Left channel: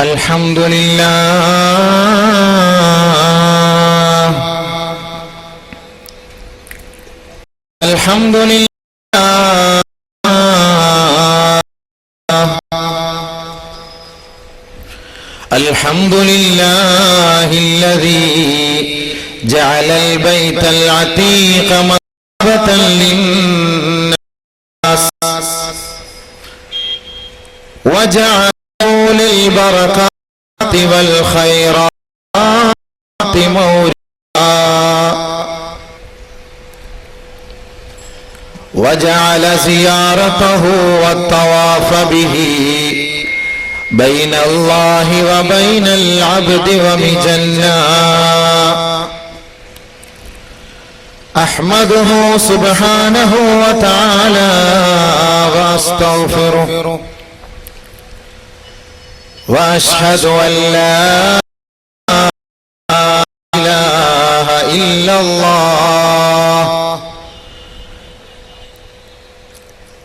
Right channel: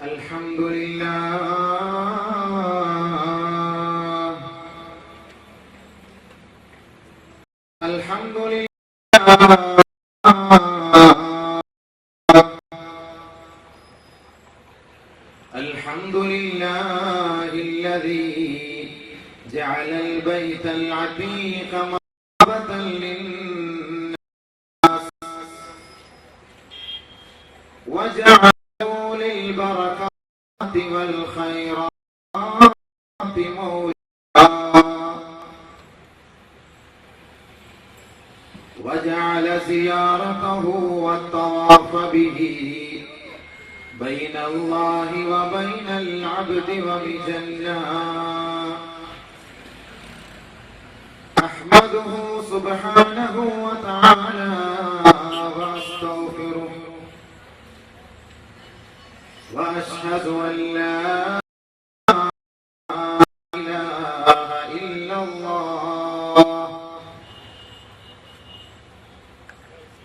الحمد لله الحمد لله الحمد لله الذي جعل البيت العتيق مثوبة للناس وجعله للبركات والخيرات موردا وجعل زيارته والطواف به بين الله وبين العبد ومجنا. أحمده سبحانه وتعالى وأستغفره وأشهد أن لا إله إلا الله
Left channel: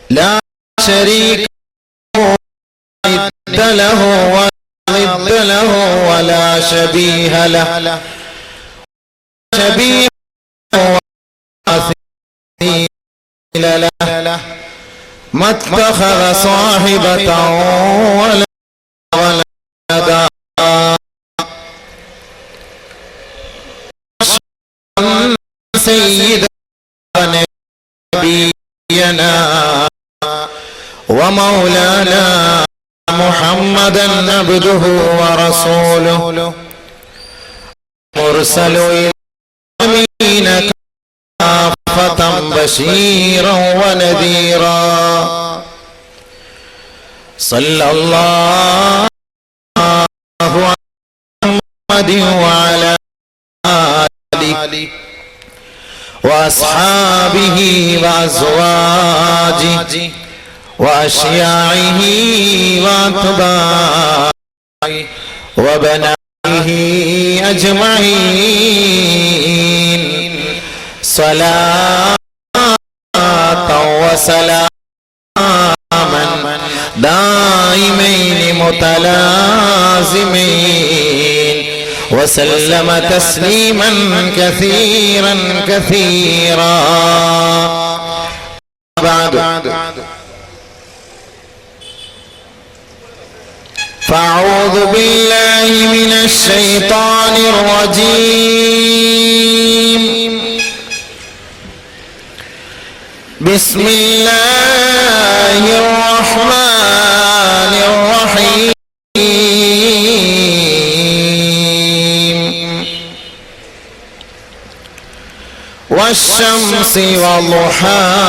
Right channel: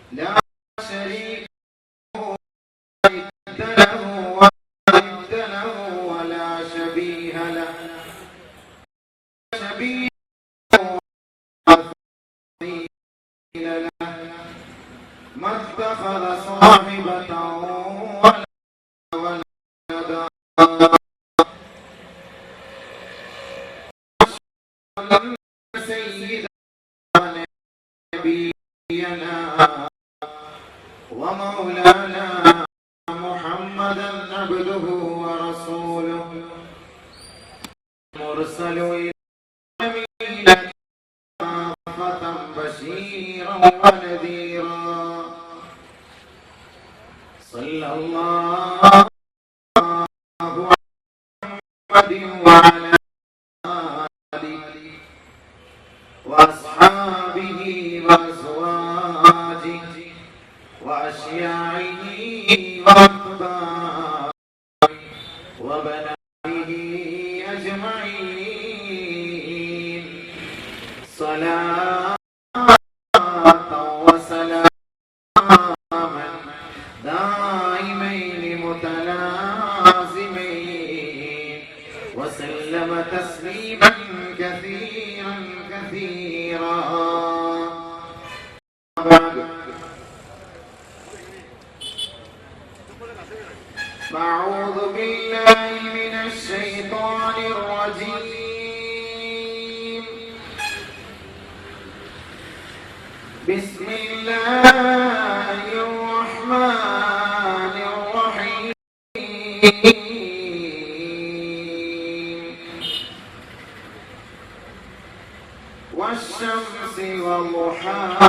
لا شريك له وضد له ولا شبيه له شبيه ومثيل له ما اتخذ صاحبة ولا ولدا سيدنا نبينا ومولانا محمدا عبده ورسوله مرسل إلى العالمين كافة بشيرا ونذيرا. صلى الله على محمد وعلى آله وأصحابه وأزواجه وأشياعه وأتباعه وبنائه أجمعين صلاة وسلاما دائمين متلازمين وسلم تسليما كثيرا كثيرا. بعد فأعوذ بالله من الشيطان الرجيم. بسم الله الرحمن الرحيم. والشمس وضحاها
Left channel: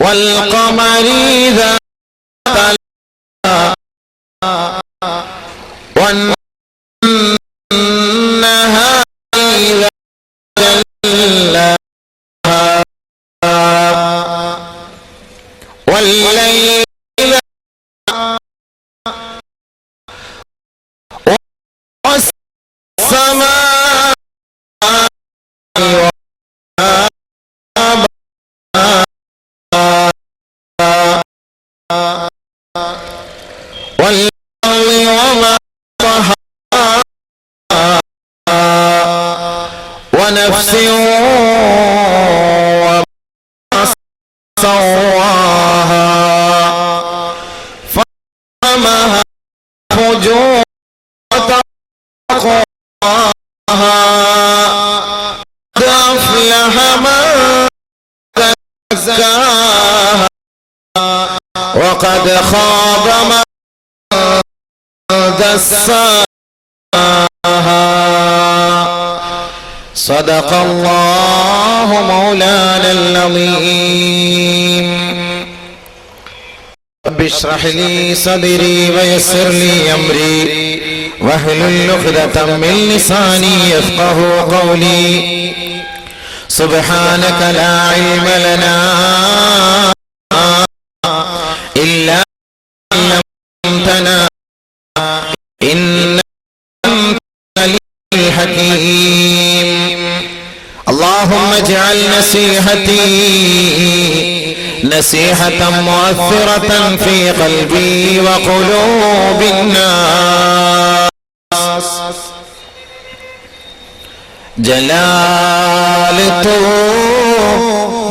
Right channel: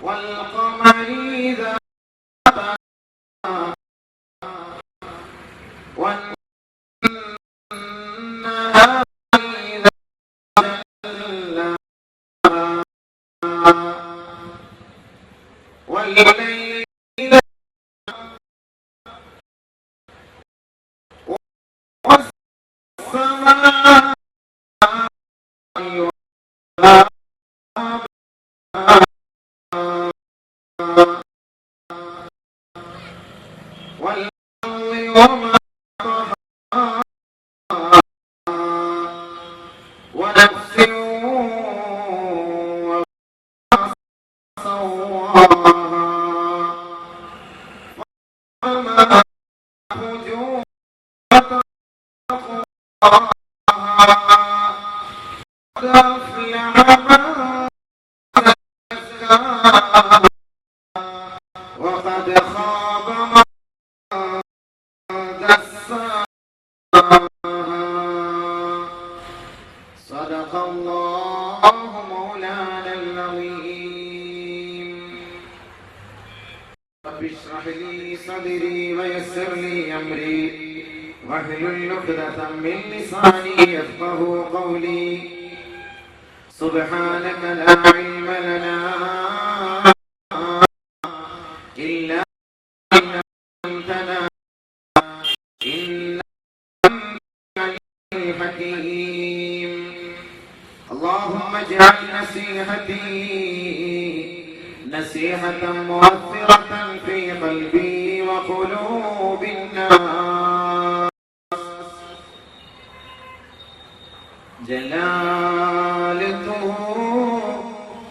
والقمر إذا والنهار إذا جلاها والليل إذا والسماء والأرض وما طحاها ونفس وما سواها فألهمها فجورها وتقواها قد أفلح من زكاها وقد خاب من دساها. صدق الله مولانا العظيم. رب اشرح لي صدري ويسر لي أمري واحلل عقدة من لساني يفقهوا قولي. سبحانك لا علم لنا إلا ما علمتنا إنك أنت الحكيم. اللهم اجعل نصيحتي نصيحة مؤثرة في قلبي وقلوب الناس. جلال تو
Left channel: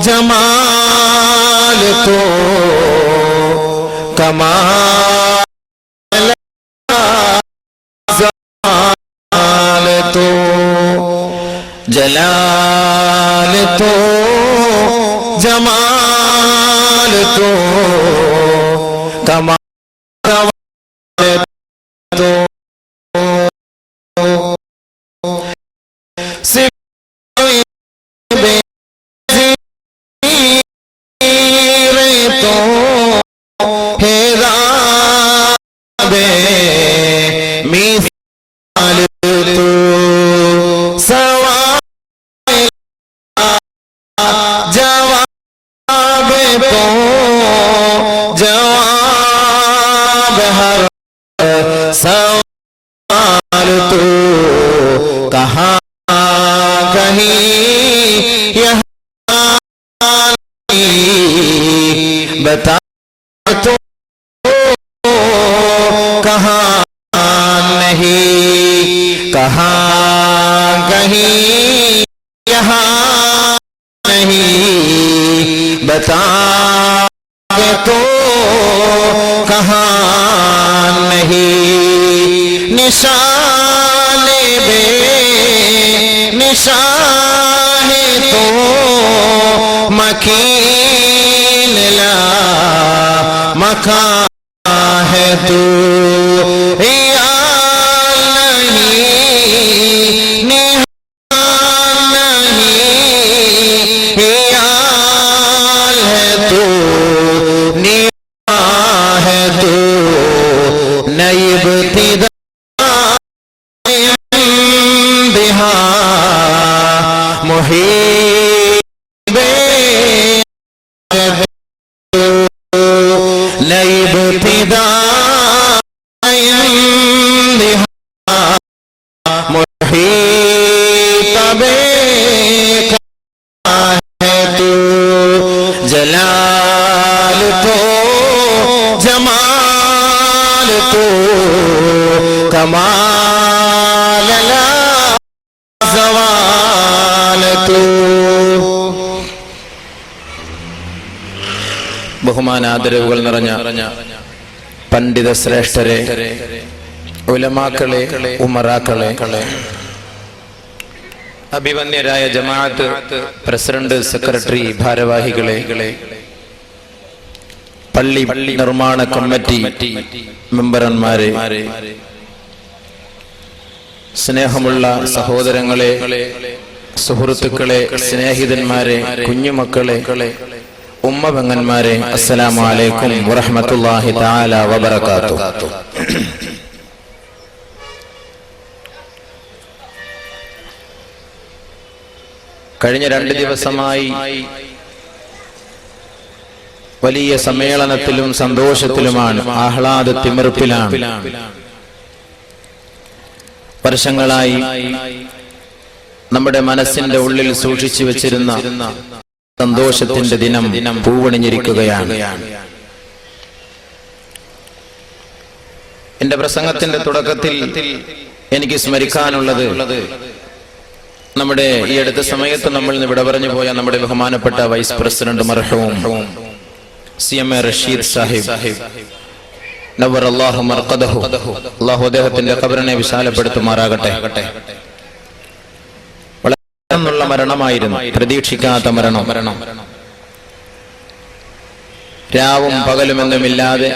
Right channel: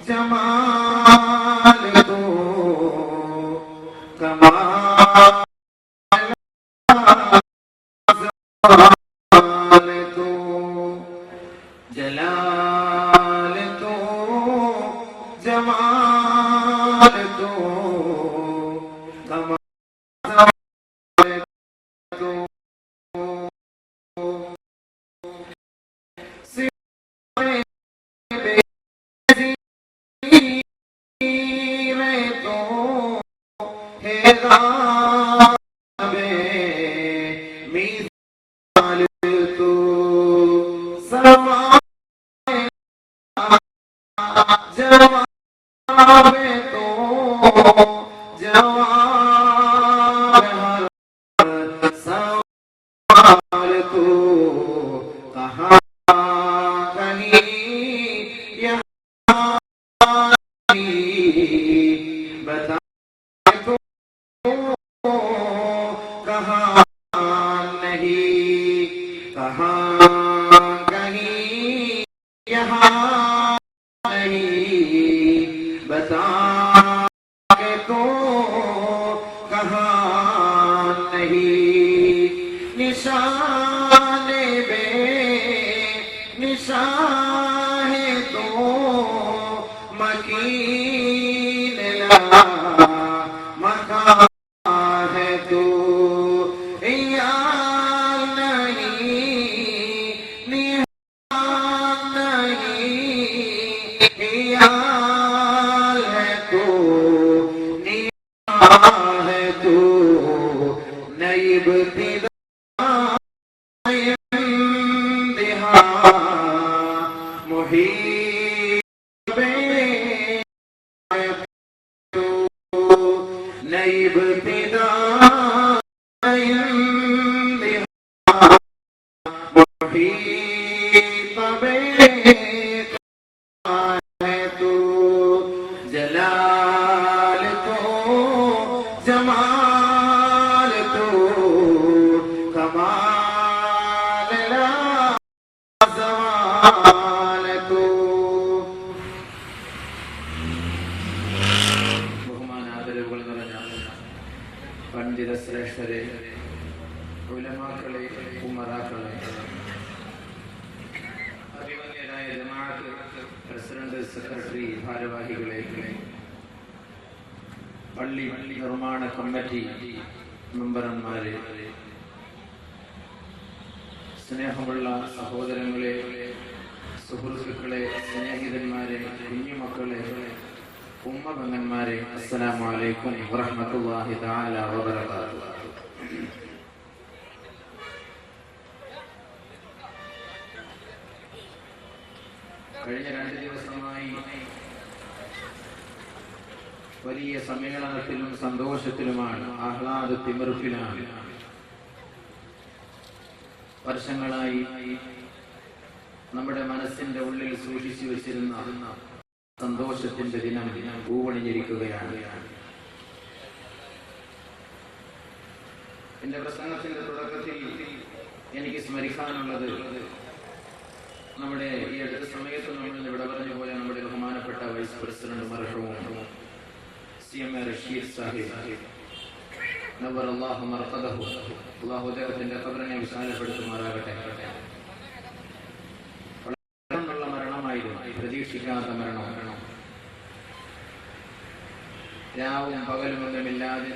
جمال تو کمال زوال تو جلال تو جمال تو کمال تو ബഹുമാനാദരവുകൾ നിറഞ്ഞ പണ്ഡിത ശ്രേഷ്ഠരെ, ഉലമാക്കളെ, ഉമറാക്കളെ, അഭിവന്യരായ ജമാഅത്ത് president, secretary, ഭാരവാഹികളെ, പള്ളി നിർമ്മാണ കമ്മിറ്റി മെമ്പർമാരെ, സ്നേഹമുള്ള സഹോദരങ്ങളെ, സുഹൃത്തുക്കളെ, സ്നേഹിതന്മാരെ, കുഞ്ഞുമക്കളെ, ഉമ്മപെങ്ങന്മാരെ, അസ്സലാമു അലൈക്കും വറഹ്മത്തുള്ളാഹി തആല വബറകാതുഹു. കഴിഞ്ഞ 2 ദിവസമായി വലിയ സമ്മേളനത്തിലും സന്തോഷത്തിലുമാണ്, ആഹ്ലാദത്തിമിർപ്പിലാണ്. വർഷങ്ങളായി നമ്മുടെ മനസ്സിന്റെ ഉള്ളിൽ സൂക്ഷിച്ചു വെച്ചിരുന്ന സന്തോഷത്തിന്റെ ദിനം പൂവണിഞ്ഞിരിക്കുകയാണ്. എന്റെ പ്രസംഗത്തിന്റെ തുടക്കത്തിൽ എനിക്ക് സ്മരിക്കാനുള്ളത്, നമ്മുടെ ഈ അടുത്ത സമയത്ത് നമ്മൾ വിട പറഞ്ഞു പോയ നമ്മുടെ ബഹുമാനപ്പെട്ട വൈസ് പ്രസിഡന്റ് മർഹൂം CMA റഷീദ് സാഹിബ്, നവ്വറല്ലാഹു മർഖദഹു, അല്ലാഹു അദ്ദേഹത്തിന്റെ ഖബറിനെ വിശാലപ്പെടുത്തുമാറാകട്ടെ. ുള്ള മരണമായിരുന്നു, പ്രതീക്ഷിക്കാത്ത മരണം. രാവും പകലുമെന്നുമില്ലാതെ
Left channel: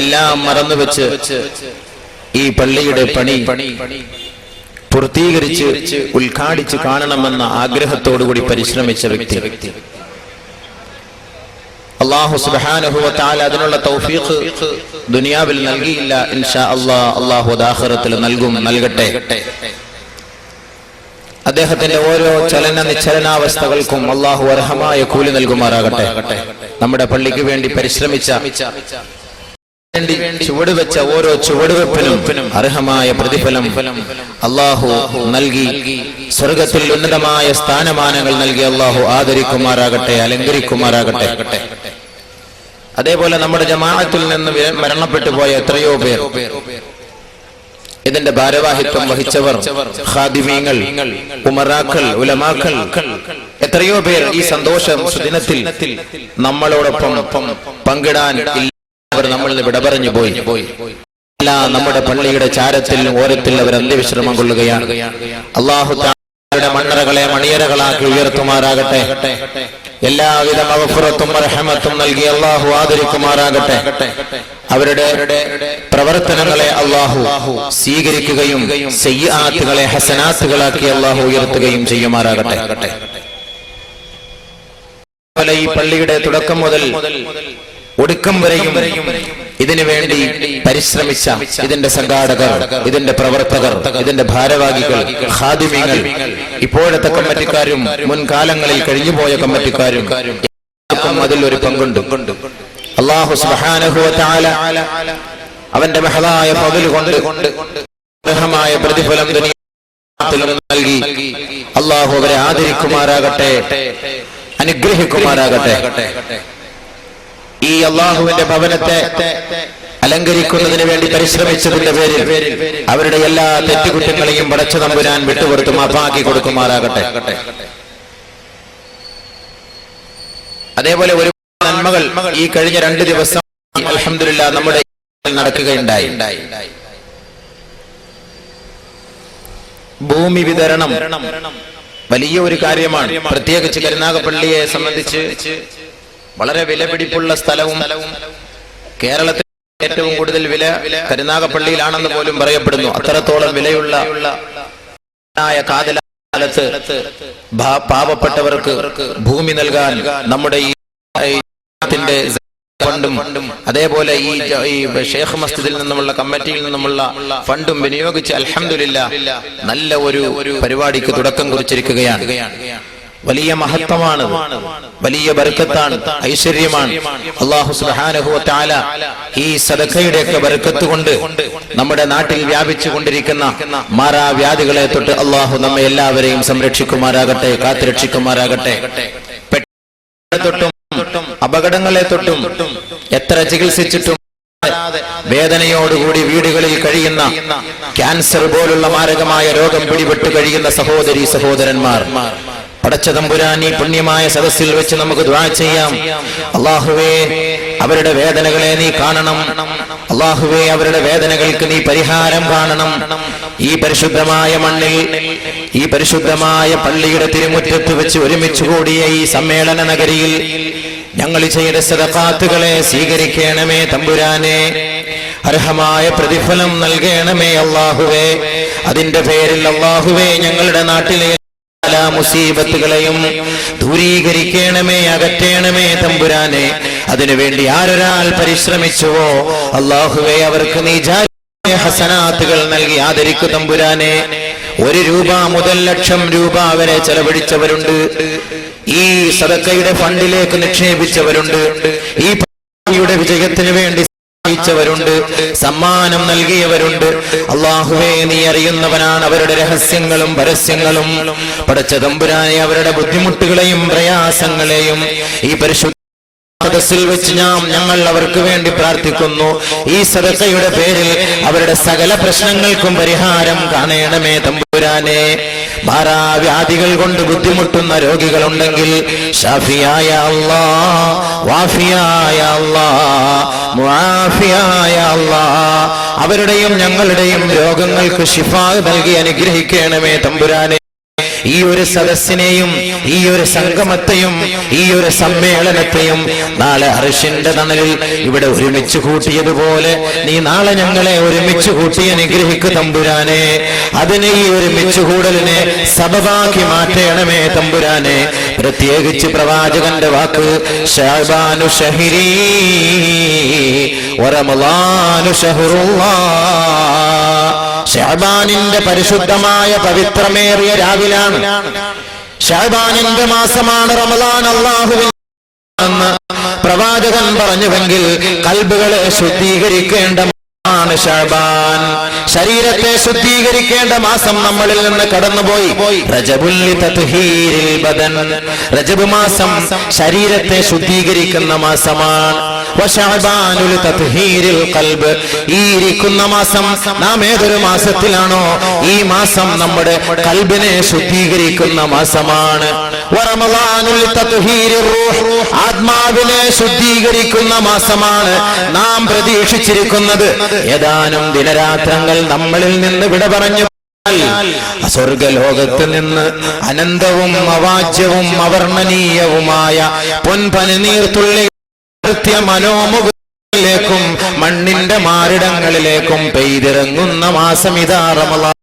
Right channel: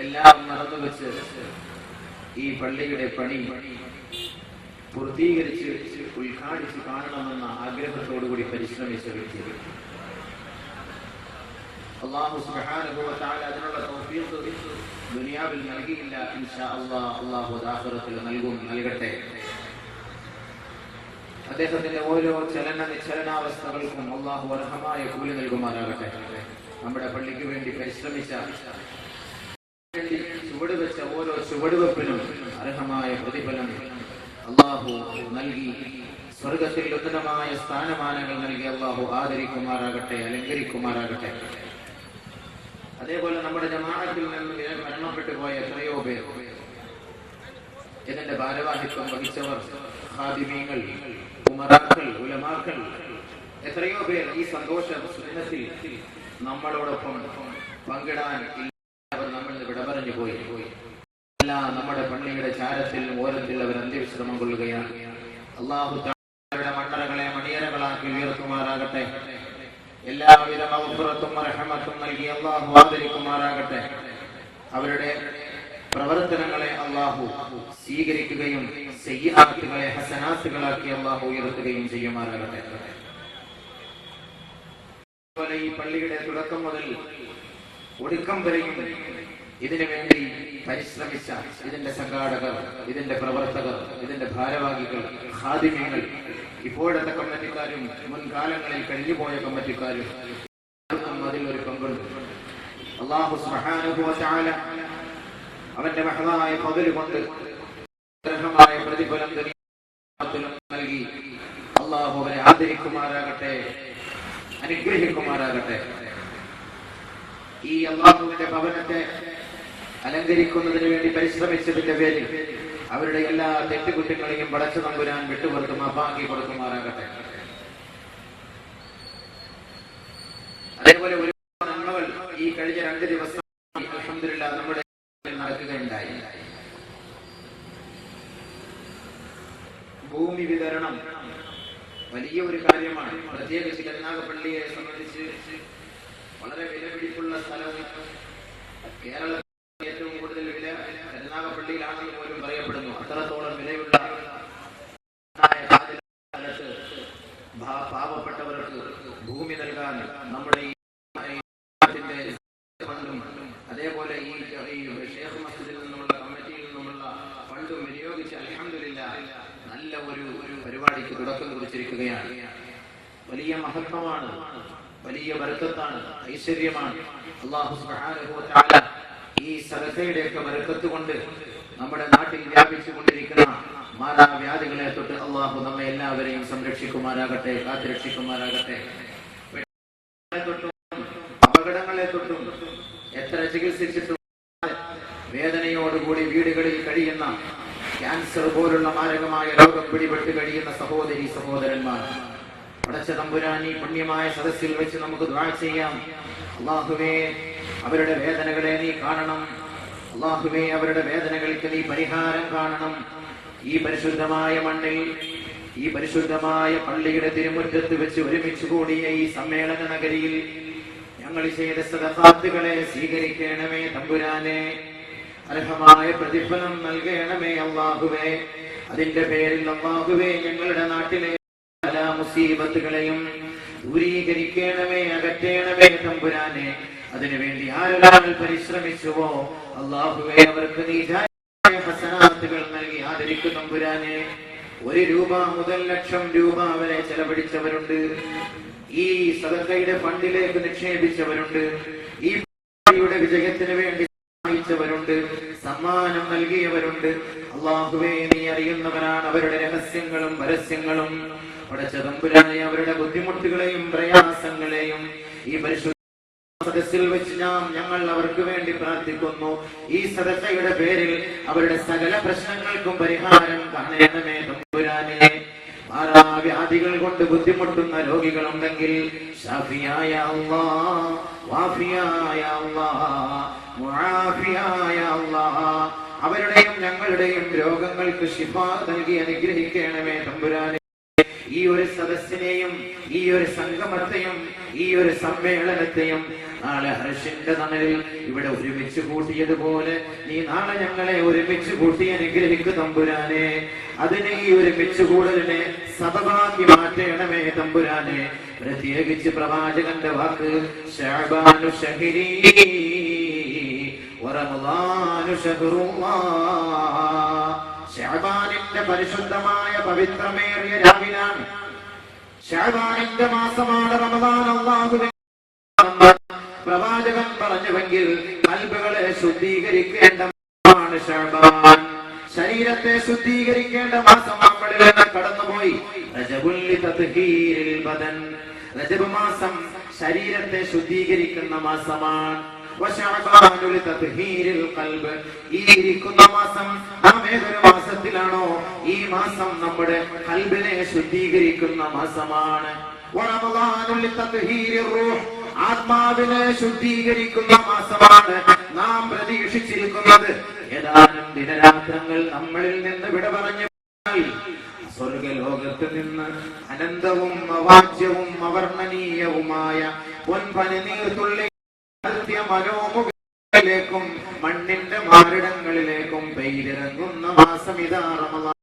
എല്ലാം മറന്നുവെച്ച് ഈ പള്ളിയുടെ പണി പൂർത്തീകരിച്ച് ഉദ്ഘാടിച്ച് കാണണമെന്ന ആഗ്രഹത്തോടുകൂടി പരിശ്രമിച്ച വ്യക്തി. അല്ലാഹു സുബ്ഹാനഹു വ തആല അതിനുള്ള തൗഫീഖ് ദുനിയാവിൽ നൽകിയില്ല. ഇൻഷാ അല്ലാഹ് അല്ലാഹു ആഖിറത്തിൽ നൽകട്ടെ. അദ്ദേഹത്തിന്റെ ഓരോ ചലന നിശ്ചലനാവസ്ഥകൾക്കും അല്ലാഹു അർഹമായ കൂലി നൽകുമാറാകട്ടെ. നമ്മുടെ പള്ളിക്ക് വേണ്ടി പരിശ്രമിച്ച ചുവട് വെച്ച ഓരോ ചുവടുവെപ്പിനും അർഹമായ പ്രതിഫലം അല്ലാഹു നൽകി സ്വർഗത്തിൽ ഉന്നതമായ സ്ഥാനമാനങ്ങൾ നൽകി അല്ലാഹു ആദരിക്കുമാറാകട്ടെ, അലങ്കരിക്കുമാറാകട്ടെ. അതേപോലെ നമ്മുടെ ജമാഅത്തിൽ നിന്ന് മരണപ്പെട്ടു പോയ എത്രയോ പേർ, ഇതിന്റെ ഭാരവാഹിത്വം വഹിച്ചവർ, ഖാദിമീങ്ങൾ, ഉമറാക്കൾ, ഉലമാക്കൾ, എത്രയോ പേർ ഈ സന്തോഷ സുദിനത്തിൽ നമ്മളോടൊപ്പം പങ്കിടാൻ അവർ നമ്മളിൽ വിട പറഞ്ഞു പോയി. നമ്മുടെ പള്ളിയുടെ ചാരത്തിൽ ഓരത്തിൽ അവർ അന്ത്യവിശ്രമം കൊള്ളുകയാണ്. അല്ലാഹു തആലയുടെ മണ്ണറകളെ മണിയറകളാക്കി ഉയർത്തുമാറാകട്ടെ. എല്ലാവിധ മഗ്ഫിറത്തും റഹ്മത്തും നൽകി അല്ലാഹു ആദരിക്കുമാറാകട്ടെ. അവരുടെ പ്രവർത്തനങ്ങളെ അല്ലാഹു സ്വീകരിക്കുകയും സയ്യിആത്തുകളെ ഹസനാത്തുകളാക്കി അല്ലാഹു ഉയർത്തുകയും ചെയ്യുമാറാകട്ടെ. ഈ പള്ളിയുടെ തുടക്കം മുതൽ ഒടുക്കം വരെയും ഇതിനു വേണ്ടി പരിശ്രമിച്ച ഇതിന്റെ സംഘാടകർ, ഇതിന്റെ പ്രവർത്തകർ, ഇതിന്റെ ഭാരവാഹികൾ, ഖാദിമീങ്ങൾ, ഇപ്പോഴത്തെ കമ്മിറ്റിക്കാരും മുൻകാലങ്ങളിൽ കഴിഞ്ഞുപോയ കമ്മിറ്റിക്കാരും അതിൽ ഒരു പങ്കുണ്ട്. അല്ലാഹു സുബ്ഹാനഹു വ തആല അവന്റെ മഹദായ ഫളൽ കൊണ്ട് അർഹമായ പ്രതിഫലം ദുനിയാവിൽ നൽകി അല്ലാഹു അവരെ ആദരിക്കുമാറാകട്ടെ, അനുഗ്രഹിക്കുമാറാകട്ടെ. ഈ അല്ലാഹുവിന്റെ ഭവനത്തെ അലങ്കരിക്കുന്നതിന് വേണ്ടി പരിശ്രമിച്ചതിന്റെ പേരിൽ അവരുടെ എല്ലാ തെറ്റുകുറ്റങ്ങളെയും പടച്ച തമ്പുരാൻ വിട്ടുകൊടുത്ത് മാപ്പാക്കി കൊടുക്കുമാറാകട്ടെ. അതേപോലെ ഒരു നന്മകൾ ഈ കഴിഞ്ഞ 2 ദിവസം അൽഹംദുലില്ലാഹ് നമ്മുടെ നടക്കുകയുണ്ടായി. ഭൂമി വിതരണം വലിയ ഒരു കാര്യമാണ്. പ്രത്യേകിച്ച് കരുനാഗപ്പള്ളിയെ സംബന്ധിച്ച് വളരെ വിലപിടിപ്പുള്ള സ്ഥലവും കേരളത്തിൽ ഏറ്റവും കൂടുതൽ വില കരുനാഗപ്പള്ളിയിലാണെന്ന് പോലും പറയപ്പെടുന്നു. അത്രത്തോളം വിലയുള്ള കാലത്ത് പാവപ്പെട്ടവർക്ക് ഭൂമി നൽകാൻ നമ്മുടെ ഈ ഫണ്ടും അതേപോലെ ഈ ഷേഖ് മസ്ജിദിൽ നിന്നുമുള്ള കമ്മിറ്റിയിൽ നിന്നുമുള്ള ഫണ്ടും വിനിയോഗിച്ച് അൽഹംദുലില്ലാഹ് നല്ല ഒരു പരിപാടിക്ക് തുടക്കം കുറിച്ചിരിക്കുകയാണ്. വലിയ മഹത്വമാണ്, വലിയ ബർക്കത്താണ്, ഐശ്വര്യമാണ്. അല്ലാഹു സുബ്ഹാനഹു വ തആല ഈ സദഖയുടെ ഒക്കെ ബർക്കത്ത് കൊണ്ട് നമ്മുടെ നാട്ടിൽ വ്യാപിച്ചു കൊണ്ടിരിക്കുന്ന മാറാവ്യാധികളെ തൊട്ട് അല്ലാഹു നമ്മെ എല്ലാവരെയും സംരക്ഷിക്കുമാറാകട്ടെ, കാത്തുരക്ഷിക്കുമാറാകട്ടെ. തൊട്ടും അപകടങ്ങളെ തൊട്ടും എത്ര ചികിത്സിച്ചിട്ടും വേദനയോടുകൂടി വീടുകളിൽ കഴിയുന്ന ക്യാൻസർ പോലുള്ള മാരകമായ രോഗം പിടിപെട്ട് കഴിയുന്ന സഹോദരീ സഹോദരന്മാർ, പടച്ച തമ്പുരാൻ ഈ പുണ്യമായ സദസ്സിൽ വെച്ച് നമുക്ക് ദുആ ചെയ്യാം. അല്ലാഹുവേ, അവരുടെ വേദനകളെ നീ കാണണം. അല്ലാഹുവേ, അവരുടെ വേദനകൾക്ക് നീ പരിഹാരം കാണണം. ഈ പരിശുദ്ധമായ മണ്ണിൽ, ഈ പരിശുദ്ധമായ പള്ളിയുടെ തിരുമുറ്റത്ത് വെച്ച് ഒരുമിച്ച് കൂടിയ ഈ സമ്മേളന നഗരിയിൽ ഞങ്ങൾ ചെയ്ത സദഖാത്തുകളെ സ്വീകരിക്കണമേ തമ്പുരാനെ. അർഹമായ പ്രതിഫലം നൽകണമേ അല്ലാഹുവേ. അതിന്റെ പേരിൽ അല്ലാഹുവേ ഞങ്ങളുടെ നാട്ടിലെ എല്ലാ മുസീബത്തുകളെയും ദൂരീകരിക്കണമേ, അകറ്റണമേ തമ്പുരാനെ. അതിനുവേണ്ടി ആരൊരാൾ പരിശ്രമിച്ചുവോ അല്ലാഹുവേ, അവർക്ക് നീ ഹസനാത്തുകൾ നൽകി ആദരിക്കു തമ്പുരാനെ. 1 രൂപ മുതൽ ലക്ഷം രൂപ വരെ ചെലവഴിച്ചവരുണ്ട്. ഈ സദഖയുടെ ഫണ്ടിലേക്ക് നിക്ഷേപിച്ചവരുണ്ട്. ഈ പള്ളിയുടെ വിജയത്തിന് വേണ്ടി വരുണ്ട്, സമ്മാനം നൽകിയവരുണ്ട്. അല്ലാഹുവേ, നീ അറിയുന്നവനാണ് അവരുടെ രഹസ്യങ്ങളും പരസ്യങ്ങളും. പടച്ച തമ്പുരാനെ, അവരുടെ ബുദ്ധിമുട്ടുകളെയും പ്രയാസങ്ങളെയും ഈ പരിശുദ്ധ സദസ്സിൽ വെച്ച് ഞങ്ങൾ അവർക്ക് വേണ്ടി പ്രാർത്ഥിക്കുന്നു. ഈ സദഖയുടെ പേരിൽ അവരുടെ സകല പ്രശ്നങ്ങൾക്കും പരിഹാരം കാണണമേ തമ്പുരാനെ. മാറാവ്യാധികൾ കൊണ്ട് ബുദ്ധിമുട്ടുന്ന രോഗികളുണ്ടെങ്കിൽ ഷാഫിയായ അല്ലാഹ്, വാഫിയായ അല്ലാഹ്, മുആഫിയായ അല്ലാഹ്, അവരുടെയും ഞങ്ങളുടെയും രോഗങ്ങൾക്ക് ശിഫാ നൽകി അനുഗ്രഹിക്കണമേ തമ്പുരാനെ. ഈ ഒരു സദസ്സിനെയും ഈ ഒരു സംഗമത്തെയും ഈ ഒരു സമ്മേളനത്തെയും നാളെ അർശിന്റെ തണലിൽ ഇവിടെ ഒരുമിച്ച് കൂട്ടിയതുപോലെ നീ നാളെ ഞങ്ങളെ ഒരുമിച്ച് കൂട്ടി അനുഗ്രഹിക്കു തമ്പുരാനെ. അതിനെ, ഈ ഒരുമിച്ച് കൂടലിനെ സബബാക്കി മാറ്റണമേ തമ്പുരാനെ. പ്രത്യേകിച്ച് പ്രവാചകന്റെ വാക്ക്, ശഅബാനു ശഹരി വറമളാനു ശഹറുല്ലാഹ്. ശഅബാനിന്റെ പരിശുദ്ധമായ പവിത്രമേറിയ രാവിലാണ്. ശഅബാനിന്റെ മാസമാണ് റമളാൻ. അല്ലാഹുവിൽ പ്രവാചകൻ പറഞ്ഞുവെങ്കിൽ കൽബുകളെ ശുദ്ധീകരിക്കേണ്ട ശഅബാൻ, ശരീരത്തെ ശുദ്ധീകരിക്കേണ്ട മാസം നമ്മളിൽ നിന്ന് കടന്നുപോയി. റജബുൽ തത്ഹീരിൽ ബദൻ, റജബ് മാസം ശരീരത്തെ ശുദ്ധീകരിക്കുന്ന മാസമാണ്. വശഅബാനുൽ തത്ഹീരിൽ ഖൽബ്, ഈ ഇരിക്കുന്ന മാസം നാം ഏതൊരു മാസത്തിലാണോ ഈ മാസം നമ്മുടെ കൽബിനെ ശുദ്ധീകരിക്കുന്ന മാസമാണ്. വറമളാനുൽ തത്ഹീരിർ റൂഹ്, ആത്മാവിനെ ശുദ്ധീകരിക്കുന്ന മാസമാണ്. നാം പ്രതീക്ഷിച്ചിരിക്കുന്നത് ഏതാനും ദിനരാത്രങ്ങൾ നമ്മളിൽ നിന്ന് വിട പറഞ്ഞു സ്വർഗലോകത്ത് നിന്ന് അനന്തവും അവാച്യവും അവർണ്ണനീയവുമായ പൊൻപനിനീർത്തുള്ളി മനോമുഖങ്ങളിലേക്കും മണ്ണിന്റെ മാറിടങ്ങളിലേക്കും പെയ്തിറങ്ങുന്ന മാസം ഇതാ റമളാൻ.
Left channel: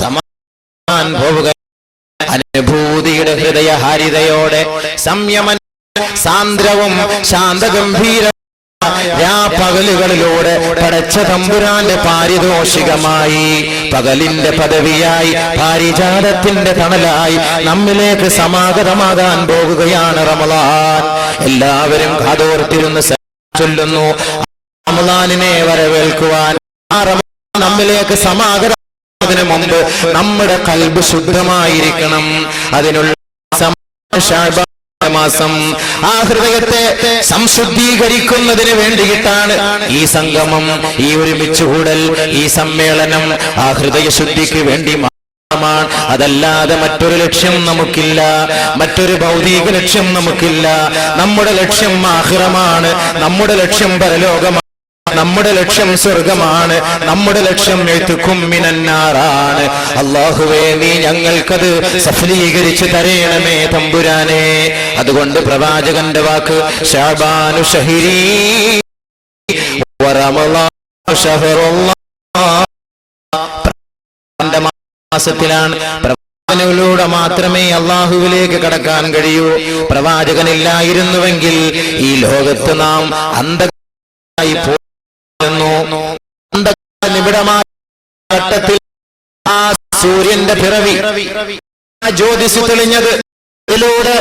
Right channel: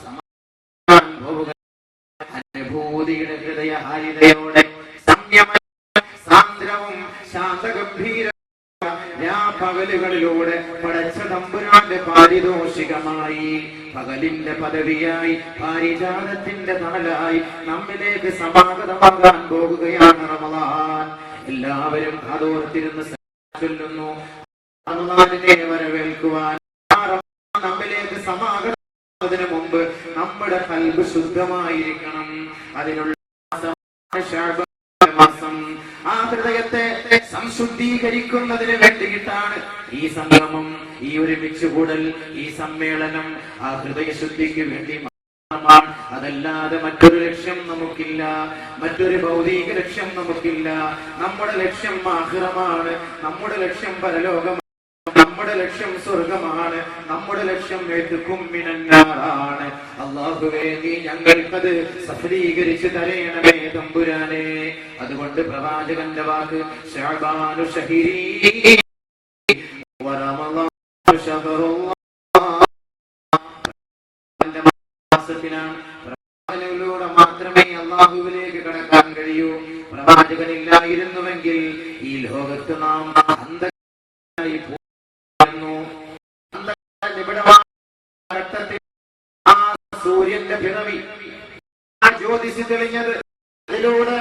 സമാൻ പോവുക അനുഭൂതിയുടെ ഹൃദയഹാരിതയോടെ സംയമന സാന്ദ്രവും ശാന്തഗംഭീര പകലുകളിലൂടെ പടച്ച തമ്പുരാന്റെ പാരിതോഷികമായി, പകലിന്റെ പദവിയായി, പാരിജാതത്തിന്റെ തണലായി നമ്മിലേക്ക് സമാഗതമാകാൻ പോകുകയാണ് റമളാൻ. എല്ലാവരും കാതോർത്തിരുന്ന് ചൊല്ലുന്നു, റമളാനിനെ വരവേൽക്കുവാൻ ആ റമളാൻ നമ്മിലേക്ക് സമാഗതമാകുന്നതിന് മുമ്പ് നമ്മുടെ കൽബ് ശുദ്ധമായിരിക്കണം. അതിനുള്ള മാസം ആ ഹൃദയത്തെ സംശുദ്ധീകരിക്കുന്നതിന് വേണ്ടിയിട്ടാണ് ഈ സംഗമം, ഈ ഒരുമിച്ചുകൂടൽ, ഈ സമ്മേളനം ആ ഹൃദയ ശുദ്ധിക്ക് വേണ്ടി മാത്രമാണ്. അതല്ലാതെ മറ്റൊരു ലക്ഷ്യം നമുക്കില്ല, മറ്റൊരു ഭൗതിക ലക്ഷ്യം നമുക്കില്ല. നമ്മുടെ ലക്ഷ്യം ആഖിറമാണ്, നമ്മുടെ ലക്ഷ്യം പരലോകമാണ്, നമ്മുടെ ലക്ഷ്യം സ്വർഗമാണ്, നമ്മുടെ ലക്ഷ്യം മിനന്നാറാണ്. അല്ലാഹുവേ, നീ ഞങ്ങൾക്കത് സഫലീകരിച്ച് തരേണമേ തമ്പുരാനെ. അതുകൊണ്ട് പ്രവാചകന്റെ വാക്ക് ശഅബാനു ശഹരി വറമളാനു ശഹറുല്ലാഹ്, മാസത്തിലാണ് പ്രവാചകനിലൂടെ മാത്രമേ അല്ലാഹുവിലേക്ക് കടക്കാൻ കഴിയൂ. പ്രവാചകനില്ലായിരുന്നുവെങ്കിൽ ഈ ലോകത്ത് നാം അന്ധകാരമായി ഘട്ടത്തിൽ ആ സൂര്യന്റെ പിറവി, ആ ജ്യോതിസ് തെളിഞ്ഞത്, ഇതിലൂടെ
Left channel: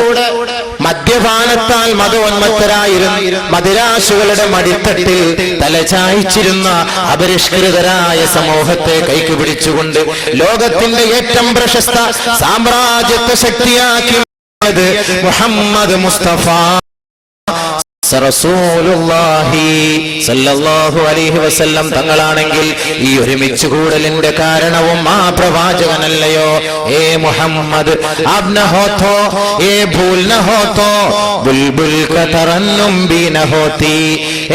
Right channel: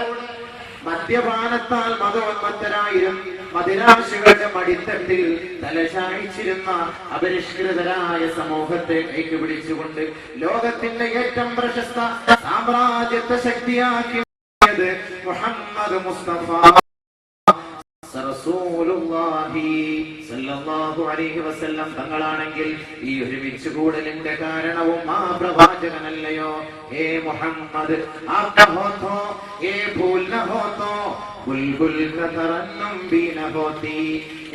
മദ്യപാനത്താൽ മതോന്മത്തരായിരുന്നു മദിരാശികളുടെ മടിത്തട്ടിൽ തലചായ്ച്ചിരുന്ന അപരിഷ്കൃതരായ സമൂഹത്തെ കൈക്ക് പിടിച്ചുകൊണ്ട് ലോകത്തിന്റെ ഏറ്റവും പ്രശസ്ത സാമ്രാജ്യത്വ ശക്തിയാക്കി മുഹമ്മദ് മുസ്തഫ റസൂലുള്ളാഹി സല്ലല്ലാഹു അലൈഹി വസല്ലം തങ്ങളാണെങ്കിൽ ഈ ഒരുമിച്ച് കൂടലിന്റെ കാരണവും ആ പ്രവാചകനല്ലയോ? ഏ മുഹമ്മദ് ആപ് ന ഹോ തോ ഏ ഭൂൽ ന ഹോ തോ ബുൽബുൽ ക തറന്നും ബി ന ഹോതി.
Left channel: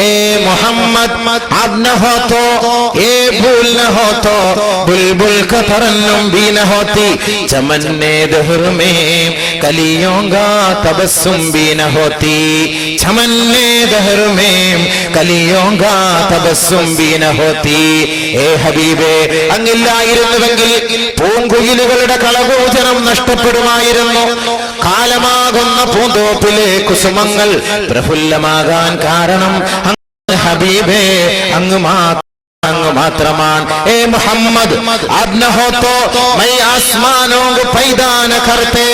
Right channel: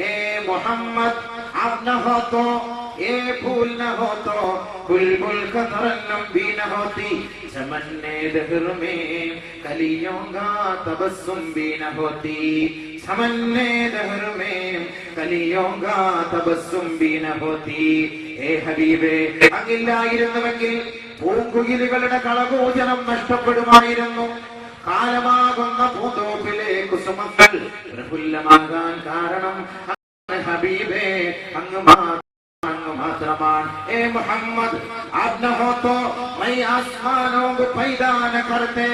ഏ മുഹമ്മദ് ആപ് ന ഹോ തോ ഏ ഭൂൽ ന ഹോ തോ ബുൽബുൽ ക തറന്നും ബി ന ഹോതി. ചമന്നെ ദഹർ മേ കലിയോं का तबस्सुम भी न होती. चमन्ने दहर में कलियों का तबस्सुम भी न होती. ഏ ഹബീബേ, അങ്ങില്ലായിരുന്നുവെങ്കിൽ പൂങ്കുയിലുകളുടെ കളകൂചനം നഷ്ടപ്പെടുമായിരുന്നു. കാലമാകുന്ന പൂന്തോപ്പിലെ കുസുമങ്ങൾ പ്രഫുല്ലമാകാൻ കാരണം ഹബീബേ അങ്ങ് മാത്രമാണ്. ഏ മുഹമ്മദ് ആപ് ന ഹോ തോ മൈ ആസ്മാനോं को पैदा न करते.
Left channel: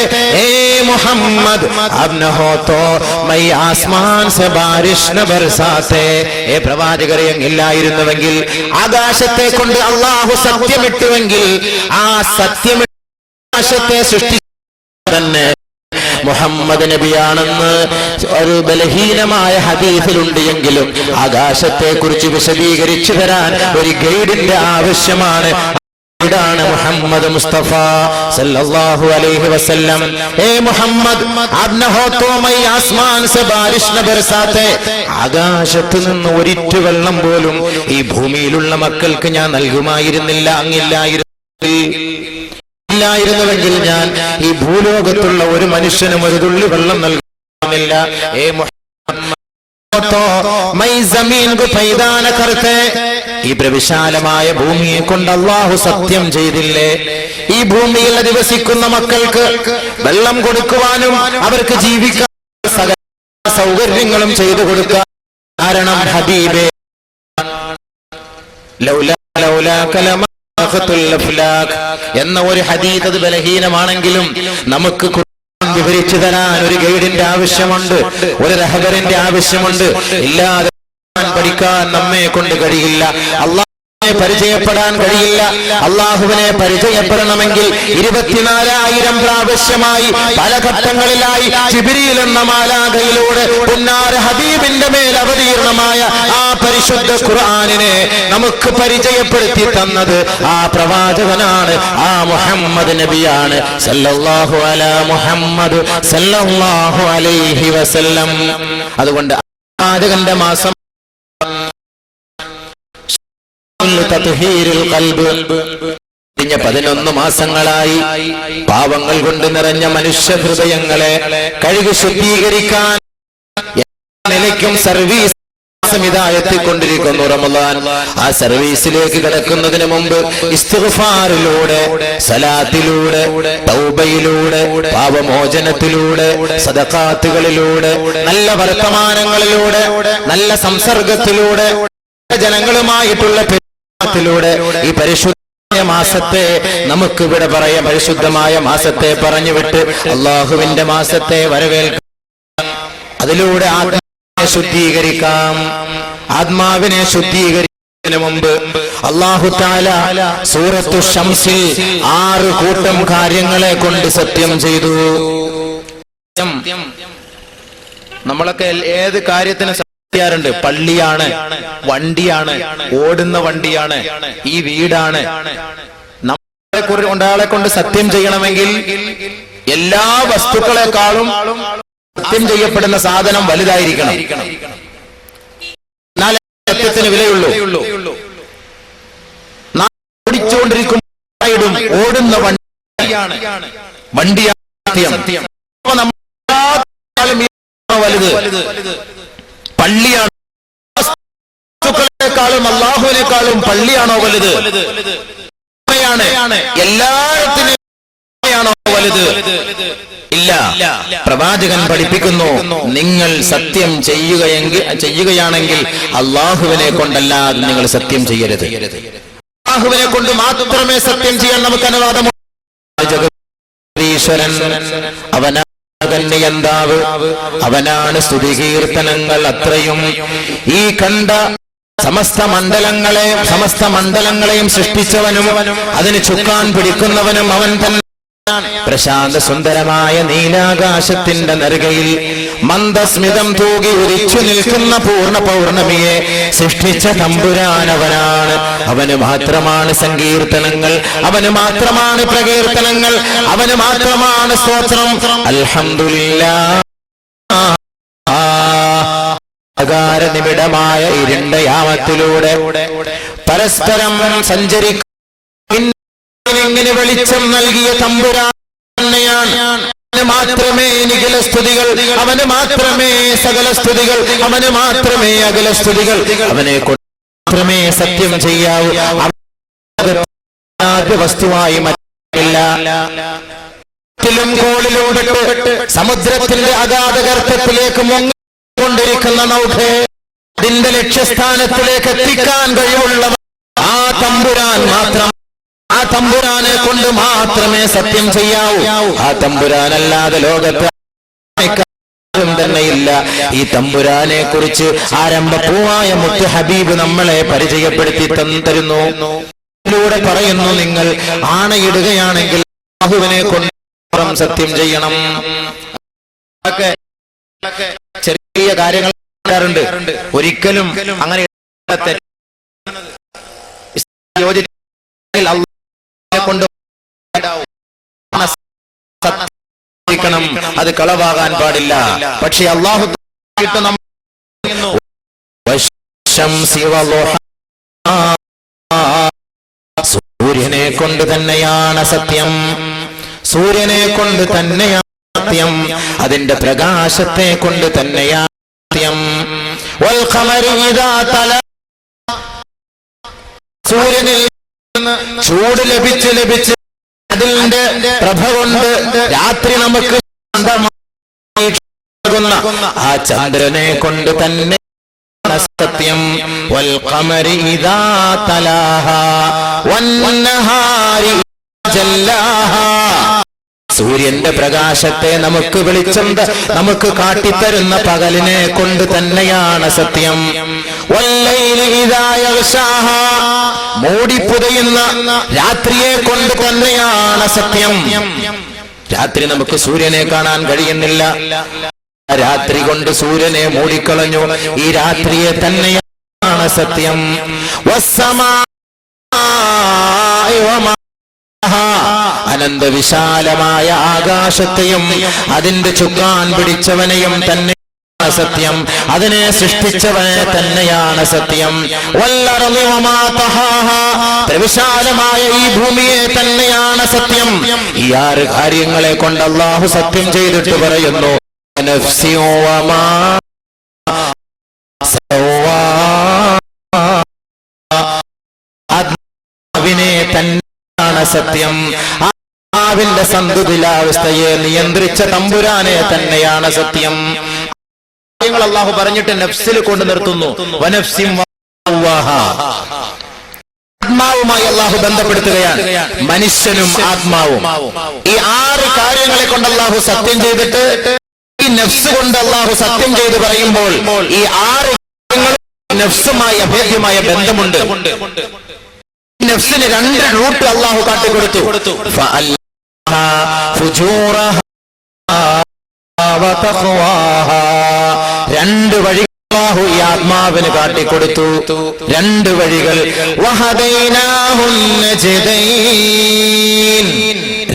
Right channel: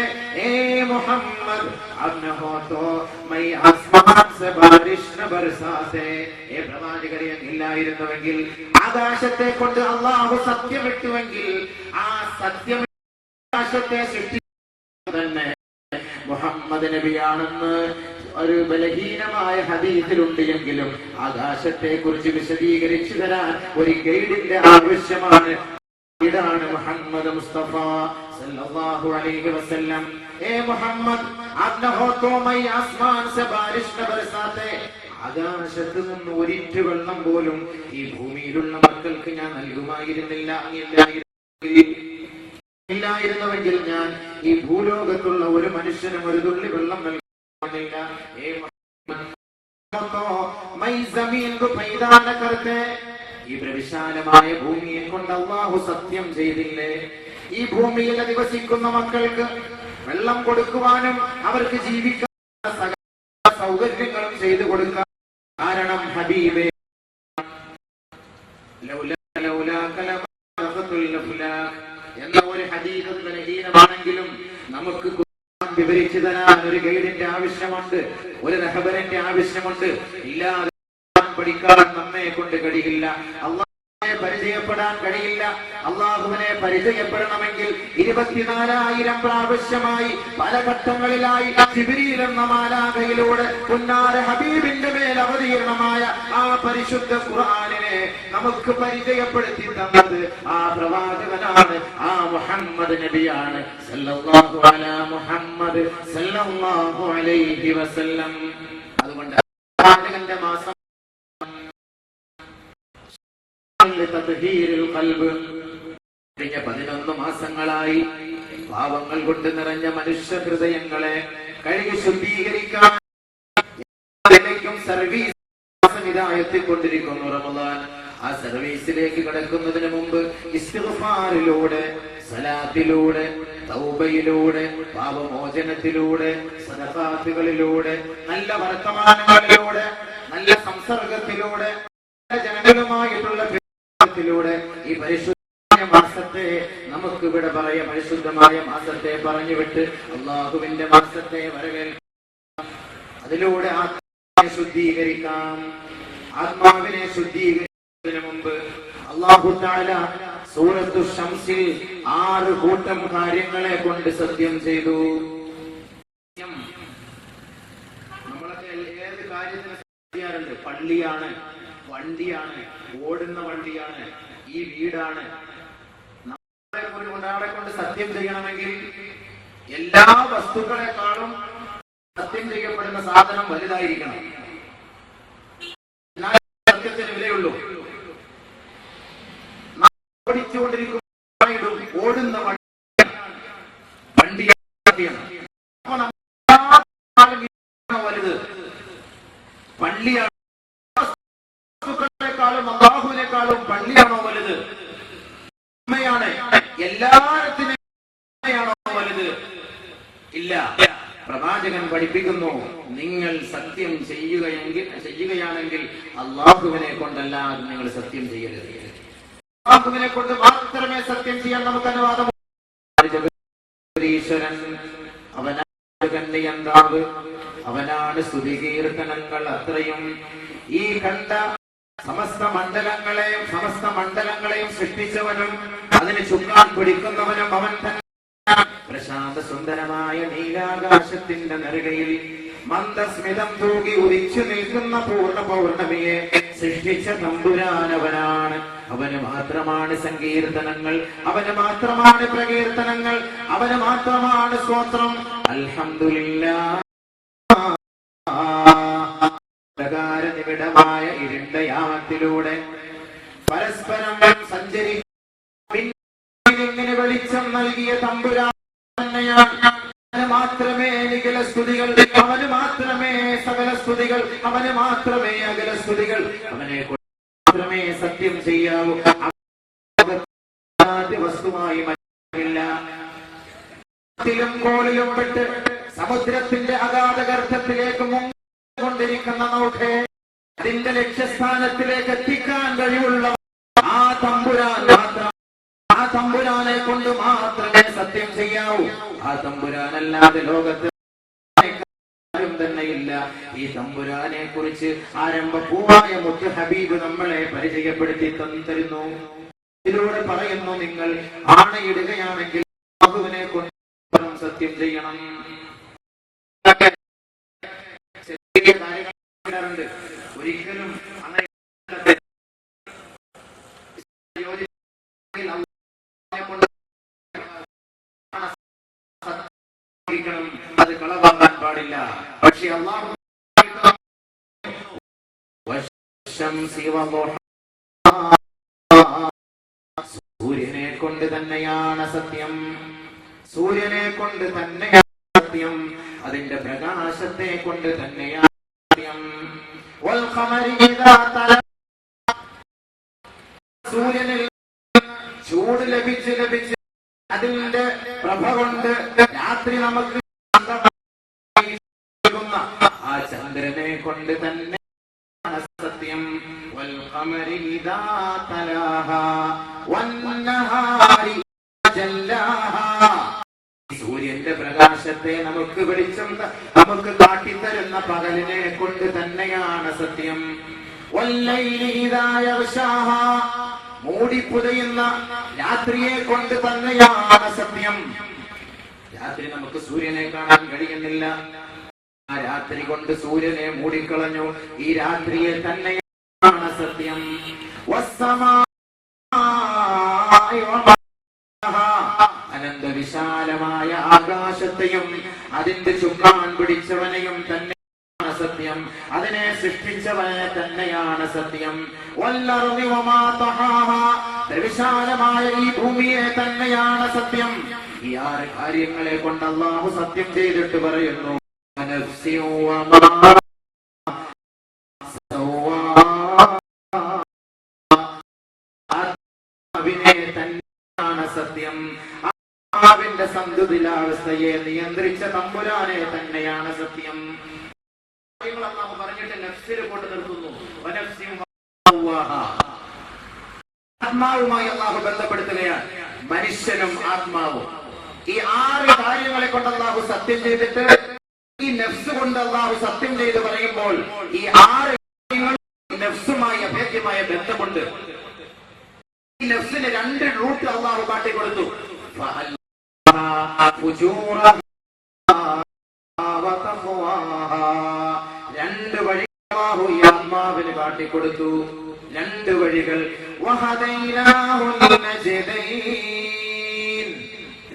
ഏ മുഹമ്മദ് ആപ് ന ഹോ തോ മൈ ആസ്മാൻ സെ ബാരിഷ് ന ബർസാത്തെ. ഏ പ്രവാചകരെ, ഇല്ലായിരുന്നുവെങ്കിൽ, ആകാശത്തെ കൊണ്ട് അല്ലാഹു സത്യമിട്ടുവെങ്കിൽ, ആ സത്യത്തെ സൃഷ്ടിച്ച തന്നെ മുഹമ്മദ് നബിയാണെന്ന് ഒരു ബലഹീനമായ ഹദീസിലുണ്ട് എങ്കിലും ആകാശത്തെ കുറിച്ച് വിശദീകരിച്ചു തരാൻ ഒരു ഗൈഡിന്റെ ആവശ്യമാണ്. ഇതാണ് മുഹമ്മദ് മുസ്തഫ സല്ലല്ലാഹു അലൈഹി വസല്ലം. ഏ മുഹമ്മദ് ആപ് ന ഹോ തോ മൈ ആസ്മാൻ സെ ബാരിഷ് ന ബർസാത്തെ. ആകാശത്ത് നിന്ന് ഒരിറ്റു വെള്ളം പോലും ഈ ഭൂമിയിലുള്ള മക്കൾക്ക് ഞാൻ നൽകുമായിരുന്നില്ല. ഇല്ലായിരുന്നുവെങ്കിൽ ഞാൻ ഈ ഭൂലോകത്തുള്ള ഒരു മനുഷ്യനും ഒരു തുള്ളി വെള്ളം നൽകുന്നില്ല. ഏ ഈ പ്രവിശാലമായ ഭൂമിയെ കൊണ്ട് അല്ലാഹു സത്യം ചെയ്തില്ലേ? ഈ ഭൂമിയിൽ അധിവസിക്കുന്ന മക്കൾക്ക് വെള്ളം കൊടുക്കുവാനും അവർക്ക് ജീവിക്കാൻ സകല സൗകര്യങ്ങളും ചെയ്തു കൊടുക്കാൻ കാരണം ഹബീബേ. എന്ന ഒരു ഹദീസ് അത് ബലഹീനമാണെങ്കിലും നമുക്ക് വിവരിച്ചു തരാൻ ഒരു ഗൈഡിന്റെ ആവശ്യമുണ്ട്, ഒരു റഹബറിന്റെ ആവശ്യമുണ്ട്. ഇല്ലാതെ പഠിക്കാൻ നമ്മെ കൊണ്ട് കഴിയില്ല. പരിചയപ്പെടാൻ കഴിയില്ല. അള്ളാഹുവിനെ പരിചയപ്പെടണമെങ്കിൽ 24,000 പ്രാവശ്യമായി പല ഘട്ടങ്ങളിലായി ജിബ്രീൽ എന്ന മാലാഖയിലൂടെ പുന്നാര ഹബീബിന്റെ മേൽ അവതീർണമായ ആ പരിശുദ്ധ ഖുർആനിനെ നമുക്ക് പരിചയപ്പെടുത്തി തന്നത് ആ പ്രവാചകനാണ്, ആ മുഹമ്മദ് നബിയാണ്. സല്ലല്ലാഹു അലാ മുഹമ്മദ് സല്ലല്ലാഹു അലൈഹി വസല്ലം. അതുകൊണ്ട് പ്രവാചകന്റെ മാസം കഴിഞ്ഞ 11 മാസങ്ങളായി പാവങ്ങൾ കൊണ്ട് നിറഞ്ഞ മനുഷ്യ ഹൃദയങ്ങളെ കഴുകി ശുദ്ധീകരിക്കാൻ സർവീസ് എത്തിക്കൊണ്ടിരിക്കുന്നു റമളാൻ. ആ സർവീസിലേക്ക് കടക്കുന്നതിന് മുമ്പ് ഇസ്തിഗ്ഫാറിലൂടെ, സലാത്തിലൂടെ, തൗബയിലൂടെ, പാപമോചനത്തിലൂടെ, സദഖാത്തുകളിലൂടെ, നല്ല വർത്തമാനങ്ങളിലൂടെ, നല്ല സംസർഗത്തിലൂടെ, ജനങ്ങളുമായിട്ടുള്ള ത്തിലൂടെ ഈ പരിശുദ്ധ മാസത്തെ നമുക്ക് ഇവിടെ പറയാം. പരിശുദ്ധമായ മാസത്തെ പറഞ്ഞുവിട്ട് അള്ളാഹുവിന്റെ മാസത്തെ വരവേൽക്കാം. അതിലൂടെ ആത്മാവിനെ ശുദ്ധീകരിക്കാം. ആത്മാവിനെ ശുദ്ധീകരിക്കുന്നതിന് മുമ്പ് അല്ലാഹു തആല സൂറത്തു ശംസിൽ 6 കൂട്ടം കാര്യങ്ങളെ കൊണ്ട് സത്യം ചെയ്തു. നമ്മളൊക്കെ ഏത് കാര്യത്തിന് ണ്ട് പള്ളിയാണ്, വണ്ടിയാണ്, ഓടുന്ന വണ്ടിയാണ്, ഈ വീടാണ്. ഒരാളെ കൊണ്ട് സത്യം ചെയ്യണമെങ്കിൽ എല്ലാ വസ്തുക്കളെക്കാളും സത്യം ചെയ്യപ്പെടുന്ന സാധനം വലുതായിരിക്കണം. എന്നാലേ സത്യത്തിന് വിലയുള്ളൂ. ഓടിച്ചുകൊണ്ടിരിക്കും ഓടുന്ന വണ്ടിയാണ് സത്യം. വലുത് പള്ളിയാണ്. വസ്തുക്കളെക്കാളും അല്ലാഹുവിനേക്കാളും പള്ളിയാണോ വലുത്? എല്ലാത്തിനും വലുത്? ഇല്ല. പ്രവാചകൻ പഠിപ്പിക്കുന്നു, നിങ്ങൾ സത്യം ചെയ്യുകയാണെങ്കിൽ അല്ലാഹുവിനെ കൊണ്ടല്ലാതെ നിങ്ങൾ സത്യം ചെയ്യരുത്. അല്ലാഹുവിനെ കൊണ്ട് മാത്രമേ സത്യം ചെയ്യാൻ നമുക്ക് അനുവാദമുള്ളൂ. അവനാണ് അവനാണ് സ്തുതികീർത്തനങ്ങൾ അത്രയും. ഈ കണ്ട സമസ്ത മണ്ഡലങ്ങളെയും സൃഷ്ടിച്ചവനും അതിന് ചുക്കാൻ പിടിക്കുന്നവനും അവൻ തന്നെ. പ്രശാന്ത സുന്ദരമായ നീലാകാശത്തിന്റെ നെറുകയിൽ മന്ദസ്മിതം തൂകി ഉരിച്ചു നിൽക്കുന്ന പൂർണ്ണ പൗർണമിയെ സൃഷ്ടിച്ച തമ്പുരാനവനാണ്. അവന് മാത്രമാണ് സങ്കീർത്തനങ്ങൾ, അവന് മാത്രമാണ് പ്രകീർത്തനങ്ങൾ, അവന് മാത്രമാണ് സ്തോത്രം. അൽഹംദുലില്ലാഹ്. നിബിഡമായ ഇരുണ്ട യാമത്തിലൂടെ പരസ്പരം സഞ്ചരിക്കും ഇങ്ങനെ വെളിച്ചം നൽകിയ തമ്പുരാനെയാണ്. അവന് മാത്രമേ നിഖില സ്തുതികൾ, അവന് മാത്രമേ സകല സ്തുതികൾ, അവന് മാത്രമേ അകല സ്തുതികൾ, അവനെ മാത്രമേ സത്യം ചെയ്യാവൂ. വസ്തുവായി മറ്റില്ല. കോളിലൂടെ സമുദ്രത്തിന്റെ അഗാധ ഗർത്തത്തിലേക്ക് മുങ്ങിക്കൊണ്ടിരിക്കുന്ന നൗകയെ അതിന്റെ ലക്ഷ്യസ്ഥാനത്തിലേക്ക് എത്തിക്കാൻ കഴിവുള്ള ആ തമ്പുരാൻ മാത്രം. ആ തമ്പുരാനെ കൊണ്ട് മാത്രമേ സത്യം ചെയ്യാവൂ. ആ തമ്പുരാനല്ലാതെ ലോകത്ത് തന്നെയില്ല. ഈ തമ്പുരാനെ കുറിച്ച് ആരംഭപ്പൂവായ മുത്ത് ഹബീബ് നമ്മളെ പരിചയപ്പെടുത്തി തരുന്നു. ഇതിലൂടെ പറയുന്നു, നിങ്ങൾ ആണയിടുകയാണെങ്കിൽ അല്ലാഹുവിനെ കൊണ്ട് സത്യം ചെയ്യണം. ചെറിയ കാര്യങ്ങൾ ഒരിക്കലും അങ്ങനെ കൊണ്ട് അത് കളവാകാൻ പാടില്ല. പക്ഷെ അല്ലാഹു സൂര്യനെ കൊണ്ട് തന്നെയാണ് സത്യം. സൂര്യനെ കൊണ്ട് തന്നെയാണ് സത്യം. അതിന്റെ പ്രകാശത്തെ കൊണ്ട് തന്നെയാണ് സത്യം. സൂര്യനിൽ ചൂട് ലഭിച്ച് അതിന്റെ പ്രഭ കൊണ്ട് രാത്രി നമുക്ക് ആ ചന്ദ്രനെ കൊണ്ട് തന്നെ സത്യം. വൽഖമരി ഇദാ തലാഹാ വന്നഹാരി ജല്ലാഹാ. സൂര്യന്റെ പ്രകാശത്തെ നമുക്ക് വെളിച്ചം നമുക്ക് കാട്ടിത്തരുന്ന പകലിനെ കൊണ്ട് തന്നെയാണ് സത്യം. മൂടിപ്പുതയുന്ന രാത്രിയെ കൊണ്ട് തന്നെയാണ് സത്യം. രാത്രി നമുക്ക് സൂര്യനെ കാണാൻ കഴിയുന്നില്ല. രാത്രി കൊണ്ട് സൂര്യനെ മൂടിക്കളഞ്ഞു. ഈ രാത്രിയെ തന്നെയാണ് സത്യം. അനന്ത വിശാലമായ ആകാശത്തെയും അതിന്റെ ചുക്കാൻ പിടിച്ചവനെയും തന്നെയാണ് സത്യം. അതിനെ സൃഷ്ടിച്ചവനെ തന്നെയാണ് സത്യം. വിശാലമായ ഈ ഭൂമിയെ തന്നെയാണ് സത്യം. ഈ 6 കാര്യങ്ങളെ കൊണ്ട് അല്ലാഹു സത്യം ചെയ്തിട്ട് പറയുന്നു, ആത്മാവിനെ തന്നെയാണ് സത്യം. ആത്മാവിന്റെ സന്തുലിതാവസ്ഥയെ നിയന്ത്രിച്ച തമ്പുരാനെ തന്നെയാണ് സത്യം. അല്ലാഹു പറഞ്ഞിട്ട് നഫ്സിൽ കൊണ്ട് നിർത്തുന്നു. ആത്മാവുമായി അല്ലാഹു ബന്ധപ്പെടുത്തുകയാണ്, മനുഷ്യനും ആത്മാവും. ഈ 6 കാര്യങ്ങളെ കൊണ്ട് അല്ലാഹു സത്യം ചെയ്തിട്ട് ഈ നഫ്സ് കൊണ്ട് അല്ലാഹു സത്യം ചെയ്ത് പറയുമ്പോൾ ഈ 6 കാര്യങ്ങളും നഫ്സുമായി അഭേദ്യമായ ബന്ധമുണ്ട്. നഫ്സിന് 2 റൂട്ട് അല്ലാഹു കാട്ടിക്കൊടുത്തു. രണ്ട് വഴികൾ അല്ലാഹു ഈ ആത്മാവിന് കാട്ടിക്കൊടുത്തു. 2 വഴികൾ.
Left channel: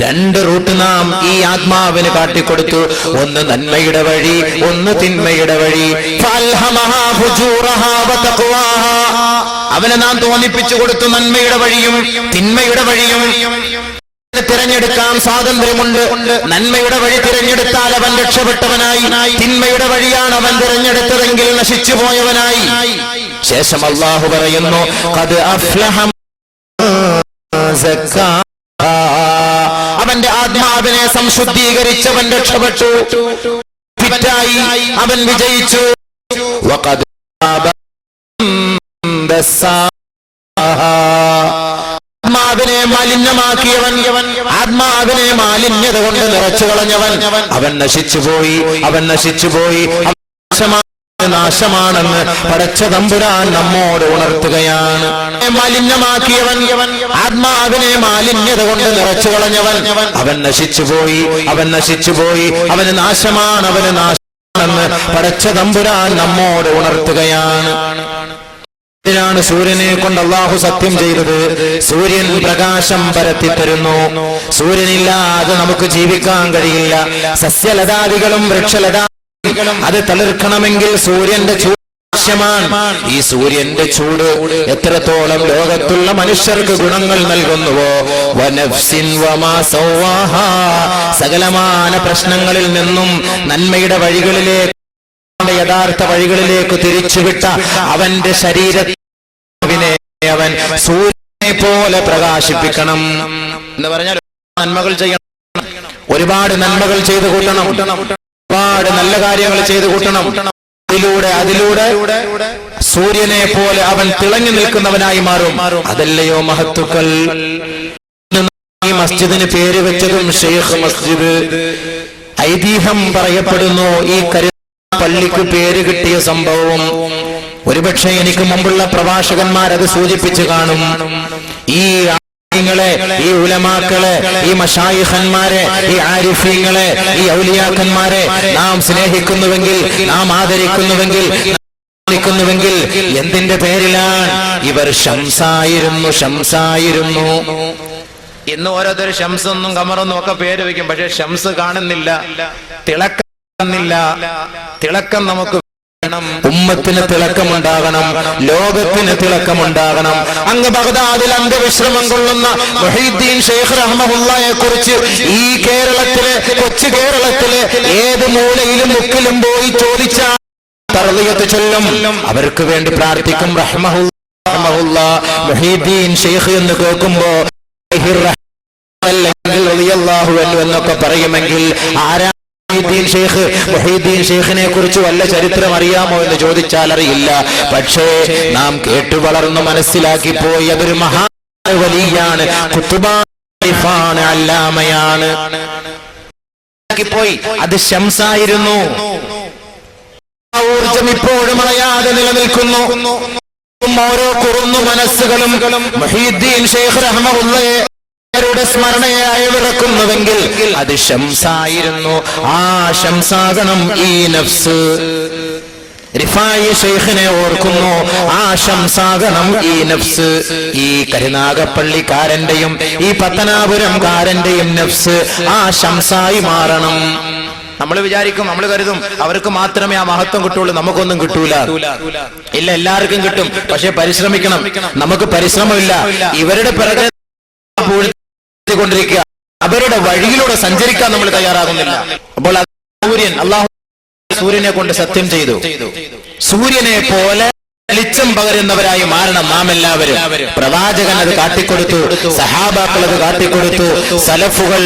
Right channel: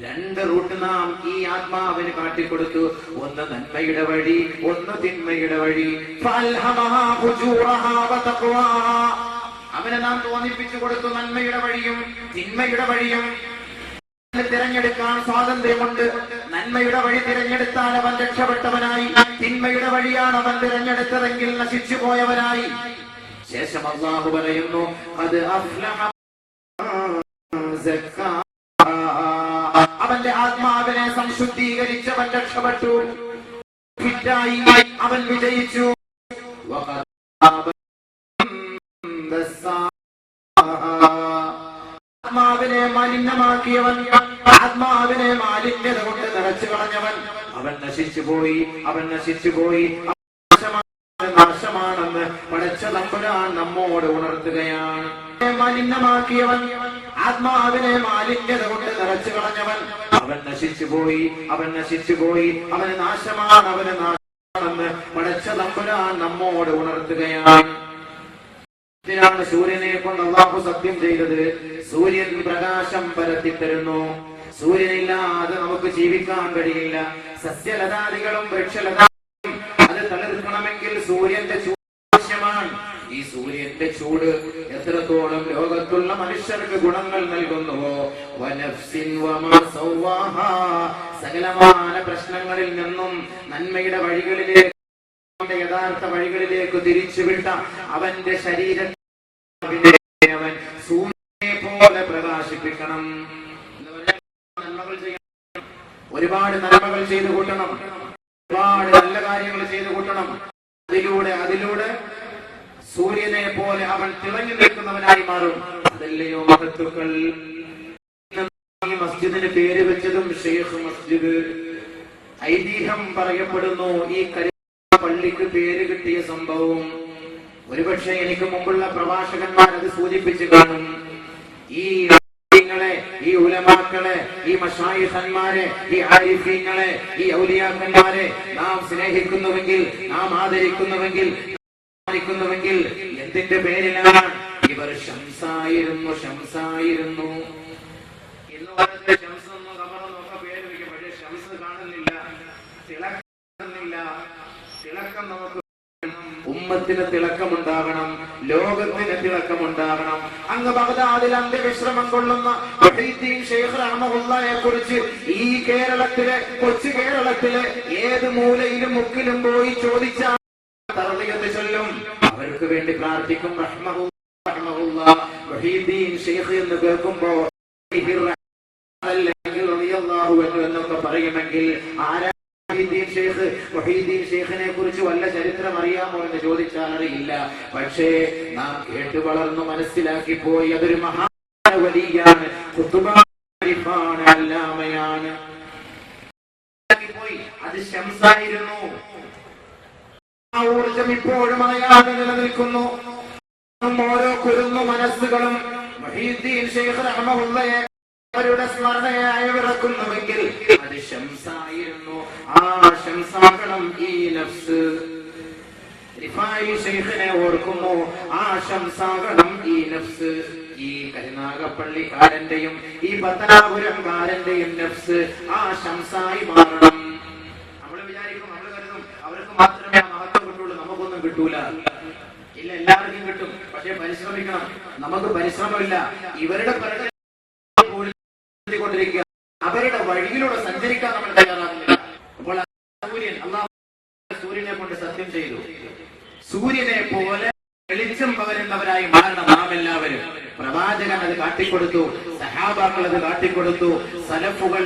2 റൂട്ട് നാം ഈ ആത്മാവിന് കാട്ടിക്കൊടുത്തു. ഒന്ന് നന്മയുടെ വഴി, ഒന്ന് തിന്മയുടെ വഴി. അവനെ നാം തോന്നിപ്പിച്ചു കൊടുത്തു നന്മയുടെ വഴിയും തിന്മയുടെ വഴിയും. തിരഞ്ഞെടുക്കാൻ സ്വാതന്ത്ര്യമുണ്ട്. നന്മയുടെ വഴി തിരഞ്ഞെടുത്താൽ അവൻ രക്ഷപ്പെട്ടവനായി, തിന്മയുടെ വഴിയാണ് അവൻ തിരഞ്ഞെടുത്തതെങ്കിൽ നശിച്ചു പോയവനായി. ശേഷം അല്ലാഹു പറയുന്നു, ഖദ് അഫ്ലഹ അവന്റെ ആത്മാവിനെ സംശുദ്ധീകരിച്ചവൻ രക്ഷപ്പെട്ടു, ഫിറ്റായി അവൻ വിജയിച്ചു. ആത്മാവിനെ മലിനമാക്കിയവൻ, ആത്മാവിനെ മാലിന്യത കൊണ്ട് നിറച്ചു കളഞ്ഞവൻ, അവൻ നശിച്ചുപോയി, അവൻ നശിച്ചുപോയി. നാശമാണെന്ന് പടച്ച തമ്പുരാൻ നമ്മോട് ഉണർത്തുകയാണ്. മലിനമാക്കിയവൻ, ആത്മാവിനെ മാലിന്യത കൊണ്ട് നിറച്ചു കളഞ്ഞവൻ, അവൻ നശിച്ചുപോയി, അവൻ നശിച്ചുപോയി. അവന് നാശമാണ്, അവന് നാശമാണെന്ന് പടച്ച തമ്പുരാൻ നമ്മോട് ഉണർത്തുകയാണ്. ാണ് സൂര്യനെ കൊണ്ട് അല്ലാഹു സത്യം ചെയ്തത്. സൂര്യൻ പ്രകാശം പരത്തിത്തരുന്നു. സൂര്യനില്ലാതെ നമുക്ക് ജീവിക്കാൻ കഴിയില്ല. സസ്യലതാദികളും വൃക്ഷലതാദികളും അത് തളിർക്കണമെങ്കിൽ സൂര്യന്റെ ചൂട് ആവശ്യമാണ്. ഈ സൂര്യന്റെ ചൂട് എത്രത്തോളം ലോകത്തുള്ള മനുഷ്യർക്ക് ഗുണങ്ങൾ നൽകുന്നുവോ, സകലമാന പ്രശ്നങ്ങളിൽ നിന്നും നന്മയുടെ വഴികളിലേക്ക്, യഥാർത്ഥ വഴികളിലേക്ക് തിരിച്ചുവിട്ട അവന്റെ ശരീരത്തിനെ അവൻ സൂര്യനെ പോലെ പ്രകാശിപ്പിക്കണം എന്ന് പറഞ്ഞാൽ നന്മകൾ ചെയ്യണം, ഒരുപാട് നന്മകൾ ചെയ്തു കൂട്ടണം, ഒരുപാട് നല്ല കാര്യങ്ങൾ ചെയ്തു കൂട്ടണം. അതിലൂടെ സൂര്യനെ പോലെ അവൻ തിളങ്ങി നിൽക്കുന്നവനായി മാറും. അതല്ലയോ മഹത്തുക്കൾ. ഈ മസ്ജിദിന് പേര് വെച്ചതും ഷെയ്ഖ് മസ്ജിദ്. ഐതിഹ്യം പറയപ്പെടുന്നു ഈ പള്ളിക്ക് പേര് കിട്ടിയ സംഭവം ഒരുപക്ഷെ എനിക്ക് മുമ്പുള്ള പ്രഭാഷകന്മാരത് സൂചിപ്പിച്ചു കാണും. ഈ ഈ ഉലമാക്കളെ, ഈ മശായിഖന്മാരെ, ഈ ആരിഫീങ്ങളെ, ഈ ഔലിയാക്കന്മാരെ നാം സ്നേഹിക്കുന്നുവെങ്കിൽ, നാം ആദരിക്കുന്നുവെങ്കിൽ എന്തിന്റെ പേരിലാണ്? ഇവർ ശംസായിരുന്നു, ശംസായിരുന്നു. ഇന്ന് ഓരോരുത്തർ ഷംസൊന്നും കമറൊന്നും ഒക്കെ പേര് വയ്ക്കും. പക്ഷെ ഷംസ് കാണുന്നില്ല, തിളക്കുന്നില്ല. തിളക്കം നമുക്ക് വേണം. ഉമ്മത്തിന് തിളക്കമുണ്ടാകണം, ലോകത്തിന് തിളക്കമുണ്ടാകണം. അങ്ങ് ബഗ്ദാദിൽ അന്ത്യവിശ്രമം കൊള്ളുന്ന മുഹീദ്ദീൻ ശൈഖ് റഹ്മഹുള്ളാഹിയെ കുറിച്ച് ഈ കേരളത്തിലെ, കൊച്ചു കേരളത്തിലെ ഏത് മൂലയിലും മുക്കിലും പോയി ചോദിച്ചാൽ തർദിയത്ത് ചൊല്ലും. അവർക്ക് വേണ്ടി പ്രാർത്ഥിക്കും. റഹ്മഹുല്ലാഹ് മുഹീദ്ദീൻ ശൈഖ് എന്ന് കേൾക്കുമ്പോ എന്നൊക്കെ പറയുമെങ്കിൽ ആരാ മുഹീദ്ദീൻ ശൈഖിനെ കുറിച്ച് വല്ല ചരിത്രം അറിയാമോ എന്ന് ചോദിച്ചാൽ അറിയില്ല. പക്ഷേ നാം കേട്ടു വളർന്നു മനസ്സിലാക്കി പോയി അതൊരു മഹാ വലിയാണ്, ഖുത്ബാണ്, അല്ലാമയാണ്. മനസ്സിലാക്കിപ്പോയി അത് ശംസായിരുന്നു. ആ ഊർജം ഇപ്പോഴും അണയാതെ നിലനിൽക്കുന്നു. ഓരോ കുറുന്നു മനസ്സുകളും മുഹീദ്ദീൻ ശൈഖ് റഹ്മത്തുള്ളാഹിയുടെ സ്മരണയെ അയവിറക്കുന്നുവെങ്കിൽ അത് ശംസായിരുന്നു. ആ ശംസാകണം ഈ നഫ്സ്. റിഫായി ശൈഖിനെ ഓർക്കുന്നു, ആ ശംസാകണം ഈ നഫ്സ്. ഈ കരുനാഗപ്പള്ളിക്കാരന്റെയും ഈ പത്തനാപുരംകാരന്റെയും നഫ്സ് ആ ശംസായി മാറണം. നമ്മൾ വിചാരിക്കും, നമ്മൾ കരുതും അവർക്ക് മാത്രമേ ആ മഹത്വം കിട്ടുള്ളൂ, നമുക്കൊന്നും കിട്ടൂല. ഇല്ല, എല്ലാവർക്കും കിട്ടും. പക്ഷെ പരിശ്രമിക്കണം. നമുക്ക് പരിശ്രമമില്ല. ഇവരുടെ പിറകെ കൊണ്ടിരിക്കുക, അവരുടെ വഴിയിലൂടെ സഞ്ചരിക്കാൻ നമ്മൾ തയ്യാറാകുന്നില്ല. അപ്പോൾ സൂര്യൻ, അള്ളാഹു സൂര്യനെ കൊണ്ട് സത്യം ചെയ്തു, സൂര്യനെ പോലെ വെളിച്ചം പകരുന്നവരായി മാറണം നാം എല്ലാവരും. പ്രവാചകൻ അത് കാട്ടിക്കൊടുത്തു, സഹാബാക്കൾ അത് കാട്ടിക്കൊടുത്തു, സലഫുകൾ,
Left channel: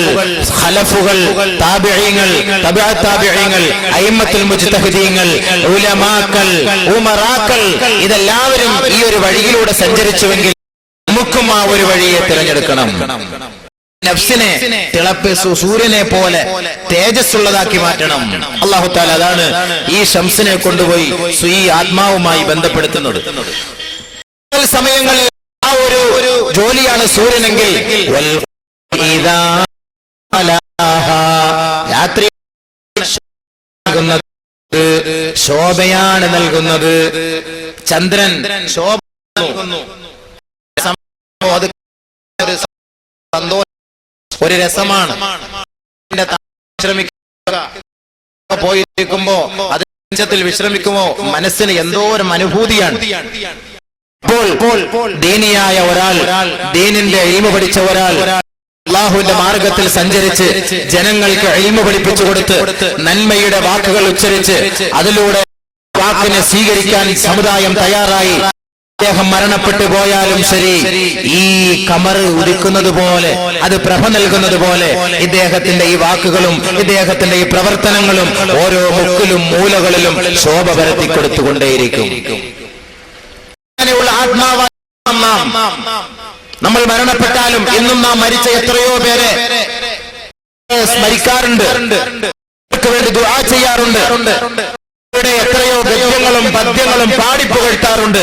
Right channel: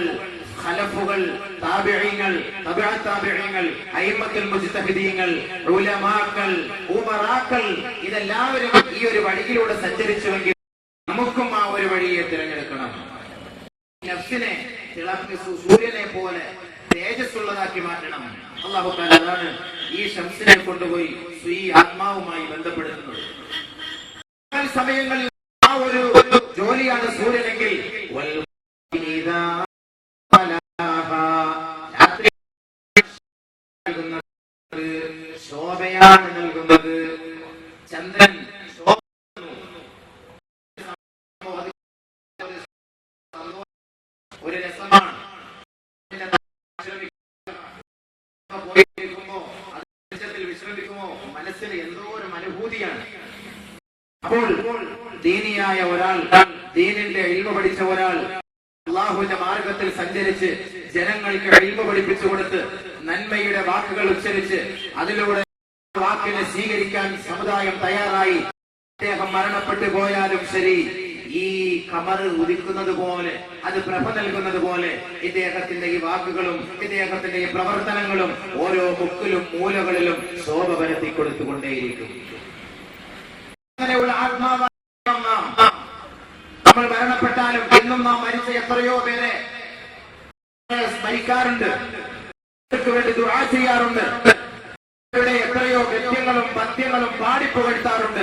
ഖലഫുകൾ, താബിഈങ്ങൾ, തബഅ താബിഈങ്ങൾ, അയിമ്മത്തുൽ മുജ്തഹിദീങ്ങൾ, ഉലമാക്കൾ, ഉമറാക്കൾ, ഇതെല്ലാവരും ഈ ഒരു വഴിയിലൂടെ സഞ്ചരിച്ചുവെങ്കിൽ നമുക്കും ആ ഒരു വഴിയെ തിരഞ്ഞെടുക്കണം. നഫ്സിനെ തിളപ്പിച്ചു സൂര്യനെ പോലെ തേജസ്സുള്ളതാക്കി മാറ്റണം. അല്ലാഹു തആല അതാണ് ഈ ശംസിനെ കൊണ്ടുപോയി ഈ ആത്മാവുമായി ബന്ധപ്പെടുത്തുന്നത്. സമയങ്ങളിൽ ആ ഒരു ജോലിയാണ് സൂര്യനെങ്കിൽ രാത്രി ശോഭയാണ് നൽകുന്നത്. ചന്ദ്രൻ ശോഭ നൽകുന്നു, ഒരു രസമാണ്. പോയിരിക്കുമ്പോ അത് വിശ്രമിക്കുമ്പോ മനസ്സിന് എന്തോ ഒരു അനുഭൂതിയാണ്. അപ്പോൾ ദീനിയായ ഒരാൾ, ദീനിന്റെ ഇൽമു പഠിച്ച ഒരാൾ അല്ലാഹുവിന്റെ മാർഗത്തിൽ സഞ്ചരിച്ച് ജനങ്ങൾക്ക് ഇൽമു പഠിപ്പിച്ചു കൊടുത്ത് നന്മയുടെ വാക്കുകൾ ഉച്ചരിച്ച് അതിലൂടെ വാക്കിനെ സ്വീകരിക്കാൻ സമുദായം തയ്യാറായി അദ്ദേഹം മരണപ്പെട്ടു പോയാലും ശരി, ഈ കമർ ഉദിക്കുന്നത് പോലെ, അത് പ്രഭ നൽകുന്നത് പോലെ ഇദ്ദേഹത്തിന്റെ ഈ വാക്കുകളും ഇദ്ദേഹത്തിന്റെ ഈ പ്രവർത്തനങ്ങളും ഓരോ മുക്കിലും മൂലകളിലും ശോഭ പരത്തി കൊടുത്തുകൊണ്ടേയിരിക്കും. അങ്ങനെയുള്ള ആത്മാവാണ് നമ്മൾ. മരണപ്പെട്ടാലും ഇന്നും നാം മരിച്ച എത്രയോ പേരെ സ്മരിക്കാറുണ്ട്, വേണ്ടി ദുആ ചെയ്യാറുണ്ട്, എത്രയോ ഗദ്യങ്ങളും പദ്യങ്ങളും പാടിപ്പുകഴ്ത്താറുണ്ട്.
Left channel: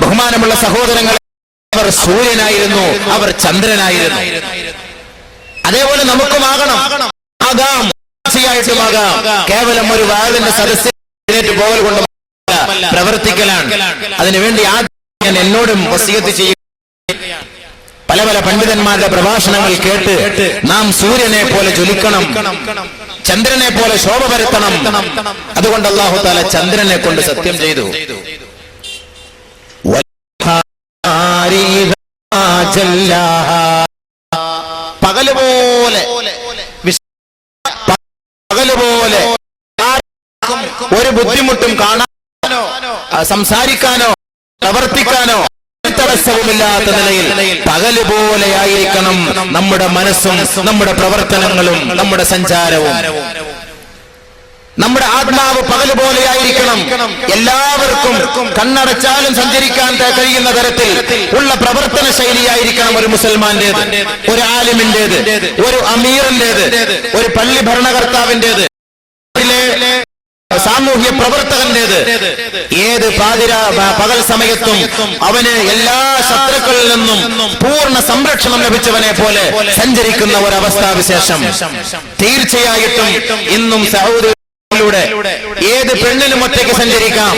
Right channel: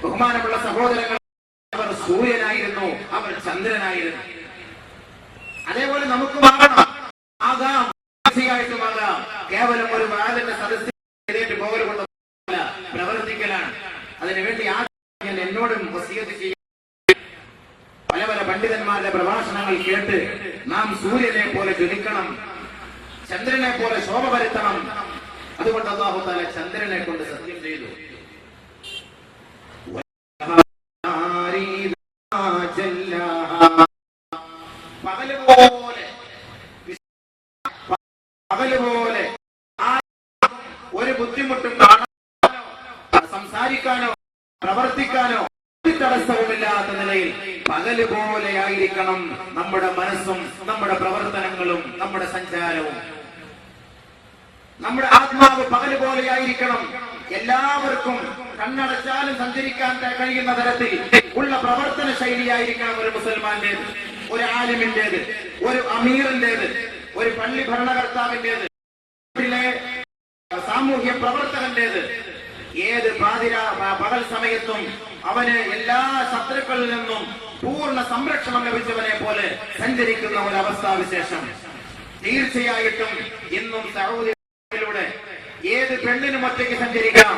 ബഹുമാനമുള്ള സഹോദരങ്ങളെ, അവർ സൂര്യനായിരുന്നു, അവർ ചന്ദ്രനായിരുന്നു. അതേപോലെ നമുക്കും ആകാം. കേവലം ഒരു വാതിന്റെ സദസ്സിൽ പോകൽ കൊണ്ട് പ്രവർത്തിക്കലാണ്. അതിനുവേണ്ടി ആദ്യം എന്നോടും വസിയത്ത് ചെയ്യും. പല പല പണ്ഡിതന്മാരുടെ പ്രഭാഷണങ്ങൾ കേട്ട് നാം സൂര്യനെ പോലെ ജ്വലിക്കണം, ചന്ദ്രനെ പോലെ ശോഭ പരത്തണം. അതുകൊണ്ട് അല്ലാഹു തആല ചന്ദ്രനെ കൊണ്ട് സത്യം ചെയ്തു. പകലുപോലെ ഒരു ബുദ്ധിമുട്ടും കാണാനോ സംസാരിക്കാനോ പ്രവർത്തിക്കാനോ തടസ്സവുമില്ലാത്ത നിലയിൽ പകല് പോലെയായിരിക്കണം നമ്മുടെ മനസ്സും നമ്മുടെ പ്രവർത്തനങ്ങളും നമ്മുടെ സഞ്ചാരവും. നമ്മുടെ ആത്മാവ് പകല് പോലെയായിരിക്കണം. എല്ലാവർക്കും കണ്ണടച്ചാലും സഞ്ചരിക്കാൻ കഴിയുന്ന തരത്തിൽ ഉള്ള പ്രവർത്തന ശൈലിയായിരിക്കണം ഒരു മുസൽമാന്റേത്, ഒരു ആലിമിന്റേത്, ഒരു അമീറിന്റേത്, ഒരു പള്ളി ഭരണകർത്താവിന്റേത്, സാമൂഹ്യ പ്രവർത്തകന്റേത്. ഏത് പകൽ സമയത്തും അവന് എല്ലാ ശത്രുക്കളിൽ നിന്നും പൂർണ്ണ സംരക്ഷണം ലഭിച്ചവനെ പോലെ സഞ്ചരിക്കുന്ന ഒരവസ്ഥാവിശേഷം തീർച്ചയായിട്ടും ഇന്നും സൗദിയിലൂടെ ഏത് പെണ്ണിനും ഒറ്റയ്ക്ക് സഞ്ചരിക്കാം.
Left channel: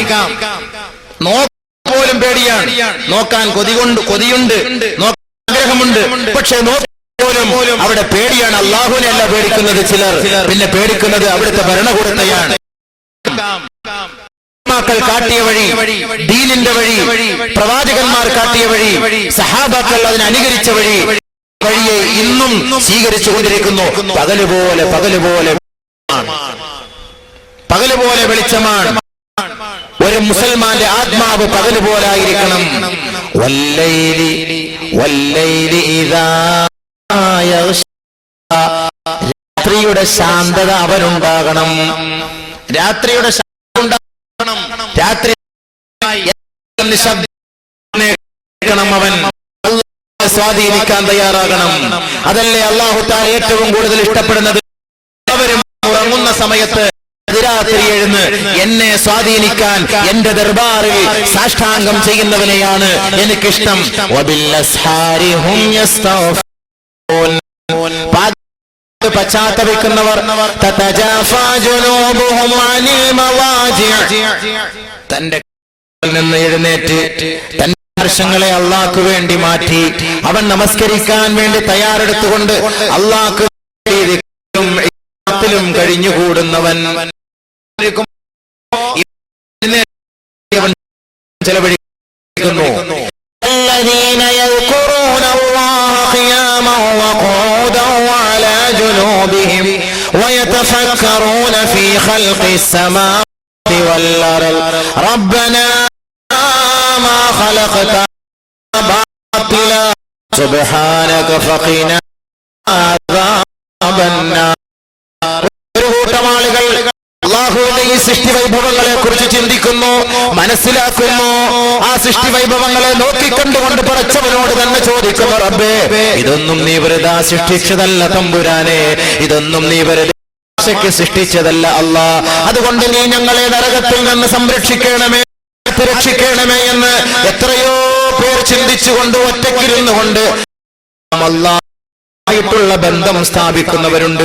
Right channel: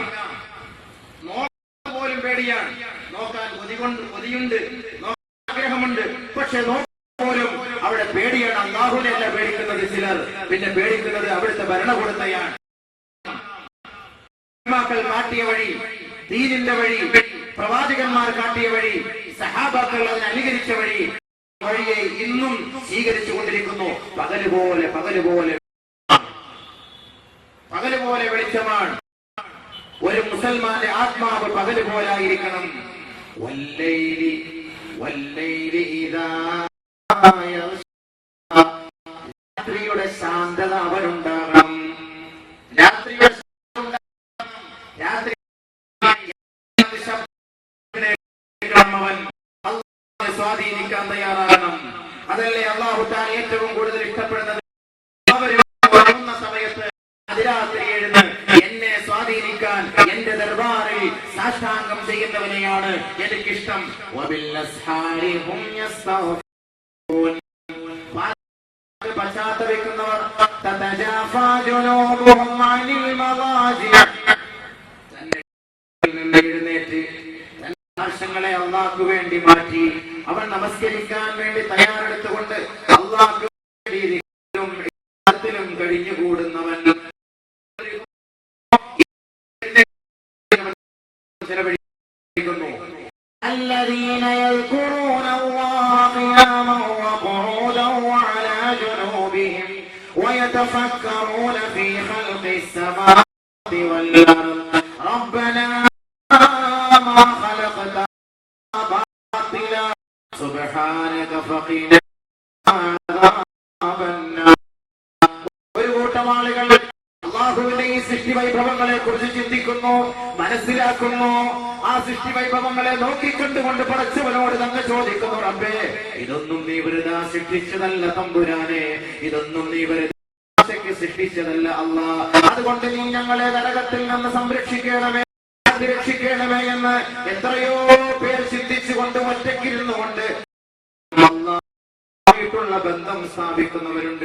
നോക്കാൻ പോലും പേടിയാണ്, നോക്കാൻ കൊതിയുണ്ട്, നോക്കാൻ ആഗ്രഹമുണ്ട്, പക്ഷെ പോലും അവിടെ പേടിയാണ്. അല്ലാഹുവിനെ അല്ല പേടിക്കുന്നത് ചിലർ, പിന്നെ പേടിക്കുന്നത് അവിടുത്തെ ഭരണകൂടത്തെയാണ്. കാട്ടിയ വഴി, ദീനിന്റെ വഴി, പ്രവാചകന്മാർ കാട്ടിയ വഴി, സഹാബാക്കൾ അതിനെ അനുകരിച്ച വഴിയെ ഇന്നും സ്വീകരിച്ചുകൊണ്ടിരിക്കുന്നു. പകലുപോലെ വെളിച്ചമാണ്. ഒരു മുസൽമാന്റെ ആത്മാവ് പകലുപോലായിരിക്കണം. രാത്രിയുടെ ശാന്തത അവനുണ്ടാകണം. രാത്രിയുടെ രാത്രി അവൻ സ്വാധീനിക്കാൻ തയ്യാറാകണം. അതല്ലേ അല്ലാഹു തആല ഏറ്റവും കൂടുതൽ ഇഷ്ടപ്പെടുന്നത്. സമയത്ത് രാത്രി എഴുന്ന് എന്നെ സ്വാധീനിക്കാൻ എന്റെ ദർബാറിൽ സാഷ്ടാംഗം ചെയ്യുന്നവനെയാണ് എനിക്കിഷ്ടം. പശ്ചാത്തപിക്കുന്നവർ തന്റെ നിന്ന് എഴുന്നേറ്റ് തന്റെ വർഷങ്ങളെ അള്ളാഹ്ക്ക് വേണ്ടി മാറ്റി അവൻ നമസ്കരിക്കാൻ വേണ്ടി തയ്യാറെടുത്തുകൊണ്ട് അള്ളാഹ്ക്ക് കഴിഞ്ഞുകൂടുന്നവൻ ചെലവഴിക്കുന്നു. ويتفكرون في خلق السماوات والأرض ربنا ما خلقت باطلا سبحانك فقنا عذاب النار. അല്ലാഹുവിന്റെ ഈ സൃഷ്ടി വൈഭവങ്ങളെ കുറിച്ച് ചിന്തിക്കുന്നു, മനസ്സിലാക്കുന്നു. ആ സൃഷ്ടി വൈഭവങ്ങളെ നോക്കിക്കണ്ടുകൊണ്ട് പടച്ചവനോട് തന്നെ ചോദിക്കുന്നു, റബ്ബേ ഇതൊന്നും നീ വെറുതെ സൃഷ്ടിച്ചതല്ല തമ്പുരാനെ, ഇതൊന്നും നീ വെറുതെ സൃഷ്ടിച്ചതല്ല അല്ലാ. അതുകൊണ്ട് നീ ഞങ്ങളെ നരകത്തിൽ നിന്ന് സംരക്ഷിക്കണമേ, രക്ഷിക്കണമേ എന്ന് എത്രയോ പേർ ചിന്തിച്ചുകൊണ്ട് ഒറ്റയ്ക്കിരുന്നു കൊണ്ട് അല്ലാഹുവായിട്ടുള്ള ബന്ധം സ്ഥാപിക്കുന്നവരുണ്ട്.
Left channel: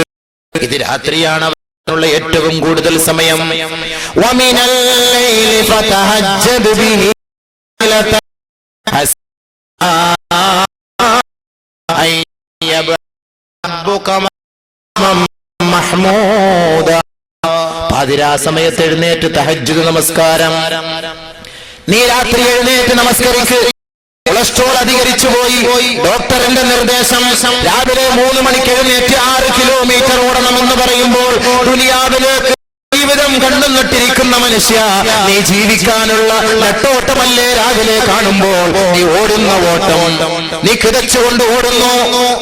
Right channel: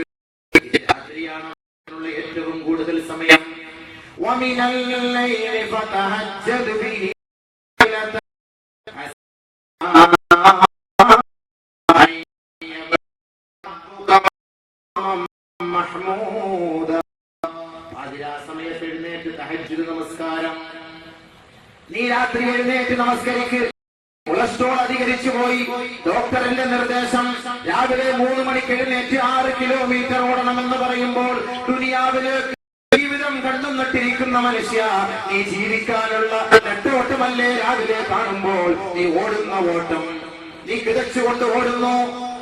ഇത് രാത്രിയാണ് ുള്ള ഏറ്റവും കൂടുതൽ സമയം. പാതിരാ സമയത്ത് എഴുന്നേറ്റ് തഹജ്ജുദ് നമസ്കാരം. നീ രാത്രി എഴുന്നേറ്റ് നമസ്കരിക്ക്. കൊളസ്ട്രോൾ അധികരിച്ചു പോയി, ഡോക്ടറിന്റെ നിർദ്ദേശം രാവിലെ 3 മണിക്ക് എഴുന്നേറ്റ് 6 കിലോമീറ്റർ ഓടണമെന്ന് പറയുമ്പോൾ ദുനിയാവിലേക്ക് ജീവിതം കണ്ണു നട്ടിരിക്കുന്ന മനുഷ്യ, നീ ജീവിക്കാനുള്ള നെട്ടോട്ടമല്ലേ രാവിലെ കാണുമ്പോൾ നീ ഓടുന്ന ഓട്ടം. നീ കിതച്ചുകൊണ്ട് ഓടുന്നു.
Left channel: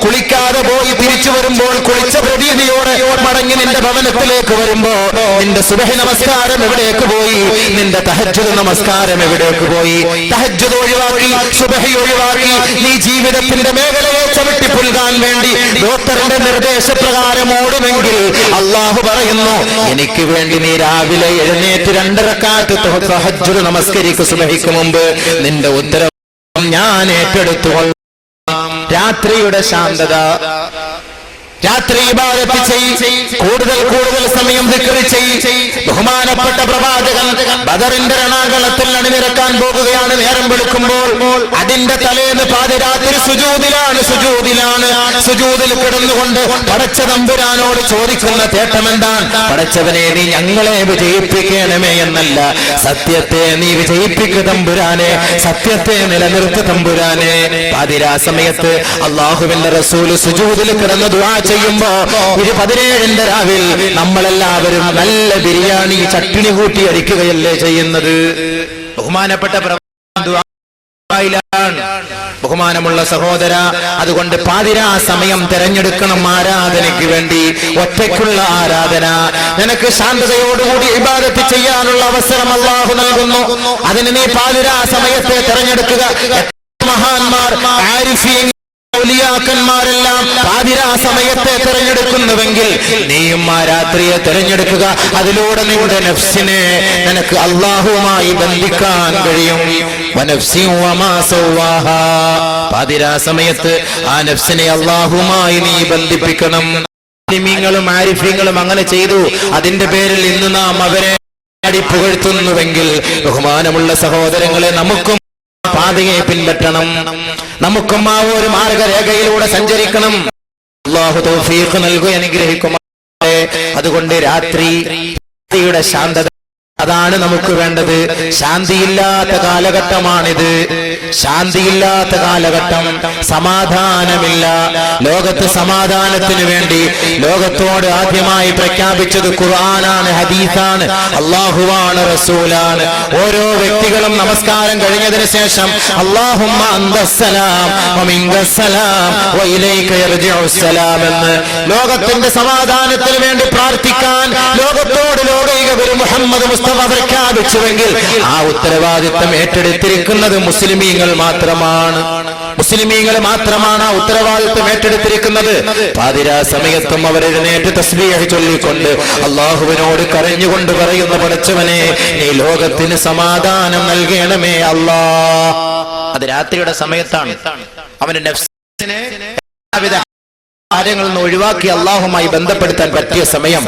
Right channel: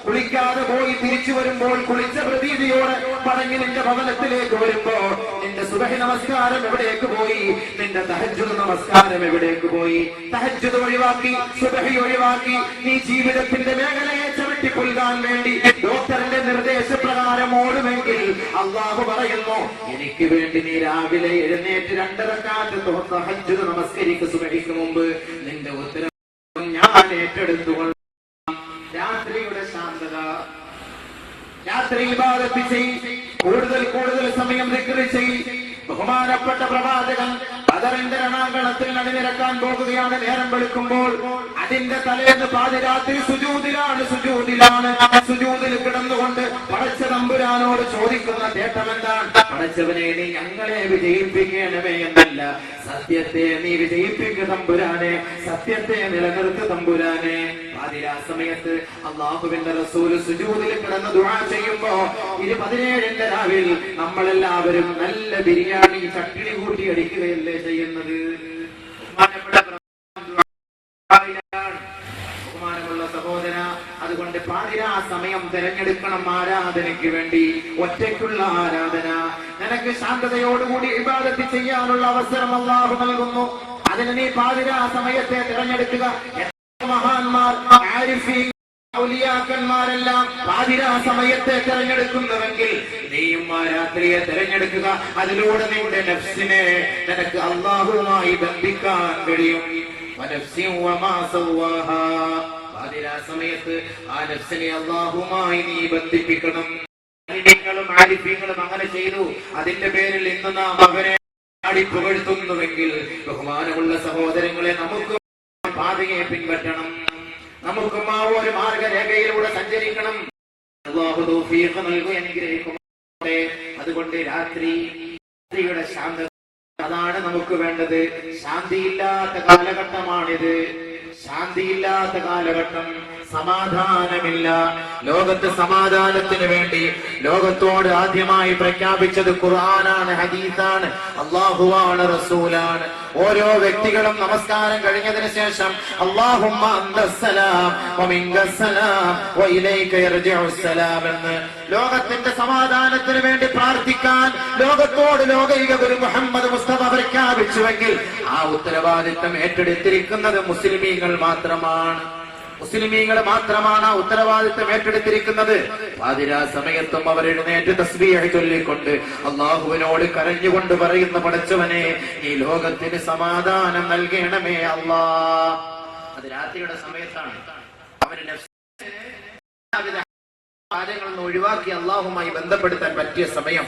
കുളിക്കാതെ പോയി തിരിച്ചു വരുമ്പോൾ കുളിച്ച പ്രതീതിയോടെ മടങ്ങി നിന്റെ ഭവനത്തിലേക്ക് വരുമ്പോ നിന്റെ സുബഹി നമസ്കാരം എവിടേക്ക് പോയി? നിന്റെ തഹജ്ജുദ് നമസ്കാരം എവിടേക്ക് പോയി? തഹജ്ജുദ് ഒഴിവാക്കി, സുബഹി ഒഴിവാക്കി, നീ ജീവിതത്തിന്റെ മേഖലയെ ചവിട്ടി പുൽകാൻ വേണ്ടി ഡോക്ടറിന്റെ നിർദ്ദേശപ്രകാരം ഓടുമെങ്കിൽ അള്ളാഹു പറയുന്നു, എനിക്ക് വേണ്ടി നീ രാവിലെ എഴുന്നേറ്റ് 2 റക്അത്ത് തഹജ്ജുദ് നമസ്കരിക്കു. സുബഹിക്ക് മുമ്പ് നിന്റെ ഉത്തരവാദിത്വം ഞാൻ ഏറ്റെടുത്തുകൊള്ളാം. രാത്രിയുടെ ശാന്തത, രാത്രി ഇബാദത്ത് ചെയ്യ്, കൂടുതൽ സമയം ദിക്ർ ചെയ്യ്. ബഹുമാനപ്പെട്ട പ്രവാചകൻ ബദറിന്റെ രണാകളത്തിൽ അണിനിരക്കാൻ പോകുകയാണ്. നേരം വെളുക്കുമ്പോൾ അതിന്റെ തലേന്ന് പാതിരാത്രി സുജൂദിലാണ്. സുജൂദിൽ കിടന്നുകൊണ്ട് പടച്ച തമ്പുരാനോട് ചോദിക്കുന്ന തേട്ടമെന്താണ്? പടച്ചവനെ നീ ഞങ്ങളെ വിജയിപ്പിക്കണമേ എന്നല്ല, സത്യത്തെ നീ വിജയിപ്പിക്കു തമ്പുരാനെ, സത്യത്തെ നിലനിർത്ത തമ്പുരാനെ. പാതിരാ സമയത്ത് അല്ലാഹുവിന്റെ റസൂല് സുജൂദിൽ കിടന്ന് ദുആ ചെയ്യുമ്പോ 17ന്റെ രാവിൽ നമ്മളെല്ലാവരും നല്ല ബിരിയാണി ചട്ടിണി കൂട്ടി അടിക്കുകയല്ലേ ചെയ്യുന്നത്? ബഹുമാനപ്പെട്ട ബഹുമാനമുള്ള സഹോദര, അതുകൊണ്ട് പാതിരാ സമയം തെരഞ്ഞെടുക്കണം ആരാധനയ്ക്ക് വേണ്ടി. ഒറ്റയ്ക്കുള്ള ആരാധന. നിനക്ക് ശാന്തതയോടുകൂടി ഇബാദത്ത് ചെയ്യാനുള്ള അവസരം അല്ലാഹു നൽകുന്നു. അതിന് നീ പാതിരാ സമയത്തെ തെരഞ്ഞെടുക്കുക. മഹാന്മാർ, ആരിഫീൻ, ഔലിയാക്കന്മാരെല്ലാം പാതിരാ സമയത്തെ തെരഞ്ഞെടുക്കുന്നുവെങ്കിൽ നീയും ആ രാത്രിയെ തെരഞ്ഞെടുക്കുക. അതിലൂടെ നിങ്ങളുടെ നഫ്സിനെ നിനക്ക് അല്ലാഹുവുമായി ബന്ധിക്കാൻ കഴിയും. പാതിരാ സമയത്ത് ആ നഫ്സിനെ അല്ലാഹുവുമായി നീ ബന്ധിപ്പിക്കണം. നിങ്ങളും ആരിഫീങ്ങളും അങ്ങനെ ചെയ്തു. അതിന്റെ പേരിൽ ഇന്ന് നാം അവരെ പുകഴ്ത്തുന്നുവെങ്കിൽ ബഹുമാനമുള്ള സഹോദരങ്ങളെ, നമുക്കും പാതയെ പിൻപറ്റണം. നമുക്കും ആ ഒരു മാർഗരേഖയിലൂടെ സഞ്ചരിക്കണം. അല്ലാഹു തൗഫീഖ് നൽകുക, അനുഗ്രഹിക്കുമാറാകട്ടെ. അതുകൊണ്ട് രാത്രിയുടെ ശാന്തത, അതാണ് നമുക്ക് വേണ്ടത്. ശാന്തിയില്ലാത്ത കാലഘട്ടമാണിത്. ശാന്തിയില്ലാത്ത കാലഘട്ടം, സമാധാനമില്ല. ലോകത്ത് സമാധാനത്തിന് വേണ്ടി ലോകത്തോട് ആദ്യമായി പ്രഖ്യാപിച്ചത് ഖുർആനാണ്, ഹദീസാണ്, അല്ലാഹുവാണ്, റസൂലാണ്. ഓരോ വ്യക്തികളും നമസ്കാരം കഴിഞ്ഞതിന് ശേഷം അല്ലാഹുമ്മ അന്തസ്സലാം വമിൻകസ്സലാം വഇലൈക യർജിഉസ്സലാം എന്ന് ലോകത്തിന്റെ സമാധാനത്തിന് വേണ്ടി പ്രാർത്ഥിക്കാൻ ലോകത്തോട് ലോകൈക ഗുരു മുഹമ്മദ് മുസ്തഫ പ്രഖ്യാപിച്ചുവെങ്കിൽ ആ ഉത്തരവാദിത്തം ഏറ്റെടുത്തിരിക്കുന്നത് മുസ്ലിമീങ്ങൾ മാത്രമാണ്. മുസ്ലിമീങ്ങൾ മാത്രമാണ് ആ ഉത്തരവാദിത്വം ഏറ്റെടുത്തിരിക്കുന്നത്. പാതിരാ സമയത്തും അവർ എഴുന്നേറ്റ് തസ്ബീഹ് ചൊല്ലിക്കൊണ്ട് അള്ളാഹുവിനോട് കരഞ്ഞുകൊണ്ട് പറയുന്ന പടച്ചവനെ നീ ലോകത്തിന് സമാധാനം നൽകണമേ അല്ലാ. അത് രാത്രിയുടെ സമയത്താണ്. അവന്റെ നഫ്സിനെ കാര്യങ്ങളിൽ നിന്ന് ഒഴിവാക്കി അള്ളാഹുമായി ബന്ധപ്പെടുത്താൻ പറ്റിയ സമയം.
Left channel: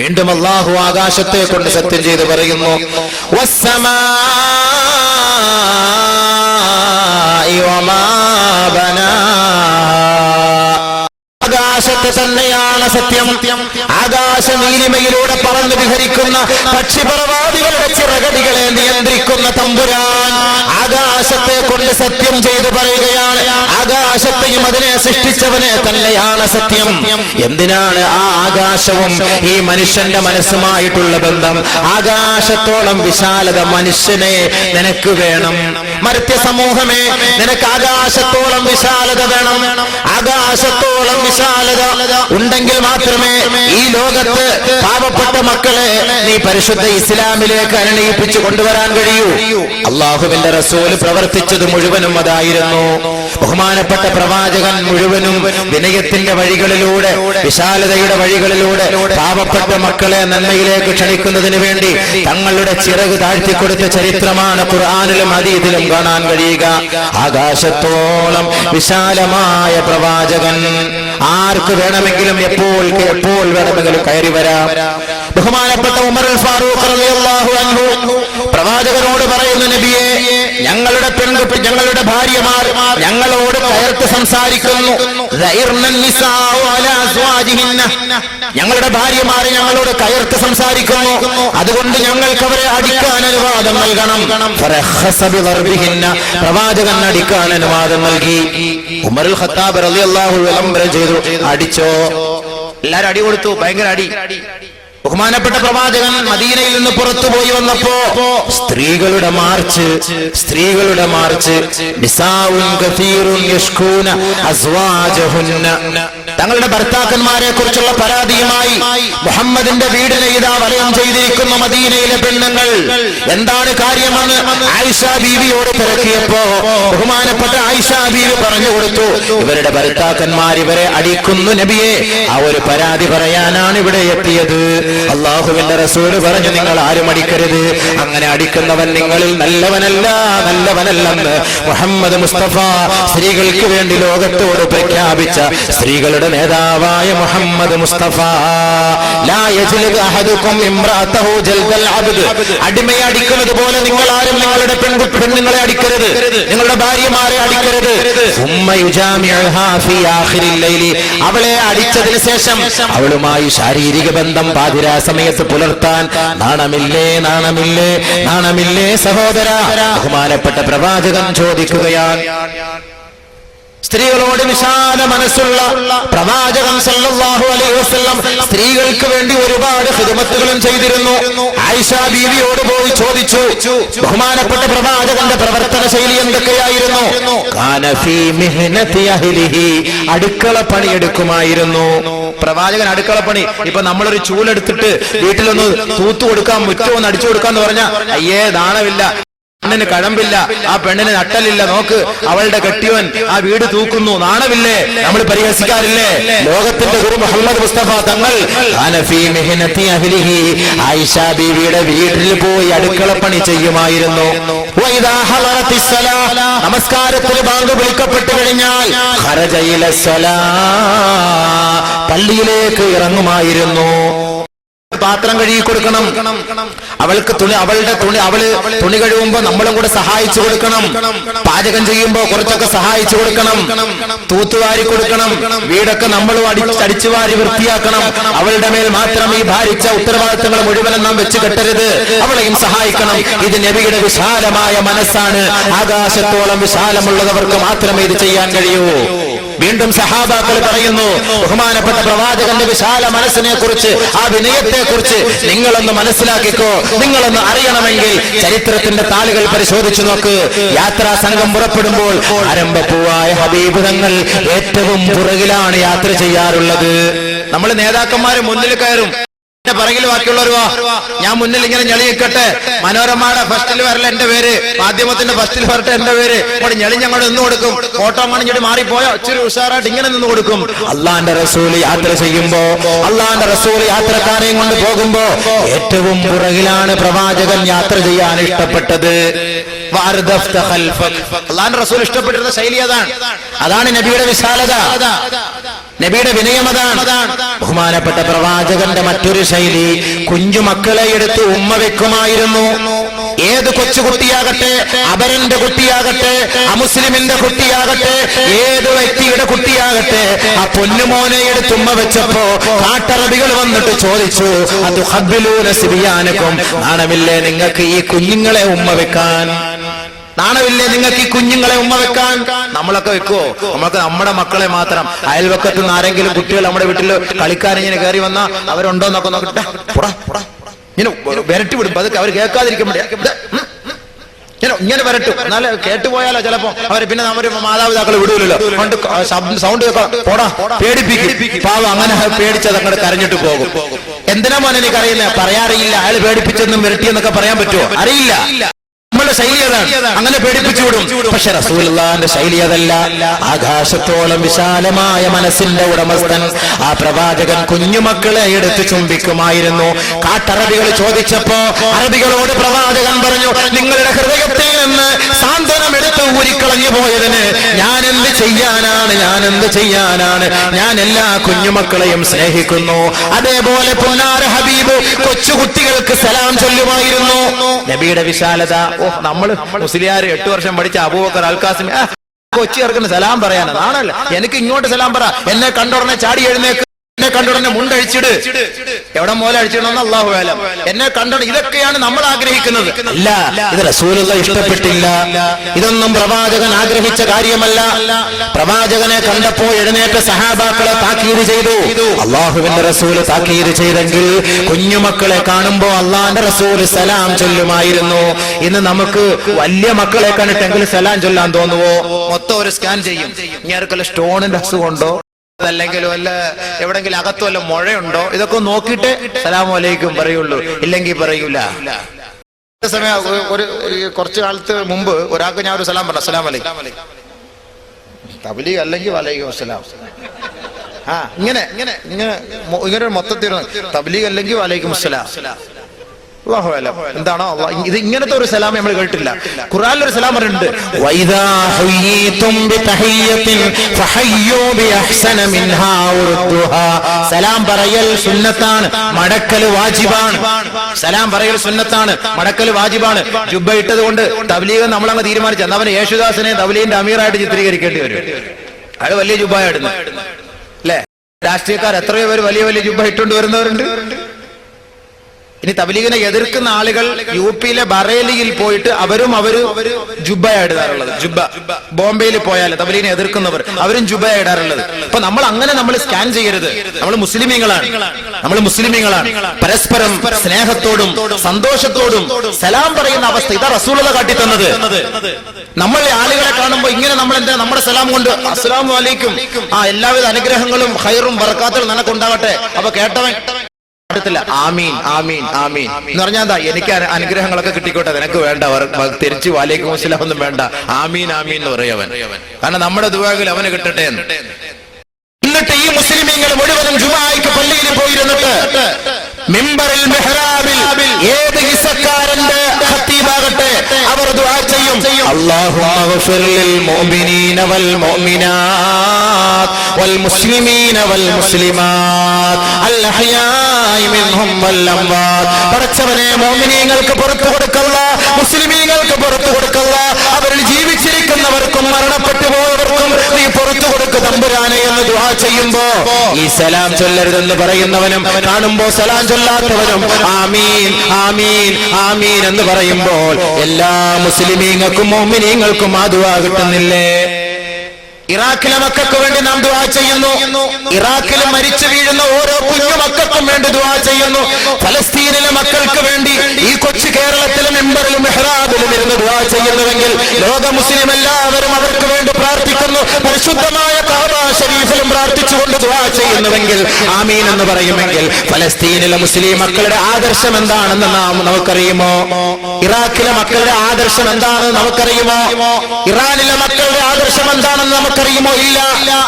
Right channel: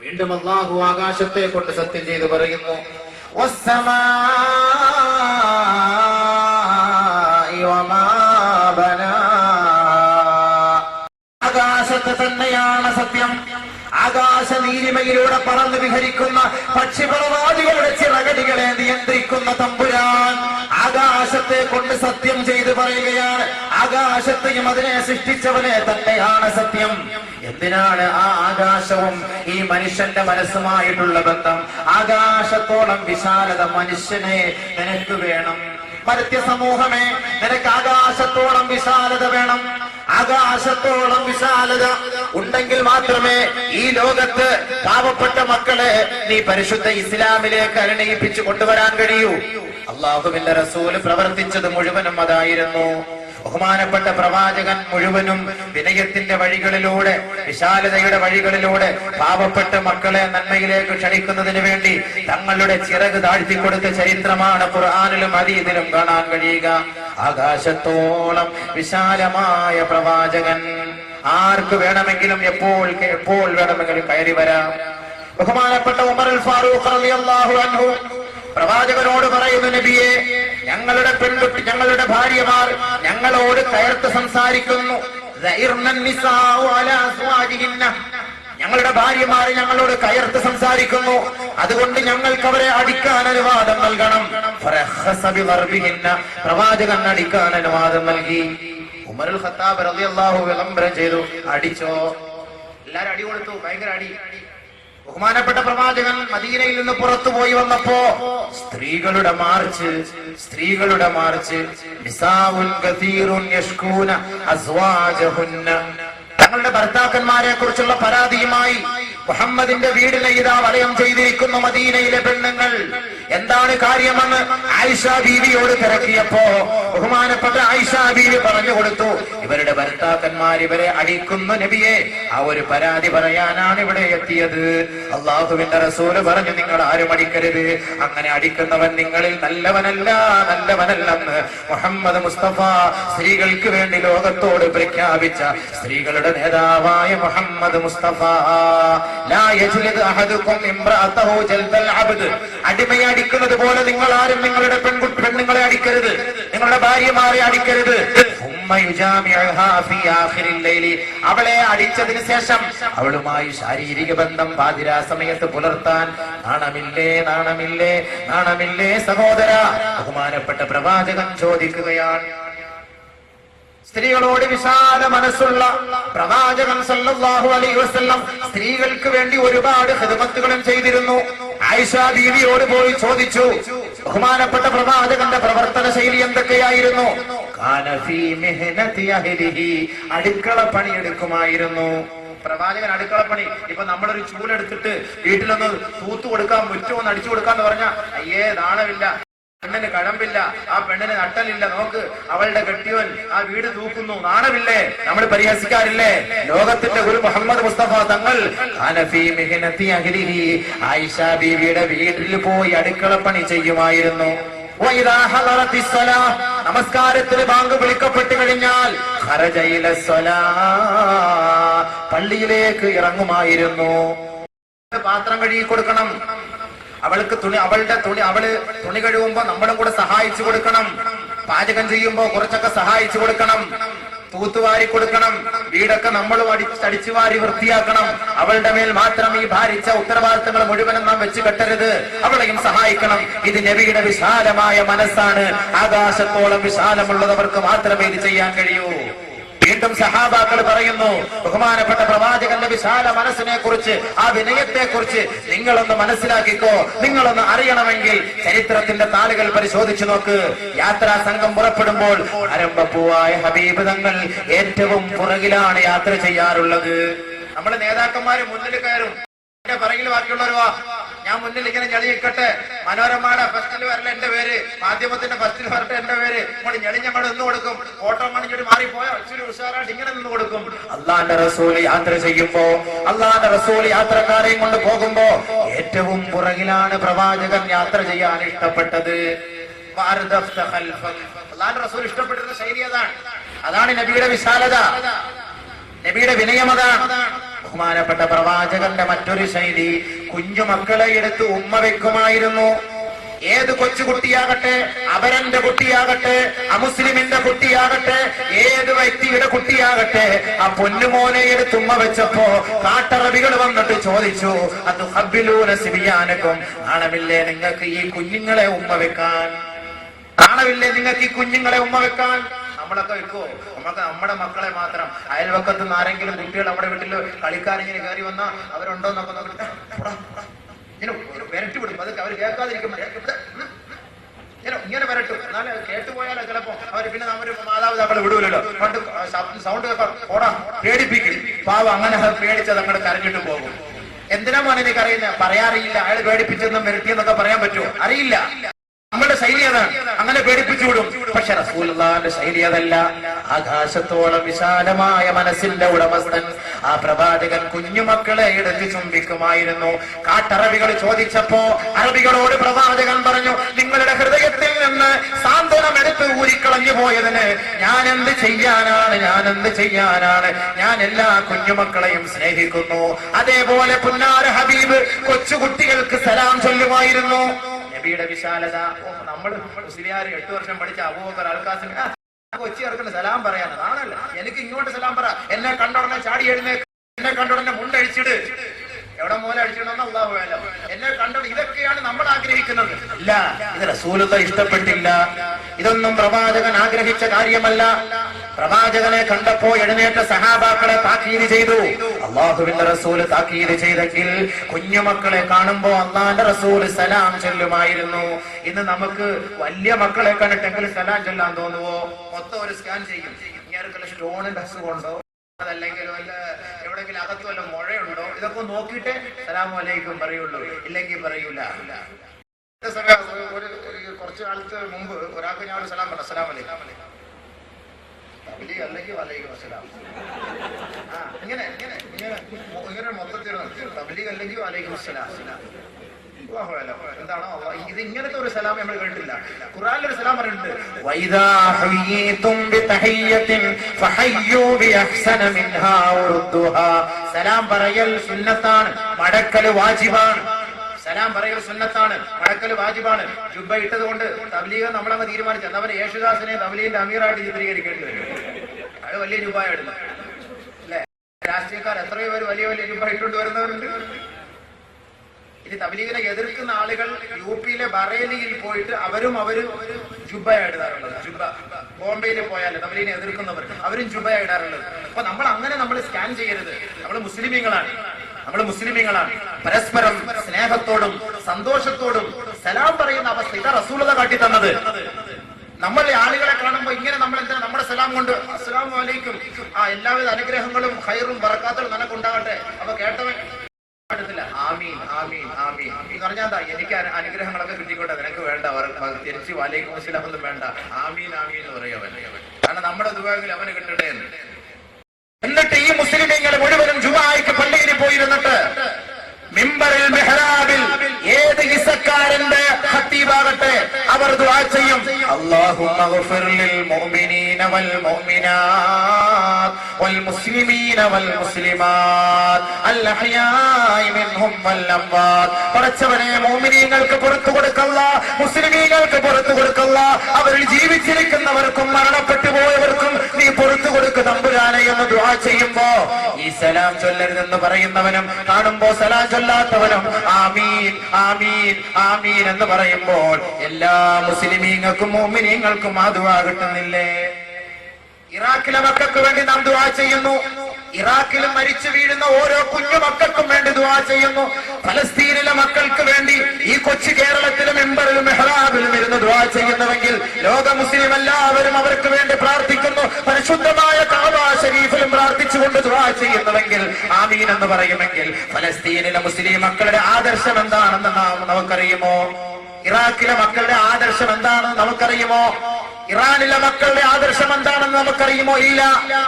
വീണ്ടും അള്ളാഹു ആകാശത്തെ കൊണ്ട് സത്യം ചെയ്ത് പറയുന്നു, ആകാശത്തെ തന്നെയാണ് സത്യം. ആകാശ നീലിമയിലൂടെ പറന്നു വിഹരിക്കുന്ന പക്ഷിപറവാദികളെ ചിറകടികളെ നിയന്ത്രിക്കുന്ന തമ്പുരാൻ ആകാശത്തെ കൊണ്ട് സത്യം ചെയ്ത് പറയുകയാണ്. ആകാശത്തെയും അതിനെ സൃഷ്ടിച്ചവനെ തന്നെയാണ് സത്യം. എന്തിനാണ് ആ ആകാശവും ഈ മനുഷ്യന്റെ മനസ്സുമായിട്ടുള്ള ബന്ധം? ആകാശത്തോളം വിശാലത മനുഷ്യനെ നിനക്ക് വേണം. മർത്യ സമൂഹമേ, നിനക്ക് ആകാശത്തോളം വിശാലത വേണം. ആകാശത്തോളം വിശാലത ഉണ്ടെങ്കിൽ മാത്രമേ ഈ ലോകത്ത് പാവപ്പെട്ട മക്കളെ നീ പരിശുദ്ധ ഇസ്ലാമിലേക്ക് അനുനയിപ്പിച്ചു കൊണ്ടുവരാൻ കഴിയൂ. അള്ളാഹുവിന്റെ റസൂൽ പ്രവർത്തിച്ചത് മുഴുവനും അതായിരുന്നു. ബഹുമാനപ്പെട്ട പ്രവാചകൻ മുഴുവനും വിനയത്തിന്റെ വഴികളിലൂടെ, വിശാലതയുടെ വഴികളിലൂടെ പാവപ്പെട്ട മക്കളെ നന്മയിലേക്ക് ക്ഷണിക്കുന്നതിന് വേണ്ടി തങ്ങളുടെ ചിറക് താഴ്ത്തിക്കൊടുത്ത ചരിത്രമാണ് ഖുർആനിലും ഹദീസിലും കാണാൻ കഴിയുക. ആകാശത്തോളം വിശാലമായ പ്രവാചകൻ ആർക്ക് വേണമെങ്കിലും എപ്പോൾ വേണമെങ്കിലും കയറി വരാം. ബഹുമാനപ്പെട്ട ഉമർ അൽ ഫാറൂഖ് റളിയല്ലാഹു അൻഹു പ്രവാചകനോട് പറയുന്നു, നബിയെ, ഞങ്ങളുടെ പെൺകുട്ടി, ഞങ്ങളുടെ ഭാര്യമാർ ഞങ്ങളോട് കയർത്ത് സംസാരിക്കുന്നു. ഞങ്ങളുടെ ഭാര്യമാർ ഞങ്ങളോട് കയർത്ത് സംസാരിക്കുന്നു. അതുകൊണ്ട് ഞങ്ങൾക്ക് അവരെ അടിക്കാൻ അനുവാദം നൽകണം. പ്രവാചകൻ അടിക്കാൻ അനുവാദം നൽകി. ഉമർ അൽ ഖത്താബ് റളിയല്ലാഹു അൻഹു ചെയ്തു, അടിച്ചോ. എല്ലാരും അടി കൊടുത്തു, ഭയങ്കര അടി. ബഹുമാനപ്പെട്ട പ്രവാചകൻ മദീനയിൽ നിന്ന് പുറത്തുപോയി വന്നപ്പോ സ്ത്രീകളുടെ മാർച്ച് തങ്ങളുടെ ഭർത്താക്കന്മാരെ കുറിച്ചുള്ള പരാതിയുമായി മുഹമ്മദിന്റെ വീടിനെ ഇതാ വലയം ചെയ്തിരിക്കുന്ന മദീനയിലെ പെണ്ണുങ്ങൾ. എന്താണ് കാര്യമെന്ന് ആയിഷ ബീവിയോട് തിരക്കിയപ്പോ ബഹുമാനപ്പെട്ട ആയിഷ ബീവി പറഞ്ഞു കൊടുത്തു, ഇവരുടെ ഭർത്താക്കന്മാർ ഇവരെ അടിക്കുന്നു നബിയെ. ആ ഒരു പരാതി പറയാനാണ് ഇവിടെ എത്തിയത്. അള്ളാഹുവിന്റെ റസൂൽ പറഞ്ഞു, നിങ്ങൾ ആരും അടിക്കരുത്. അങ്ങനെ അടിക്കുന്നവൻ നിങ്ങളിൽ നല്ലവനല്ലെന്ന് മുഹമ്മദ് മുസ്തഫ സ്ത്രീകൾക്ക് വേണ്ടി ലോകത്തോട് പ്രഖ്യാപിച്ച സ്ത്രീകളുടെ നേതാവായ മുഹമ്മദ് മുസ്തഫ. അടിമയെ അടിക്കുന്നത് പോലെ നിങ്ങൾ ആരും നിങ്ങളുടെ പെണ്ണുങ്ങളെ അടിക്കരുത്, നിങ്ങളുടെ ഭാര്യമാരെ അടിക്കരുത്. അവളെ അടിച്ചതിന് ശേഷം അവളുമായി ശാരീരിക ബന്ധം പാതിരാ സമയത്ത് പുലർത്താൻ നാണമില്ലേ സഹോദര? ബഹുമാനപ്പെട്ട പ്രവാചകൻ ചോദിക്കുകയാണ്. സ്ത്രീകളോട് വിശാല മനസ്സുള്ള പ്രവാചകൻ സല്ലല്ലാഹു അലൈഹി വസല്ലം സ്ത്രീകൾക്ക് വേണ്ടി ഒരുപാട് ഖിദ്മത്തുകളും ചെയ്തിരുന്നു. ആയിഷ ബീവിയോട് പോയി ചോദിച്ചു, ബഹുമാനപ്പെട്ട പ്രവാചകന്റെ പ്രവർത്തന ശൈലി എന്തൊക്കെയായിരുന്നു? കാന ഫീ മിഹ്നതി അഹ്ലിഹി, അടുക്കള പണിയെടുക്കുമായിരുന്നു പ്രവാചകൻ. അടുക്കളപ്പണി, ഇപ്പൊ നമ്മളൊരു ചൂലെടുത്തിട്ട് വീട്ടിലൊന്ന് തൂത്തു കൊടുക്കാം, മുറ്റമൊന്ന് അടിച്ചു കൊടുക്കാന്ന് പറഞ്ഞാൽ അയ്യേ നാണമില്ല, പെണ്ണിന് കഴമ്പില്ല, ആ പെണ്ണിന് നട്ടലില്ല, നോക്ക് അവളുടെ കെട്ടിയവൻ ആ വീട് തൂക്കുന്നു, നാണമില്ലേ? നമ്മൾ പരിഹസിക്കാറില്ലേ? ലോകത്തിന്റെ ഗുരു മുഹമ്മദ് മുസ്തഫ തങ്ങൾ ആയിഷ ബീവിയുടെ വീട്ടിൽ പോയി അടുക്കളപ്പണി ചെയ്യുമായിരുന്നു. നമസ്കാരത്തിന് ബാങ്ക് വിളിക്കപ്പെട്ടു കഴിഞ്ഞാൽ പള്ളിയിലേക്ക് ഇറങ്ങുമായിരുന്നു. പാത്രം കഴുകി കൊടുക്കണം, അവൾക്ക് അവള് തുണി കഴിയുമ്പോ നമ്മളും കൂടെ സഹായിച്ചു കൊടുക്കണം. പാചകം ചെയ്യുമ്പോ കുറച്ചൊക്കെ സഹായിച്ചു കൊടുക്കണം. തൂത്തുവാരി കൊടുക്കണം. വീടൊക്കെ നമ്മളും അടിച്ചുവാരി വൃത്തിയാക്കണം. അവളുടെ മേൽ മാത്രം ഈ ഭാരിച്ച ഉത്തരവാദിത്തങ്ങൾ മുഴുവനും നാം വെച്ച് കെട്ടരുത്, അവളെയും സഹായിക്കണം. ഇത് നബിയുടെ വിശാലമായ മനസ്സാണ്. ആകാശത്തോളം വിശാലമുള്ളവർക്ക് മാത്രമേ ഇത് ചെയ്യാൻ കഴിയൂ. വീണ്ടും സഹാബാക്കൾ പറയുന്നു, ബഹുമാനപ്പെട്ട പ്രവാചകന്റെ വിശാല മനസ്സിനെ കുറിച്ച്, ആ വിനയത്തെ കുറിച്ച് നിങ്ങളൊന്ന് മനസ്സിലാക്കിക്കോ. നിങ്ങളൊന്ന് അറിയണമെങ്കിൽ ചരിത്രത്തിന്റെ താളുകൾ പരിശോധിച്ചു നോക്ക്. യാത്രാ സംഘം പുറപ്പെടുമ്പോൾ ആരംഭപ്പൂവായ ഹബീബ് തങ്ങൾ ഏറ്റവും പുറകിലാണ് യാത്ര ചെയ്യാറുള്ളത്. നമ്മൾ നേതാക്കന്മാര് മുന്നിൽ കയറും, പിറകിൽ ബാക്കിയുള്ളവരുവാ, ഞാൻ മുന്നിൽ ഇങ്ങനെ ഞെളിയിക്കട്ടെ. മനോരമയുടെ ഫസ്റ്റിൽ വരല എന്റെ പേര്, മാധ്യമത്തിന്റെ ഫസ്റ്റിൽ വരട്ടെ എന്റെ പേര്. ഇവിടെ ഞെളിഞ്ഞ് അങ്ങോട്ട് നിന്ന് കൊടുക്കും. ഫോട്ടോ കാണിച്ചിട്ട് മാറിപ്പോയോ ഇച്ചിരി ഉഷാറായിട്ട് ഇങ്ങനെ നിന്ന് കൊടുക്കും. അള്ളാന്റെ റസൂൽ യാത്ര ചെയ്യുമ്പോ, അള്ളാന്റെ റസൂൽ യാത്രക്കാരെയും കൊണ്ട് പോകുമ്പോ ഏറ്റവും പുറകിലാണ് പ്രവാചകൻ യാത്ര ചെയ്യാൻ ഇഷ്ടപ്പെട്ടത്. അള്ളാന്റെ റസൂൽ ഇഷ്ടപ്പെട്ടിരുന്ന ശൈലി അതാണ്. അതാണ് നബിയുടെ വിശാലത, നബിയുടെ വിനയം അതാണ്. ബഹുമാനപ്പെട്ട പ്രവാചകന്റെ മറ്റൊരു ശൈലി, കുഞ്ഞുമക്കളെ എടുത്ത് ഉമ്മ വെക്കുമായിരുന്നു. ഏത് കൊച്ചുകുട്ടിയാകട്ടെ, അപരന്റെ കുട്ടിയാകട്ടെ, അമുസ്ലിമിന്റെ കുട്ടിയാകട്ടെ, ഏത് വ്യക്തിയുടെ കുട്ടിയാകട്ടെ, ആ പൊന്നുമോനെ എടുത്ത് ഉമ്മ വെച്ചപ്പോ കാട്ടറബികൾ വന്നിട്ട് ചോദിച്ചു, അത് ഹബ്ബിലൂന സിബിയാനക്കും, നാണമില്ലേ നിങ്ങൾക്ക് ഈ കുഞ്ഞുങ്ങളെ ഉമ്മ വെക്കാൻ? നാണമില്ലേ നിങ്ങൾക്ക് ഈ കുഞ്ഞുങ്ങളെ ഉമ്മ വെക്കാൻ? നമ്മളൊക്കെ വെക്കുവോ? നമ്മൾക്ക് നമ്മുടെ മക്കളെ മാത്രം. അയൽവക്കത്ത് നിന്ന് ആരെങ്കിലും കുട്ടികൾ നമ്മുടെ വീട്ടിൽ കളിക്കാൻ ഇങ്ങനെ കയറി വന്നാ അവരുണ്ടോ എന്നൊക്കെ നോക്കട്ടെ, ഇങ്ങനെ വിരട്ടി വിടും. അതൊക്കെ അവർ കേൾക്കാതിരിക്കാൻ ഇങ്ങനെ വരട്ടും. എന്നാല് കേട്ടുപോയാലോ ചിലപ്പോ അവര് പിന്നെ അവര് മാതാപിതാക്കൾ വിടൂലല്ലോ. സൗണ്ട് പോടാ, പേടിപ്പിക്കും. പാവം അങ്ങനെ പേടിച്ചതങ്ങോട്ട് കരഞ്ഞിട്ട് പോകും. എന്തിനാ മോനെ എനിക്കറിയില്ല, പറയാറിയില്ല. അയാൾ പേടിപ്പിച്ചെന്നും വിരട്ടിയെന്നൊക്കെ പറയാൻ പറ്റുമോ? അറിയില്ല. നമ്മുടെ ശൈലി അതാണ്, അങ്ങനെ പേടിപ്പിച്ചു വിടും. പക്ഷെ റസൂലുള്ളാഹിന്റെ ശൈലി അതല്ല. ആകാശത്തോളം വിശാലമായ മനസ്സിന്റെ ഉടമസ്ഥൻ ആ പ്രവാചകൻ കുഞ്ഞുമക്കളെ എടുത്ത് ചുംബിക്കുമായിരുന്നു. കാട്ടറബികൾ ചോദിച്ചപ്പോ അറബികളോട് പ്രവാചകൻ പറഞ്ഞു, നിങ്ങളുടെ ഹൃദയത്തിൽ നിന്ന് സാന്ത്വനം എടുത്ത് ഊരിക്കളഞ്ഞു പോയതിന് ഞാൻ എന്ത് ചെയ്യാനാണ്? ഞാൻ എല്ലാ കുഞ്ഞുമക്കളെയും സ്നേഹിക്കുന്നു. അതേപോലെ പുന്നാര ഹബീബ് കൊച്ചുകുട്ടികൾക്ക് സലാം ചൊല്ലുമായിരുന്നു. നബിയുടെ വിശാലത. നമ്മള് മുസ്ലിയാർ 8 വർഷം പഠിച്ച അബൂബക്കർ അൽകാസിം കൊച്ചി ഇറക്കുന്ന സലാം പറയാനാണ്. നാണല്ല എനിക്ക് ഇങ്ങോട്ട് സലാം പറ. എന്നെ കണ്ടുടനെ ചാടി എഴുന്നേക്ക്, എന്നെ കണ്ടുടനെ മുണ്ടഴിച്ചിട്. എവിടെ മോലെ അഴിച്ചിടണമെന്ന് അല്ലാഹു അലം. എന്നെ കണ്ടുടനെ, ഇതൊക്കെയാണ് നമ്മൾ ആഗ്രഹിക്കുന്നത്. അല്ല, ഇത് റസൂലുള്ളാഹി ഇഷ്ടപ്പെട്ടില്ല. ഇതൊന്നും പ്രവാചകൻ ആഗ്രഹിച്ച കാര്യമല്ല. പ്രവാചകനെ കണ്ടപ്പോ എഴുന്നേറ്റ സഹാബാക്കളെ താക്കീത് ചെയ്തു. അല്ലാഹുവിന്റെ റസൂൽ താക്കീത് ചെയ്തെങ്കിൽ കുഞ്ഞുമക്കളെ കാണുമ്പോ അള്ളാന്റെ റസൂൽ സലാം ചൊല്ലുമായിരുന്നു. ഇന്ന് നമുക്ക് വലിയ മക്കളെ കണ്ടിട്ടെങ്കിൽ സലാം ചൊല്ലാൻ തോന്നുവോ? മൊത്തം ഒരു സ്കാൻ ചെയ്യും. ഇങ്ങനെ സ്റ്റോണിന്റെ അസുഖമുണ്ടോ, അല്ലെങ്കിൽ വല്ല എവിടെങ്കിലും അകത്ത് വല്ല മുഴയുണ്ടോ, ഇതൊക്കെ നോക്കിയിട്ട് സലാമു അലൈക്കും പറയുള്ളൂ, ഇല്ലെങ്കിൽ പറയൂല. ഒരു കുറച്ചു കാലത്ത് മുമ്പ് ഒരാൾക്ക് ഞാൻ ഒരു സലാം പറഞ്ഞു, അസ്സലാമു അലൈക്കും. തബ്ലീഗ് അല്ലെങ്കിൽ വലൈക്കും അസ്സലാം. ഇങ്ങനെ മൊത്തത്തിൽ തബ്ലീഗ് അല്ലെങ്കിൽ വലൈക്കും അസ്സലാം. എന്താണോ ഇത്? ഇങ്ങനത്തെ ഒരു സലാം നമ്മൾ കേട്ടില്ല. ഖുർആനിൽ ഒരു സലാം പറയുന്നുണ്ട്, വൈദാ ഹുയ്യിതും ബിതഹിയ്യത്തിൻ ഫഹയ്യൂ ബിഅഹ്സന മിൻഹാ ഉർദുഹാ. സലാം പറയൽ സുന്നത്താണ്, മടക്കൽ വാജിബാണ്. സലാം പറയൽ സുന്നത്താണ്, മടക്കൽ വാജിബാണ്. ജുബ്ബ ഇട്ടത് കൊണ്ട് തബ്ലീഗ് നമ്മളങ്ങ് തീരുമാനിച്ചു. എന്നാൽ അവന് യേശുദാസിനെ തബ്ലീഗിന്റെ അമീറായിട്ട് ചിത്രീകരിക്കേണ്ടി വരും. അയാൾ വലിയ ജുബ്ബായിടുന്നു അല്ലെ? രാഷ്ട്രീയക്കാർ എത്രയോ പേര് വലിയ വലിയ ജുബ്ബ ഇട്ടുകൊണ്ട് വരുന്നവരുണ്ട്. ഇനി തബ്ലീഗിനെ എതിർക്കുന്ന ആളുകൾ യുപിയിലെ ബറേലിയിൽ പോയിട്ട് അവരും ജുബ്ബയിടാറുള്ളത്. ജുബ്ബ ബോംബെയിൽ പോയാൽ തബ്ലീഗിനെ എതിർക്കുന്നവർ അവരും ജുബ്ബയിടാറുള്ളത്. അപ്പൊ നമ്മൾ സ്കാൻ ചെയ്യരുത്. നമ്മൾ മുസ്ലിമീങ്ങളാണ്. പരസ്പരം സ്നേഹത്തോടും സന്തോഷത്തോടും സലാം പറയുന്ന അവസ്ഥ ഇതാ റസൂലുള്ളാഹി കാട്ടിത്തന്നത്. നമ്മൾ ആളുകളെ കാണുമ്പോൾ ഇങ്ങനെ നമ്മൾ എന്താ നമ്മുടെ സലാം കൊണ്ട് അസ്സലാമു അലൈക്കും, എല്ലാവിധ അനുഗ്രഹങ്ങളും ഖൈറും ബറകാത്തും നിനക്കുണ്ടാകട്ടെ. അപ്പൊ കേട്ടവൻ ആമീൻ ആമീൻ ആമീൻ എന്ന് പറഞ്ഞാൽ എന്താ? എനിക്ക് അനുഗ്രഹങ്ങളൊക്കെ കിട്ടിക്കോട്ടെ, നിനക്ക് വേണ്ട, തിരിച്ചു വലൈക്കും അസ്സലാം ഒന്നും വേണ്ട, ആമീൻ ആമീൻ എന്ന് പറയവൻ. കാരണം നമ്മുടെ ദുആയിൽ അവന് കിട്ടട്ടെ എന്ന്. എന്നിട്ട് ഈ മുസ്ലിമീങ്ങൾ മുഴുവനും ജുമാഅയ്ക്ക് പള്ളിയിൽ പോയിരുന്നിട്ട് മിമ്പറിൽ മിഹ്റാബിൽ ഏത് ഹിസ്സക്കാരന്റെ ഖതീബാകട്ടെ അവർ ദുആ ചെയ്യും, അല്ലാഹുമ്മ ഗഫിർ ലിൽ മുഅ്മിനീന വൽ മുഅ്മിനാത്ത് വൽ മുസ്ലിമീന വൽ മുസ്ലിമാത്ത് അൽ അഹ്യാഇ മിൻഹും വൽ അംവാത്ത്. പടച്ചവനെ, മുഅ്മിനീങ്ങൾക്ക് പുറത്തു കൊടുക്കല്ല, മുസ്ലിമീങ്ങൾക്ക് പുറത്തു കൊടുക്കല്ല, അവർ ജീവിച്ചിരിക്കുന്നവർക്കും മരണപ്പെട്ടു പോയവർക്കും നീ പുറത്തു കൊടുക്ക തമ്പുരാനെ എന്ന് ദുആ ചെയ്യുമ്പോ ഈ സലാം ചൊല്ലരുതെന്ന് പറയുന്നവനും കാണുമ്പോ സലാം ചൊല്ലാത്തവനും ആമീൻ ആമീൻ ആമീൻ എന്ന് പറയുമ്പോൾ എല്ലാ മുസ്ലിമീങ്ങൾക്കും മുഅ്മിനീങ്ങൾക്കും ആ ദുആ കിട്ടുന്നില്ലേ? ഇറാഖിലെ മക്കൾക്ക് വേണ്ടി നാം ദുആ ചെയ്യുന്നു. ഇറാഖിലെ മരിച്ചു വീഴുന്ന ഓരോ കുഞ്ഞു മക്കൾക്കും വേണ്ടി ദുആ ചെയ്യുന്നു. ഫലസ്തീനിലെ മക്കൾക്ക് വേണ്ടി ഈ കൊച്ചു കേരളത്തിലെ മെമ്പറിൽ മെഹ്റാബിലും ഇരുന്ന് ദുആ ചെയ്യുന്നുവെങ്കിൽ ലോക മുസ്ലിം എല്ലാവരും അവർക്ക് വേണ്ടി പ്രാർത്ഥിക്കുന്നു. പരിശുദ്ധമായ കഅബ ശരീഫിലും പ്രാർത്ഥിച്ചുകൊണ്ട് ദുആ ചെയ്യുന്നുവെങ്കിൽ പറയുമെങ്കിൽ, ആമീൻ എന്ന് പറയുമെങ്കിൽ, ഫലസ്തീനിലെ മുസ്ലിം മക്കളുടെ ആദർശം എന്താണെന്ന് നമുക്കറിയുമോ? ഇറാഖിലെ മക്കളുടെ ആദർശം എന്താണെന്ന് നമുക്കറിയുമോ? ഇറാനിലെ മക്കളുടെ ആദർശം എന്താണെന്ന് നമുക്കറിയുമോ? ഇല്ല.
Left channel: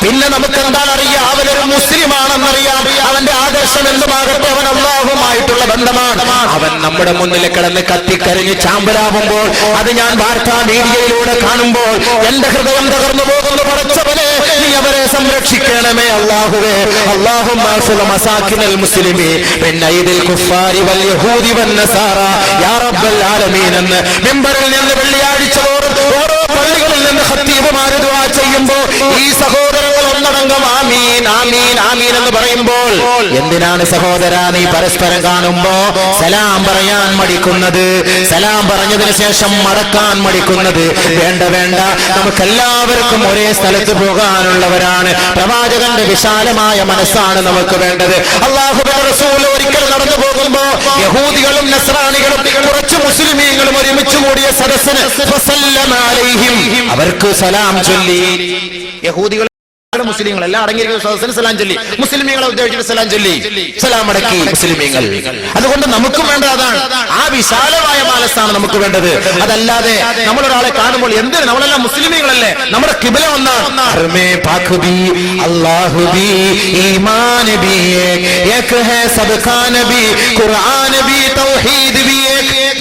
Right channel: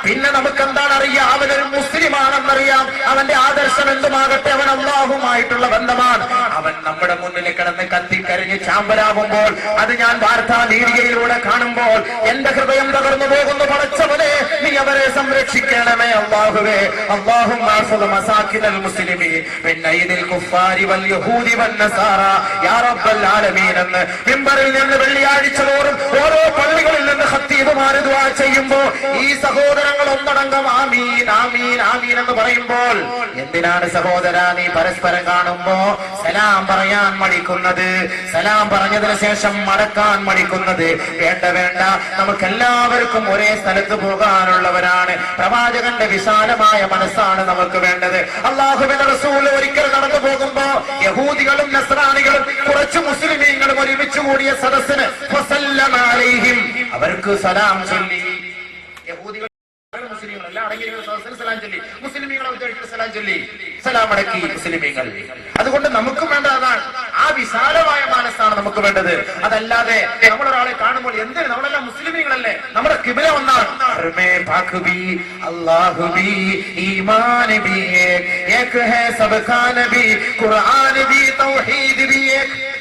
പിന്നെ നമുക്ക് എന്താണ് അറിയാം? അവനൊരു മുസ്ലിമാണെന്നറിയാം. അവന്റെ ആദർശം എന്തുമാകട്ടെ, അവൻ അല്ലാഹുവുമായിട്ടുള്ള ബന്ധമാണ്. അവൻ നമ്മുടെ മുന്നിൽ കിടന്ന് കത്തിക്കരിഞ്ഞ് ചാമ്പലാവുമ്പോൾ അത് ഞാൻ വാർത്താ മീഡിയയിലൂടെ കാണുമ്പോൾ എന്റെ ഹൃദയം തകർന്നു പോകുന്നു. പടച്ചവനെ, നീ അവരെ സംരക്ഷിക്കണമേ അല്ലാഹുവേ. അല്ലാഹുമ്മ അൻസുർ മസാകിനൽ മുസ്ലിമീൻ മിൻ ഐദിൽ കുഫാരി വൽ യഹൂദി വൻ നസാറ യാ റബ്ബൽ ആലമീൻ എന്ന് മിമ്പറിൽ നിന്ന് വെള്ളിയാഴ്ച ഓരോ പള്ളികളിൽ നിന്ന് ഖത്തീബുമാർ ദുആ ചെയ്യുമ്പോൾ ഈ സഹോദരങ്ങൾ ഒന്നടങ്കം ആമീൻ ആമീൻ ആമീൻ എന്ന് പറയുമ്പോൾ, എന്തിനാണ് സഹോദരാ നീ പരസ്പരം കാണുമ്പോ സലാം പറയാൻ മടിക്കുന്നത്? സലാം പറഞ്ഞതിന് ശേഷം മടക്കാൻ മടിക്കുന്നത്? വേണ്ട വേണ്ട, നമുക്കെല്ലാവർക്കും ഒരേ സ്ഥലത്ത് പോകാനുള്ളവരാണ്. പ്രവാചകന്റെ വിശാലമായ മനസ്സാണ് നമുക്ക് വേണ്ടത്. അല്ലാഹുവിന്റെ റസൂൽ ഒരിക്കൽ നടന്നു പോകുമ്പോ യഹൂദികളും നസ്രാനികളും കുറച്ച് മുസ്ലിമീങ്ങളും ഒരുമിച്ച് കൂടിയ സദസ്സിന് അവർക്ക് സലാം ചൊല്ലി. യഹൂദികൾ മുസ്ലിങ്ങൾ എല്ലാം അടങ്ങിയിരിക്കുന്ന സദസ്സിന് സലാം ചൊല്ലി. മുസ്ലിമീങ്ങളെ ഉദ്ദേശിച്ചിട്ട് സലാം ചൊല്ലി, സലാം അടക്കി മുസ്ലിമീങ്ങൾ. അതുകൊണ്ട് നമുക്ക് വേണ്ട അതാണ്, ആ വിശാലമായ മനസ്സാണ് നമുക്ക് വേണ്ടത്. അതല്ലാതെ നമ്മളൊരാളെ കാണുമ്പോൾ എന്തിന്, നമ്മളെല്ലാം മുസ്ലിമീങ്ങളല്ലേ, നമ്മുടെ കിബില ഒന്നാണ്.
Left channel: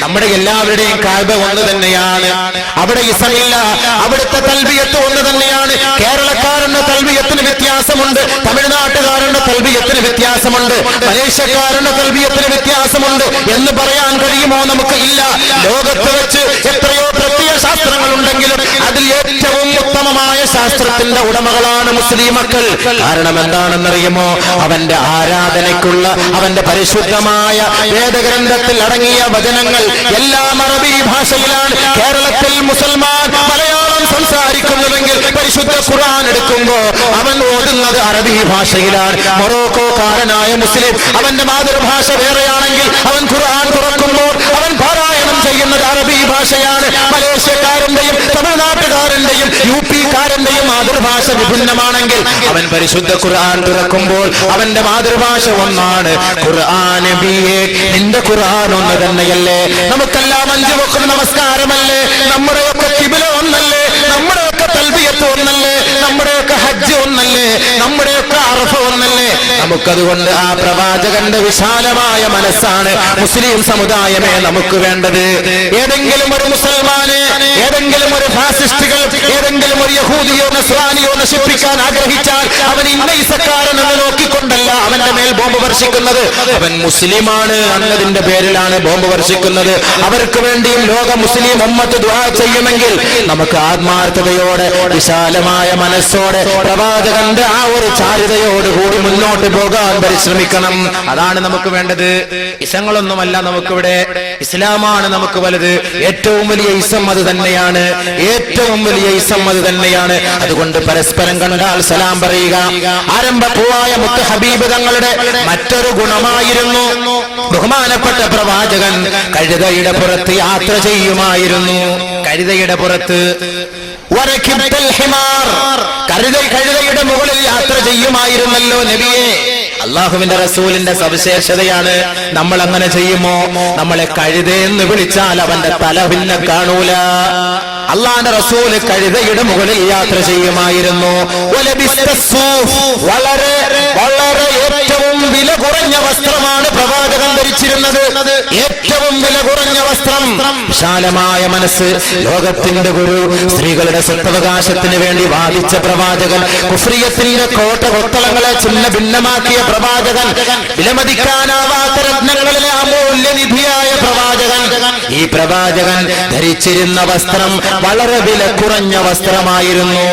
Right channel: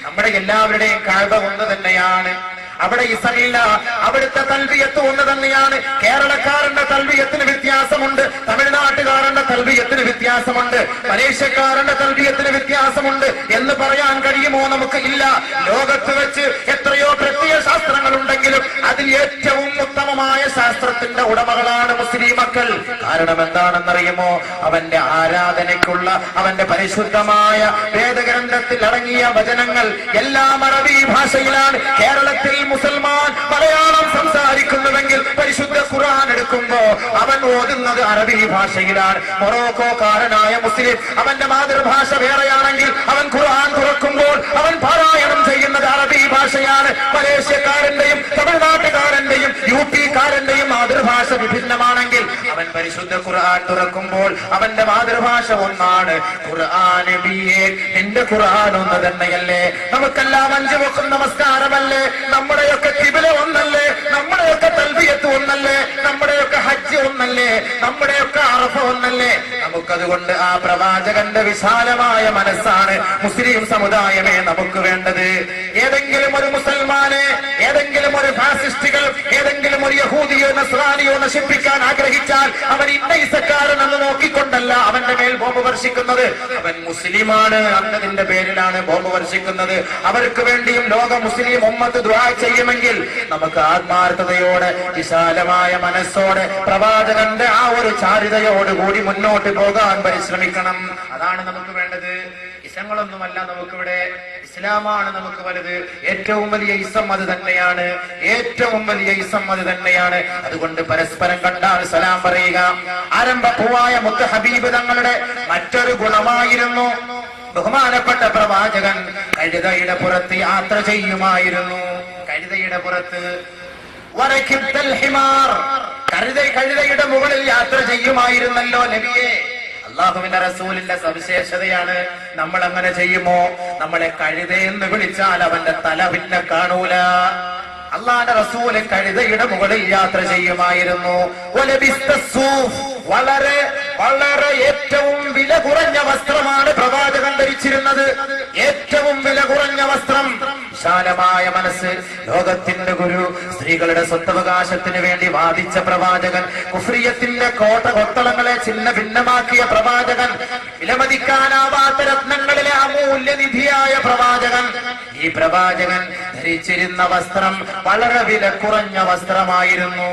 നമ്മുടെ എല്ലാവരുടെയും കാഴ്ച ഒന്ന് തന്നെയാണ്. അവിടെ ഇസമില്ല, അവിടുത്തെ തൽബിയത്ത് ഒന്ന് തന്നെയാണ്. കേരളക്കാരന്റെ തൽബിയത്തിന് വ്യത്യാസമുണ്ട്, തമിഴ്നാട്ടുകാരന്റെ തൽബിയത്തിന് വ്യത്യാസമുണ്ട്, മലേഷ്യക്കാരന്റെ തൽബിയത്തിന് വ്യത്യാസമുണ്ട് എന്ന് പറയാൻ കഴിയുമോ? നമുക്ക് ഇല്ല. ലോകത്ത് വെച്ച് എത്രയോ പ്രത്യയ ശാസ്ത്രങ്ങൾ ഉണ്ടെങ്കിലും അതിൽ ഏറ്റവും ഉത്തമമായ ശാസ്ത്രത്തിന്റെ ഉടമകളാണ് മുസ്ലിം മക്കൾ. കാരണം എന്താണെന്നറിയുമോ? അവന്റെ ആരാധനയ്ക്കുള്ള അവന്റെ പരിശുദ്ധമായ വേദഗ്രന്ഥത്തിൽ അടങ്ങിയ വചനങ്ങൾ എല്ലാം അറബി ഭാഷയിലാണ്. കേരളത്തിൽ മുസൽമാൻ മലയാളം സംസാരിക്കുന്നുവെങ്കിൽ പരിശുദ്ധ ഖുർആൻ എടുക്കുമ്പോ അവൻ ഓതുന്നത് അറബി ഭാഷയിലാണ്. മൊറോക്കോക്കാരനായ മുസ്ലിം അവന്റെ മാതൃഭാഷ വേറെയാണെങ്കിൽ അവൻ ഖുർആൻ തുറക്കുമ്പോൾ അവൻ പാരായണം ചെയ്യുന്നത് അറബി ഭാഷയാണ്. മലേഷ്യക്കാരന്റെയും തമിഴ്നാട്ടുകാരന്റെയും യുപിക്കാരന്റെയും മാതൃഭാഷ വിഭിന്നമാണെങ്കിൽ അവൻ പരിശുദ്ധ ഖുർആൻ തുറക്കുമ്പോൾ അവന്റെ മാതൃഭാഷ ഒന്നാണ്. ഖുർആൻ നബിയേ, നിന്റെ ഖുർആൻ ഒന്ന് തന്നെയല്ലേ? നമുക്കെല്ലാം 5 വഖ്ത് നമസ്കാരമല്ലേ? നമ്മുടെയൊക്കെ ഖിബ്ല ഒന്നല്ലേ? നമ്മുടെയൊക്കെ തൽബിയത്ത് ഒന്നല്ലേ? നമ്മുടെയൊക്കെ ഹജ്ജ് ഒന്നല്ലേ? നമ്മുടെയൊക്കെ അറഫ ഒന്നല്ലേ? നമുക്കതുകൊണ്ട് ആ പ്രവാചകന്റെ വിശാലമായ മനസ്സാണ് മുസ്ലിം സമുദായമേ നമുക്ക് വേണ്ടത്. ഏതെങ്കിലും ഒരു മുസൽമാനെ, ഏതെങ്കിലും ഒരു ഫാസിസ്റ്റുകൾ, ഏതെങ്കിലും ഒരു യഹൂദിയോ നസ്രാനിയോ നശിപ്പിക്കാൻ ആഗ്രഹിച്ചാൽ അവൻ ഇന്നയിസക്കാരനെന്ന് നോക്കിക്കൊണ്ടല്ല അവന്റെ മേൽ ബോംബ് വർഷിക്കുന്നത്. അവൻ മുസ്ലിമാണ് എന്നതിന്റെ പേരിലാണ് ബോംബ് വർഷിക്കുന്നത്. അവർക്ക് വേണ്ടിയും ലോക മുസ്ലിം ഉമ്മത്ത് ദുആ ചെയ്യുമെങ്കിൽ നമുക്ക് ആത്മാർത്ഥതയോടെ വിശാലമായ മനസ്സോടെ പ്രവാചകന്റെ ആ ഒരു ചാരിതയോടുകൂടി മുന്നോട്ട് പോകാൻ പരിശ്രമിക്കണം. അതാണ് നമുക്ക് വേണ്ടത്. ഇസങ്ങളൊന്നുമല്ല നമുക്കിവിടെ, ഇസ്ലാമാണ് നമുക്ക് വലുത്. ഏറ്റവും വലിയ ഇസം അത് തന്നെയാണ്, ഏറ്റവും വലിയ ഇസം അത് തന്നെയാണ്. അതുകൊണ്ട് പരസ്പരം കണ്ടാൽ സലാം പറയുക ആരംഭപ്പൂവായ മുത്ത് ഹബീബ് തങ്ങളുടെ മറ്റൊരു ഗുണമായിരുന്നു. ബഹുമാനപ്പെട്ട പ്രവാചകൻ കഴുതയുടെ പുറത്ത് യാത്ര ചെയ്യുമായിരുന്നു. കഴുതയുടെ പുറത്ത് കഴുതയുടെ മുകളിൽ യാത്ര ചെയ്യുമായിരുന്നല്ലോ നബിയെ. അള്ളാഹുവിന്റെ റസൂലിന്റെ സവിശേഷതയാണ്. നമ്മൾ അങ്ങനെ ചെയ്യുമോ? നമ്മളെ കഴുതയെന്ന് വിളിച്ചാൽ അവന്റെ തല പിന്നെ കാണൂല. അള്ളാന്റെ റസൂല് കഴുതയുടെ മുകളിൽ യാത്ര ചെയ്യുമായിരുന്നു. വളരെ വളരെ ഏറ്റവും വില കുറഞ്ഞ വസ്ത്രമാണ് പ്രവാചകൻ ധരിച്ചിരുന്നത്. ഏറ്റവും വില കുറഞ്ഞ വസ്ത്രം. വിശാലമായ മനസ്സ്, ലോകത്തിന്റെ ഗുരു, സ്ത്രീകളുടെ സ്വത്തവകാശത്തിന് വേണ്ടി വാദിച്ച പ്രവാചകൻ, കുഫ്രിയത്തിന്റെ കോട്ട കൊത്തളങ്ങളെ ചിന്ന ഭിന്നമാക്കിയ പ്രവാചകൻ, വിലമതിക്കാനാവാത്ത രത്നങ്ങളിലെ അമൂല്യനിധിയായ പ്രവാചകൻ. ഈ പ്രവാചകൻ ധരിച്ചിരുന്ന വസ്ത്രം വളരെ വില കുറഞ്ഞ വസ്ത്രമായിരുന്നു.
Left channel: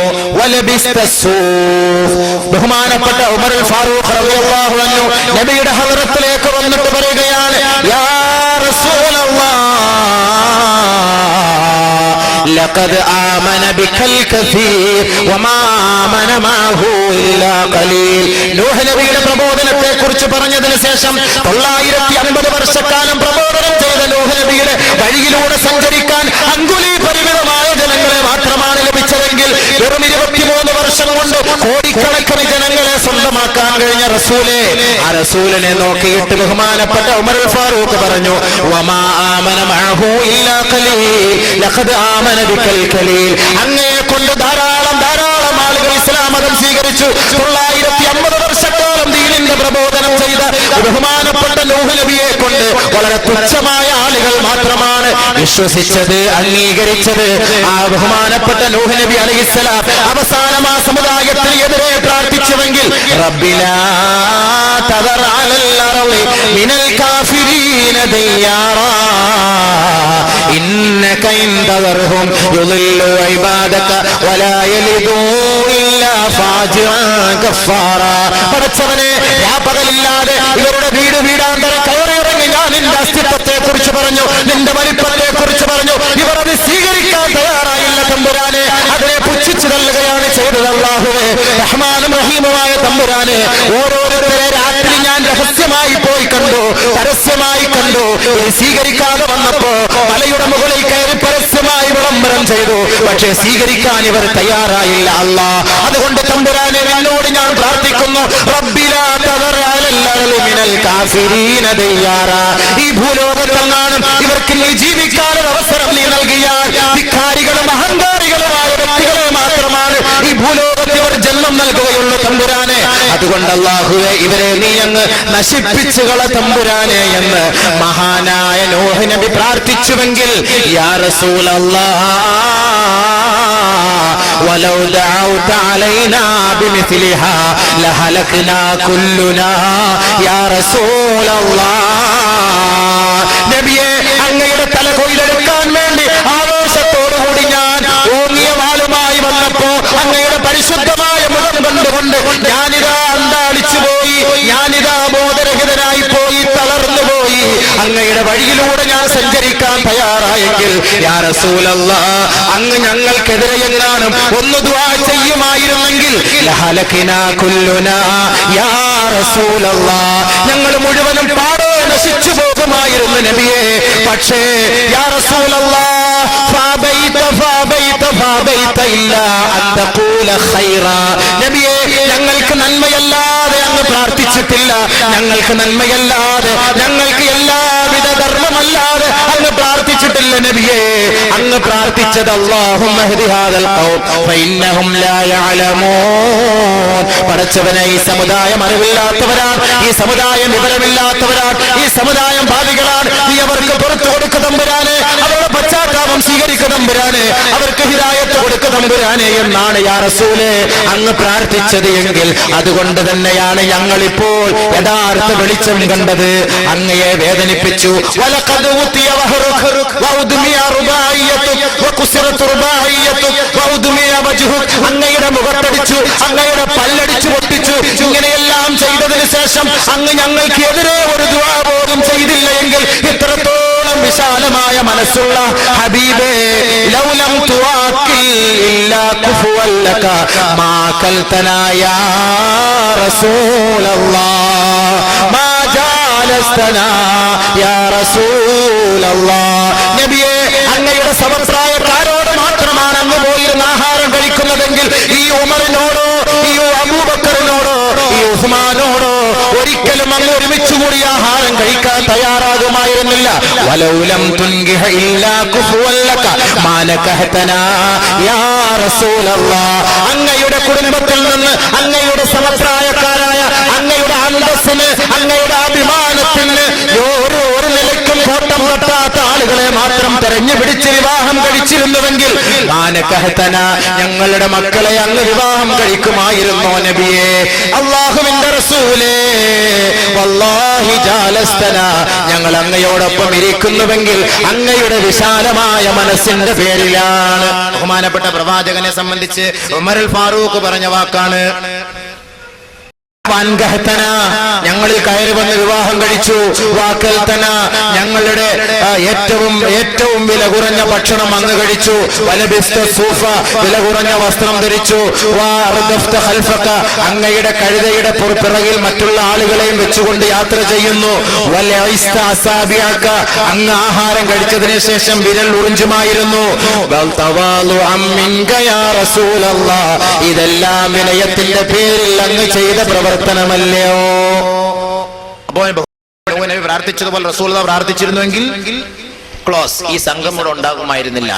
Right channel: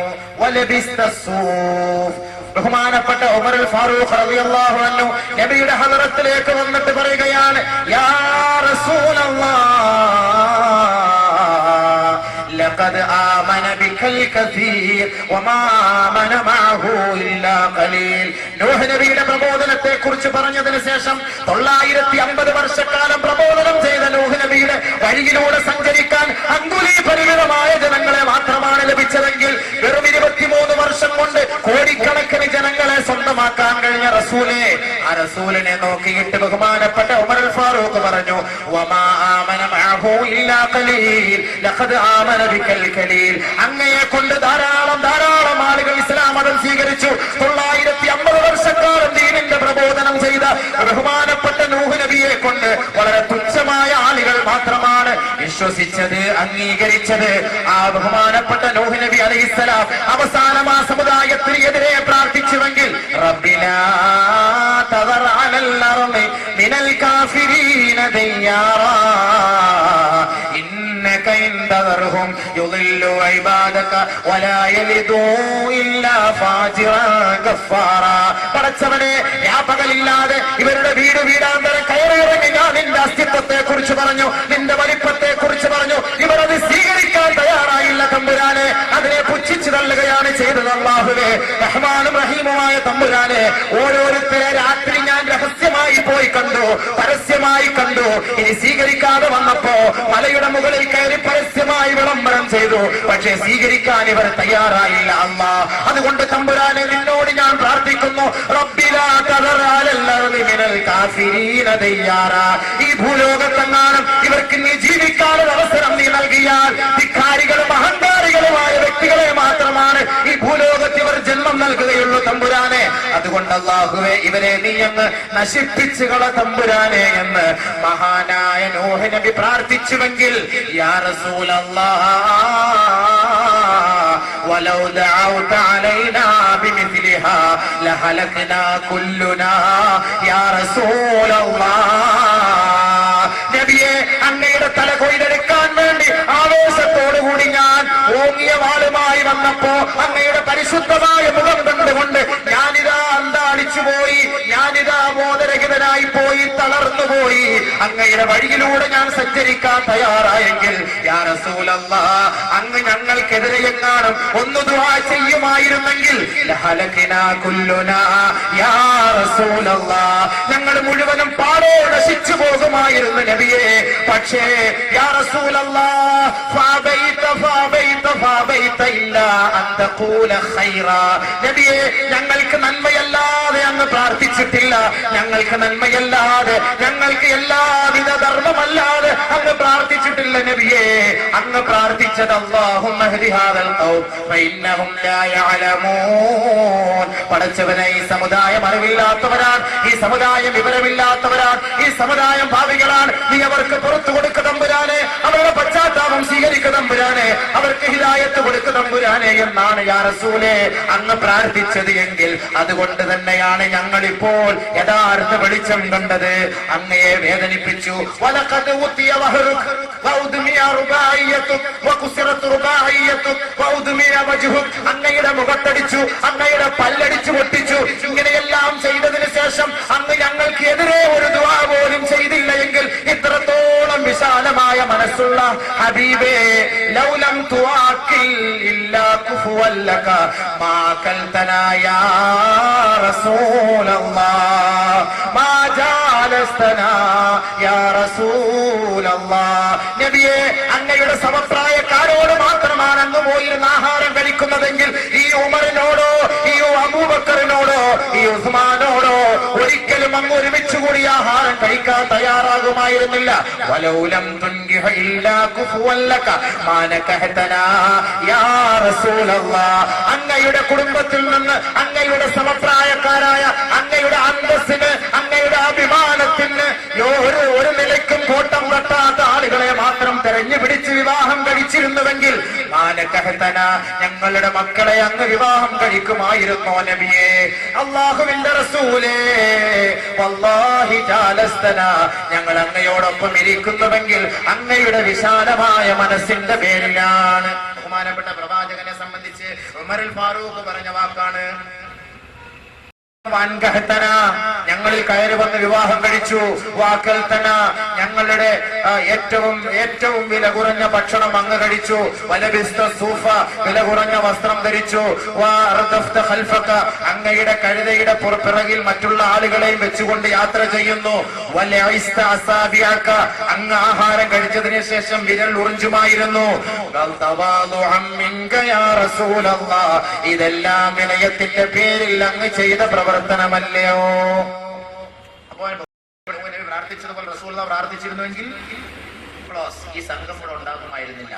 ബഹുമാനപ്പെട്ട ഉമർ ഫാറൂഖ് റളിയല്ലാഹു അൻഹു നബിയുടെ ഹദ്റത്തിലേക്ക് വന്നിട്ട് പറയുകയാണ്, യാ لقد آمن بك الكثير وما آمن معه إلا قليل. നൂഹ് നബിയുടെ പ്രബോധനത്തെ കുറിച്ച് പറഞ്ഞതിന് ശേഷം 950 വർഷക്കാലം പ്രബോധനം ചെയ്ത നൂഹ് നബിയുടെ വഴിയിലൂടെ സഞ്ചരിക്കാൻ അങ്കുലി പരിമിതമായ ജനങ്ങളെ മാത്രമാണ് ലഭിച്ചതെങ്കിൽ വെറും 23 വർഷം കൊണ്ട് കോടിക്കണക്കിന് ജനങ്ങളെ സ്വന്തമാക്കാൻ കഴിഞ്ഞ റസൂലേ. ആ റസൂലിനെ നോക്കിയിട്ട് ബഹുമാനപ്പെട്ട ഉമർ ഫാറൂഖ് പറഞ്ഞു, വമാ ആമന മഅഹു ഇല്ലാ ഖലീൽ ലഖദ് ആമന ബികൽ ഖലീൽ. അങ്ങയെ കൊണ്ട് ധാരാളം ആളുകൾ ഇസ്ലാം മതം സ്വീകരിച്ചു. 950 വർഷക്കാലം ദീനിന്റെ പ്രബോധനം ചെയ്ത ബഹുമാനപ്പെട്ട നൂഹ് നബിയെ കൊണ്ട് വളരെ തുച്ഛമായ ആളുകൾ മാത്രമാണ് വിശ്വസിച്ചത്, അംഗീകരിച്ചത്. ആ ബഹുമാനപ്പെട്ട നൂഹ് നബി അലൈഹിസ്സലാം അവസാനം ആ സമുദായത്തിനെതിരെ പ്രാർത്ഥിച്ചുവെങ്കിൽ റബ്ബിനാ തദർ അലൽ അർളി മിനൽ കാഫിരീന ദിയാറാ ഇന്നക ഇൻ തദർഹും യുളില്ലു ഇബാദക വലാ യലിദൂ ഇല്ലാ ഫാജിറൻ ഗഫാറാ. പടച്ചവനെ, പകലില്ലാതെ ഇവരുടെ വീടാന്തര കയറിയിറങ്ങി ഞാൻ നിന്റെ അസ്തിത്വത്തെ കുറിച്ച് പറഞ്ഞു, നിന്റെ വലിപ്പത്തെ കുറിച്ച് പറഞ്ഞു. ഇവർ അത് സ്വീകരിക്കാൻ തയ്യാറായില്ല തമ്പുരാനെ. അതിനെ പുച്ഛിച്ചു തള്ളുകയാണ് ചെയ്തത്. അല്ലാഹുവേ, റഹ്മാനും റഹീമുമായ തമ്പുരാനെ, ഓരോരുത്തരെ രാത്രി ഞാൻ രഹസ്യമായി പോയി കണ്ടു, പരസ്യമായി കണ്ടു. ഇനി സ്വീകരിക്കാതെ വന്നപ്പോ മലയുടെ മുകളിൽ കയറി പരസ്യമായി വിളംബരം ചെയ്തു. പക്ഷേ സ്വീകരിക്കാൻ ഇവർ തയ്യാറായില്ല. അല്ലാഹ്, അതുകൊണ്ട് തമ്പുരാനെ, എന്നോട് ഞാൻ പ്രാർത്ഥിക്കുന്നു, റബ്ബിനാ തദർ അലൽ അർളി മിനൽ കാഫിരീന ദിയാറാ. ഈ ഭൂലോകത്തെങ്ങാനും ഇവർക്ക് നീ ജീവിക്കാൻ അവസരം നീ നൽകിയാൽ ധിക്കാരികളും അഹങ്കാരികളുമായ വ്യക്തികളെ മാത്രമാണ് ഈ ഭൂലോകത്തിൽ ഇവർ ജന്മം നൽകുകയുള്ളൂ തമ്പുരാനെ. അതുകൊണ്ട് അല്ലാഹുവേ, ഇവരെ നീ അങ്ങ് നശിപ്പിച്ചുകള തമ്പുരാനെ എന്ന് മഹാനായ നൂഹ് നബി പ്രാർത്ഥിച്ചുവെങ്കിൽ യാ റസൂലല്ലാഹ് ولو دعوت علينا بمثلها لهلكنا كلنا يا رسول الله. നബിയെ, അങ്ങയുടെ തല കൊയ്തെടുക്കാൻ വേണ്ടി ആവേശത്തോടുകൂടി ഞാൻ ഓങ്ങിയ വാളുമായി വന്നപ്പോ അങ്ങയുടെ പരിശുദ്ധമായ മുഖം കണ്ടുകൊണ്ട് ഞാനിതാ അന്താളിച്ചു പോയി, ഞാനിതാ ബോധരഹിതനായി പോയി, തളർന്നു പോയി. അങ്ങയുടെ വഴിയിലൂടെ ഞാൻ സഞ്ചരിക്കാൻ തയ്യാറായെങ്കിൽ യാ റസൂലല്ലാഹ്, അങ്ങ് ഞങ്ങൾക്കെതിരെ എങ്ങാനും ഒന്ന് ദുആ ചെയ്യുമായിരുന്നെങ്കിൽ ലഹലകിനാ കുല്ലുനാ യാ റസൂലല്ലാഹ്, ഞങ്ങൾ മുഴുവനും പാടെ നശിച്ചു പോകുമായിരുന്നു നബിയെ. പക്ഷേ യാ റസൂലല്ലാഹ്, നബിയെ, ഞങ്ങൾക്ക് നന്മയല്ലാതെ അങ്ങ് പ്രാർത്ഥിച്ചിട്ടില്ല. ഞങ്ങൾക്ക് നന്മയല്ലാതെ, ഞങ്ങൾക്ക് എല്ലാവിധ ധർമ്മമല്ലാതെ അങ്ങ് പ്രാർത്ഥിച്ചിട്ടില്ല നബിയെ. അങ്ങ് പ്രാർത്ഥിച്ചത് അല്ലാഹുമ്മ ഹ്ദി ഹാദൽ ഖൗം ഫഇന്നഹും ലാ യഅലമൂൻ. പടച്ചവനെ, ഈ സമുദായം അറിവില്ലാത്തവരാണ്, ഈ സമുദായം വിവരമില്ലാത്തവരാണ്, ഈ സമുദായം ഭാവികളാണ്. നീ അവർക്ക് പുറത്തു കൊടുക്കുക തമ്പുരാനെ, അവരുടെ പശ്ചാത്താപം സ്വീകരിക്കുക തമ്പുരാനെ, അവർക്ക് ഹിദായത്ത് കൊടുക്കുക തമ്പുരാനെ എന്നാണ് യാ റസൂലേ അങ്ങ് പ്രാർത്ഥിച്ചത് എങ്കിൽ അതുകൊണ്ട് തന്നെയാണ് ഞങ്ങൾ ഇപ്പോൾ യഥാർത്ഥ വെളിച്ചം കണ്ടത്. അങ്ങയെ വേദനിപ്പിച്ചു. വലഖദ് ഉതിയ വഹറുക വഉദ്മിയ റുബായിയതു വകുസിറത് റുബായിയതു വഉദ്മിയ വജ്ഹു. അങ്ങയുടെ മുഖത്തടിച്ചു, അങ്ങയുടെ പല്ലടിച്ചു പൊട്ടിച്ചു. ഇങ്ങനെയെല്ലാം ചെയ്തതിനു ശേഷം അങ്ങ് ഞങ്ങൾക്ക് എതിരെ ഒരു ദുആ പോലും ചെയ്തില്ലെങ്കിൽ ഇത്രത്തോളം വിശാലമായ മനസ്സുള്ള ഹബീബേ, ലൗലം തുവാക്കിൽ ഇല്ലാ കുഫുവൻ ലക മാ കൽതനാ യാ റസൂലല്ലാഹ് മാ ജാലസ്തനാ യാ റസൂലല്ലാഹ്. നബിയെ, അങ്ങയുടെ സമപ്രായക്കാരോട് മാത്രമാണ് അങ്ങ് പോയിരുന്ന ആഹാരം കഴിക്കുന്നതെങ്കിൽ ഈ ഉമറിനോടോ, ഈ അബൂബക്കറിനോടോ, ഈ ഉസ്മാനോടോ ഒരിക്കലും അങ്ങ് ഒരുമിച്ചുകൂടി ആഹാരം കഴിക്കാൻ തയ്യാറാകുമായിരുന്നില്ല. വലൗലം തുൻകിഹ ഇല്ലാ കുഫുവൻ ലക മാ നകഹതനാ യാ റസൂലല്ലാഹ്. അങ്ങയുടെ കുടുംബത്തിൽ നിന്ന്, അങ്ങയുടെ സമപ്രായക്കാരായ, അങ്ങയുടെ അന്തസ്സിന്, അങ്ങയുടെ അഭിമാനത്തിന് ഓരോ നിലയ്ക്കും കോട്ടം തട്ടാത്ത ആളുകളെ മാത്രം തെരഞ്ഞു പിടിച്ച് വിവാഹം കഴിച്ചിരുന്നുവെങ്കിൽ ഞങ്ങളുടെ മക്കളെ അങ്ങ് വിവാഹം കഴിക്കുമായിരുന്നു നബിയെ. അല്ലാഹുവിന്റെ റസൂലേ, വല്ലാഹി ജാലസ്തന, ഞങ്ങൾ അങ്ങയോടൊപ്പം ഇരിക്കുന്നുവെങ്കിൽ അങ്ങയുടെ വിശാലമായ മനസ്സിന്റെ പേരിലാണ്. ബഹുമാനപ്പെട്ട പ്രവാചകനെ സംബന്ധിച്ച് ഉമറുൽ ഫാറൂഖ് പറഞ്ഞ വാക്കാണ്, ഞങ്ങളിൽ കയറി വന്ന് വിവാഹം കഴിച്ചു. വാക്കൽത്തന, ഞങ്ങളുടെ ഏറ്റവും വില കുറഞ്ഞ ഭക്ഷണം അങ്ങ് കഴിച്ചു. സൂഫ, വില കുറഞ്ഞ വസ്ത്രം ധരിച്ചു. അങ്ങയുടെ കഴുതയുടെ പുറപ്പിറകിൽ മറ്റുള്ള ആളുകളെയും വെച്ചുകൊണ്ട് യാത്ര ചെയ്യുന്നു. അങ്ങ് ആഹാരം കഴിച്ചതിന് ശേഷം വിരൽ ഉറിഞ്ചുമായിരുന്നു. ഇതെല്ലാം വിനയത്തിന്റെ പേരിൽ അങ്ങ് ചെയ്ത പ്രവർത്തനമല്ലയോ? സംഭവം നബി പ്രാർത്ഥിച്ചതുപോലെ റസൂലുള്ളാഹി പ്രാർത്ഥിച്ചിരുന്നുവെങ്കിൽ ക്ലോസ്, ഈ സംഘം കൂടെ ഉണ്ടാകുമായിരുന്നില്ല.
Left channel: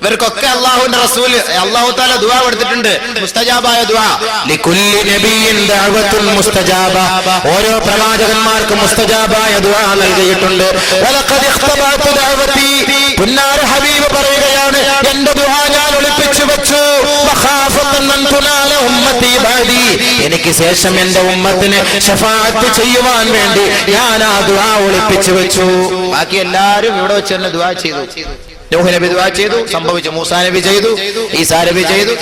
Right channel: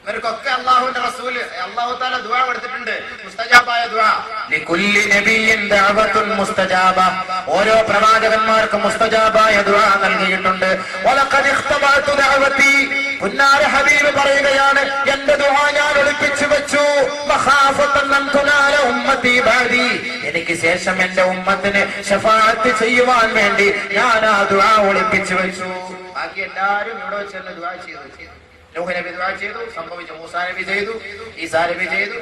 ഇവർക്കൊക്കെ അള്ളാഹുവിന്റെ റസൂൽ അല്ലാഹു തആല ദുആ കൊടുത്തിട്ടുണ്ട്, മുസ്തജാബായ ദുആ. ലികുല്ലി നബിയിൻ ദഅവത്തുൻ മുസ്തജാബ, ഓരോ പ്രവാചകന്മാർക്കും മുസ്തജാബായ ദുആ നൽകിയിട്ടുണ്ട്. വലഖദ് ഇഖ്തബഅതു ദഅവതി, പുന്നാര ഹബീബ് പറയുകയാണ്, എന്റെ ദുആ ഞാൻ ഒളിപ്പിച്ചു വെച്ചു. വഖാഫതൻ മൻ തുനാല ഉമ്മത്തി ബഅദി, എനിക്ക് ശേഷം എന്റെ ഉമ്മത്തിനെ ശഫാഅത്ത് ചെയ്യുവാൻ വേണ്ടി ഞാൻ ആ ദുആ ഒളിപ്പിച്ചു വെച്ചു. ബാക്കി എല്ലാവരും ഇവിടെ വെച്ച് തന്നെ ദുആ ചെയ്തു. നൂഹ് നബി ദുആ ചെയ്തു, സംഭവിച്ചു. മൂസാ നബി ചെയ്തു, ഈസാ നബി ചെയ്തു.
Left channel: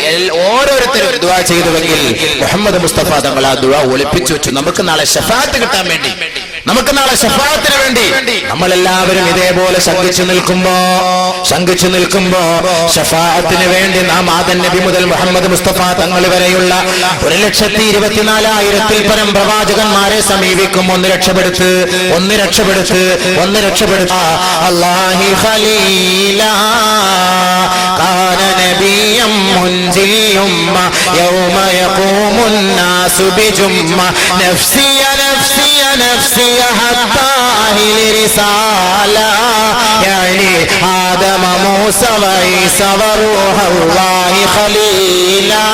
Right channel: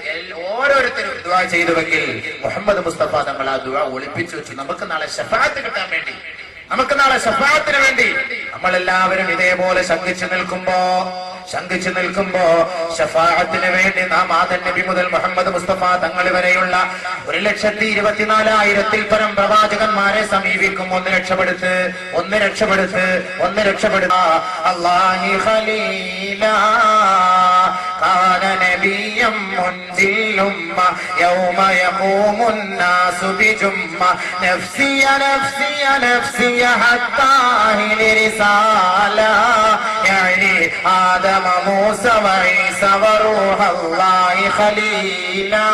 ഓരോരുത്തരും ദുആ ചെയ്തുവെങ്കിൽ മുഹമ്മദ് മുസ്തഫ തങ്ങൾ ആ ദുആ ഒളിപ്പിച്ചു വെച്ചു. നമുക്ക് നാളെ ശഫാഅത്ത് കിട്ടാൻ വേണ്ടി, നമുക്ക് നാളെ ശഫാഅത്തിന് വേണ്ടി നമ്മളെല്ലാവരും ഇതേപോലെ ശങ്കിച്ചു നിൽക്കുമ്പോ ശഫാഅത്തിന് വേണ്ടി നാം ആദം നബി മുതൽ മുഹമ്മദ് മുസ്തഫ തങ്ങൾ വരെയുള്ള 1,24,000-ൽ പരം പ്രവാചകന്മാരെ സമീപിക്കും. ഒന്ന് രക്ഷപ്പെടുത്ത്. അല്ലാഹി ഖലീലാ കാന നബിയം മുൻജിൽ ഉമ്മ യൗമ യഖൂമുൻ നാസു ബിജുമ്മ നഫ്സിയ നഫ്സിയ നഫ്സിയ ഹത്താ റിസാല യഅനി ആദമ മൂസ വഈസ വറൂഹുല്ലാഹി ഖലീലാ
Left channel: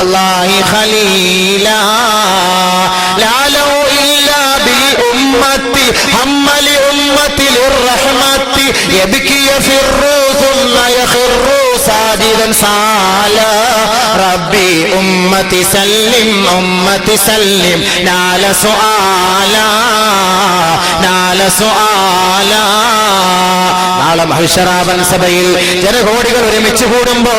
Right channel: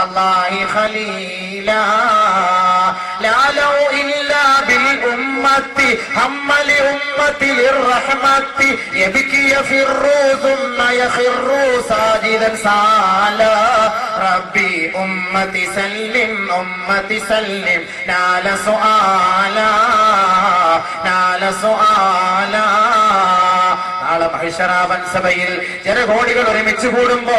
അല്ലാഹി ഖലീലാ ലാ ലൗ ഇല്ലാ ബിൽ ഉമ്മത്തി ഹമ്മലി ഉമ്മത്തി ലിർറഹ്മത്തി യബ്കി യഫിറു ثم يخر ساجدا سالا ربي أمتي سلم نال سؤالا നാളെ മഹ്ശറാബൻ സഭയിൽ ജനകോടികൾ ഒരുമിച്ച് കൂടുമ്പോ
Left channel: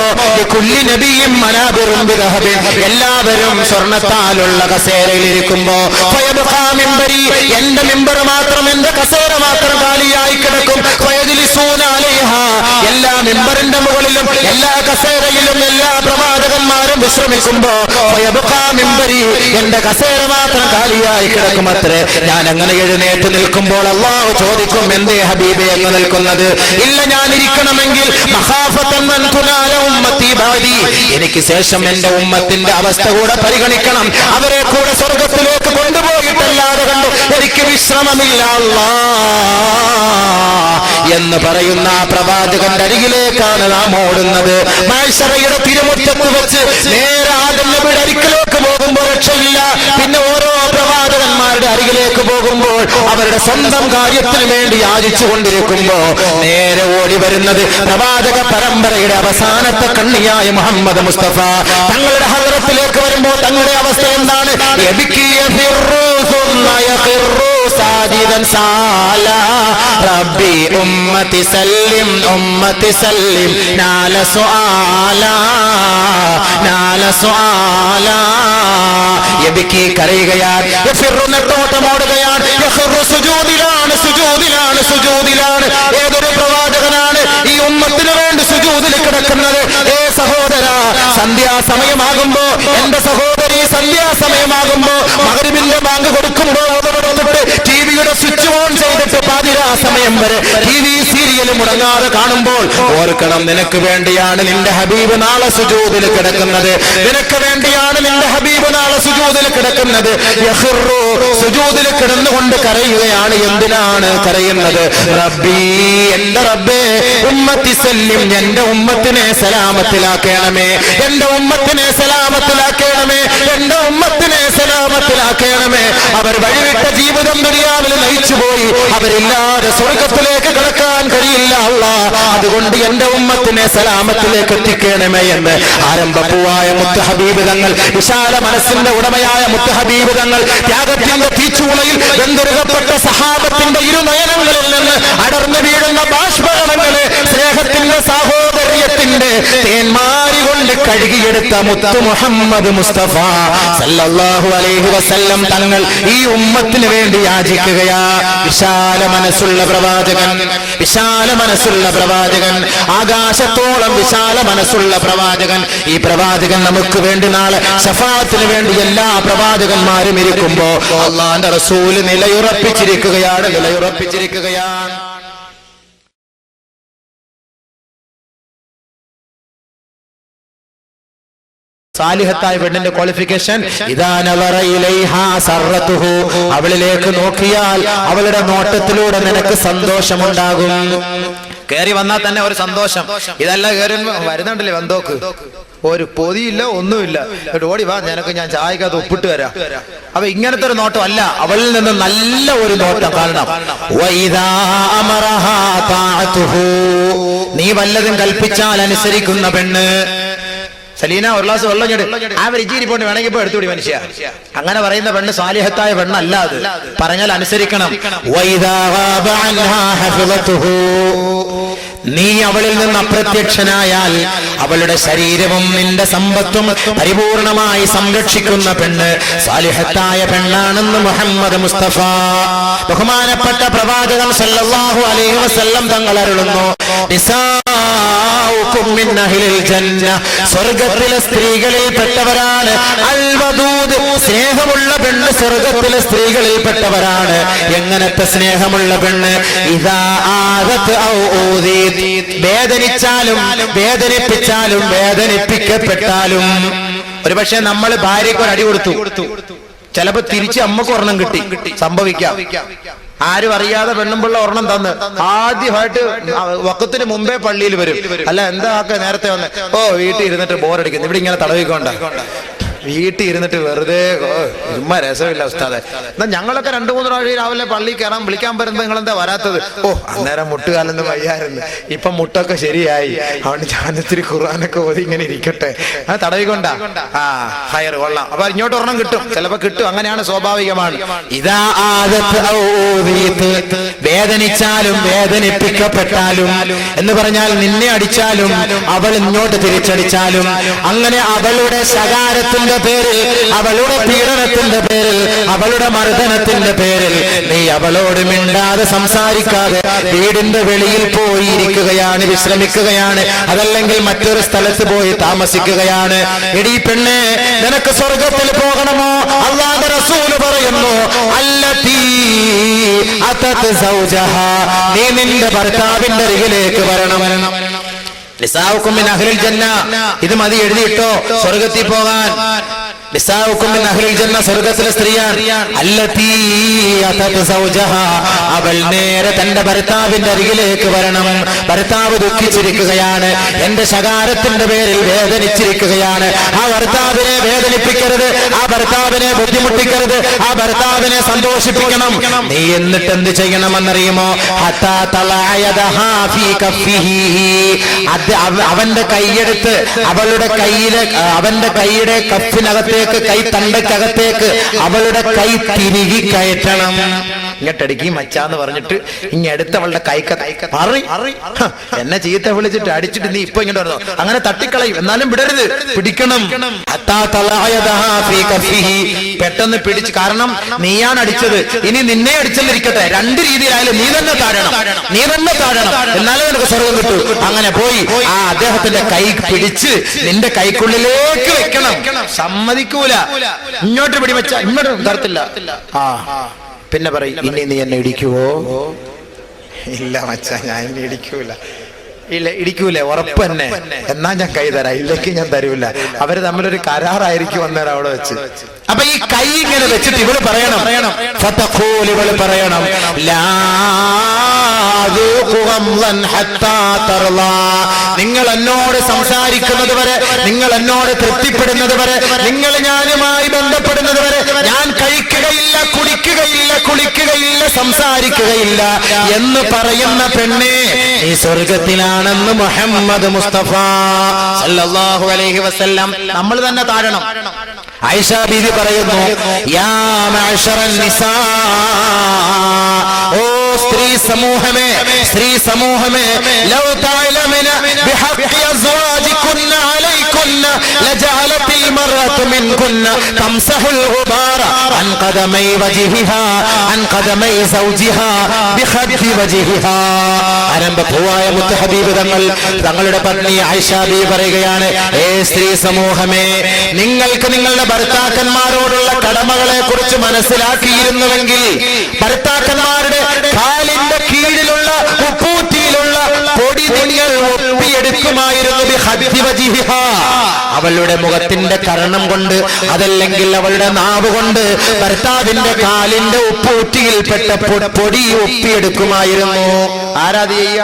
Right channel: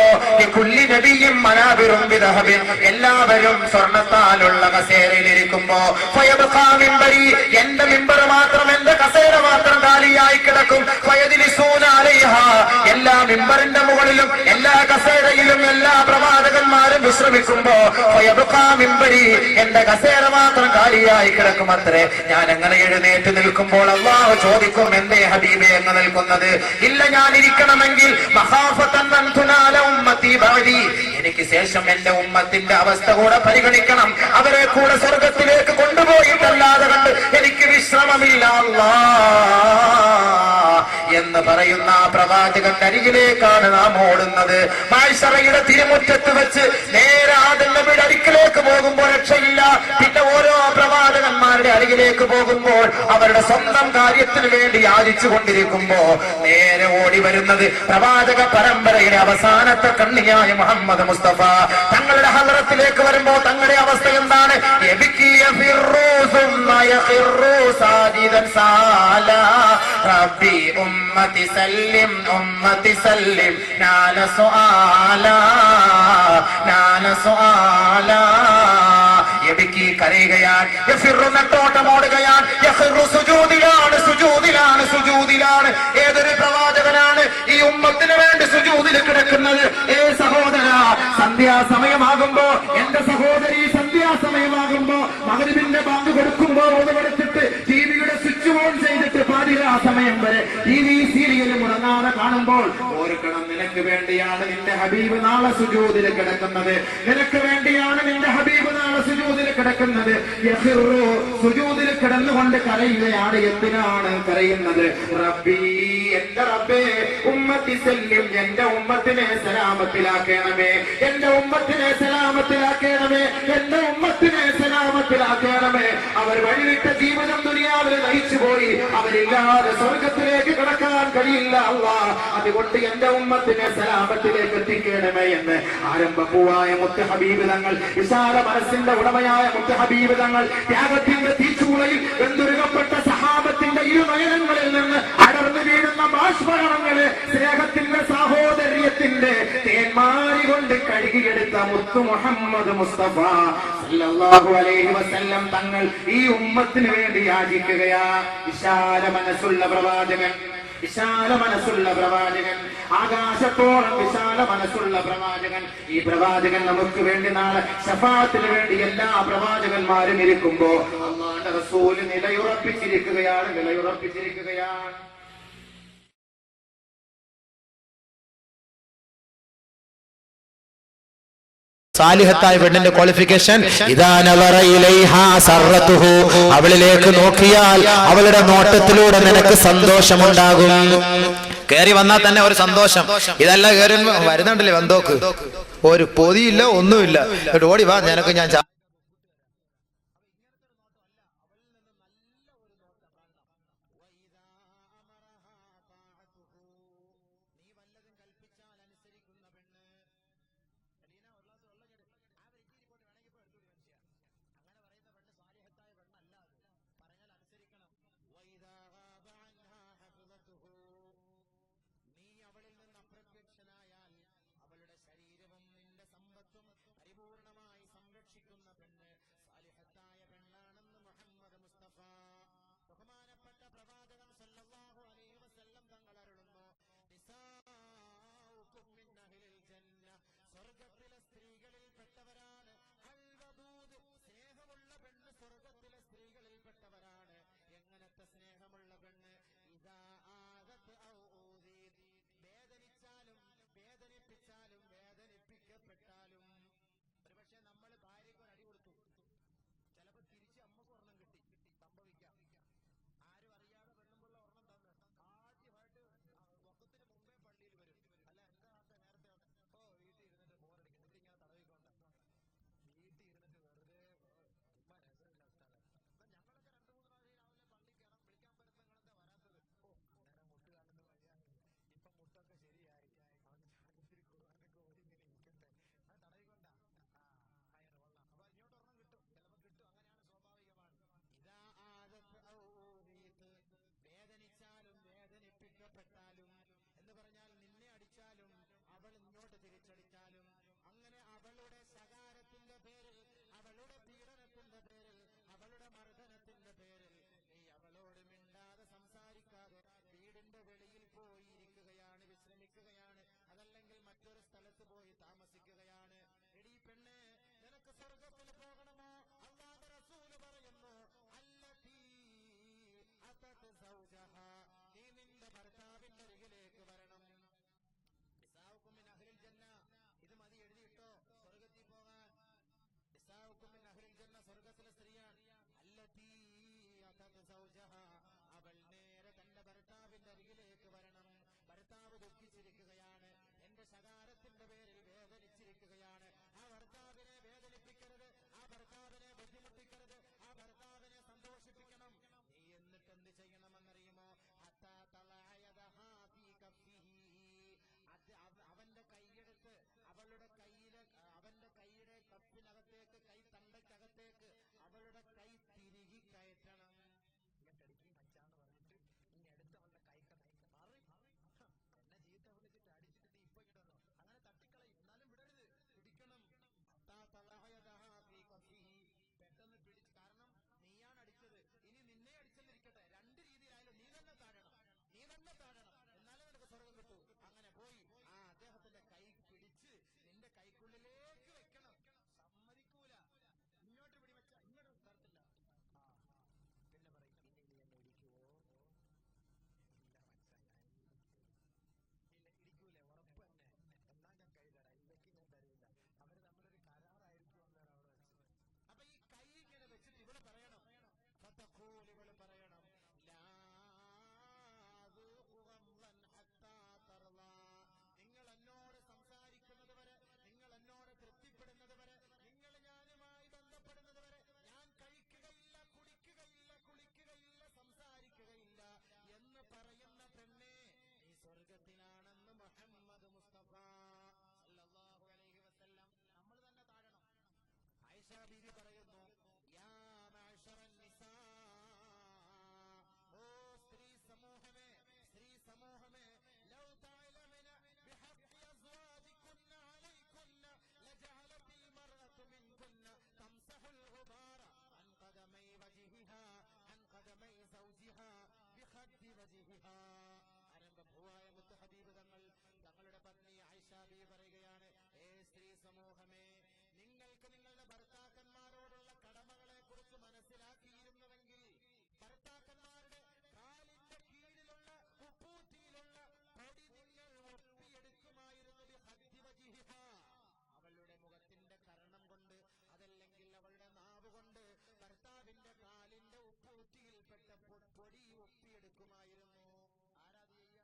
കുല്ലി നബിയും മനാബിറും ബിദഹബിൻ, എല്ലാവരും സ്വർണ്ണത്താലുള്ള കസേരയിൽ ഇരിക്കുമ്പോ ഫയബ്ഖാ മിംബരി, എന്റെ മിമ്പർ മാത്രം, എന്റെ കസേര മാത്രം കാലിയായി കിടക്കും. ഫയജ്ലിസൂന അലൈഹാ, എല്ലാ മിമ്പറിന്റെ മുകളിലും എല്ലാ കസേരയിലും എല്ലാ പ്രവാചകന്മാരും വിശ്രമിക്കുമ്പോ ഫയബ്ഖാ മിംബരി, എന്റെ കസേര മാത്രം കാലിയായി കിടക്കുമത്രേ. ഞാൻ അങ്ങനെ എഴുന്നേറ്റ് നിൽക്കുമ്പോൾ അല്ലാഹു ചോദിക്കും, എന്തേ ഹബീബേ അങ്ങ് നിൽക്കുന്നത്? ഇല്ല, ഞാൻ ഇരിക്കണമെങ്കിൽ മഖാഫതൻ മൻ തുനാല ഉമ്മത്തി ബഅദി, എനിക്ക് ശേഷം എന്റെ ഉമ്മത്തിന്റെ അവസ്ഥ കൂടെ പരിഗണിക്കണം. അവരെ കൂടെ സ്വർഗത്തിലേക്ക് കൊണ്ടുപോയിട്ടല്ലാതെ കണ്ടു എനിക്ക് വിശ്രമമില്ല എന്ന് പറയുന്ന പ്രവാചകന്റെ അരികിലേക്കാണ് നാം ഓടുന്നത്. മഹ്ശറയുടെ തിരുമുറ്റത്ത് വെച്ച് നേരെ ആദം നബിയുടെ അരികിലേക്ക് പോകുമ്പോൾ രക്ഷയില്ല. പിന്നെ ഓരോ പ്രവാചകന്മാരുടെ അരികിലേക്ക് പോകുമ്പോൾ അവരുടെ സ്വന്തം കാര്യത്തിന് വേണ്ടി യാചിച്ചു കൊണ്ടിരിക്കുമ്പോ നേരെ ഓടി വരുന്നത് പ്രവാചക പരമ്പരയുടെ അവസാനത്തെ കണ്ണിയായ മുഹമ്മദ് മുസ്തഫ തങ്ങളുടെ ഹദ്റത്തിലേക്ക് വരുമ്പോൾ തങ്ങളുടെ അവസ്ഥ എന്താണ്? റബ്ബി ഉമ്മത്തി സല്ലിം നാല സുആല യബ്കി കരയുകയാണ്, യഫിറു നെട്ടോട്ടമോടുകയാണ്, യഖറു സുജൂദിലാണ്. ഏതൊരു പ്രവാചകനാണ് ഈ ഉമ്മത്തിന് വേണ്ടി സുജൂദിൽ കിടക്കുന്നത്? ഏ സഹോദര, സന്ധ്യാസമയമാകുമ്പോ, എന്റെ സഹോദരി സന്ധ്യാസമയമാകുമ്പോ, മഗ്രിബിന്റെ ബാങ്ക് കൊടുക്കുമ്പോ ടിവിയുടെ സ്വിച്ച് ഓൺ ചെയ്തിട്ട് പാതിരാ സമയം വരെ ടിവി സീരിയൽ മുടങ്ങാതെ കാണുമ്പോൾ ഓർക്കണം, നിനക്ക് വേണ്ടിയാണ് നിന്റെ ഹബീബ് നാളെ സുജൂദിൽ കിടക്കുന്നത്. നിനക്ക് വേണ്ടിയാണ് നിന്റെ ഹബീബ് നാളെ സുജൂദിൽ കിടക്കുന്നത്. യഖറു, സുജൂദിൽ കിടന്നുകൊണ്ട് കരയുകയാണ്. എന്തിനാണ് കരയുന്നത്? റബ്ബി, എന്റെ റബ്ബേ, ഉമ്മത്തി സല്ലിം, എന്റെ ഉമ്മത്തിനെ സലാമത്തിലാക്കണമേ, എന്റെ ഉമ്മത്തിനെ സലാമത്തിലാക്കണമേ, എന്റെ ഉമ്മത്തിനെ സലാമത്തിലാക്കണമേ. അവർ വഴിവിട്ട ജീവിതം ദുനിയാവിൽ നയിച്ചുപോയി, അവരില്ലാതെ സ്വർഗത്തിലേക്ക് കടക്കാൻ കഴിയില്ല അല്ലാഹ്. അതുകൊണ്ട് എന്റെ ഉമ്മത്തിനെ സലാമത്തിലേക്ക് എത്തിക്കണമേ എന്ന് ആരംഭപ്പൂവായ മുത്ത് ഹബീബ് തങ്ങൾ, വിശാല മനസ്സിന്റെ ഉടമയായ മുത്ത് ഹബീബ് തങ്ങൾ ത്യാഗത്തിന്റെ തീച്ചൂളയിൽ വെന്തുരുകപ്പെട്ട സഹാബത്തിന്റെ ഇരുനയനങ്ങളിൽ നിന്ന് അടർന്നു വീഴുന്ന ബാഷ്പകണങ്ങളെ സ്നേഹത്തിന്റെ സാഹോദര്യത്തിന്റെ തേന്മാരി കൊണ്ട് കഴുകിയെടുത്ത മുത്ത് മുഹമ്മദ് മുസ്തഫ സല്ലല്ലാഹു അലൈഹി വസല്ലം തങ്ങൾ ഈ ഉമ്മത്തിന് വേണ്ടി യാചിക്കുകയാ. വിശാല മനസ്സുള്ള പ്രവാചകൻ, ആകാശത്തോളം വിശാല മനസ്സുള്ള പ്രവാചകൻ. ഈ പ്രവാചകൻ നമുക്ക് വേണ്ടി നാളെ ശഫാഅത്തിന് വേണ്ടി എല്ലാ പ്രവാചകന്മാരും ഇരിക്കുമ്പോ അല്ലാഹുവിന്റെ റസൂൽ നിലയുറപ്പിച്ചിരിക്കുകയാണ്. സാലിഹത്തായ പെണ്ണിന്റെ ക്വാളിഫിക്കേഷൻ ഇദാ നവറ ഇലൈഹാ സർറതുഹു, അവളിലേക്ക് നോക്കിയാൽ അവളുടെ നോട്ടത്തിലൂടെ നിനക്ക് സന്തോഷമുണ്ടാകും. കയറി വന്നാൽ തന്നെ ഒരു സന്തോഷം. ഇതല്ല കയറി വരുന്നുണ്ടല്ലേ വന്തോക്ക്, ഒരു പൊതിയില്ല ഒന്നുമില്ല, ഓടി വാ നിനക്ക് ഞാൻ ചായക്കകത്ത് ഒപ്പിട്ട് തരാം. അപ്പൊ ഇങ്ങനത്തെ ഒരു നോട്ടം അല്ല, അവളിൽ നിന്ന് നല്ല ഒരു നോട്ടം കാണണം. നീ വല്ലതും കൽപ്പിച്ചാൽ അനുസരിക്കുന്ന പെണ്ണ്. സലീന ഒരു ഗ്ലാസ് വെള്ളം ഞെട്, ആ ഇച്ചിരി പോണ്ട് വേണമെങ്കിൽ ഇപ്പൊ എടുത്തുകൂടി മനുഷ്യ. അങ്ങനെ പറയുന്ന പെണ്ണ് സാലിഹത്തായ പെണ്ണല്ല. അത് പറഞ്ഞാൽ അനുസരിക്കണം. നീ അവളിൽ നിന്ന് അപ്രത്യക്ഷനായാൽ അവളുടെ ശരീരവും നിന്റെ സമ്പത്തും പരിപൂർണമായി സംരക്ഷിക്കുന്ന പെണ്ണ് സാലിഹത്തായ പെണ്ണാണെന്ന് മുഹമ്മദ് മുസ്തഫ ബഹുമാനപ്പെട്ട പ്രവാചകൻ സല്ലല്ലാഹു അലൈഹി വസല്ലം തങ്ങൾ അരുളുന്നു. സ്വർഗത്തിലെ സ്ത്രീകളിൽ പെട്ടവരാണ് അൽവദൂദ്, സ്നേഹമുള്ള പെണ്ണ് സ്വർഗത്തിലെ സ്ത്രീകളിൽ പെട്ടവരാണ്. എങ്ങനത്തെ സ്നേഹമുള്ള പെണ്ണ്? ഇദാ ആദത് ഔ ഊദീത്, വേദനിച്ചാലും വേദനിപ്പിച്ചാലും വേദനിപ്പിക്കപ്പെട്ടാലും. ഒരുപക്ഷെ നമ്മൾ ഭാര്യയ്ക്ക് ഒരു അടി കൊടുത്തു, ചിലപ്പോ തിരിച്ച് അമ്മക്ക് ഒരെണ്ണം കിട്ടി, സംഭവിക്കാം. ആരും അറിയാതെ പെണ്ണുമ്പിള്ള ഒരെണ്ണം തന്ന് ആദ്യമായിട്ട് വക്കത്തിന് മുമ്പേ പള്ളിയിൽ വരും. അല്ല എന്താ നേരത്തെ വന്ന്, ഓ വീട്ടിൽ ഇരുന്നിട്ട് ബോറടിക്കുന്നു, ഇവിടെ ഇങ്ങനെ തടവിക്കൊണ്ട, വീട്ടിൽ ഇരുന്നിട്ട് വെറുതെ ചുമ്മാ രസമില്ല ഉസ്താദെ. എന്നാ ഞങ്ങളൊക്കെ 2-3 പ്രാവശ്യം രാവിലെ പള്ളി കയറാൻ വിളിക്കാൻ വരുമ്പോ നിങ്ങൾ എന്താ വരാത്തത്? ഓ അന്നേരം മുട്ടുകാലൊന്നും വയ്യായിരുന്നു, ഇപ്പൊ മുട്ടൊക്കെ ശരിയായി, അതുകൊണ്ട് ഞാനിത്തിരി ഖുർആനൊക്കെ ഓതി ഇങ്ങനെ ഇരിക്കട്ടെ. ആ തടവിക്കൊണ്ട ഹയർ കൊള്ളാം. അപ്പൊ ഇങ്ങോട്ട് ഒരെണ്ണം കിട്ടും, ചിലപ്പോ കിട്ടും. അങ്ങനെയാണ്, സ്വാഭാവികമാണ്. ഇതാ വേദനിച്ചാലും വേദനിപ്പിക്കപ്പെട്ടാലും എന്ന് പറഞ്ഞാൽ നിന്നെ അടിച്ചാലും അവൾ ഇങ്ങോട്ട് തിരിച്ചടിച്ചാലും, അങ്ങനെ അവളുടെ ശകാരത്തിന്റെ പേരിൽ, അവളുടെ പീഡനത്തിന്റെ പേരിൽ, അവളുടെ മർദ്ദനത്തിന്റെ പേരിൽ നീ അവളോട് മിണ്ടാതെ സംസാരിക്കാതെ വീടിന്റെ വെളിയിൽ പോയി ഇരിക്കുകയാണ്, വിശ്രമിക്കുകയാണ്, അതല്ലെങ്കിൽ മറ്റൊരു സ്ഥലത്ത് പോയി താമസിക്കുകയാണ്. എടീ പെണ്ണെ, നിനക്ക് സ്വർഗത്തിൽ പോകണമോ? അല്ലാഹുവിന്റെ റസൂൽ പറയുന്നു, അല്ലതീ അതത് സൗജഹാ, നീ നിന്റെ ഭർത്താവിന്റെ അരികിലേക്ക് വരണം. നിസാഉകും മിൻ അഹ്ലിൽ ജന്ന, ഇത് മതി എഴുതിയിട്ടോ സ്വർഗത്തിൽ പോകാൻ. നിസാഉകും മിൻ അഹ്ലിൽ ജന്ന, സ്വർഗത്തിലെ സ്ത്രീയാണ്. അല്ലതീ അതത് സൗജഹാ, അവൾ നേരെ തന്റെ ഭർത്താവിന്റെ അരികിലേക്ക് വരണം. ഭർത്താവ് ദുഃഖിച്ചിരിക്കുകയാണ്, എന്റെ ശകാരത്തിന്റെ പേരിൽ വേദനിച്ചിരിക്കുകയാണ്. ആ ഭർത്താവിനെ വേദനിപ്പിക്കരുത്, ആ ഭർത്താവിനെ ബുദ്ധിമുട്ടിക്കരുത്, ആ ഭർത്താവിനെ സന്തോഷിപ്പിക്കണം. നീ എന്നിട്ട് എന്ത് ചെയ്യണമെന്നറിയുമോ? ഹത്താ തലഅയദഹാ ഫീ കഫിഹി, അവന്റെ കൈയെടുത്ത് അവളുടെ കയ്യിലെ, അവന്റെ കൈയുടെ കഫിനകത്തേക്ക്, കൈ തണ്ടക്കകത്തേക്ക് അവളുടെ കൈ തിരികെ കയറ്റണം. ഇങ്ങോട്ടടിക്കി മച്ചാന്ന് പറഞ്ഞിട്ട് ഇങ്ങടുത്ത് അവളുടെ എന്നെ ചീത്ത വിളിച്ചിട്ട് അടിച്ചിട്ട് നീ ഇപ്പൊ ഇങ്ങോട്ട് വരുന്നു, അങ്ങനെ തട്ടിക്കളയും. എന്നാലും വിടരുത്, പിടിക്കണം. പെട്ടെന്ന് പിടിച്ച്, കാരണം നീയാണ് അടിച്ചത്, ഇനി നിന്നെ അടിച്ചെന്നിരിക്കട്ടെ, 2 രീതിയിലായാലും നീ തന്നെ താഴണം, നീ തന്നെ താഴണം, എന്നാലും നിനക്ക് സ്വർഗം കിട്ടൂ. അങ്ങനെ പോയി ആ അദ്ദേഹത്തിന്റെ കൈ പിടിച്ച് നിന്റെ കൈക്കുള്ളിലേക്ക് വെക്കണം. സമ്മതിക്കൂല, ഇങ്ങോട്ട് പിടിവെച്ച ഇങ്ങോട്ട് തരത്തില്ല. പിന്നെ പറയും, ഇനി നീ എന്നെ ഇടിക്കുവോ? ഇല്ല മച്ചാ, ഞാൻ എന്നെ ഇടിക്കൂല. ഇല്ല, ഇടിക്കൂലേ? ഉറപ്പ് തന്നെ. എന്നാ ഞാൻ കൈ തരാം, ഇല്ലെങ്കിൽ ഞാൻ തരൂല. അവര് തമ്മിലൊരു കരാറായിരിക്കും അന്നേരം അവിടെ വെച്ച്. അപ്പൊ ഈ കൈ ഇങ്ങനെ വെച്ചിട്ട് ഇവള് പറയണം, ഇവള് പറയണം, നിങ്ങൾ എന്നോട് സംസാരിക്കുന്നത് വരെ, നിങ്ങൾ എന്നോട് തൃപ്തിപ്പെടുന്നത് വരെ, നിങ്ങൾ ഞാനുമായി ബന്ധപ്പെടുന്നത് വരെ ഞാൻ കഴിക്കുകയില്ല, കുടിക്കുകയില്ല, കുളിക്കുകയില്ല, സംസാരിക്കുകയില്ല എന്ന് പറയുന്ന പെണ്ണെ, ഈ സ്വർഗത്തിലാണെന്ന് മുഹമ്മദ് മുസ്തഫ സല്ലല്ലാഹു അലൈഹി വസല്ലം. നമ്മൾ തന്നെ താഴണം. ആയിഷ ബീവി പറയുന്നു, യാ മഅ്ശറൻ നിസാ, ഓ സ്ത്രീ സമൂഹമേ, സ്ത്രീ സമൂഹമേ, ലൗ തഅലമന ബിഹഖി അസ്വാജികുന്ന അലൈകുന്ന ലജഅലത്തിൽ മർഅതു മിൻകുന്ന തംസഹുൽ ഗുബാറ അൻ ഖദമൈ വജ്ഹിഹാ അൻ ഖദമൈ സൗജിഹാ ബിഖദ്ദി വജ്ഹിഹാ. ആരംഭപൂവായ മുത്ത് ഹബീബ് തങ്ങളുടെ പത്നി ആയിഷ ബീവി പറയുകയാണ്, ഏ സ്ത്രീ സമൂഹമേ, നിങ്ങൾക്ക് നിങ്ങളുടെ ഭർത്താക്കന്മാരോടുള്ള കടമകളെ കുറിച്ച് മനസ്സിലാക്കിയിരുന്നുവെങ്കിൽ, ഭർത്താക്കന്മാരുടെ കാലിന്റെ കീഴിലുള്ള ഉപ്പൂറ്റിയിലുള്ള പൊടി നിങ്ങൾ ഒപ്പിയെടുത്ത് ഒപ്പിയെടുക്കുമായിരുന്നു ബിഖദ്ദി വജിഹിഹാ. അവളുടെ മുഖത്തിന്റെ കർണം കൊണ്ട്, അതല്ലെങ്കിൽ അവളുടെ നാവ് കൊണ്ട് ഭർത്താവിന്റെ കാലിന്റെ ഉപ്പൂറ്റിയിൽപ്പെട്ട പൊടി ഒപ്പിയെടുക്കുമായിരുന്നു. ആരാത് ചെയ്യ?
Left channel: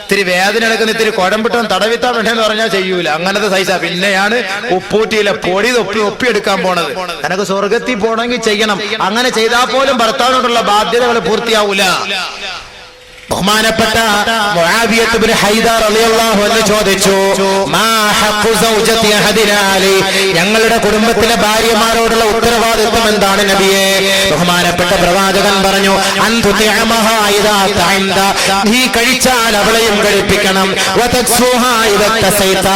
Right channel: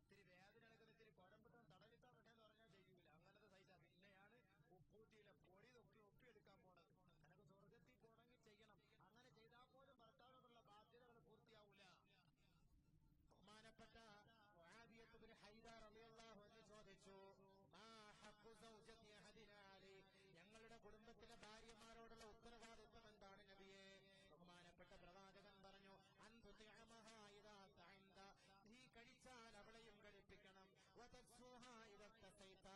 ഇത്തിരി വേദന എടുക്കുന്ന ഇത്തിരി കുഴമ്പിട്ടും തടവിത്താൻ വേണ്ടെന്ന് പറഞ്ഞാൽ ചെയ്യൂല. അങ്ങനത്തെ സൈസാ. പിന്നെയാണ് ഉപ്പൂറ്റിയിലെ പൊടി ഒപ്പിയെടുക്കാൻ പോണത്. എനക്ക് സ്വർഗത്തിൽ പോണെങ്കിൽ ചെയ്യണം. അങ്ങനെ ചെയ്താൽ പോലും ഭർത്താവിനോടുള്ള ബാധ്യതകൾ പൂർത്തിയാവൂല. ബഹുമാനപ്പെട്ട മുആവിയത്ത് ഇബ്നു ഹൈദർ റളിയല്ലാഹു അൻഹു ചോദിച്ചു, മാ ഹഖ്ഖു സൗജതി അഹദിനാ അലൈഹി, ഞങ്ങളുടെ കുടുംബത്തിലെ ഭാര്യമാരോടുള്ള ഉത്തരവാദിത്വം എന്താണ് നബിയേ? ബഹുമാനപ്പെട്ട പ്രവാചകൻ പറഞ്ഞു, അൻതുതിഅമഹാ ഇദാ തഅംദ, നീ കഴിച്ചാൽ അവളെയും കഴിപ്പിക്കണം. വതക്സുഹാ ഇദാ തസൈത,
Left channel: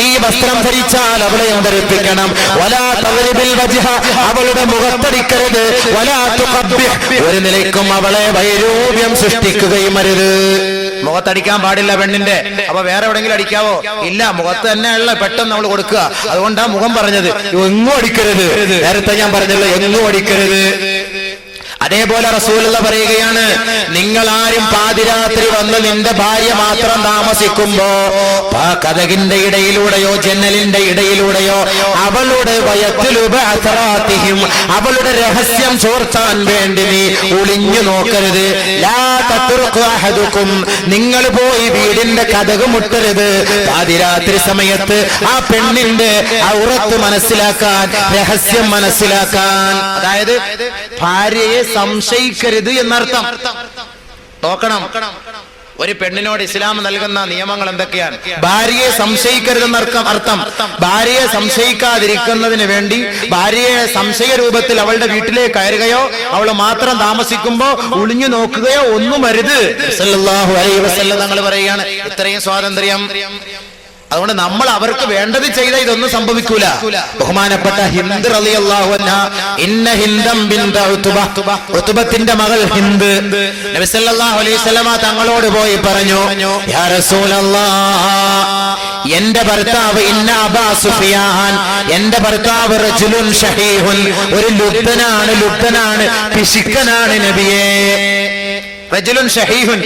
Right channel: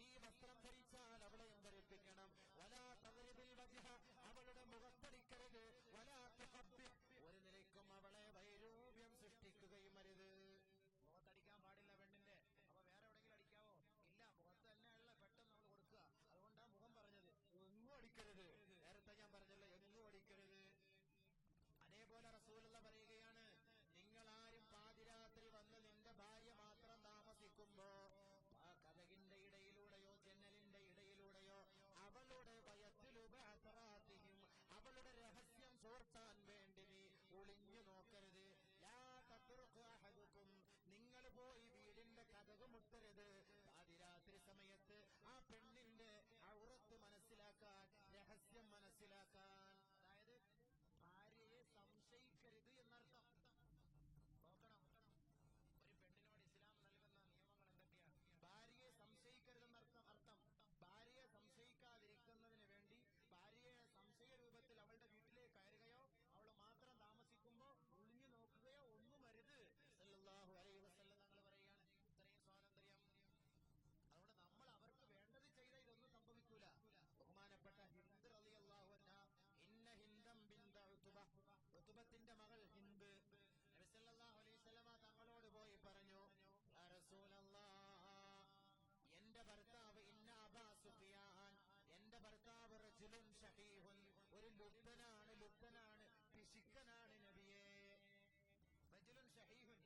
നീ വസ്ത്രം ധരിച്ചാൽ അവളെയും ധരിപ്പിക്കണം. വലാ തദ്രിബിൽ വജ്ഹ, അവളുടെ മുഖത്തടിക്കരുത്. വലാ തുഖബ്ബിഹ്, ഒരു നിലയ്ക്കും അവളെ വൈരൂപ്യം സൃഷ്ടിക്കുകയും മുഖത്തടിക്കാൻ പാടില്ല പെണ്ണിന്റെ. അപ്പൊ വേറെ എവിടെങ്കിലും അടിക്കാവോ? ഇല്ല, മുഖത്ത് തന്നെയുള്ള പെട്ടെന്ന് നമ്മൾ കൊടുക്കുക. അതുകൊണ്ടാ മുഖം പറഞ്ഞത്. എങ്ങും അടിക്കരുത്. നേരത്തെ ഞാൻ പറഞ്ഞല്ലോ, എങ്ങും അടിക്കരുത്. അതേപോലെ റസൂലുള്ള പറയുകയാണ്, നിങ്ങൾ ആരും പാതിരാത്രി വന്ന് നിന്റെ ഭാര്യ മാത്രം താമസിക്കുമ്പോ കതകിന്റെ ഇടയിലൂടെയോ ജന്നലിന്റെ ഇടയിലൂടെയോ അവളുടെ വയത്തിലുപഅസറാത്തിഹിം, അവളുടെ രഹസ്യം ചോർത്താൻ വേണ്ടി നീ ഒളിഞ്ഞു നോക്കരുത്. ലാ തത്റുഖു അഹദുക്കും, നിങ്ങൾ പോയി വീടിന്റെ കതക് മുട്ടരുത്. പാതിരാത്രി സമയത്ത് ആ പെണ്ണിന്റെ ഔറത്ത് മനസ്സിലാക്കാൻ, രഹസ്യം മനസ്സിലാക്കാൻ. അതായത് ഭാര്യയെ സംശയിക്കരുത് എന്നർത്ഥം. നോക്കണം, ഒരു പെണ്ണിനോട് ഇസ്ലാം നൽകുന്ന നിയമങ്ങൾ എന്തൊക്കെയാണ്? ഭാര്യയെ സംശയിക്കരുതെന്നർത്ഥം. ഭാര്യയെ സംശയിക്കാതിരിക്കുന്നതിന് വേണ്ടി ഭാര്യയെ സംശയ രൂപത്തിൽ അവളുടെ വീട്ടിലേക്ക് കയറുകയോ അവൾ മാത്രം താമസിക്കുമ്പോ ഒളിഞ്ഞു നോക്കുകയോ ഒന്നും അരുത്. സല്ലല്ലാഹു അലൈഹി വസല്ലം തങ്ങൾ പറയുകയാണ്, ഇത്രയും സ്വാതന്ത്ര്യം. അതുകൊണ്ട് നമ്മൾ അവർക്ക് വേണ്ടത് ചെയ്ത ഇതൊന്നും സംഭവിക്കൂല. ബഹുമാനപ്പെട്ട ഹിന്ദ് റളിയല്ലാഹു അൻഹ, ഇന്ന ഹിന്ദം ബിൻത ഉത്ബത്തിന്റെ മകൾ ഹിന്ദ് നബി സല്ലല്ലാഹു അലൈഹി വസല്ലമ തങ്ങളോട് പോയി പറഞ്ഞു, യാ റസൂലല്ലാഹ്, എന്റെ ഭർത്താവ് ഇന്ന അബാ സുഫിയാൻ, എന്റെ ഭർത്താവ് റജുലുൻ ഷഹീഹുൻ, ഒരു ലുബ്ധനാണ്, പിശുക്കനാണ് നബിയേ. റജുലുൻ ഷഹീഹുൻ,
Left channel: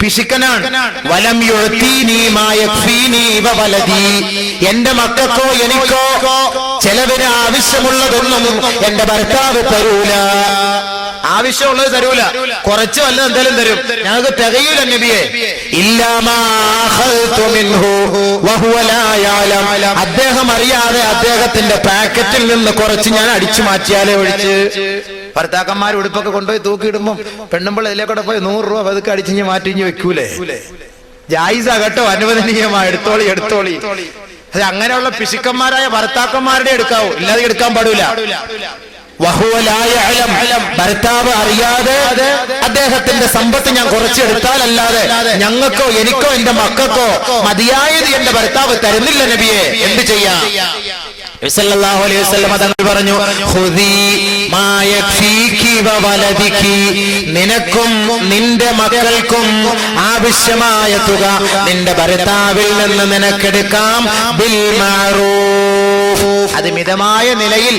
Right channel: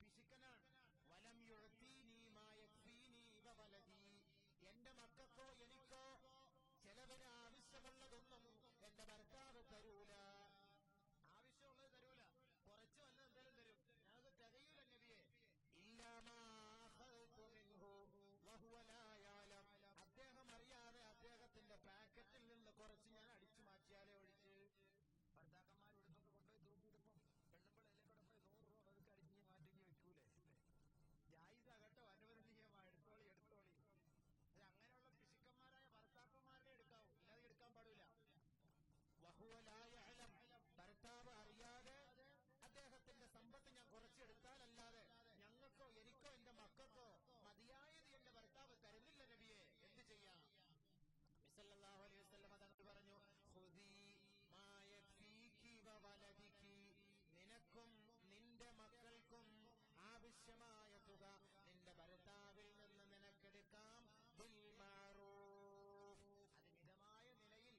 പിശുക്കനാണ്. വലം യുഅതീനി മാ യക്ഫീനി വവലദി, എന്റെ മക്കൾക്കോ എനിക്കോ ചെലവിന് ആവശ്യമുള്ളതൊന്നും എന്റെ ഭർത്താവ് തരൂല. ആവശ്യമുള്ളത് തരൂല, കുറച്ച് വല്ല എന്തായാലും തരും. ഞങ്ങൾക്ക് തികയൂല നബിയെ. ഇല്ലാമാ അഖൽതു മിൻഹു വഹുവ ലാ യഅലം, അദ്ദേഹം അറിയാതെ അദ്ദേഹത്തിന്റെ പാക്കറ്റിൽ നിന്ന് കുറച്ച് ഞാൻ അടിച്ചു മാറ്റിയാലേ ഒഴിച്ച്. ഭർത്താക്കന്മാർ ഉടുപ്പൊക്കെ കൊണ്ടുപോയി തൂക്കിയിടുമ്പോ പെണ്ണുമ്പോൾ ഇതിലേക്കൂടെ പോയി 100 രൂപ പതുക്കെ അടിച്ചിഞ്ഞ് മാറ്റിഞ്ഞ് വെക്കൂലേ? ജായിസ കേട്ടോ, അനുവദനീയമാ, എടുത്തോളി. അത് അങ്ങനെയുള്ള പിശുക്കന്മാരായ ഭർത്താക്കന്മാരുടെ എടുക്കാവൂ, ഇല്ലാതെ എടുക്കാൻ പാടില്ല. ഭർത്താവ് അറിയാതെ അദ്ദേഹത്തിന്റെ സമ്പത്ത് ഞാൻ കുറച്ചെടുത്താലല്ലാതെ ഞങ്ങൾക്കോ എനിക്കോ എന്റെ മക്കൾക്കോ മതിയായത് എന്റെ ഭർത്താവ് തരുന്നില്ല നബിയെ, എന്ത് ചെയ്യാം? സല്ലല്ലാഹു അലൈഹി വസല്ലം തങ്ങൾ പറഞ്ഞു, ഖുദി മാ യക്ഫീകി വവലദികി, നിനക്കും നിന്റെ മക്കൾക്കും ആവശ്യമായ തുക നിന്റെ ഭർത്താവിൽ നിന്ന് നിനക്കെടുക്കാം. ബിൽ മഅറൂഫ്, അത് മിതമായ നിലയിൽ,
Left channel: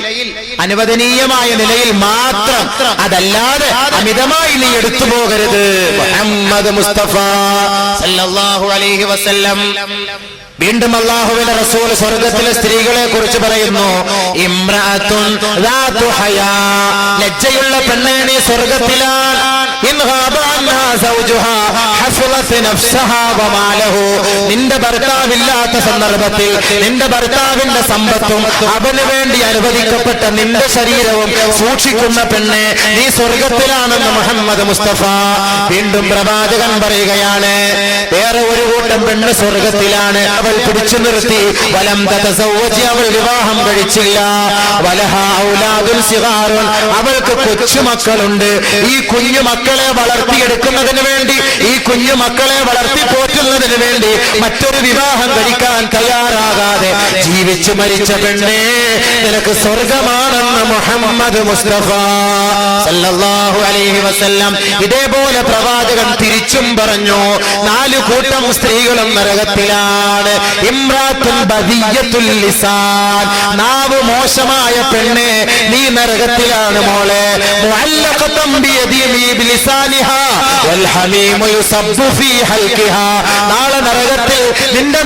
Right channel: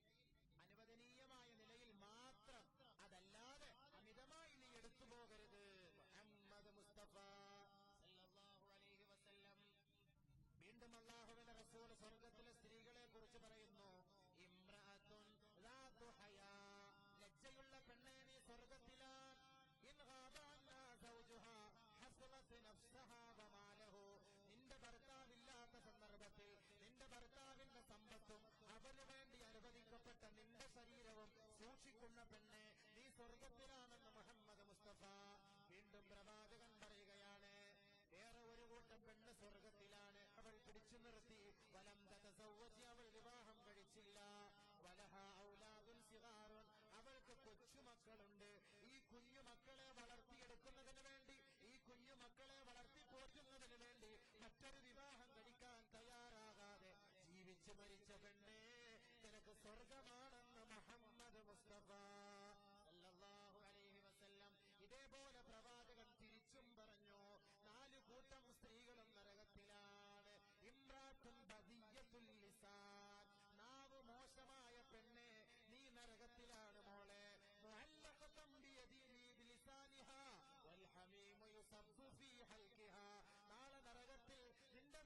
അനുവദനീയമായ നിലയിൽ മാത്രം, അതല്ലാതെ അമിതമായി നീ എടുത്തു പോകരുത്. മുഹമ്മദ് മുസ്തഫ സല്ലല്ലാഹു അലൈഹി വസല്ലം. വീണ്ടും അല്ലാഹുവിന്റെ റസൂൽ സ്വർഗ്ഗത്തിലെ സ്ത്രീകളെ കുറിച്ച് പറയുന്നു, ഇംറഅത്തുൻ ദാതു ഹയാ, ലജ്ജയുള്ള പെണ്ണേ നീ സ്വർഗ്ഗത്തിലാണ്. ഇൻ ഖാബ അന്നാ സൗജുഹാ ഹഫളത് നഫ്സഹാ വമാലഹു, നിന്റെ ഭർത്താവില്ലാത്ത സന്ദർഭത്തിൽ നിന്റെ ഭർത്താവിന്റെ സമ്പത്തും അവന് വേണ്ടി അനുവദിക്കപ്പെട്ട നിന്റെ ശരീരവും സൂക്ഷിക്കുന്ന പെണ്ണെ നീ സ്വർഗ്ഗത്തിലാണെന്ന് മുഹമ്മദ് മുസ്തഫ. വീണ്ടും പ്രവാചകൻ പറയുകയാണ്, വേറെ ഒരു കൂട്ടം പെണ്ണ് സ്വർഗ്ഗത്തിലാണ്, അവൾ പിടിച്ചു നിർത്തി. വലം തതസവ്വജ്, അവൾ വിവാഹം കഴിച്ചില്ല. വലഹാ ഔലാദുൻ സിഗാറുൻ, അവൾക്ക് കൊച്ചുമക്കളുണ്ട്. ഈ കുഞ്ഞു മക്കളെ വളർത്തിയെടുക്കുന്നതിന് വേണ്ടി, ഈ കുഞ്ഞു മക്കളെ വളർത്തി പോറ്റുന്നതിന് വേണ്ടി മറ്റൊരു വിവാഹം കഴിക്കാൻ തയ്യാറാകാതെ ജീവിച്ചു മരിച്ച പെണ്ണേ നിനക്ക് സ്വർഗമാണെന്ന് മുഹമ്മദ് മുസ്തഫ സല്ലല്ലാഹു അലൈഹി വസല്ലം. ഇതേപോലെ പ്രവാചകൻ തിരിച്ചും പറഞ്ഞു, 4 കൂട്ടം സ്ത്രീകളും നരകത്തിലാണ്. ഇംറാത്തുൻ ബദിയത്തുൽ ലിസാൻ, നാവ് മോശമായ പെണ്ണെ നീ നരകത്തിലാണ് മോളെ. മുഅല്ലഖതൻ ബിയദിഹി ബിലിസാനിഹാ വൽ ഹമീമു യുസബ്ബു ഫീ ഹൽഖിഹാ, നാളെ നരകത്തിൽ നിന്റെ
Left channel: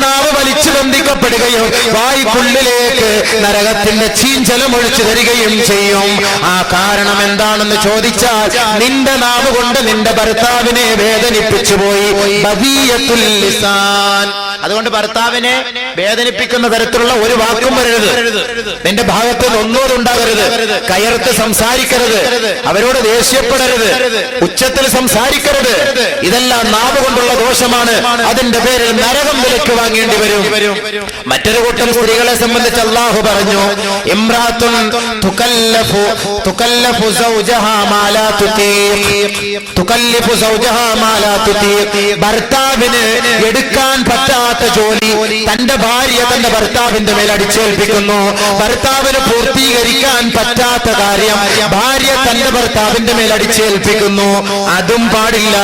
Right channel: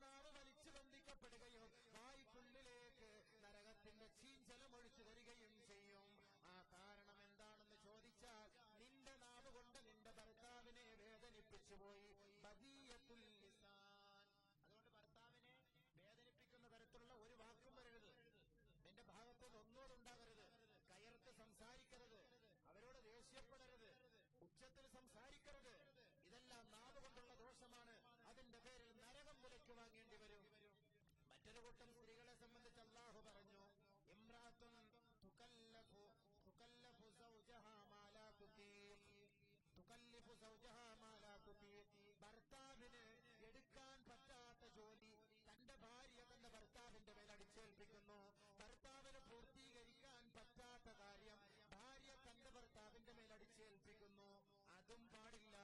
വലിക്കപ്പെടുകയും വായ്ക്കുള്ളിലേക്ക് നരകത്തിന്റെ ചീഞ്ചലം ഒഴിച്ചു തരികയും ചെയ്യും. ആ കാരണം എന്താണെന്ന് ചോദിച്ചാൽ നിന്റെ നാവ് കൊണ്ട് നിന്റെ ഭർത്താവിനെ വേദനിപ്പിച്ചു പോയി. ബദിയത്തുൽ ലിസാൻ. അതുകൊണ്ട് ഭർത്താവിനെ വേദനിപ്പിക്കുന്ന തരത്തിലുള്ള ഒരു വാക്കും വരരുത്. നിന്റെ ഭാഗത്ത് ഒന്നോടുണ്ടാകരുത്. കയർത്ത് സംസാരിക്കരുത്. അവരോട് ദേഷ്യപ്പെടരുത്. ഉച്ചത്തിൽ സംസാരിക്കരുത്. ഇതെല്ലാം നാവ് കൊണ്ടുള്ള ദോഷമാണ്. അതിന്റെ പേരിൽ നരകം വിലക്ക് വാങ്ങേണ്ടി വരും. മറ്റൊരു കൂട്ടം സ്ത്രീകളെ സംബന്ധിച്ച് അല്ലാഹു പറഞ്ഞു, ഇംറാത്തുൻ തുകല്ലഫു സൗജഹാ മാ ലാ തുതീഖ്. ഭർത്താവിന് എടുക്കാൻ പറ്റാത്ത ജോലി തന്റെ ഭാര്യ തന്റെ ഭർത്താവിന്റെ മേൽ അടിച്ചേൽപ്പിക്കുന്നു. ഭർത്താവിന് പൂർത്തീകരിക്കാൻ പറ്റാത്ത കാര്യം ഭാര്യ തന്റെ ഭർത്താവിന്റെ മേൽ അടിച്ചേൽപ്പിക്കുന്നു. അതും പാടില്ല.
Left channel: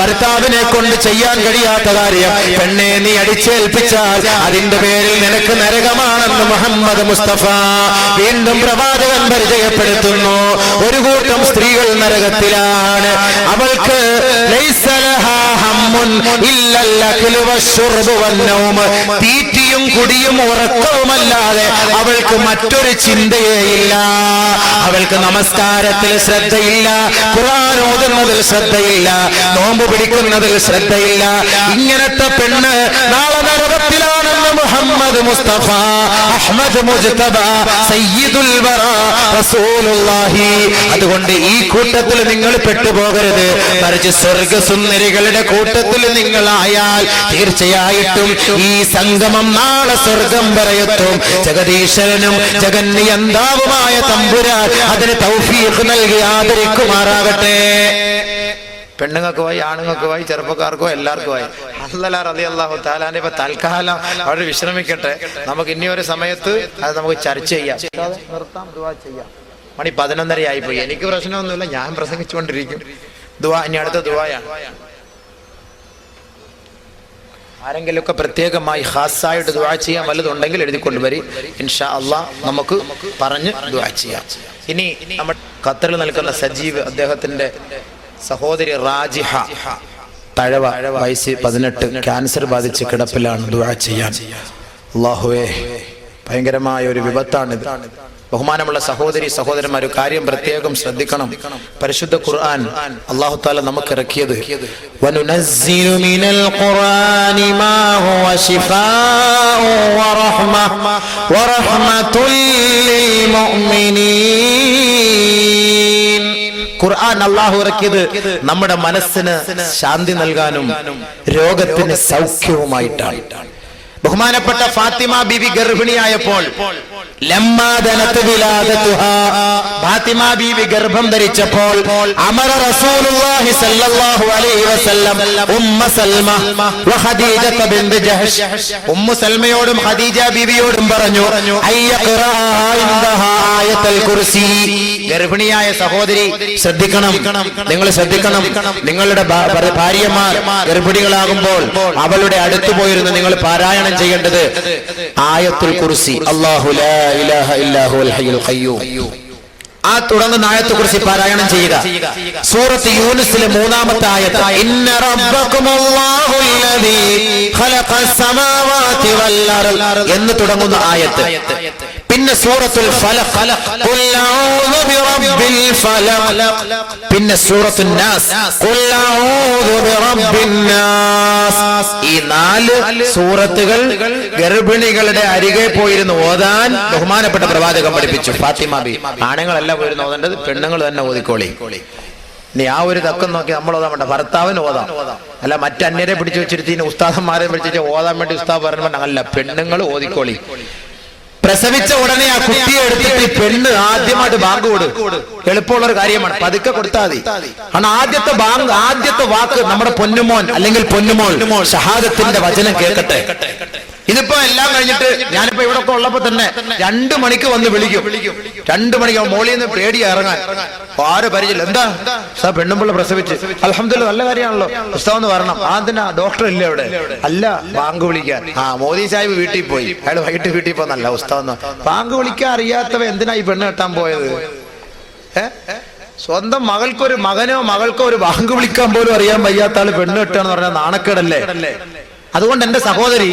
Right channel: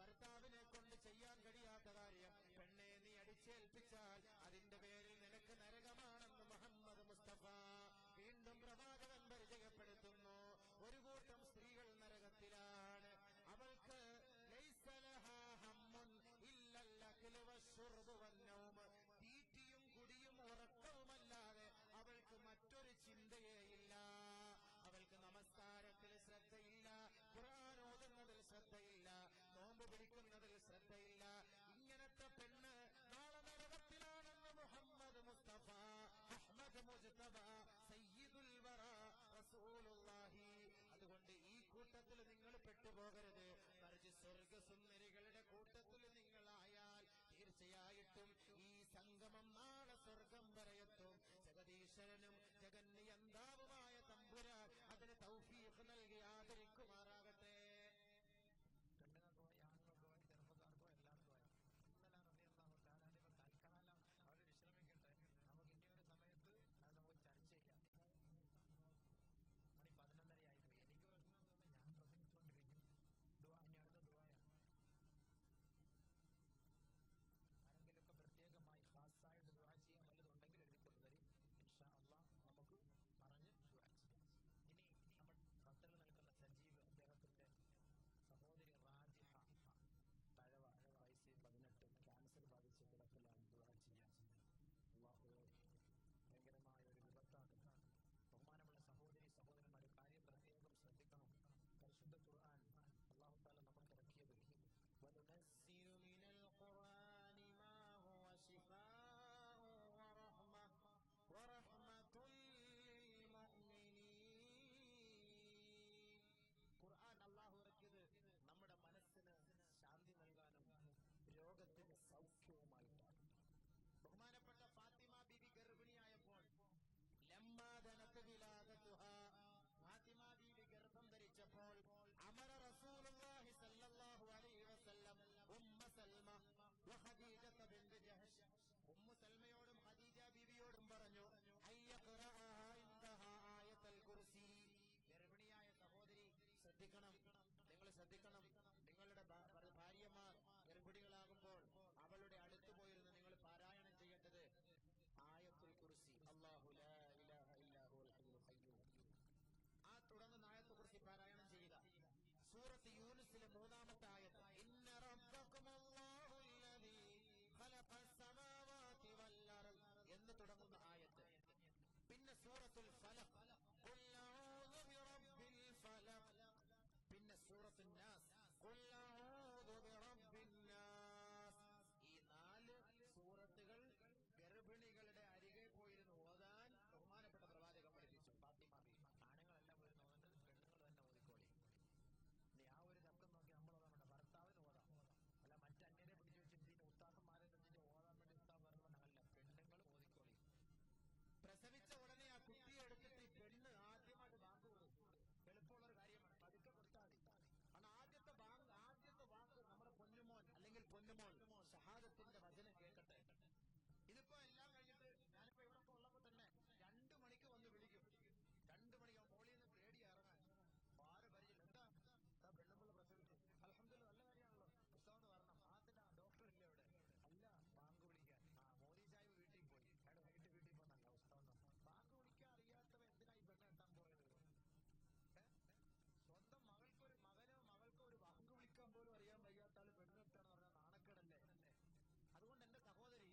ഭർത്താവിനെ കൊണ്ട് ചെയ്യാൻ കഴിയാത്ത കാര്യം പെണ്ണെ നീ അടിച്ചേൽപ്പിച്ചാൽ അതിന്റെ പേരിൽ നിനക്ക് നരകമാണെന്ന് മുഹമ്മദ് മുസ്തഫ വീണ്ടും പ്രവാചകൻ പരിചയപ്പെടുത്തുന്നു. ഒരു കൂട്ടം സ്ത്രീകൾ നരകത്തിലാണ്. അവൾക്ക് തീറ്റിയും കുടിയും ഉറക്കവുമല്ലാതെ അവൾക്ക് മറ്റൊരു ചിന്തയേയില്ല. അവൾക്ക് നമസ്കാരത്തിൽ ശ്രദ്ധയില്ല, ഖുർആൻ ഓതുന്നതിൽ ശ്രദ്ധയില്ല, നോമ്പ് പിടിക്കുന്നതിൽ ശ്രദ്ധയില്ല. ഇങ്ങനത്തെ പെണ്ണ് നാളെ നരകത്തിലാണെന്ന് മുഹമ്മദ് മുസ്തഫ അഹ്മദ് മുജ്തബ സയ്യിദുൽ വറ റസൂലുള്ളാഹി. അതുകൊണ്ട് ഈ കൂട്ടത്തിൽ നിങ്ങൾ പെട്ടുപോകരുത്. മറിച്ച് സ്വർഗസുന്ദരികളുടെ കൂട്ടത്തിൽ നിങ്ങളായാൽ തീർച്ചയായിട്ടും ഈ സംഗമം നാളെ സ്വർഗം വരെയെത്തും. ജഗദീശ്വരനും ജഗന്നിയന്താവുമായ തമ്പുരാൻ അതിന് തൗഫീഖ് നൽകി ആദരിക്കുമാറാകട്ടെ. പെണ്ണുങ്ങൾക്ക് പോയി, ആണുങ്ങൾക്ക് പോയി, ചെറുപ്പക്കാർക്കോ എല്ലാവർക്കുമായി അല്ലാഹു റളിയല്ലാഹു തആല ഇപ്പൊ തൽക്കാലം അവർ വിശ്രമിക്കട്ടെ. നമുക്ക് ഇനി ഒരു സമയത്ത് അത് നമുക്ക് ചർച്ച ചെയ്യാം. നിർത്താം, ദുആ ചെയ്യാം. മണി 11:30 ആയിപ്പോയി. എനിക്ക് പ്രശ്നമൊന്നുമില്ല, ഞാൻ പ്രസംഗിച്ചുകൊണ്ടിരിക്കും. ദുആ ഇനി അടുത്ത ദുആയാണ്. ആരെങ്കിലുമൊക്കെ പ്രത്യേകമായി ഖാസായിട്ട് ദുആ ചെയ്യാൻ വല്ലതുണ്ടെങ്കിൽ എഴുതിക്കൊണ്ടുവരി. ഇൻഷാ അല്ലാഹ് നമുക്ക് പറഞ്ഞ് ദുആ ചെയ്യാം. ഇനി നമ്മൾ ഖത്തറിൽ നിൽക്കുന്ന സജീവ്, അദ്ദേഹത്തിന്റെ സഹോദരി റാജിഹ തഴവ, വയസ്സ് 18, ക്യാൻസർ ബാധിച്ച് കിടപ്പിലാണ്. ദുആ ചെയ്യാൻ. അല്ലാഹുവേ, ഭയങ്കരമായ ഒരു വിപത്താണിത്. ബഹുമാനമുള്ള സഹോദരി സഹോദരന്മാർ, ഒരു കാര്യം പ്രത്യേകം ശ്രദ്ധിക്കണം. പരിശുദ്ധ ഖുർആൻ അല്ലാഹു തആല നമുക്ക് ഇറക്കിയത് വനുനസ്സിലു മിനൽ ഖുർആനി മാ ഹുവ ശിഫാഉ വറഹ്മത്തുൽ ലിൽ മുഅ്മിനീൻ. ഖുർആൻ അല്ലാഹു ഇറക്കിയത് നമ്മുടെ മനസ്സിന് ശാന്തി നൽകാനും രോഗത്തിന് സൗഖ്യവുമായിട്ടാണ്. ബഹുമാനപ്പെട്ട ഫാത്തിമ ബീവി ഗർഭിണിയായപ്പോൾ ഫാത്തിമ ബീവി ഗർഭം ധരിച്ചപ്പോൾ അമറ റസൂലുള്ളാഹി സ്വല്ലല്ലാഹു അലൈഹി വസല്ലം ഉമ്മ സൽമ വ ഖദീജ ബിൻത് ജഹ്ഷ്, ഉമ്മു സൽമയോടും ഖദീജ ബീവിയോടും പറഞ്ഞു, അയ്യഖറാ ഇൻദഹാ ആയത്തുൽ കുർസി. ഗർഭിണിയായ സഹോദരി ശ്രദ്ധിക്കണം, നിങ്ങൾ ശ്രദ്ധിക്കണം. നിങ്ങളുടെ ഭാര്യമാർ ഗർഭിണികളാകുമ്പോൾ അവളുടെ അടുത്ത് പോയിരുന്ന് നിങ്ങൾ പാരായണം ചെയ്യേണ്ടത് ആയത്തുൽ കുർസി. അല്ലാഹു ലാ ഇലാഹ ഇല്ലാ ഹുവൽ ഹയ്യുൽ ഖയ്യൂം. ആ തുടങ്ങുന്ന ആയത്തെ കുറിച്ച് പാരായണം ചെയ്യുക. സൂറത്ത് യൂനുസിലെ 3-ാമത്തെ ആയത്ത്, ഇന്ന റബ്ബകുമുല്ലാഹുല്ലദീ ഖലഖസ് സമാവാതി വൽ അർള് എന്ന് തുടങ്ങുന്ന ആയത്ത്. പിന്നെ സൂറത്തുൽ ഫലഖ്, ഖുൽ അഊദു ബിറബ്ബിൽ ഫലഖ്. പിന്നെ സൂറത്തുൻ നാസ്, ഖുൽ അഊദു ബിറബ്ബിൻ നാസ്. ഈ 4 സൂറത്തുകൾ ഗർഭിണികളുടെ അരികെ പോയിരുന്ന് ഓതാൻ ബഹുമാനപ്പെട്ട പ്രവാചകൻ പഠിപ്പിച്ചു. ഫാത്തിമ ബി ആണുങ്ങളല്ല പോയിരുന്ന് ഓതേണ്ടത്, പെണ്ണുങ്ങൾ തന്നെ ഓതിക്കോളി. ഇനി ആ ഒരു തക്കം നോക്കി നമ്മൾ ഓതാൻ വേണ്ട, ഭർത്താവിന് ഓതാം. അല്ല മറ്റന്യരെ പിടിച്ചു വെച്ചിരുത്തി ഉസ്താദന്മാരെ പിടിച്ചിട്ട് ഓതാൻ വേണ്ടി ഉസ്താദ് പറഞ്ഞ അല്ല, പെണ്ണുങ്ങൾ ഓതിക്കോളി. പ്രസവിച്ച ഉടനെ ആ കുട്ടിയെ എടുത്തിട്ട് പെണ്ണ് ആദ്യമായിട്ട് ബാങ്ക് കൊടു. എളുപ്പമുള്ള ഒരു കാര്യമാണ്, പതുക്കെ കൊടുത്താൽ മതി. കാരണം ആദ്യത്തെ ബാങ്ക്, ആദ്യത്തെ വാക്ക് നമ്മുടെ പൊന്നുമോൻ അല്ലെങ്കിൽ പൊന്നുമോൾ ഷഹാദത്തിന്റെ വചനം കേൾക്കട്ടെ. ഇതിപ്പോ എല്ലാം കഴിഞ്ഞിട്ട് ഞാനിപ്പോ ഇവിടെ ഒക്കെ ഉള്ളപ്പോ തന്നെ 2 മണിക്ക് വന്ന് വിളിക്കും. 2 മണിക്ക് മോളിൽ നിന്ന് പേടി ഇറങ്ങാൻ ആര് പരിചയം. എന്താ ഉസ്താദ് പെണ്ണുമ്പിള്ള പ്രസവിച്ച്? അൽഹംദുലില്ലാഹ്, നല്ല കാര്യമാണല്ലോ ഉസ്താദ് എന്ന് പറയണം. അതിനാ ഡോക്ടർ ഇല്ല അവിടെ? അല്ല, ബാങ്ക് വിളിക്കാൻ. മോദി സാഹിബ് വീട്ടിൽ പോയി, അയാൾ വൈകിട്ട് വീട്ടിൽ പോന്നല്ല ഉസ്താദ്. ബാങ്ക് വിളിക്കാൻ അറിയാത്തവ എന്തിനാ ഈ പെണ്ണ് കെട്ടാൻ പോയത്? സ്വന്തം മകൾക്കൊരു മകനോ മകൾക്കോ ഒരു ബാങ്ക് വിളിക്കാൻ പോലും അറിയാൻ വയ്യാത്ത ആള് പെണ്ണ് കെട്ടാന്ന് പറഞ്ഞാൽ നാണക്കേടല്ലേ? അതുകൊണ്ട് എന്റെ സഹോദരി,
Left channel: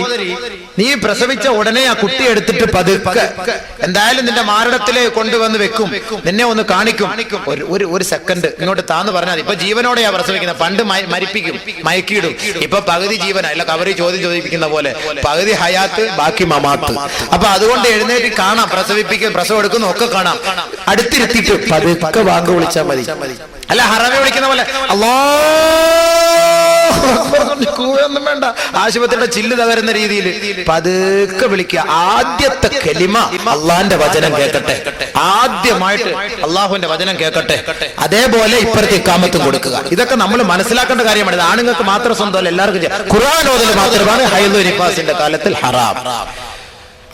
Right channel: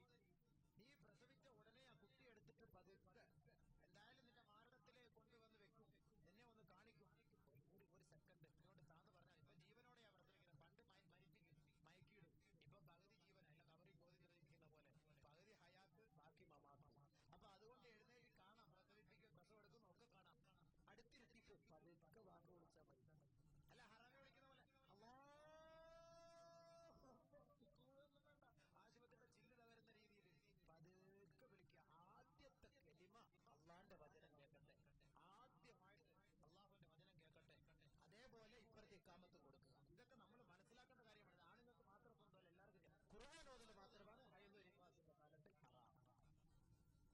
നീ പ്രസവിച്ച ഉടനെ ആ കുട്ടി എടുത്തിട്ട് പതുക്കെ എന്തായാലും നിന്റെ മാരടത്തിലെ കൊണ്ടുവന്ന് വെക്കും, നിന്നെ ഒന്ന് കാണിക്കും. ഒരു സെക്കൻഡ് ഇങ്ങോട്ട് താന്ന് പറഞ്ഞാൽ ഇപ്പൊ ജീവനോടെയാ പ്രസവിക്കുന്നത്. പണ്ട് മരിപ്പിക്കും, മയക്കിയിടും. ഇപ്പൊ പകുതി ജീവന, അല്ല കവറി ചോദിപ്പിക്കുന്ന പോലെ പകുതി ഹയാത്ത് ബാക്കി മമാത്ത്. അപ്പൊ അതുകൊണ്ട് എഴുന്നേറ്റ് കാണാം, പ്രസവം എടുക്കുന്നു ഒക്കെ കാണാം. അടുത്തിരുത്തിയിട്ട് പതുക്കെ വാങ്ങ് വിളിച്ചാൽ മതി. അല്ല ഹറമെ വിളിക്കുന്ന പോലെ കൂവൊന്നും വേണ്ട, ആശുപത്രിയുടെ ചില്ല് തകരുന്ന രീതിയിൽ പതുക്കെ വിളിക്കുക. ആദ്യത്തെ കലിമ അള്ളാന്റെ വചനം കേൾക്കട്ടെ, ആദ്യമായിട്ട് അള്ളാഹുവിന്റെ വചനം കേൾക്കട്ടെ. അതേപോലെ ഇപ്പുറത്തെ ഇക്കാമത്തും കൊടുക്കുക. ഇതൊക്കെ നമ്മൾ മനസ്സിലാക്കേണ്ട കാര്യമാണ്. ഇത് ആണുങ്ങൾക്ക് മാത്രം സ്വന്തമല്ല, എല്ലാവർക്കും ചെയ്യാം. ഖുർആൻ ഓതൽ മാത്രമാണ് ഹൈദു നിഫാസിന്റെ കാലത്തിൽ ഹറാം.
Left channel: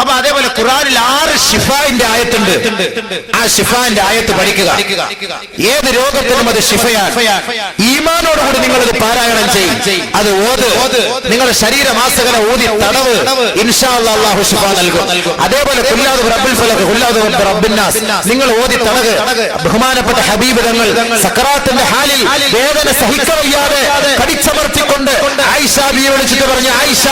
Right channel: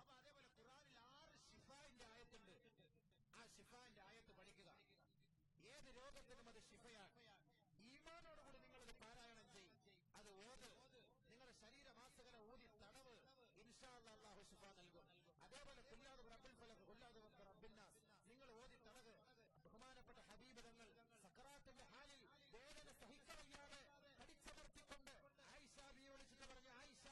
അപ്പൊ അതേപോലെ ഖുർആനിൽ 6 ഷിഫാന്റെ ആയത്തുണ്ട്. ആ ഷിഫാന്റെ ആയത്ത് പഠിക്കുക. ഏത് രോഗത്തിനും അത് ഷിഫയാണ്. ഈമാനോടുകൂടി നിങ്ങളത് പാരായണം ചെയ്യും. അത് ഓത്, നിങ്ങളുടെ ശരീരമാസകല ഊതി തടവ്, ഇൻഷാ അല്ലാഹ് അല്ലാഹു ഷിഫ നൽകും. അതേപോലെ ഖുല്ലാദു റബ്ബിൽ ഫലഖ്, ഖുല്ലാദു റബ്ബിൻ നാസ് നിങ്ങൾ ഓതി തടവ്. ബഹുമാനപ്പെട്ട ഹബീബ് തങ്ങൾ സക്കറാത്തിന്റെ ഹാലിൽ വേദന സഹിക്കവയ്യാതെ കടിച്ചമർത്തിക്കൊണ്ട് ആയിഷ ബിയെ വിളിച്ചിട്ട് പറഞ്ഞു, ആയിഷ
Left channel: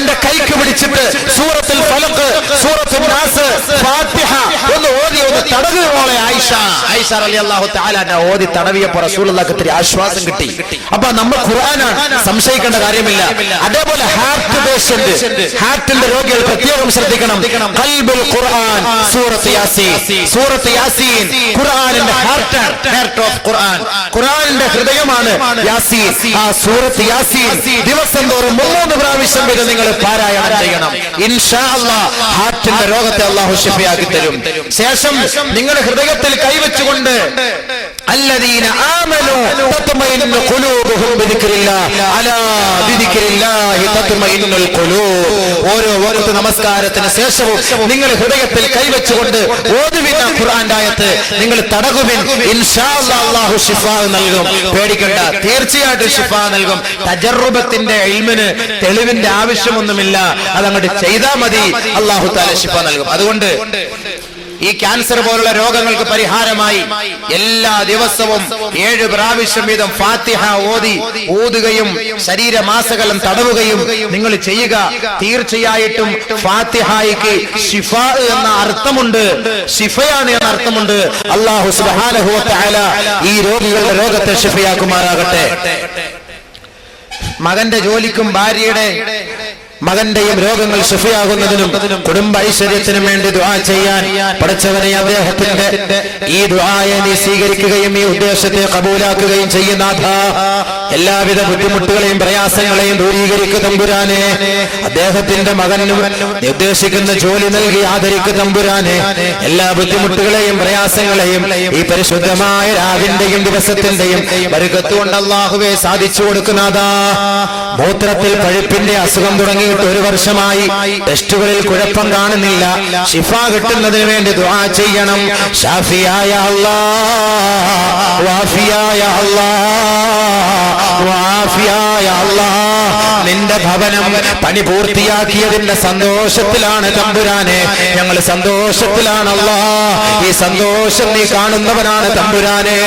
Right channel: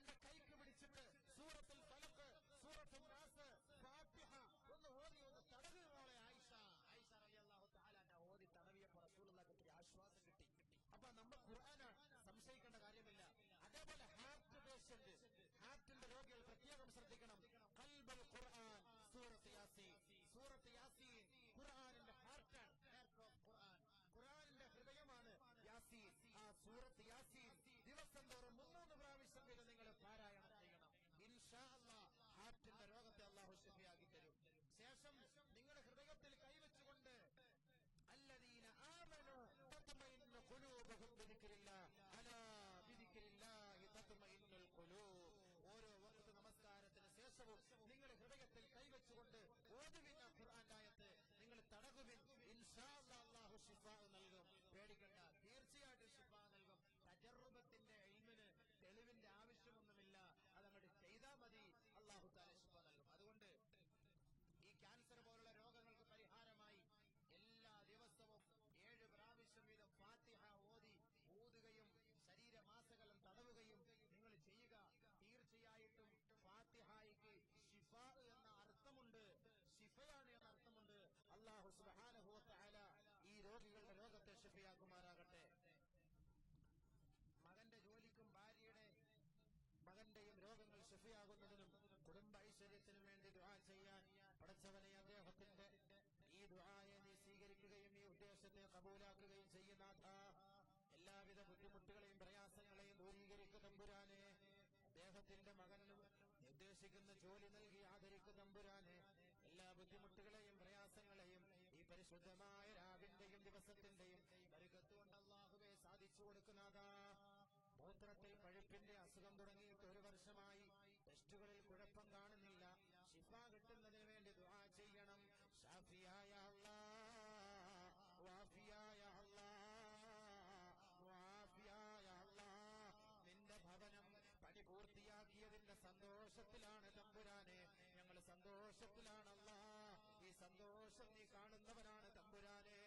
എന്റെ കൈക്ക് പിടിച്ചിട്ട് സൂറത്തുൽ ഫലഖ്, സൂറത്തുൽ നാസ്, ഫാത്തിഹ ഒന്ന് ഓതി ഒന്ന് തടവ് മോളെ ആയിഷ റളിയല്ലാഹു തആല ഓതി തടവിയപ്പോൾ റസൂലുള്ളാഹിക്ക് ഇത്തിരി ആശ്വാസം കിട്ടി. അപ്പൊ നമ്മൾ ഖുർആനാണ്, സംശയിക്കേണ്ട കാര്യമില്ല. അതേപോലെ ഹാർട്ട് പേഷ്യന്റ്, ഹാർട്ടിന്റെ രോഗികൾ പ്രത്യേകം ശ്രദ്ധിക്കണം. ഖൽബുൽ ഖുർആൻ, സൂറത്ത് യാസീൻ ഖുർആനിന്റെ ഹാർട്ട് ഓഫ് ഖുർആൻ, ഖുർആനിന്റെ ഹൃദയമാണ് യാസീൻ. ആ സൂറത്ത് യാസീൻ ദിവസം തോറും 3 പ്രാവശ്യം വരെ നിങ്ങൾ പാരായണം ചെയ്യണം. ഇൻഷാ അല്ലാഹ് ഹാർട്ടിന്റെ രോഗത്തെ അല്ലാഹു ശിഫയാക്കി തരും. ശേഷം നിങ്ങൾ ഹൃദയത്തിൽ കൈവച്ചുകൊണ്ട് الذين آمنوا تطمئن قلوبهم بذكر الله ألا بذكر الله تطمئن القلوب. ഓരോ വഖത്ത് നമസ്കാരത്തിന് ശേഷവും നിങ്ങൾ ഹൃദയത്തിൽ കൈവച്ചുകൊണ്ട് ഓതുവിൻ ഖുർആന്റെ ആയത്ത്, നിങ്ങൾ തടകുവിൻ. ഇൻഷാ അല്ലാഹ് അല്ലാഹു ശിഫ നൽകും. പേടിക്കണ്ട, തീർച്ചയായിട്ടും ശിഫ നൽകും. തജർറുബത്തിന്റെ ഇൽമിന് തെളിവിന്റെ ആവശ്യമൊന്നുമില്ല, അതങ്ങോട്ട് ചെയ്താൽ മതി. അല്ലാഹു തആല ശിഫ നൽകും. അതുകൊണ്ട് ഈ ക്യാൻസർ പോലുള്ള രോഗങ്ങൾക്ക് പരിഹാരമായി എല്ലാ ദിവസവും 7 പ്രാവശ്യം വീതം ഫാത്തിഹ ഓതുകയും ശരീരമാസകലം തടവുകയും നിങ്ങൾ ചെയ്യുക. തീർച്ചയായിട്ടും ഫാത്തിഹയ്ക്ക് ശിഫ എന്ന അർത്ഥമുണ്ട്, ശിഫയാണ് എന്ന അർത്ഥമുണ്ട്. അല്ലാഹു സുബ്ഹാനഹു വ തആല ഈ രോഗികളുടെ രോഗത്തെ ശിഫയാക്കുമാറാകട്ടെ. മകന്റെ ജോലിക്കും ഭാര്യയുടെ മകന്റെയും രോഗങ്ങൾ ശിഫയാകുന്നതിനും കുടുംബ ഐശ്വര്യത്തിനും വേണ്ടി ദുആ ചെയ്യാൻ പടച്ചവനെ അദ്ദേഹത്തിന്റെ ഈ ദുആയെ നീ സ്വീകരിക്കുകയും ഈ ഉദ്ദേശത്തെ കബൂലാക്കുകയും ചെയ്യുന്ന എല്ലാവിധ ബുദ്ധിമുട്ടുകളെയും പ്രയാസങ്ങളെയും ദൂരീകരിക്കുക തമ്പുരാനെ. അദ്ദേഹത്തിന്റെ മകനും ഉദ്ദേശിക്കുന്ന ജോലി നൽകി ആദരിക്കുക തമ്പുരാനെ. എല്ലാ ബുദ്ധിമുട്ടുകളെയും പ്രയാസങ്ങളെയും ഈ പരിശുദ്ധമായ രാവിന്റെയും ദിവസത്തിന്റെയും ബർക്കത്തുകൊണ്ട് അല്ലാഹുവേ സാധിച്ചു കൊടുക്കുന്നതാ. മൂത്രത്തിൽ പഴുപ്പിന്റെ അസുഖം തുടങ്ങി 1 വർഷമായി, ടെസ്റ്റുകളിൽ കുഴപ്പം കാണുന്നില്ല. ശിഫ കിട്ടുന്നതിന് വേണ്ടി ദുആ ചെയ്യണം. ഷാഫിയായ അല്ലാഹ്, വാഫിയായ അല്ലാഹ്, വാഫിയായ അല്ലാഹ്, നിന്റെ ഭവനം പണി പൂർത്തിയാക്കിയതിന്റെ സന്തോഷത്തിലാണ് തമ്പുരാനെ. ഞങ്ങൾ സന്തോഷത്തിലാണ് അല്ലാഹ്. ഈ സന്തോഷം നീ കാണുന്നവനാണ് തമ്പുരാനെ.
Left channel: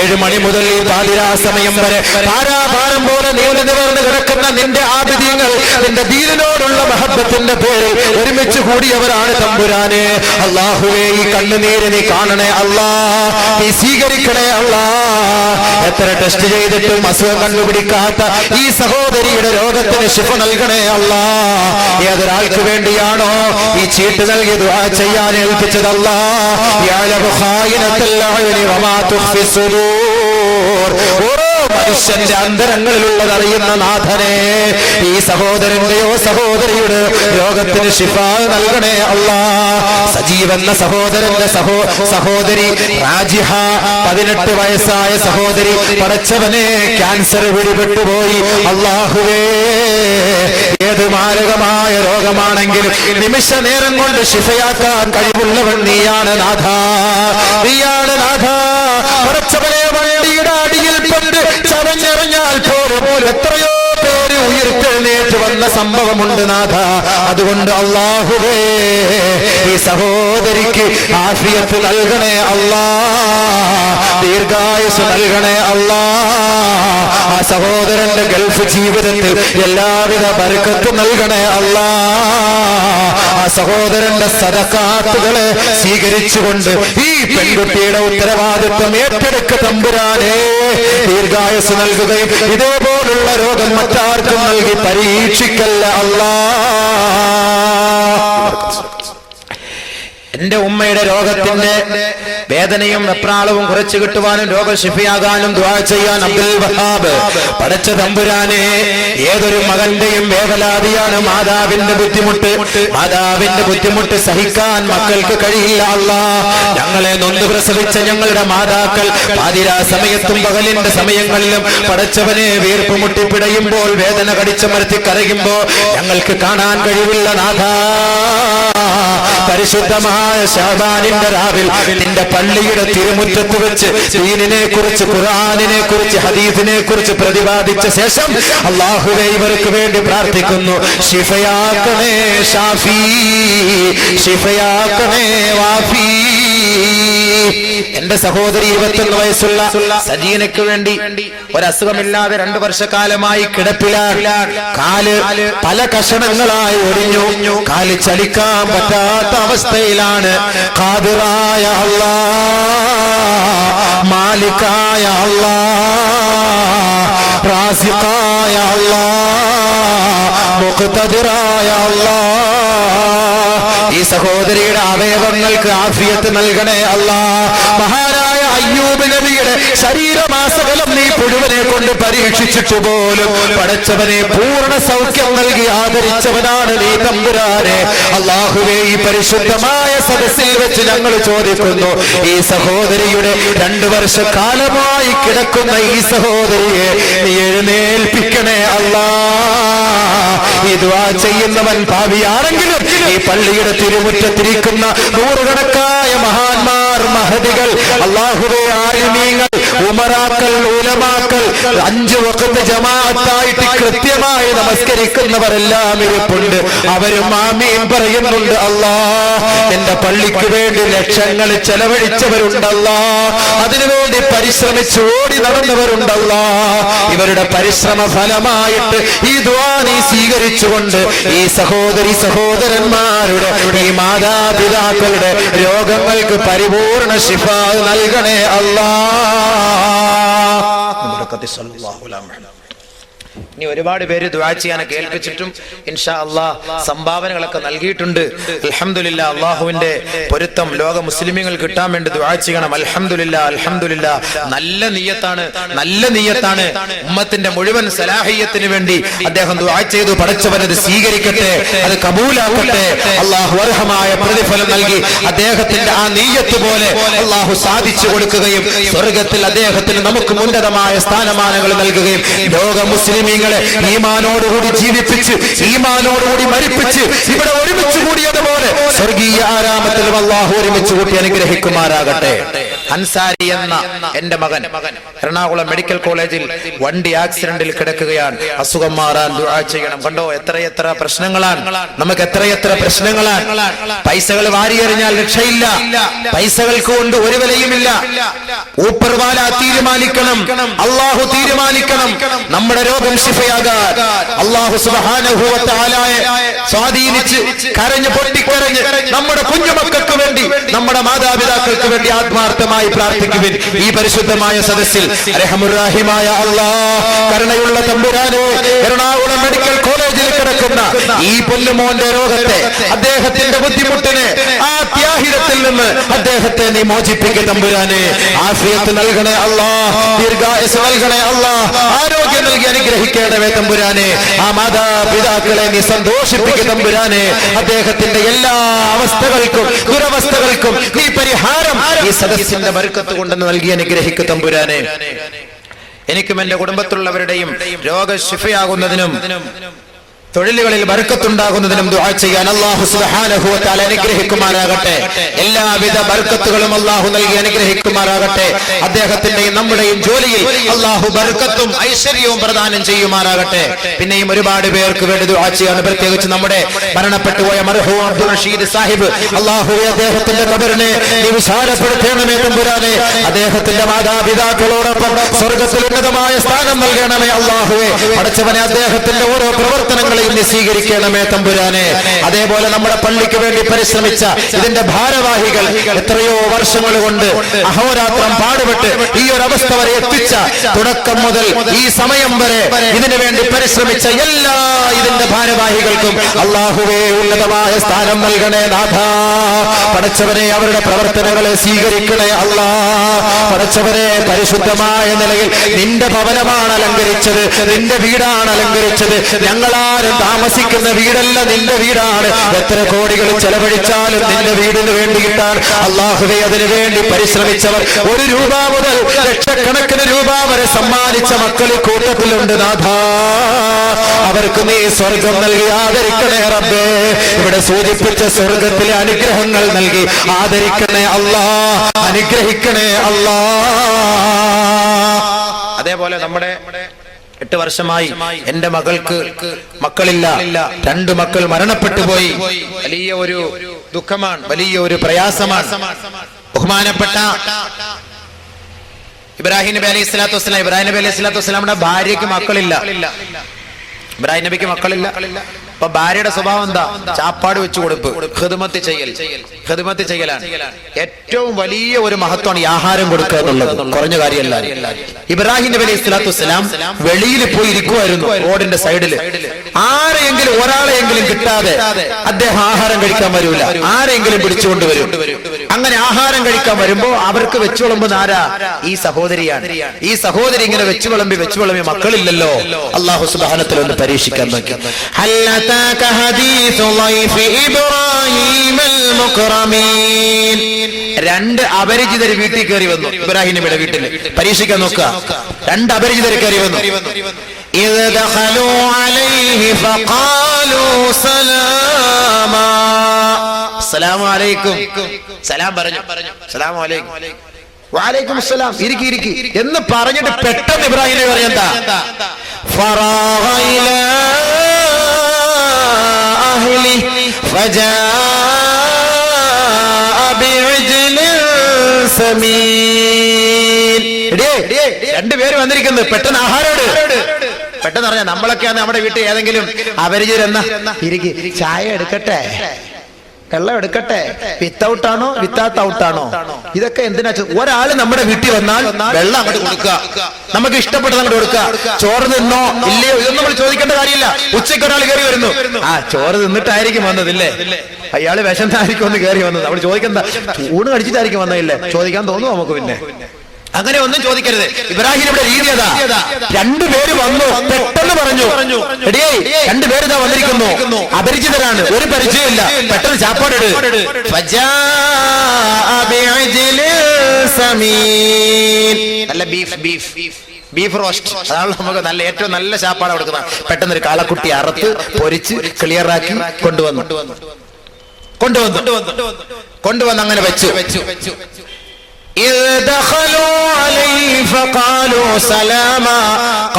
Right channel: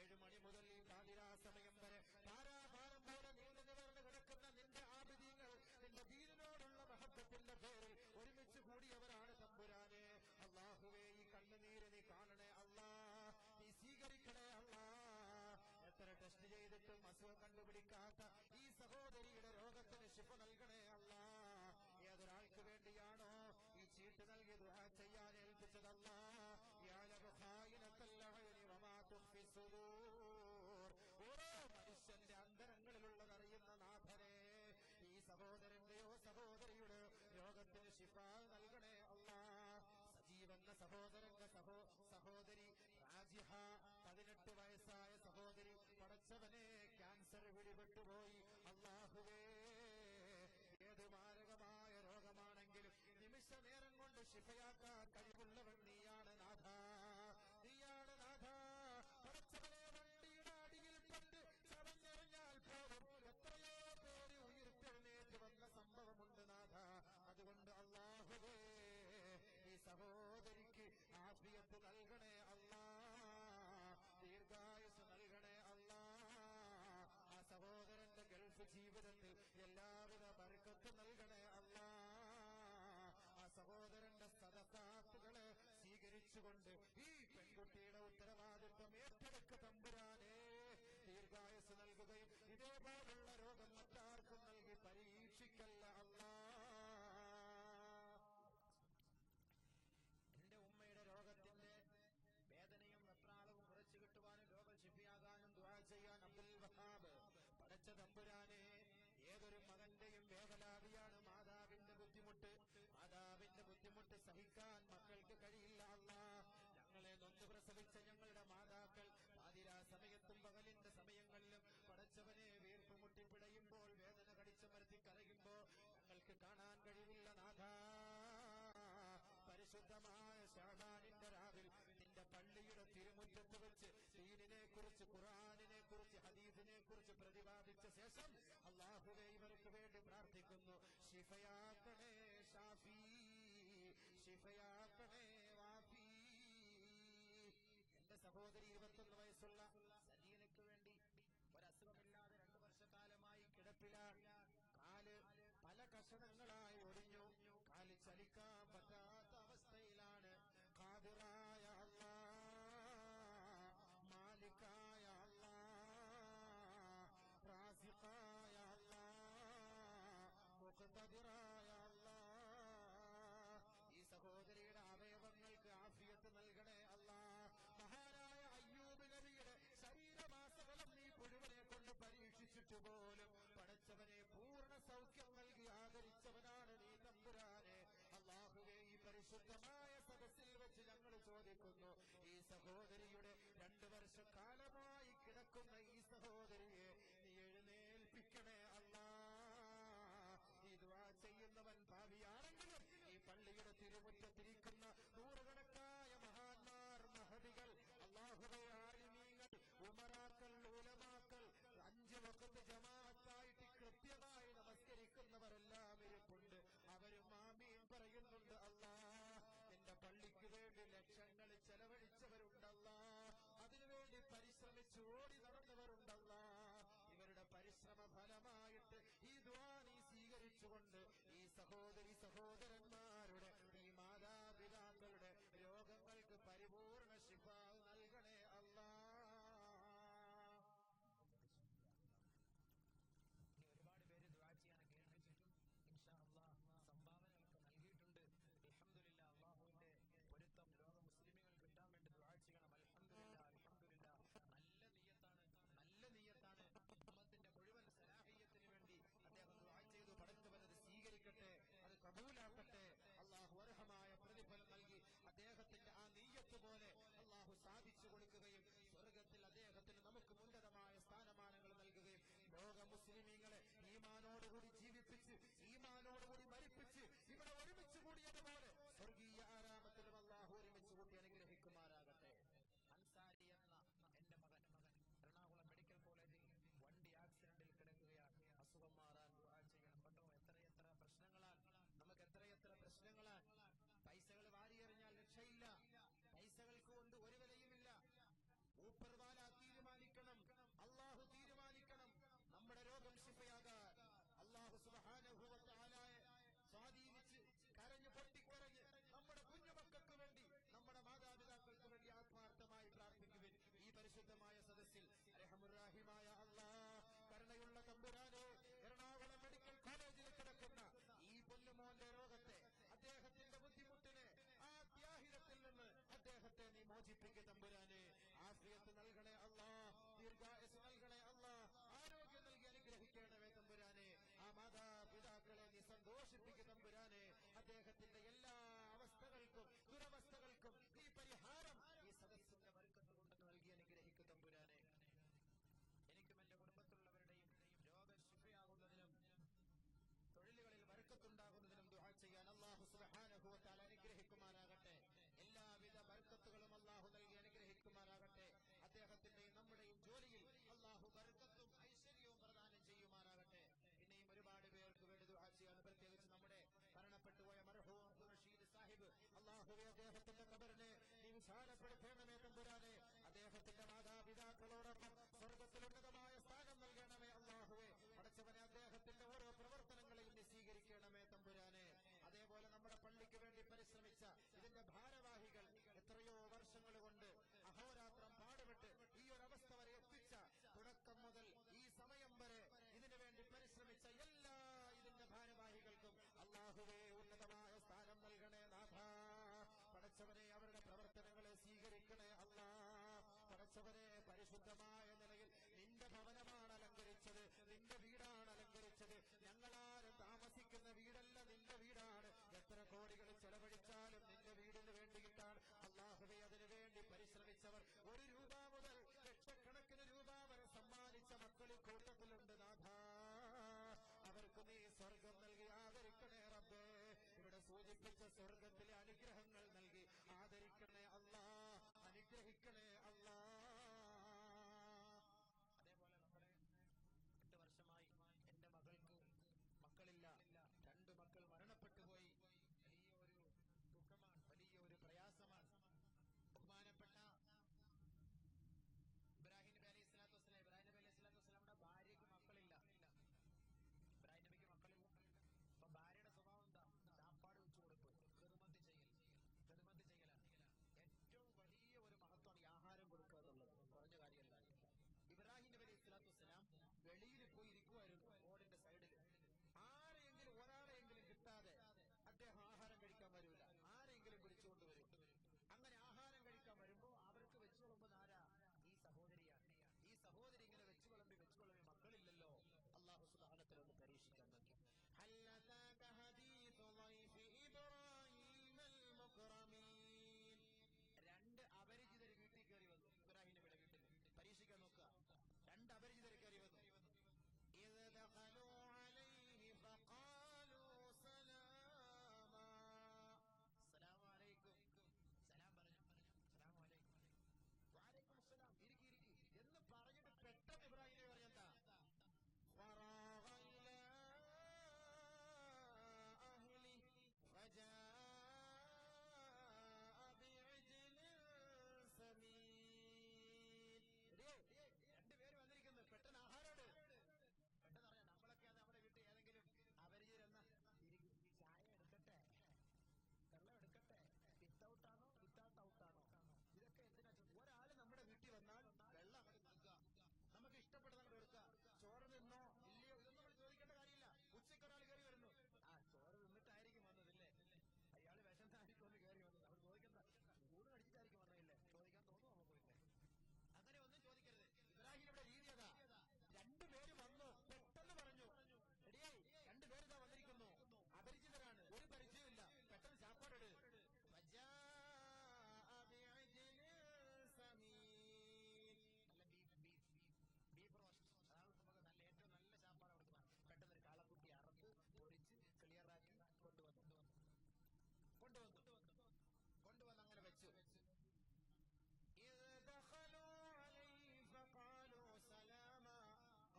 7 മണി മുതൽ ഈ പാതിരാ സമയം വരെ പാരാഭാരം പോലെ നീണ്ടു നിവർന്ന് കിടക്കുന്ന നിന്റെ ആബിദീങ്ങൾ നിന്റെ ദീനിനോടുള്ള മഹബ്ബത്തിന്റെ പേരിൽ ഒരുമിച്ച് കൂടിയവരാണ് തമ്പുരാനെ. അല്ലാഹുവേ, ഈ കണ്ണുനീര് നീ കാണണേ അല്ലാഹ്, നീ സ്വീകരിക്കണേ അല്ലാഹ്. എത്ര ടെസ്റ്റ് ചെയ്തിട്ടും അസുഖം കണ്ടുപിടിക്കാത്ത ഈ സഹോദരിയുടെ രോഗത്തിന് ശിഫ നൽകണേ അല്ലാഹ്. ഏതൊരാൾക്ക് വേണ്ടിയാണോ ഈ ചീട്ട് നൽകി ദുആ ചെയ്യാൻ ഏൽപ്പിച്ചത് അല്ലാഹ്, യഅലമു ഖായിനത്തുൽ അയുനി വമാ തുഖ്ഫി സുദൂർ. ഓരോ മനുഷ്യന്റെ അന്തരങ്ങളിലുള്ളത് അറിയുന്ന നാഥനെ, ഈ സഹോദരന്റെയോ സഹോദരിയുടെ രോഗത്തിന് ശിഫ നൽകണേ അല്ലാഹ്. സജീവെന്ന സഹോദരന്റെ സഹോദരി റാജിഹ, 18 വയസ്സായ സഹോദരി, പടച്ചവനെ ക്യാൻസർ പിടിപെട്ടുപോയി. അല്ലാഹുവേ, ഏത് മാരകമായ രോഗമാണെങ്കിലും നിമിഷ നേരം കൊണ്ട് ശിഫയാക്കാൻ കഴിവുള്ളവൻ നീയാണ് നാഥ, നീയാണ് നാഥ. പടച്ചവനെ, വണ്ടിയുടെ അടിയിൽ പെട്ട് ചവഞ്ഞെറിഞ്ഞാൽ പോലും എത്രയോ പേര് ഉയർത്തെഴുന്നേറ്റ് വന്ന സംഭവമുണ്ട് നാഥ. അതുകൊണ്ട് അല്ലാഹുവേ ഈ സഹോദരിക്ക് ആഫിയത്ത് നൽകണേ അല്ലാ, ദീർഘായുസ് നൽകണേ അല്ലാ. ആ സഹോദരന്റെ ഗൾഫ് ജീവിതത്തിൽ എല്ലാവിധ ബർക്കത്തും നൽകണേ അല്ലാ. ആ സഹോദരന്റെ സദഖാത്തുകളെ സ്വീകരിച്ചുകൊണ്ട് ഈ പെൺകുട്ടിയുടെ ഉത്തരവാദിത്വം ഏറ്റെടുക്ക തമ്പുരാനെ. ദീർഘായുസ് നൽകുകയും ഇതേപോലുള്ള രോഗം മറ്റാർക്കും നൽകി പരീക്ഷിക്കല്ല അല്ലാ. എന്റെ ഉമ്മയുടെ രോഗത്തിന്റെ വേദനയും വെപ്രാളവും കുറച്ചു കിട്ടുവാനും രോഗശിഫിയാകാനും ദുആ ചെയ്യാൻ അബ്ദുൽ വഹാബ്. പടച്ച തമ്പുരാനെ, ഏതൊരു മകന്റെയും വേവലാതിയാണ് മാതാവിന്റെ ബുദ്ധിമുട്ട്. മാതാവിന്റെ ബുദ്ധിമുട്ട് സഹിക്കാൻ മക്കൾക്ക് കഴിയില്ല അല്ലാ. ഞങ്ങളെ നൊന്ത് പ്രസവിച്ച ഞങ്ങളുടെ മാതാക്കൾ പാതിരാ സമയത്തും പകലിന്റെ സമയങ്ങളിലും പടച്ചവനെ വീർപ്പ് മുട്ടിപ്പിടയുമ്പോൾ, വേദന കടിച്ചമർത്തി കരയുമ്പോ ഞങ്ങൾക്ക് കാണാൻ കഴിവില്ല നാഥാ. പരിശുദ്ധമായ ശഅബാനിന്റെ രാവിൽ നിന്റെ പള്ളിയുടെ തിരുമുറ്റത്ത് വെച്ച് ദീനിനെ കുറിച്ച്, ഖുർആനിനെ കുറിച്ച്, ഹദീസിനെ കുറിച്ച് പ്രതിപാദിച്ച ശേഷം അല്ലാഹുവേ ഇവർക്ക് വേണ്ടി പ്രാർത്ഥിക്കുന്നു. ശിഫയാക്കണേ ഷാഫി, ശിഫയാക്കണേ വാഫി. എന്റെ സഹോദരി 21 വയസ്സുള്ള സജീനയ്ക്ക് വേണ്ടി ഒരസുഖമില്ലാതെ 2 വർഷക്കാലമായി കിടപ്പിലാണ്. കാല് പല കഷണങ്ങളായി ഒടിഞ്ഞു, കാല് ചലിക്കാൻ പറ്റാത്ത അവസ്ഥയിലാണ്. ഖാദിറായ അല്ലാ, മാലിക്കായ അല്ലാ, റാസിഖായ അല്ലാ, മുഖ്തദിറായ അല്ലാ, ഈ സഹോദരിയുടെ അവയവങ്ങൾക്ക് ആഫിയത്ത് നൽകണേ അല്ലാ. മഹാനായ അയ്യൂബ് നബിയുടെ ശരീരമാസകലം നീ പുഴുവനെ കൊണ്ട് പരീക്ഷിച്ചിട്ട് പോലും പടച്ചവനെ പൂർണ്ണ സൗഖ്യം നൽകി ആദരിച്ചവനാണ് നീ തമ്പുരാനെ. അല്ലാഹുവേ, ഈ പരിശുദ്ധമായ സദസ്സിൽ വെച്ച് ഞങ്ങൾ ചോദിക്കുന്നു, ഈ സഹോദരിയുടെ 2 വർഷക്കാലമായി കിടക്കുന്ന ഈ സഹോദരിയെ നീ എഴുന്നേൽപ്പിക്കണേ അല്ലാ. ഈ ദുആ ചെയ്യുന്നവൻ പാപിയാണെങ്കിലും ഈ പള്ളിയുടെ തിരുമുറ്റത്തിരിക്കുന്ന നൂറുകണക്കായ മഹാന്മാർ, മഹദികൾ, അല്ലാഹുവേ, ആലിമീങ്ങൾ, ഉമറാക്കൾ, ഉലമാക്കൾ, 5 വഖത്ത് ജമാഅത്തായിട്ട് കൃത്യമായി നമസ്കരിക്കുന്നവരെല്ലാം ഇരിപ്പുണ്ട്. അവരും ആമീൻ പറയുന്നുണ്ട്. അല്ലാ, എന്റെ പള്ളിക്ക് വേണ്ടി ലക്ഷങ്ങൾ ചെലവഴിച്ചവരുണ്ടല്ലാ, അതിനുവേണ്ടി പരിശ്രമിച്ച് ഓടി നടന്നവരുണ്ടല്ലാ. ഇവരുടെ പരിശ്രമ ഫലമായിട്ട് ഈ ദുആ നീ സ്വീകരിച്ചുകൊണ്ട് ഈ സഹോദരി സഹോദരന്മാരുടെ, ഈ മാതാപിതാക്കളുടെ രോഗങ്ങൾക്ക് പരിപൂർണ ശിഫ നൽകണേ അല്ലാ. ഇനി ഒരുപാട് പേര് ദുആ ചെയ്യാനൊക്കെ ഏൽപ്പിച്ചിട്ടും ഇൻഷാ അല്ലാഹ് സംഭാവനകളൊക്കെ നൽകിയിട്ടുണ്ട്. അൽഹംദുലില്ലാ, അല്ലാഹുവിന്റെ പൊരുത്തം ലോക മുസ്ലിമീങ്ങൾ കിട്ടാൻ വേണ്ടി ദുആ ചെയ്യണം. അൽഹംദുലില്ലാ, അൽഹംദുലില്ലാ. നല്ല നിയ്യത്താണ്, നല്ല നിയ്യത്താണ്. ഉമ്മത്തിന്റെ മുഴുവൻ സലാഹിയത്തിന് വേണ്ടി അദ്ദേഹം ദുആ ചെയ്തു. പടച്ചവനത് സ്വീകരിക്കട്ടെ, അത് കബൂലാക്കട്ടെ. അല്ലാഹു അർഹമായ പ്രതിഫലം നൽകി അദ്ദേഹത്തിന്റെ ആ നിയ്യത്ത് പോലെ അല്ലാഹു സാധിച്ചു കൊടുക്കുകയും സ്വർഗ്ഗത്തിൽ അദ്ദേഹത്തിന് നമുക്ക് ഉന്നതമായ സ്ഥാനമാനങ്ങൾ നൽകുകയും ലോക മുസ്ലിമീങ്ങളെ ഈമാനോടുകൂടി ജീവിപ്പിച്ച്, ഈമാനോടുകൂടി മരിപ്പിച്ച് ഇവിടെ ഒരുമിച്ച് കൂടിയതുപോലെ സ്വർഗീയ ആരാമത്തിൽ അല്ലാഹു ഒരുമിച്ച് കൂട്ടി അനുഗ്രഹിക്കുമാറാകട്ടെ. അൻസാരി എന്ന എന്റെ മകൻ എറണാകുളം മെഡിക്കൽ കോളേജിൽ വണ്ടി ആക്സിഡന്റിൽ കിടക്കുകയാണ്. അസുഖം മാറാൻ ദുആ ചെയ്യണം. കണ്ടോ, എത്രയെത്ര പ്രശ്നങ്ങളാണ് നമുക്ക്, എത്രയെത്ര പ്രശ്നങ്ങളാണ്. പൈസകൾ വാരിയെറിഞ്ഞാൽ രക്ഷയില്ല, പൈസകൾക്ക് കൊണ്ട് ഒരു വിലയുമില്ല. ഊപ്പർവാല തീരുമാനിക്കണം, അല്ലാഹു തീരുമാനിക്കണം നമ്മുടെ രോഗം ശിഫയാകാൻ. അല്ലാഹു സുബ്ഹാനഹു വ തആലയെ സ്വാധീനിച്ച് കരഞ്ഞ് പൊട്ടിക്കരഞ്ഞ് നമ്മുടെ കുഞ്ഞുമക്കൾക്ക് വേണ്ടി, നമ്മുടെ മാതാപിതാക്കൾക്ക് വേണ്ടി ആത്മാർത്ഥമായി പ്രാർത്ഥിക്കുവിൻ. ഈ പരിശുദ്ധമായ സദസ്സിൽ റഹ്മുർ-റഹീമായ അല്ലാഹ്, കരുണയുള്ള തമ്പുരാനെ, എറണാകുളം മെഡിക്കൽ കോളേജിൽ കിടക്കുന്ന ഈ പൊന്നുമോന്റെ രോഗത്തെ, അദ്ദേഹത്തിന്റെ ബുദ്ധിമുട്ടിനെ, ആ ത്യാഹിതത്തിൽ നിന്ന് അദ്ദേഹത്തെ നീ മോചിപ്പിക്കുക തമ്പുരാനെ. ആഫിയത്ത് നൽകണേ അല്ലാഹ്, ദീർഘായുസ്സ് നൽകണേ അല്ലാഹ്, ആരോഗ്യം നൽകി അനുഗ്രഹിക്കണമേ തമ്പുരാനെ. ആ മാതാപിതാക്കളെ നീ സന്തോഷിപ്പിക്കുക തമ്പുരാനെ. അദ്ദേഹത്തിന്റെ എല്ലാ അവസ്ഥകൾക്കും ദുരവസ്ഥകൾക്കും നീ പരിഹാരം ഈ സദസ്സിന്റെ ബർക്കത്ത് കൊണ്ടെന്ന് നൽകി അനുഗ്രഹിക്കുക തമ്പുരാനെ. എനിക്കും എന്റെ കുടുംബത്തിലുള്ളവരുടെയും രോഗശിഫയാകുന്നതിനും തൊഴിലുകളിൽ ബർക്കത്തുണ്ടാകുന്നതിനും ദുആ ചെയ്യാൻ അല്ലാഹു സുബ്ഹാനഹു വ തആല അനുഗ്രഹിക്കുമാറാകട്ടെ. എല്ലാവിധ ബർക്കത്തുകളും അല്ലാഹു നൽകി അനുഗ്രഹിക്കുമാറാകട്ടെ. അദ്ദേഹത്തിന്റെയും നമ്മുടെയും ജോലിയിൽ അല്ലാഹു ബർക്കത്തും ഐശ്വര്യവും പ്രദാനം ചെയ്യുമാറാകട്ടെ. പിന്നെയും ഒരുപാട് പേർക്ക് വേണ്ടി ദുആ ചെയ്യാൻ, പ്രത്യേകിച്ച് നമ്മുടെ മരണപ്പെട്ടുപോയ മർഹൂം അബ്ദുൽ റഷീദ് സാഹിബ്, അല്ലാഹു അദ്ദേഹത്തിന്റെ ഖബറിനെ നീ വിശാലപ്പെടുത്തണമേ തമ്പുരാനെ. അദ്ദേഹത്തിന്റെ മാതാപിതാക്കളോടൊപ്പം സ്വർഗ്ഗത്തിൽ ഉന്നതമായ സ്ഥാനം നൽകണമേ അല്ലാഹുവേ. പടച്ചവനെ, അദ്ദേഹത്തിന്റെ ഓരോ പ്രവർത്തനങ്ങളെയും നീ സ്വീകരിക്കണമേ തമ്പുരാനെ. അതേപോലെ നമ്മുടെ പള്ളിക്ക് വേണ്ടി പരിശ്രമിച്ച ഇതിന്റെ ഭാരവാഹികൾ, എത്രയോ വർഷങ്ങൾ കൊണ്ട് അഹോരാത്രം പാടുപെട്ട് ഈ ഒരു അവസ്ഥ വരെ എത്തിച്ച, തുടക്കം മുതൽ ഈ സമയം വരെ ഇതിനു വേണ്ടി പരിശ്രമിച്ച എല്ലാ ഇതിന്റെ ഭാരവാഹികൾക്കും അല്ലാഹുവേ ഉന്നതമായ സ്ഥാനം നൽകണേ നാഥ. പടച്ചവനെ, അവരുടെ പ്രവർത്തനങ്ങളെ സ്വീകരിക്കണേ അല്ലാ. പടച്ചവനെ, പരിശുദ്ധമായ നിലയിൽ നിന്റെ ഭവനമാണ് അലങ്കരിച്ചത്, നിന്റെ വീടാണ് അലങ്കരിച്ചത്. ഞങ്ങളാരും താമസിക്കുന്ന വീടല്ല, നിന്റെ വീടാണ്. എത്ര കോടികൾ ചെലവഴിച്ചാലും നിന്റെ വീടിന് വേണ്ടിയിട്ടാണ് അല്ലാഹുവേ. അതിനു വേണ്ടി പരിശ്രമിച്ചവർ, 1 രൂപ മുതൽ ലക്ഷക്കണക്കിന് രൂപ വരെ സമ്മാനിച്ച മക്കളിൽ കൂട്ടത്തിലുണ്ട് നാഥ. അവർക്ക് നീ സ്വർഗം നൽകി ആദരിക്കണേ റബ്ബേ. ഇവിടെ സൂചിപ്പിച്ച സ്വർഗത്തിലെ അനുഗ്രഹങ്ങൾ നൽകി ആദരിക്കണേ അല്ലാ, അനുഗ്രഹിക്കണേ അല്ലാ. അതേപോലെ നമ്മുടെ 8 വർഷമായി എന്റെ മകൾക്ക് മക്കളില്ല. 2 മക്കൾ മരണപ്പെട്ടു പോയി. വലിയ ഒരു ദുഃഖമാണ്, വലിയ ഒരു പ്രയാസമാണ്. ബഹുമാനപ്പെട്ട ഇബ്രാഹിം നബി അലൈഹി സ്വലാത്തു വസ്സലാം, ഇബ്രാഹിം നബി അലൈഹി സ്വലാത്തു വസ്സലാമിന്റെ ഭാര്യയ്ക്ക് മക്കളില്ല. ഇബ്രാഹിം നബിക്ക് മക്കളില്ല. അപ്പൊ ഭാര്യയുടെ സ്വഭാവം എന്താ? ചാപ്പാട് വെച്ചു കൊടുപ്പ്, ഖിദ്മത്ത് ചെയ്യലാണ്. ഏറ്റവും വലിയ ഒരു മഹത്വമാണ് ഈ ആഹാരം കൊടുക്കുക എന്നുള്ളത്. കുറഞ്ഞ കാര്യമല്ല. ഇബ്രാഹിം നബി അലൈഹി സ്വലാത്തു വസ്സലാം വെളിയിൽ പോയി ഇരിക്കുമായിരുന്നു, റോഡിന്റെ സൈഡിൽ. ആരെയെങ്കിലും ഒരാളെയെങ്കിലും കിട്ടാതെ അദ്ദേഹം ആഹാരം കഴിക്കാൻ വരൂല. ആരെങ്കിലും പിടിച്ചുകൊണ്ട് വരും. അങ്ങനെ ആഹാരം കഴിക്കാൻ വരുമ്പോ അവർക്ക് വെച്ചു വിളമ്പുന്ന ആരാ? ഈ സഹോദരിയാണ്. ഈ സഹോദരി ഇങ്ങനെ വെച്ചു വിളമ്പി മക്കളില്ലല്ലോ. അല്ലാഹു സുബ്ഹാനഹു വ തആല ഒന്ന് പരീക്ഷിക്കാൻ നോക്കി. രണ്ട് അപരിചിതർ വീട്ടിൽ കയറി വന്നു. ഇബ്രാഹിം നബിയുടെ വീട്ടിൽ പരീക്ഷിക്കാൻ നോക്കുക. 2 അപരിചിതർ കയറി വന്നു. അസ്സലാമു അലൈക്കും. സലാം പറഞ്ഞു. സലാമു അലൈക്കും. വഅലൈക്കും അസ്സലാം. ഇരിക്കി എന്ന് പറഞ്ഞിട്ട് പെട്ടെന്ന് ഇബ്രാഹിം നബി പറഞ്ഞെന്താ? ഫറാഗ ഇലാ അഹ്ലി ഫജാഅ ബിഇജ്ലിൻ സമീൻ. 2 പേര് വന്നിരിക്കുന്നു. പെട്ടെന്ന് ആഹാരോട്. പെട്ടെന്ന് പറഞ്ഞാൽ നമ്മളൊക്കെയാണ് നമ്മുടെ വീട്ടിൽ ഏതെങ്കിലും അപരിചിതരെന്ന ഇരിക്കി, ചായ എടുക്കട്ടെ, വെള്ളം എടുക്കട്ടെ, വിത്തൗട്ട് ആണോ വിത്തൗട്ട് ഔട്ടാണോ, ഇതൊക്കെ എന്തിനാ? ഒരാള് നമ്മുടെ വീട്ടിൽ വന്നാൽ വെള്ളം അങ്ങോട്ട് കൊടുക്കുക, നമുക്ക് ഇഷ്ടപ്പെട്ടത് അങ്ങോട്ട് കൊടുക്കുക. ചോറ് തിന്നോ ഇല്ലയോ ഇതൊന്നും നമ്മൾ ചോദിക്കേണ്ട കാര്യമില്ല. ഉച്ചയ്ക്ക് ഒരാൾ കയറി വരുന്നു, ചോറ് തിന്നിട്ടായിരിക്കും വന്നതില്ലേ, അയാള് വിശന്നായിരിക്കും ഒന്ന് കയറി വന്നത്. നമ്മൾ ചോദിക്കണ്ട, ഊണ് കഴിച്ചിട്ടായിരിക്കും വന്നതില്ലേ, ചോദിക്കാൻ തോന്നുന്നു നമുക്ക്. പിന്നെ അങ്ങനെ ഒന്നും ചോദിക്കരുത്. ഇബ്രാഹിമിന്റെ രീതി അതാ. 2 പേര് വന്നു, പെട്ടെന്ന് പറഞ്ഞു, 2 പേര് ഇതാ വന്നിരിക്കുന്നു, അപരിചിതരാണ്, ഒരു പരിചയമില്ല, പെട്ടെന്ന് ചാപ്പാട് ഇട്. നല്ല ബീഫ് റോസ്റ്റ്, അതാണ് നമുക്ക് നല്ല ഏറ്റവും നല്ല ചാപ്പാട് കൊടുക്കുന്നത്. പെട്ടെന്ന് ഒരു കാളക്കുട്ടി അറുത്ത് പൊരിച്ച് ക്ലിയറാക്കി കൊണ്ടുവന്ന് അങ്ങനെ വെച്ചു. إذ دخلوا عليه فقالوا سلاما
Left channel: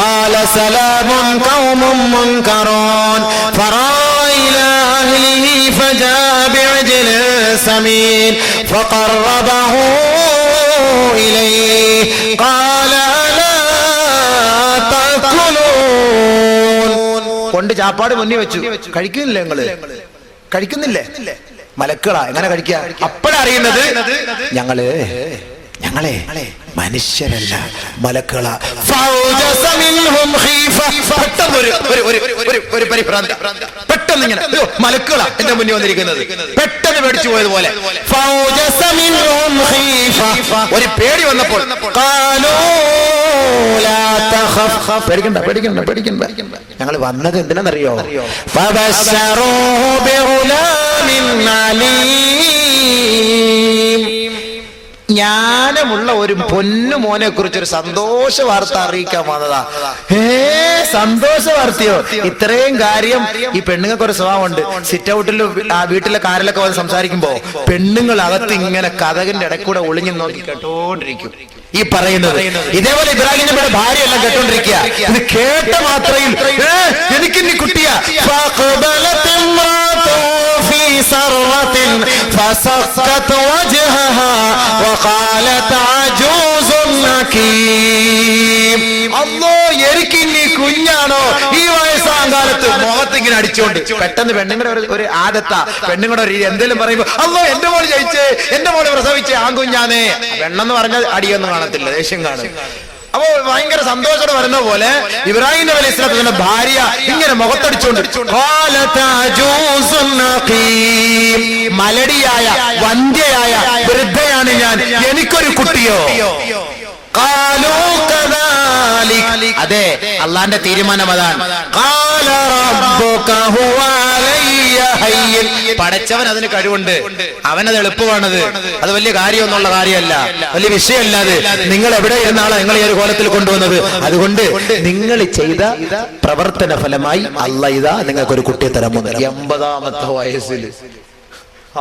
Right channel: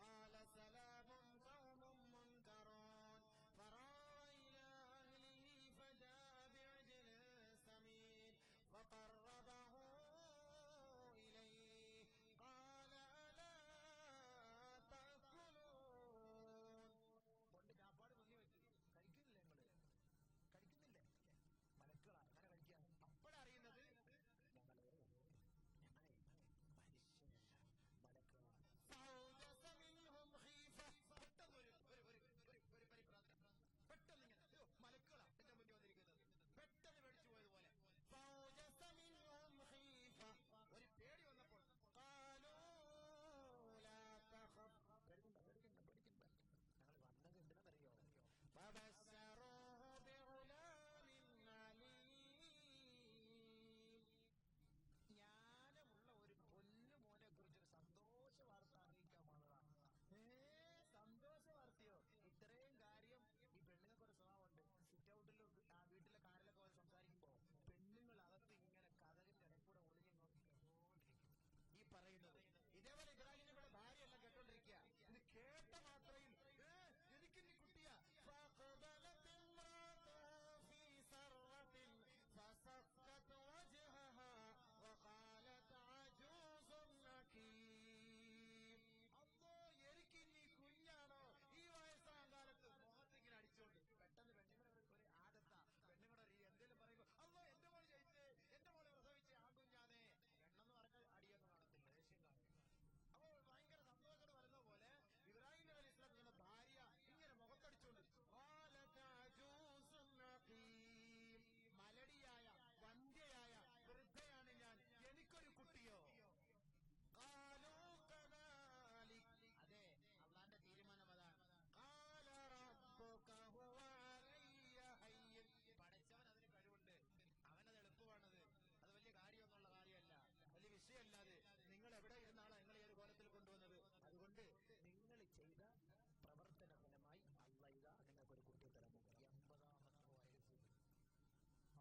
قال سلام قوم منكرون فراغ إلى أهله فجاء بعجل سمين فقربه إليه قال ألا تأكلون. കൊണ്ട് ചാപ്പാട് മുന്നിൽ വെച്ചു. കഴിക്കുന്നില്ലേ നിങ്ങള്? കഴിക്കുന്നില്ലേ? മലക്കളാ, എങ്ങനെ കഴിക്കുക? അപ്പോഴറിയുന്നത് ഞങ്ങളെ മനുഷ്യരല്ല, മലക്കളാ. ഒരു പരിഭ്രാന്തി, പെട്ടെന്ന് ഇങ്ങനെ മലക്കളാ എന്റെ മുന്നിൽ വന്നിരിക്കുന്നത്, പെട്ടെന്ന് പേടിച്ചു പോയതുപോലെ. ഒരു പേടി വന്നപ്പോൾ പേടിക്കണ്ട, ഞങ്ങൾ വന്നത് എന്തിനാണെന്നറിയോ? ഞാൻ പ്രായമുള്ള ഒരു പൊന്നു മോനെ കുറിച്ച് ഒരു സന്തോഷ വാർത്ത അറിയിക്കാൻ വന്നതാ. സന്തോഷ വാർത്തയോ? ഇത്രയും കാര്യം ഈ പെണ്ണുങ്ങൾക്ക് ഒരു സ്വഭാവമുണ്ട്. സിറ്റ് ഔട്ടിൽ വീട്ടിലെ കാറിലൊക്കെ വന്ന് സംസാരിക്കുമ്പോ പെണ്ണുങ്ങൾ അകത്ത് ഇങ്ങനെ കഥകിന്റെ ഇടയ്ക്കൂടെ ഒളിഞ്ഞു നോക്കി കേട്ടോണ്ടിരിക്കും ഈ പറയുന്നത്. ഇതേപോലെ ഇബ്രാഹിം നബിയുടെ ഭാര്യ എല്ലാം കേട്ടോണ്ടിരിക്കുക. ഇത് കേട്ട മാത്രയിൽ എനിക്കിനി കുട്ടിയാ. فسقت وجهها وقالت عجوز نكيم. അല്ലോ എനിക്കിനി കുഞ്ഞാണോ? ഈ വയസ്സാം കാലത്ത് മുഖത്ത് ഇങ്ങനെ അടിച്ചോണ്ട്. പെട്ടെന്ന് പെണ്ണുങ്ങളുടെ ഒരു ആദത്താ, പെണ്ണുങ്ങളുടെ ഒരു എന്തെങ്കിലും പറയുമ്പോ അല്ലോ എന്റെ മോള് ജയിച്ചേ, എന്റെ മോള് പ്രസവിച്ചേ, ആൺകുഞ്ഞാനേ. പെണ്ണെന്ന് പറഞ്ഞാൽ അടിയൊന്നും കാണത്തില്ല, ദേഷ്യം കാണും. അപ്പോ ഭയങ്കര സന്തോഷത്തോടെ വരുന്ന പോലെ ഇബ്രാഹിം നബി അലൈഹി സ്വലാത്തിന്റെ ഭാര്യ ഇങ്ങനെ മുഖത്തടിച്ചോണ്ട് മലടിയായ വന്ധ്യയായ വൃദ്ധയാണ് ഞാൻ, എനിക്കൊരു കുട്ടിയോ? അതെ, അള്ളാന്റെ തീരുമാനം അതാണ്. പടച്ചവൻ അതിന് കഴിവുണ്ട്, അവനത് എളുപ്പമാണത്. അത് വലിയ കാര്യമൊന്നുള്ള കാര്യമല്ല, വലിയ വിഷയമല്ല. അത് നിങ്ങൾ എവിടെ ഇരുന്നാളോ നിങ്ങൾ ഈ ഒരു കോലത്തിൽ കൊണ്ടുവന്നത്. അതുകൊണ്ട് നിങ്ങൾ ചെയ്ത പ്രവർത്തന ഫലമായി അള്ളാ ഇതാ നിങ്ങൾക്കൊരു കുട്ടിയെ തരാൻ പോകുന്നത്. 80ാമത്തെ വയസ്സിൽ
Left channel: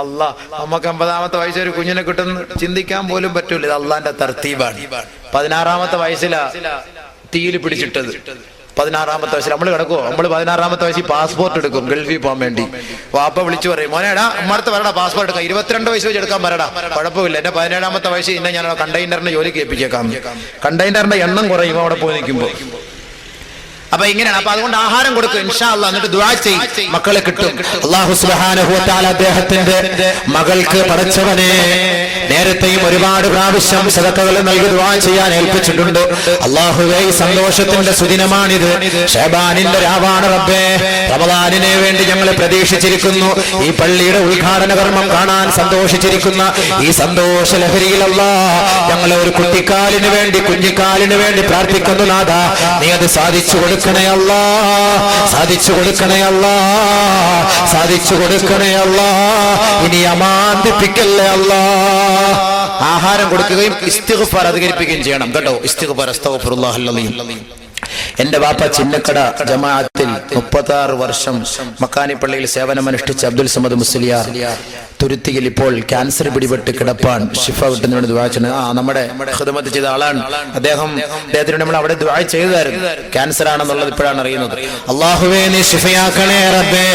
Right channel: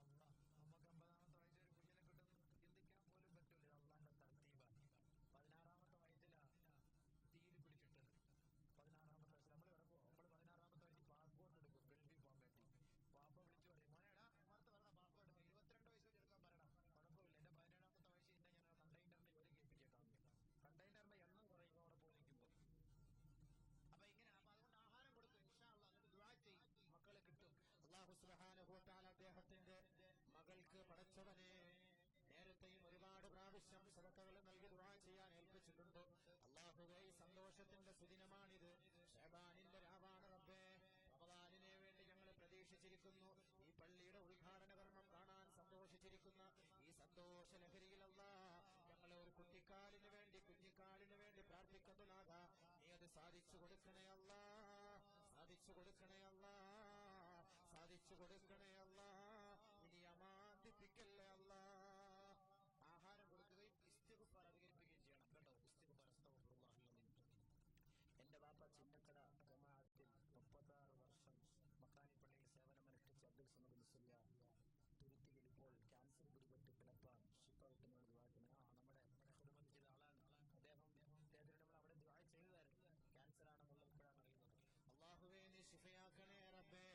അള്ളാ, നമുക്ക് 50ാമത്തെ വയസ്സിൽ ഒരു കുഞ്ഞിനെ കിട്ടുന്ന ചിന്തിക്കാൻ പോലും പറ്റൂല. ഇത് അള്ളാന്റെ തർത്തീബാണ്. 16ാമത്തെ വയസ്സിലാ തീയിൽ പിടിച്ചിട്ടത്. 16ാമത്തെ വയസ്സിൽ നമ്മൾ കിടക്കുമോ? നമ്മൾ 16ാമത്തെ വയസ്സിൽ പാസ്പോർട്ട് എടുക്കും ഗൾഫിൽ പോകാൻ വേണ്ടി. വാപ്പ വിളിച്ചു പറയും, മോനേടാ അമ്മഅടുത്ത് വരടാ പാസ്പോർട്ട് എടുക്കാം. 22 വയസ്സ് വെച്ച് എടുക്കാൻ വരടാ, കുഴപ്പമില്ല. എന്റെ 17ാമത്തെ വയസ്സിൽ ഇന്നെ ഞാൻ കണ്ടെയ്നറിന്റെ ജോലിക്ക് ഏൽപ്പിച്ചേക്കാം. കണ്ടെയ്നറിന്റെ എണ്ണം കുറയും അവിടെ പോയി നിൽക്കുമ്പോ. അപ്പൊ ഇങ്ങനെയാണ്. അപ്പൊ അതുകൊണ്ട് ആഹാരം കൊടുക്കും ഇൻഷാ അല്ലാഹ്, എന്നിട്ട് ദുആ ചെയ്യും, മക്കളെ കിട്ടും. അല്ലാഹു സുബ്ഹാനഹു വ തആല അദ്ദേഹത്തിന്റെ മകൾക്ക് പടച്ചവനെ നേരത്തെയും ഒരുപാട് പ്രാവശ്യം സദഖകൾ നൽകി ദുആ ചെയ്യാൻ ഏൽപ്പിച്ചിട്ടുണ്ട്. അല്ലാഹുവേ, ഈ സന്തോഷത്തിന്റെ സുദിനമാണിത്. ശഅബാനിന്റെ രാവാണ് റബ്ബേ. റമദാനിനെ വേണ്ടി ഞങ്ങൾ പ്രതീക്ഷിച്ചിരിക്കുന്നു. ഈ പള്ളിയുടെ ഉദ്ഘാടന കർമ്മം കാണാൻ സന്തോഷിച്ചിരിക്കുന്ന ഈ സന്തോഷ ലഹരിയിൽ അല്ലാഹ് ഞങ്ങളെ ഒരു കുട്ടിക്കാലിന് വേണ്ടി, കുഞ്ഞിക്കാലിന് വേണ്ടി പ്രാർത്ഥിക്കുന്നു. നാഥാ, നീ അത് സാധിച്ചു കൊടുക്കണേ അല്ലാ, സാധിച്ചു കൊടുക്കണേ അല്ലാ, സാധിച്ചു കൊടുക്കണേ അല്ലാ. ഇനി അമാന്തിപ്പിക്കല്ലേ അല്ലാ. ആഹാരം കൊടുക്കുകയും ഇസ്തിഗ്ഫാർ അധികരിപ്പിക്കുകയും ചെയ്യണം കേട്ടോ. ഇസ്തിഗ്ഫാർ, അസ്തഗ്ഫിറുല്ലാഹൽ അലീം. എന്റെ വാപ്പ ചിന്നക്കട ജമാഅത്തിൽ 36 വർഷം മക്കാനി പള്ളിയിൽ സേവനമനുഷ്ഠിച്ച അബ്ദുൽ സമദ് മുസ്ലിയാർ തുരുത്തിയിൽ ഇപ്പോൾ ക്യാൻസർ പിടിപെട്ട് കിടപ്പാൻ. ഷിഫ കിട്ടുന്നതിന് വേണ്ടി ദുആ ചെയ്യണം. നമ്മുടെ ഖിദ്മത്ത് ചെയ്ത ആളാണ് അദ്ദേഹത്തിന് നമ്മൾ അവിടെ ദുആ ചെയ്തായിരുന്നു. ക്യാൻസർ ആണെന്നുള്ളത് ഇപ്പോഴാണ് അറിയുന്നത്. അല്ലാഹുവേ, നീ ശിഫയാക്കണേ റബ്ബേ.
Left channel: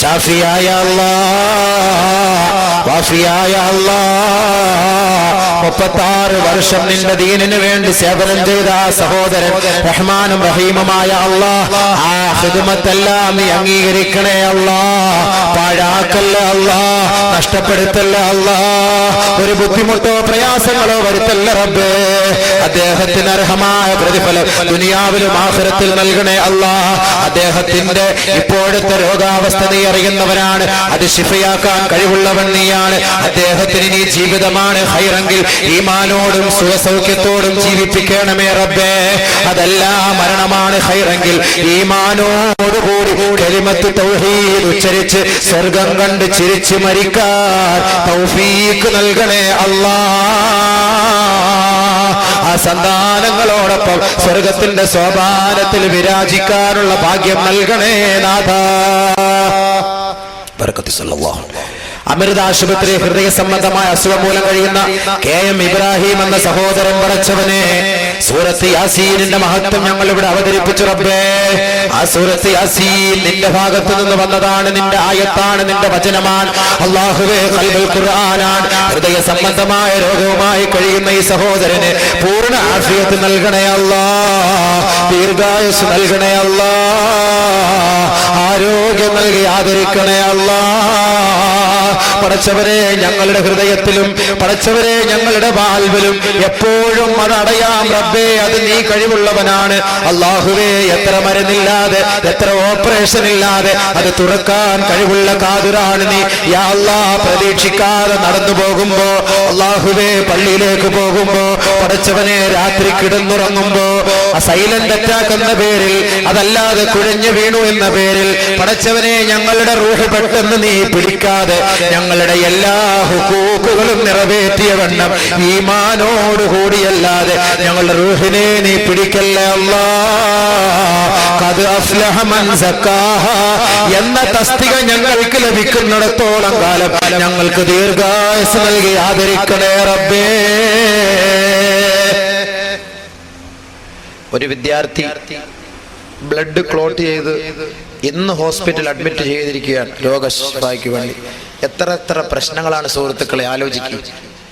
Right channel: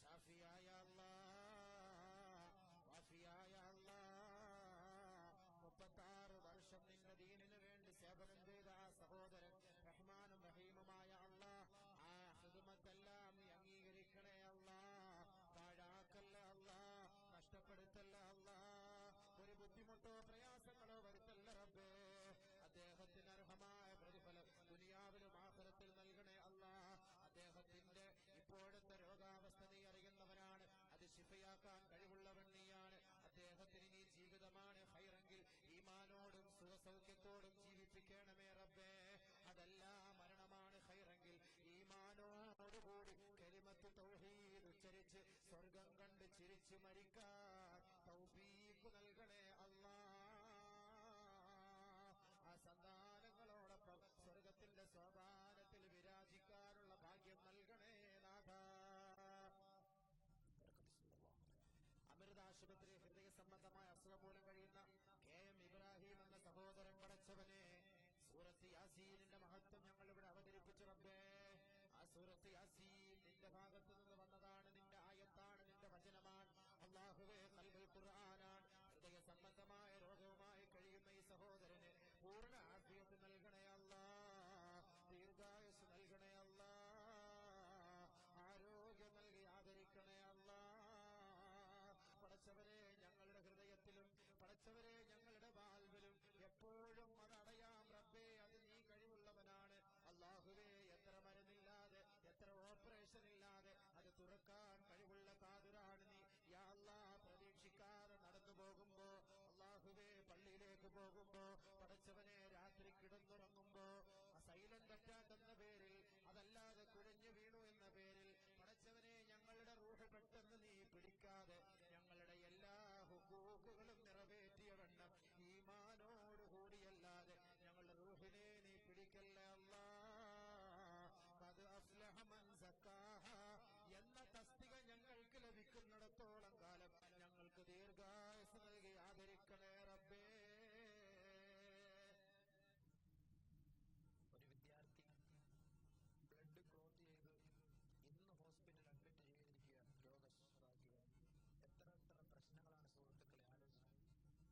ഷാഫിയായ അല്ലാഹ്, വാഫിയായ അല്ലാഹ്, 36 വർഷം നിന്റെ ദീനിന് വേണ്ടി സേവനം ചെയ്ത ആ സഹോദരൻ റഹ്മാനും റഹീമുമായ അല്ലാഹ്, ആ ഖിദ്മത്തെല്ലാം നീ അംഗീകരിക്കണേ അല്ലാഹ്. പാഴാക്കല്ല അല്ലാഹ്, നഷ്ടപ്പെടുത്തല്ല അല്ലാഹ്. ഒരു ബുദ്ധിമുട്ടോ പ്രയാസങ്ങളോ വരുത്തല്ല റബ്ബേ. അദ്ദേഹത്തിന് അർഹമായ പ്രതിഫലം ദുനിയാവിലും ആഖിറത്തിൽ നൽകണേ അല്ലാഹ്. അദ്ദേഹത്തിന്റെ ഇപ്പോഴത്തെ രോഗാവസ്ഥ നീ അറിയുന്നവനാണ്, അത് ശിഫയാക്കാൻ കഴിവുള്ളവൻ നീയാണ്. അദ്ദേഹത്തിന് നീ ജീവിതമാണ് ഖൈറെങ്കിൽ ഈമാനോടും സുഖസൗഖ്യത്തോടും ജീവിപ്പിക്കണമേ റബ്ബേ. അതല്ല മരണമാണ് ഖൈറെങ്കിൽ ഈമാനോടുകൂടി കലിമത്ത് തൗഹീദ് ഉച്ചരിച്ച് സ്വർഗം കണ്ട് ചിരിച്ച് മരിക്കാൻ തൗഫീഖ് നൽകണേ അല്ലാഹ്. ആ സന്താനങ്ങളോടൊപ്പം സ്വർഗത്തിന്റെ സോപാനത്തിൽ വിരാജിക്കാനുള്ള ഭാഗ്യം നൽകണേ നാഥാ. ബറകത്ത് സല്ലല്ലാഹു. അമൃത ആശുപത്രി ഹൃദയ സംബന്ധമായ അസുഖം മൂലം കഴിയുന്ന KM ഇബ്രാഹിം എന്ന സഹോദരൻ പടച്ചവനെ, സൂറത്ത് യാസീനിന്റെ മഹത്വം ഞങ്ങൾ ഇവിടെ അവതരിപ്പിച്ചു റബ്ബേ. ആ സൂറത്ത് യാസീൻ നിന്റെ ഭാഗത്ത് നിന്ന് വന്നതാണ്, നിന്റെ ആയത്താണ്, നിന്റെ വചനമാണ്. അല്ലാഹുവേ, ഖൽബുൽ ഖുർആനാണ്. ഹൃദയ സംബന്ധമായ രോഗവുമായി കഴിയുന്ന ഈ സഹോദരന് പൂർണ്ണ ആഫിയത്ത് നൽകണേ അല്ലാഹ്, ദീർഘായുസ് നൽകണേ അല്ലാഹ്, ആരോഗ്യം നൽകി ആദരിക്കണേ അല്ലാഹ്. പടച്ചവരെ, ഞങ്ങളുടെ ഹൃദയത്തിലും പടച്ചവരെ ഞങ്ങളുടെ വാൽവിലും എപ്പോഴും അത് അടയാം റബ്ബേ. അത് നീ കഴിവുള്ളവനാണ് അല്ലാഹുവേ. എത്ര മരുന്നില്ലാതെ, എത്ര ഓപ്പറേഷൻ ഇല്ലാതെ അത് തുറക്കാൻ കഴിവുള്ള കാതുരാണ് നീ. യാ അല്ലാഹ്, പ്രതീക്ഷിക്കാതെ നടന്നു പോകുമ്പോ അല്ലാഹുവേ, പള്ളിയിലേക്ക് പോകുമ്പോ പടച്ചവനെ രാത്രി കിടന്നുറങ്ങുമ്പോ സൈലന്റ് അറ്റാക്ക് എന്ന പേരിൽ, അതല്ലാതെ കുഴഞ്ഞു വീണു എന്ന പേരിൽ പടച്ചവനെ ഞങ്ങളുടെ റൂഹ് പെട്ടെന്ന് നീ പിടിക്കാതെ ഞങ്ങളുടെ എല്ലാ ഹുക്കൂക്കുകളും നിറവേറ്റിയ വണ്ണം ഈമാനോടുകൂടിയല്ലാതെ ഞങ്ങളുടെ റൂഹിനെ നീ പിടിക്കല്ലേ അല്ലാഹ്. ഖദ് അഫ്ലഹ മൻ സക്കാഹ എന്ന തസ്തിക ഞങ്ങൾക്ക് ലഭിക്കുന്നിടത്തോളം കാലം ഞങ്ങൾക്ക് ദീർഘായുസ്സ് നൽകി ആദരിക്കണേ റബ്ബേ. ഒരു വിദ്യാർത്ഥി ബ്ലഡ് ക്ലോട്ട് ചെയ്ത് ഇന്ന് ഹോസ്പിറ്റൽ അഡ്മിറ്റ് ചെയ്തിരിക്കുകയാണ് രോഗശിഫയ്ക്ക് വേണ്ടി. എത്ര പ്രശ്നങ്ങളാണ് സുഹൃത്തുക്കളെ, ആലോചിക്കുക.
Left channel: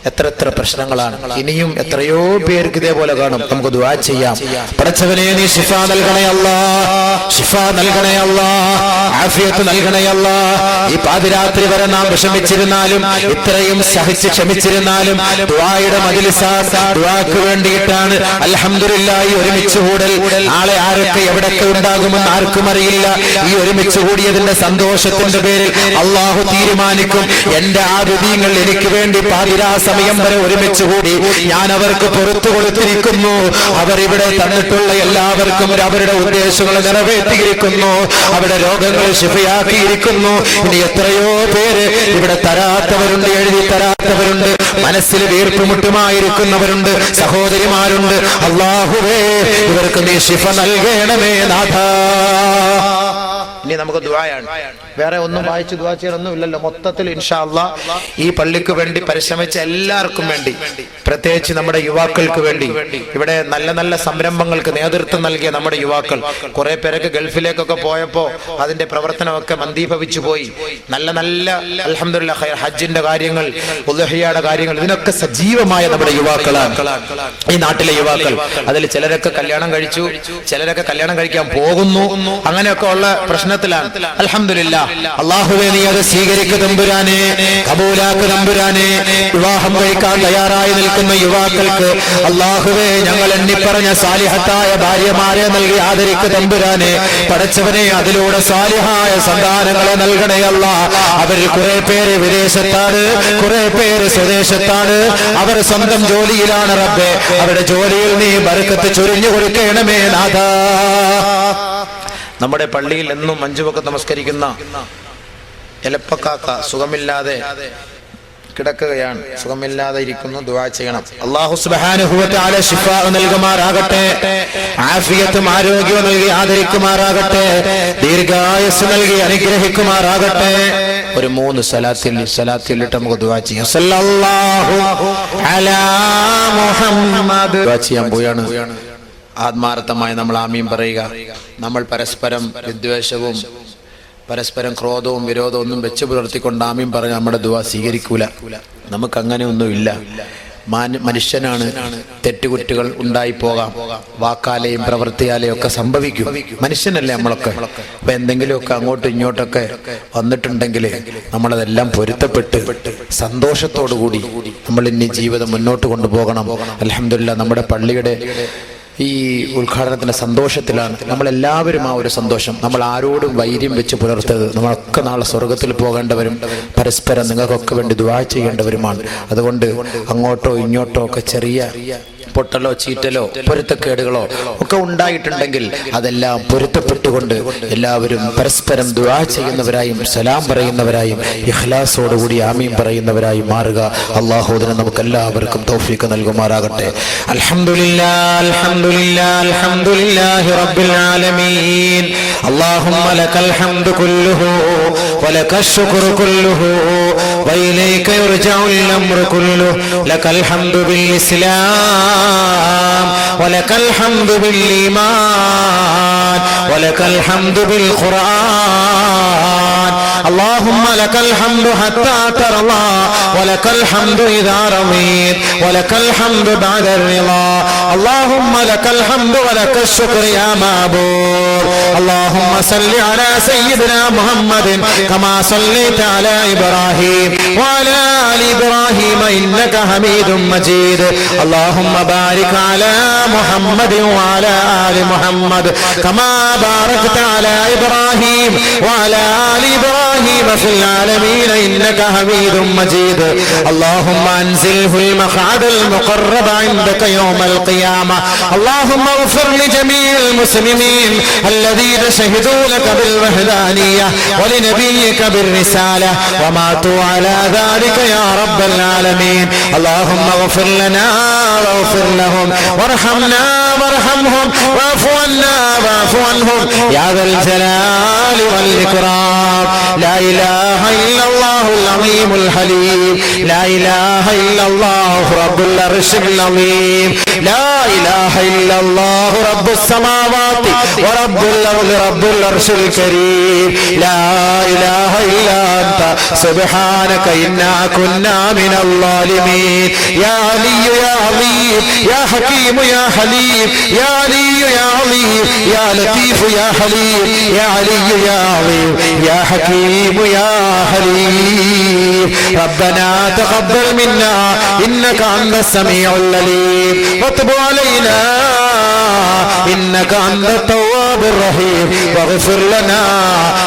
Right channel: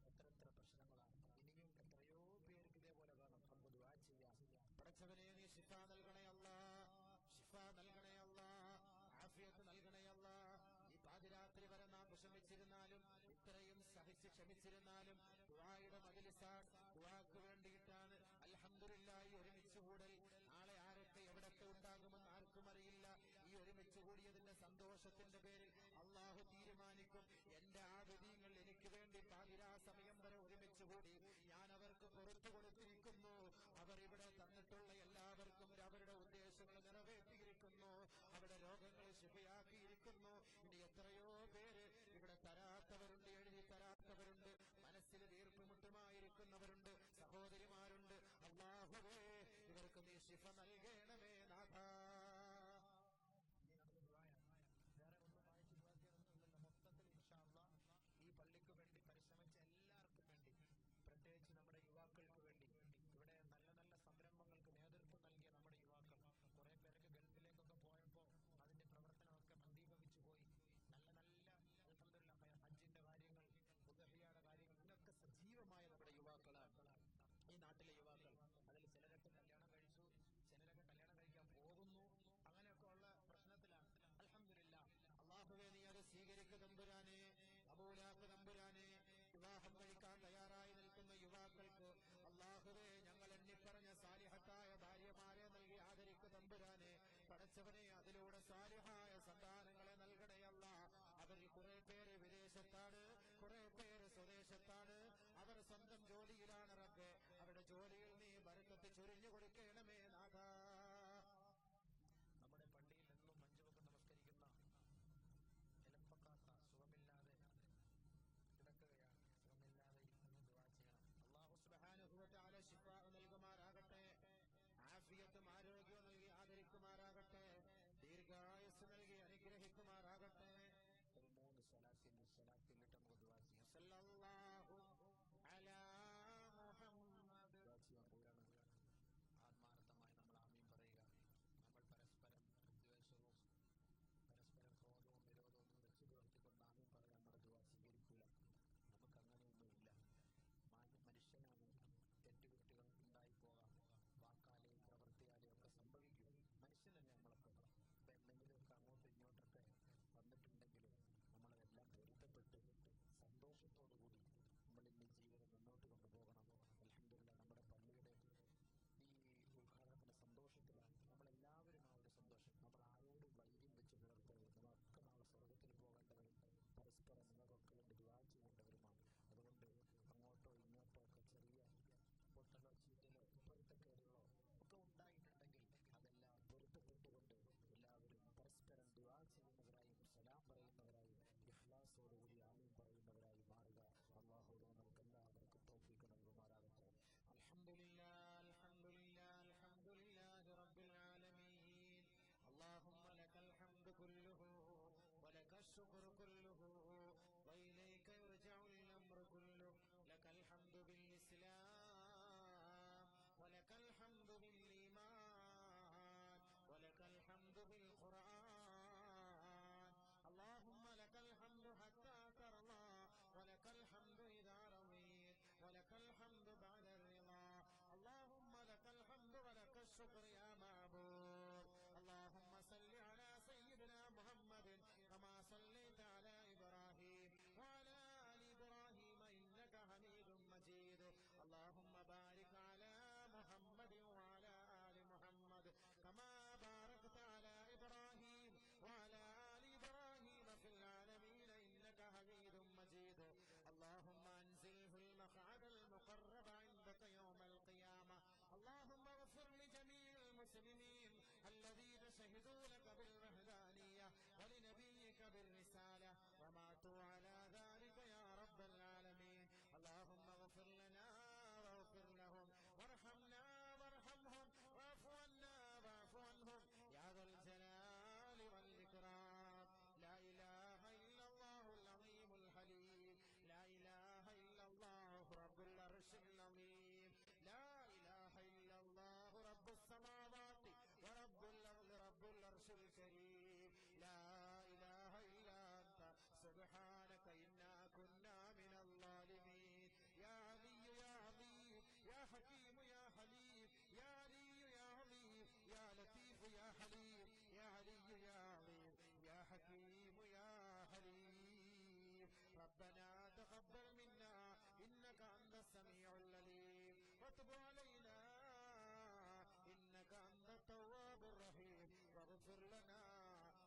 എത്ര പ്രശ്നങ്ങളാണ്. ഇനിയും എത്രയോ പേർക്ക് ഇതേപോലെ കാണും. നമുക്ക് ദുആ ചെയ്യാം. പടച്ചവനെ നീ ശിഫ നൽകണേ അല്ലാഹ്, ശിഫ നൽകണേ അല്ലാഹ്, ആഫിയത്ത് നൽകണേ അല്ലാഹ്. ഈ പാതിരാത്രി വരെ നാം വിഷമിച്ചിരുന്നാലും ഇത്രയും സഹിച്ച് ക്ഷമിച്ചിരുന്നാലും ദുആയുടെ മജ്ലിസാണ്, ദുആക്ക് വേണ്ടിയിട്ടാണ്. അൽഹംദുലില്ലാഹ് ഈ ഒരുമിച്ച് കൂടൽ നാളെ ആരൊക്കെ എവിടൊക്കെ ഉണ്ടാകുമെന്ന് ആർക്കും അറിയില്ല. ഈ ഒരുമിച്ച് കൂടിയതിന്റെ സന്തോഷത്തിന്റെ പേരിൽ അല്ലാഹു തീരുമാനിക്കും, എന്റെ ആബിദീങ്ങൾ എനിക്ക് വേണ്ടി പാതിരാ സമയം വരെ ഒരുമിച്ച് കൂടി ഞാൻ അവർക്ക് പുറത്തു കൊടുത്തിരിക്കുന്നു. അവർ ഇവിടെ തന്നിട്ടുള്ള എല്ലാവർക്കും അവരുടെ ഉദ്ദേശങ്ങൾ നിറവേറ്റിയിരിക്കുന്നു, അവരുടെ രോഗങ്ങൾ ശിഫയാക്കിയിരിക്കുന്നു. ഇനി എത്രയോ പേര് ഇവിടെ തരാത്തവരുണ്ട്, എഴുതി തരാത്തവരുണ്ട്, മനസ്സിൽ വീർപ്പുമുട്ടുമായിരിക്കുന്നവരുണ്ട്, സഹോദരിമാരുണ്ട്. അല്ലാഹുവേ ഇവർക്ക് നീ ശിഫ നൽകണമേ നാഥാ. ഇനി നമുക്ക് ദുആയാണ്. വേറെ ഒന്നും വായിച്ച് ദുആ ചെയ്യാനൊന്നും ഇല്ലല്ലോ. മൊത്തത്തിൽ ഇൻഷാ അല്ലാഹ് ഈ പള്ളിക്ക് വേണ്ടി പരിശ്രമിച്ച എല്ലാവർക്കും വേണ്ടി, പ്രത്യേകിച്ച് നമ്മുടെ യുവാക്കൾക്ക് വേണ്ടി, ഇവിടെ നല്ല നല്ല സംരംഭങ്ങൾക്ക് നേതൃത്വം നൽകിയ നമ്മുടെ യുവാക്കൾ, കുറെ പേരൊക്കെ ഗൾഫിലേക്കൊക്കെ പോയപ്പോ അതിന്റെ പ്രവർത്തനമൊക്കെ മന്ദീഭവിച്ചു പോയി. നല്ല നല്ല അൽഹംദുലില്ലാഹ് ഹജ്ജിന്റെ കാര്യങ്ങൾ, ഉദ്ഹിയയുടെ കാര്യങ്ങൾ, ഇതിനൊക്കെ സജീവമായ നമ്മുടെ യുവാക്കളാണ് ഈ നാട്ടിലെ യുവാക്കൾ. അതിൽ ചിലരൊക്കെ കല്യാണം കഴിച്ചു, ചിലരൊക്കെ കല്യാണം കഴിക്കാൻ പോകുന്നു. അങ്ങനെയൊക്കെ ഉള്ള പ്രശ്നത്തിലാണ്. അൽഹംദുലില്ലാഹ് അല്ലാഹുവേ നീ അത് സ്വീകരിക്കു തമ്പുരാനെ, കബൂലാക്ക് തമ്പുരാനെ. വിവാഹം കഴിക്കാൻ തയ്യാറായി നിൽക്കുന്ന യുവാക്കൾക്ക് അല്ലാഹുവേ ഞങ്ങൾ എണ്ണിപ്പറഞ്ഞ സാലിഹത്തായ ഭാര്യമാരെ നൽകി ആദരിക്കു തമ്പുരാനെ. പടച്ചവനെ അതിലൂടെ സാലിഹായ സന്താനങ്ങളെ നൽകണേ അല്ലാഹ്. അവരിൽ കുറെ പേര് വിദേശത്താണ്, കുറെ പേര് സ്വദേശത്താണ്, അവർ സ്വന്തം ജോലിയിലാണ് റബ്ബേ. അവരുടെ ജോലിയിൽ നീ ബർക്കത്ത് ചൊരിഞ്ഞു കൊടുക്കണമേ നാഥാ. നമ്മുടെ പള്ളിയിൽ എന്നും 5 വക്ത് നമസ്കരിക്കുന്ന എലപ്പക്കാക്ക സുഖമില്ലാതെ കിടക്കുകയാണ്, സുഖമില്ലാതെ ഇരിക്കുന്നു. ദുആ ചെയ്യണം. അല്ലാഹു സുബ്ഹാനഹു വ തആല ശിഫാ നൽകുമാറാകട്ടെ, ആഫിയത്തും ആരോഗ്യവും നൽകി ആദരിക്കുമാറാകട്ടെ, ദീർഘായുസ്സ് നൽകി അനുഗ്രഹിക്കുമാറാകട്ടെ. ഒരു 3 സലാത്തിലിട്ട് നമുക്ക് ദുആ ചെയ്യാം. സല്ലല്ലാഹു അലാ മുഹമ്മദ്. ദുആ ചെയ്യാൻ പോയാണ്. ആത്മാർത്ഥമായി നമ്മൾ ആമീൻ പറയുക. നമ്മൾ പരസ്പരം വിദ്വേഷവും പരസ്പരം ക്രോധവും വിരോധവും ഒന്നും വെച്ച് പുലർത്തിക്കൊണ്ട് ആമീൻ പറഞ്ഞ് നമ്മുടെ ദുആ സ്വീകരിക്കൂല. നമുക്ക് അങ്ങനെ ഒന്നുമില്ല. മനുഷ്യനാണ്, തെറ്റുകുറ്റുകൾ ഉണ്ടായി പോകാം, വാക്കാലെയും പ്രവൃത്തിയാലെയും ഒക്കെ സംഭവിക്കും. മനുഷ്യനല്ലേ നമ്മളൊക്കെ. അപ്പൊ എന്തെങ്കിലുമൊക്കെ അങ്ങോട്ടും ഇങ്ങോട്ടൊക്കെ വന്നിട്ടുണ്ടെങ്കിൽ നമ്മളതെല്ലാം പൊരുത്തപ്പെട്ട് സന്തോഷത്തോടുകൂടി നമ്മൾ ഇനി ജീവിതം മുന്നോട്ട് കൊണ്ടുപോകണം. അൽഹംദുലില്ലാഹ് നമ്മുടെ പള്ളിയുടെ ഈ ഉദ്ഘാടനത്തിന്റെ സന്തോഷത്തിലാണ് നമ്മളെല്ലാവരും. ആ ഒരു സന്തോഷം, നമ്മൾ ആരോടും വൈര്യം വെച്ച് പുലർത്തരുത്. നമ്മളൊക്കെ നാളെ സ്വർഗത്തിൽ പോകേണ്ടവരും പരസ്പരം നിങ്ങൾക്കൊക്കെ വേണ്ടി ദുആ ചെയ്യേണ്ടവരുമാണ്. അതുകൊണ്ട് അങ്ങോട്ടോ ഇങ്ങോട്ടോ ഒക്കെ ചെറിയ പൊട്ടലോ ചീറ്റലോ പൊരുത്തക്കേടുകളോ ഒക്കെ ഉണ്ടായിട്ടുണ്ടെങ്കിൽ അതെല്ലാം പൊരുത്തപ്പെട്ടുകൊണ്ട് എല്ലാവരും പരസ്പരം ദുആ ചെയ്യുന്നവരായും സലാം പറയുന്നവരായും ഇഖ്ലാസോടുകൂടി ആമീൻ പറയുന്നവരായും മാറുക. അല്ലാഹു അതിനെ നമുക്ക് എല്ലാവർക്കും തൗഫീഖ് നൽകുമാറാകട്ടെ. അൽഹംദുലില്ലാഹ് അൽഹംദുലില്ലാഹ് അൽഹംദുലില്ലാഹി റബ്ബിൽ ആലമീൻ. അല്ലാഹുമ്മ ലകൽ ഹംദു കുല്ലുഹു വലകശ് ശുക്റു കുല്ലുഹു വഇലൈക യുർജഉൽ അംറു കുല്ലുഹു. ലകൽ ഹംദു ബിൽ ഇസ്ലാം ولك الحمد بالإيمان ولك الحمد بالقرآن. اللهم لك الحمد حتى ترضى ولك الحمد إذا رضيت ولك الحمد بعد الرضا. اللهم لك الحمد ولك الشكر يا معبود. اللهم صل على سيدنا محمد كما صليت على إبراهيم وعلى آل إبراهيم إنك حميد مجيد. اللهم بارك على محمد وعلى آل محمد كما باركت على إبراهيم وعلى آل إبراهيم إبراهيم في العالمين إنك حميد مجيد اللهم أنزله المقعد المقرب عندك يوم القيامة اللهم اغفر لجميع المسلمين الذين شهدوا لك بالوحدانية ولنبيك بالرسالة وماتوا على ذلك يا رب العالمين اللهم اغفر لنا واغفر لهم وارحمنا وارحمهم واعف عنا واعف عنهم يا ذا الجلال والإكرام لا إله إلا الله العظيم الحليم لا إله إلا الله رب العرش العظيم لا إله إلا الله رب السماوات ورب الأرض رب العرش الكريم لا إله إلا أنت سبحانك إنا كنا من الظالمين يا علي يا عظيم يا حكيم يا حليم يا علي يا عظيم يا لطيف يا حليم يا علي يا عظيم يا حكيم يا حليم ربنا تقبل منا إنك أنت السميع العليم وتب علينا إنك أنت التواب الرحيم واغفر لنا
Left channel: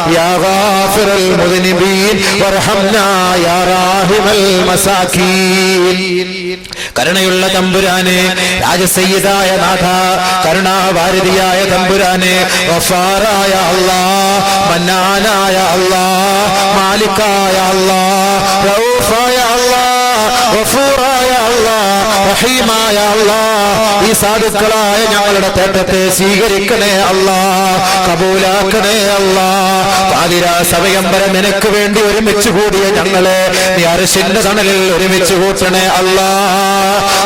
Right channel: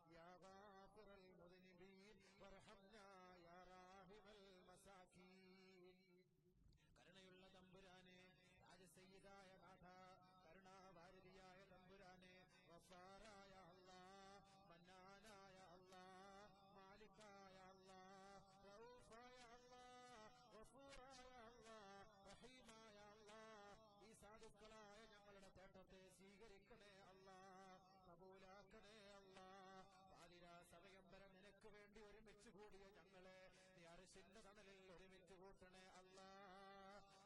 يا غافر المذنبين وارحمنا يا راحم المساكين കരുണയുള്ള തമ്പുരാനെ രാജസയ്യിദായ നാഥ കരുണാവാരിധിയായ തമ്പുരാനെ ഗഫാറായ അല്ലാഹ് മന്നാനായ അല്ലാഹ് മാലിക്കായ അല്ലാഹ് റഊഫായ അല്ലാഹ് ഗഫൂറായ അല്ലാഹ് റഹീമായ അല്ലാഹ് ഈ സാധുക്കളായ ഞങ്ങളുടെ തേട്ടത്തെ സ്വീകരിക്കണേ അല്ലാഹ് കബൂലാക്കണേ അല്ലാഹ് പാതിരാ സമയം വരെ നിനക്ക് വേണ്ടി ഒരുമിച്ച് കൂടിയ ഞങ്ങളെ നീ അർശിന്റെ തണലിൽ ഒരുമിച്ച് കൂട്ടണേ അല്ലാഹ്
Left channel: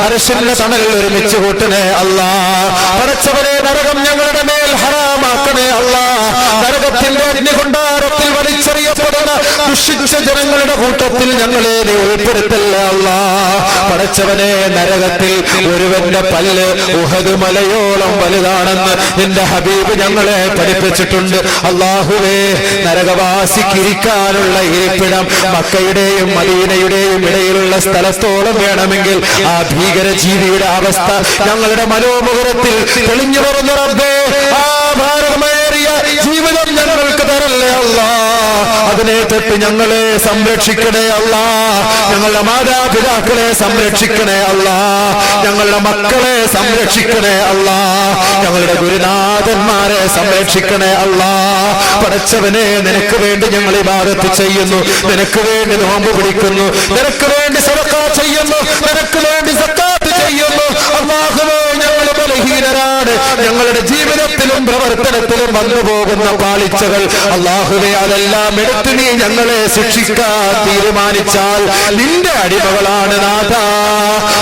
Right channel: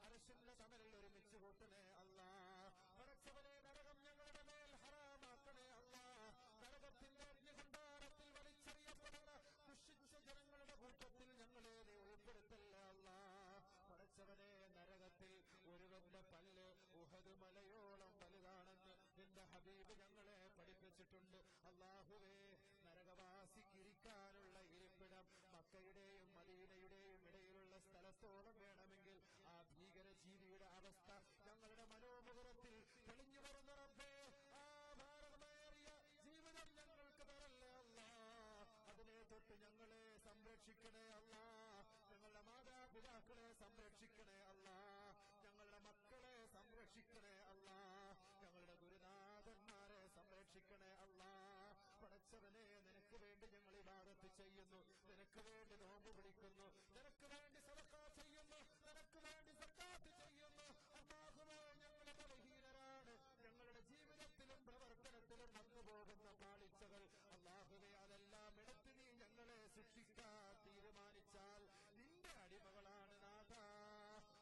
അർശിന്റെ തണലിൽ ഒരുമിച്ച് കൂട്ടണേ അല്ലാഹ് പടച്ചവനെ നരകം ഞങ്ങളുടെ മേൽ ഹറാമാക്കണേ അല്ലാഹ് നരകത്തിന്റെ അഗ്നികുണ്ഡാരത്തിൽ വലിച്ചെറിയപ്പെടുന്ന ദുഷിച്ച ജനങ്ങളുടെ കൂട്ടത്തിൽ ഞങ്ങളെ നീ ഉൾപ്പെടുത്തല്ല അല്ലാഹ് പടച്ചവനെ നരകത്തിൽ ഒരുവന്റെ പല്ല് ഉഹദ് മലയോളം വലുതാണെന്ന് നിന്റെ ഹബീബ് ഞങ്ങളെ പഠിപ്പിച്ചിട്ടുണ്ട് അല്ലാഹുവേ നരകവാസിക്കിരിക്കാനുള്ള ഇരിപ്പിടം മക്കയുടെയും മദീനയുടെയും ഇടയിലുള്ള സ്ഥലത്തോളം വേണമെങ്കിൽ ആ ഭീകരജീവിയുടെ അവസ്ഥ ഞങ്ങളുടെ മനോമുഖരത്തിൽ തെളിഞ്ഞു പറഞ്ഞു റബ്ബേ ആ ഭാരമേറിയ ജീവിതം ഞങ്ങൾക്ക് തരല്ലേ അല്ലാഹ് അതിനെ തൊട്ട് ഞങ്ങളെ സംരക്ഷിക്കണേ അല്ലാഹ് ഞങ്ങളുടെ മാതാപിതാക്കളെ സംരക്ഷിക്കണേ അല്ലാഹ് ഞങ്ങളുടെ മക്കളെ സംരക്ഷിക്കണേ അല്ലാഹ് ഞങ്ങളുടെ ഗുരുനാഥന്മാരെ സംരക്ഷിക്കണേ അല്ലാഹ് പടച്ചവനെ നിനക്ക് വേണ്ടി ഞങ്ങൾ ഇബാദത്ത് ചെയ്യുന്നു നിനക്ക് വേണ്ടി നോമ്പ് പിടിക്കുന്നു നിനക്ക് വേണ്ടി സദഖ ചെയ്യുന്നു നിനക്ക് വേണ്ടി സക്കാത്ത് ചെയ്യുന്നു അല്ലാഹുവേ ഞങ്ങൾ ബലഹീനരാണ് ഞങ്ങളുടെ ജീവിതത്തിലും പ്രവർത്തനത്തിലും വന്നു പോകുന്ന പാളിച്ചകൾ അല്ലാഹുവേ അതെല്ലാം എടുത്തു നീ ഞങ്ങളെ ശിക്ഷിക്കാൻ തീരുമാനിച്ചാൽ നിന്റെ അടിമകളാണ് നാഥ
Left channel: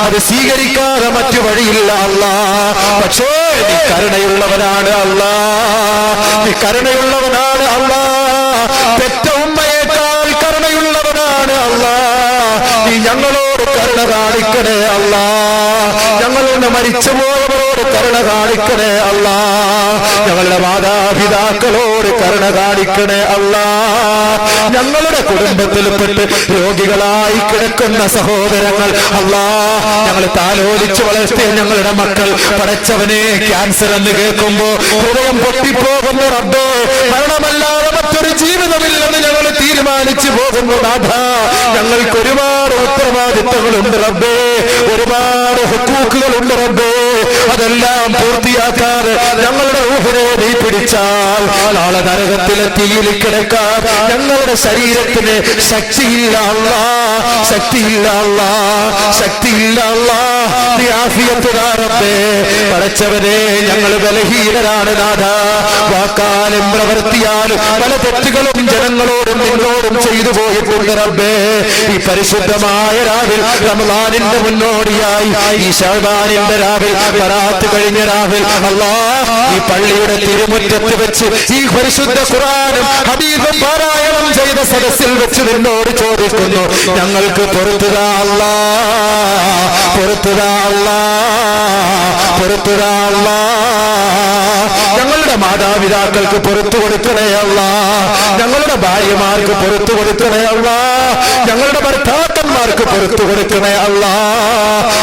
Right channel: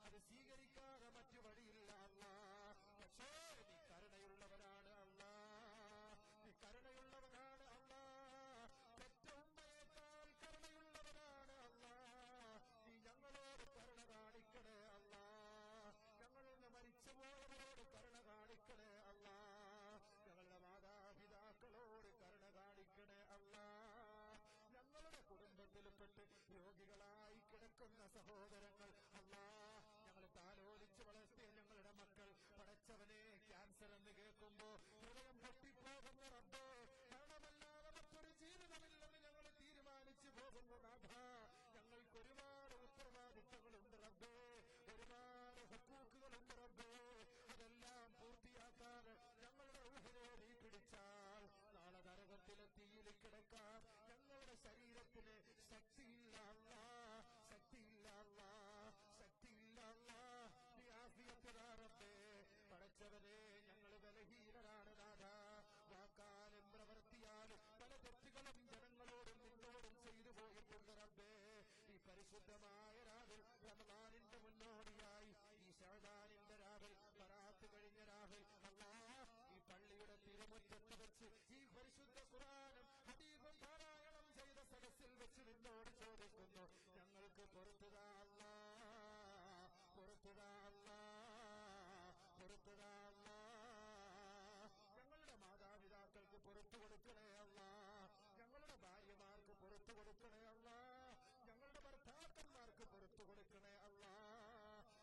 അത് സ്വീകരിക്കാതെ മറ്റു വഴിയില്ല അല്ലാഹ് പക്ഷേ നീ കരുണയുള്ളവനാണ് അല്ലാഹ് നീ കരുണയുള്ളവനാണ് അല്ലാഹ് പെറ്റ ഉമ്മയേക്കാൾ കരുണയുള്ളവനാണ് അല്ലാഹ് നീ ഞങ്ങളോട് കരുണ കാണിക്കണേ അല്ലാഹ് ഞങ്ങളോട് മരിച്ചുപോയവരോട് കരുണ കാണിക്കണേ അല്ലാഹ് ഞങ്ങളുടെ മാതാപിതാക്കളോട് കരുണ കാണിക്കണേ അല്ലാഹ് ഞങ്ങളുടെ കുടുംബത്തിൽപ്പെട്ട് രോഗികളായി കിടക്കുന്ന സഹോദരങ്ങൾ അല്ലാഹ് ഞങ്ങൾ താലോലിച്ചു വളർത്തിയ ഞങ്ങളുടെ മക്കൾ പടച്ചവനെ ക്യാൻസർ എന്ന് കേൾക്കുമ്പോ ഹൃദയം പൊട്ടിപ്പോകുന്ന റബ്ബേ മരണമല്ലാതെ മറ്റൊരു ജീവിതമില്ലെന്ന് ഞങ്ങൾ തീരുമാനിച്ചു പോകുന്നു നാഥ ഞങ്ങൾക്ക് ഒരുപാട് ഉത്തരവാദിത്തങ്ങളുണ്ട് റബ്ബേ ഒരുപാട് ഹുക്കൂക്കുകളുണ്ട് റബ്ബേ അതെല്ലാം പൂർത്തിയാക്കാതെ ഞങ്ങളുടെ ഊഹനെ നീ പിടിച്ചാൽ നാളെ നരകത്തിലെ തീയിൽ കിടക്കാൻ ഞങ്ങളുടെ ശരീരത്തിന് ശക്തിയില്ല അല്ലാഹ് ശക്തിയില്ല അല്ലാഹ് ശക്തിയില്ല അല്ലാഹ് നീ ആഫിയത്ത് താ റബ്ബേ പടച്ചവനെ ഞങ്ങൾ ബലഹീനരാണ് നാഥ വാക്കാലും പ്രവൃത്തിയാലും പല തെറ്റുകളും ജനങ്ങളോടും നിങ്ങളോടും ചെയ്തു പോയിട്ടുണ്ട് റബ്ബേ ഈ പരിശുദ്ധമായ രാവിൽ റമളാനിന്റെ മുന്നോടിയായി ഈ ശഅബാനിന്റെ രാവിൽ ബറാത്ത് കഴിഞ്ഞ രാവിൽ അല്ലാഹ് ഈ പള്ളിയുടെ തിരുമുറ്റത്ത് വെച്ച് ഈ പരിശുദ്ധ ഖുർആനും ഹദീസും പാരായണം ചെയ്ത സദസ്സിൽ വെച്ച് നിന്നോട് ചോദിക്കുന്നു ഞങ്ങൾക്ക് പൊറുത്തുതാ അല്ലാഹ് പൊറുത്തുതാ അല്ലാഹ് പൊറുത്തുതാ അല്ലാഹ് ഞങ്ങളുടെ മാതാപിതാക്കൾക്ക് പുറത്തു കൊടുക്കണേ അല്ലാഹ് ഞങ്ങളുടെ ഭാര്യമാർക്ക് പുറത്തു കൊടുക്കണേ അല്ലാഹ് ഞങ്ങളുടെ ഭർത്താവ് പിതാക്കന്മാർക്ക് പുറത്തു കൊടുക്കണേ അല്ലാ.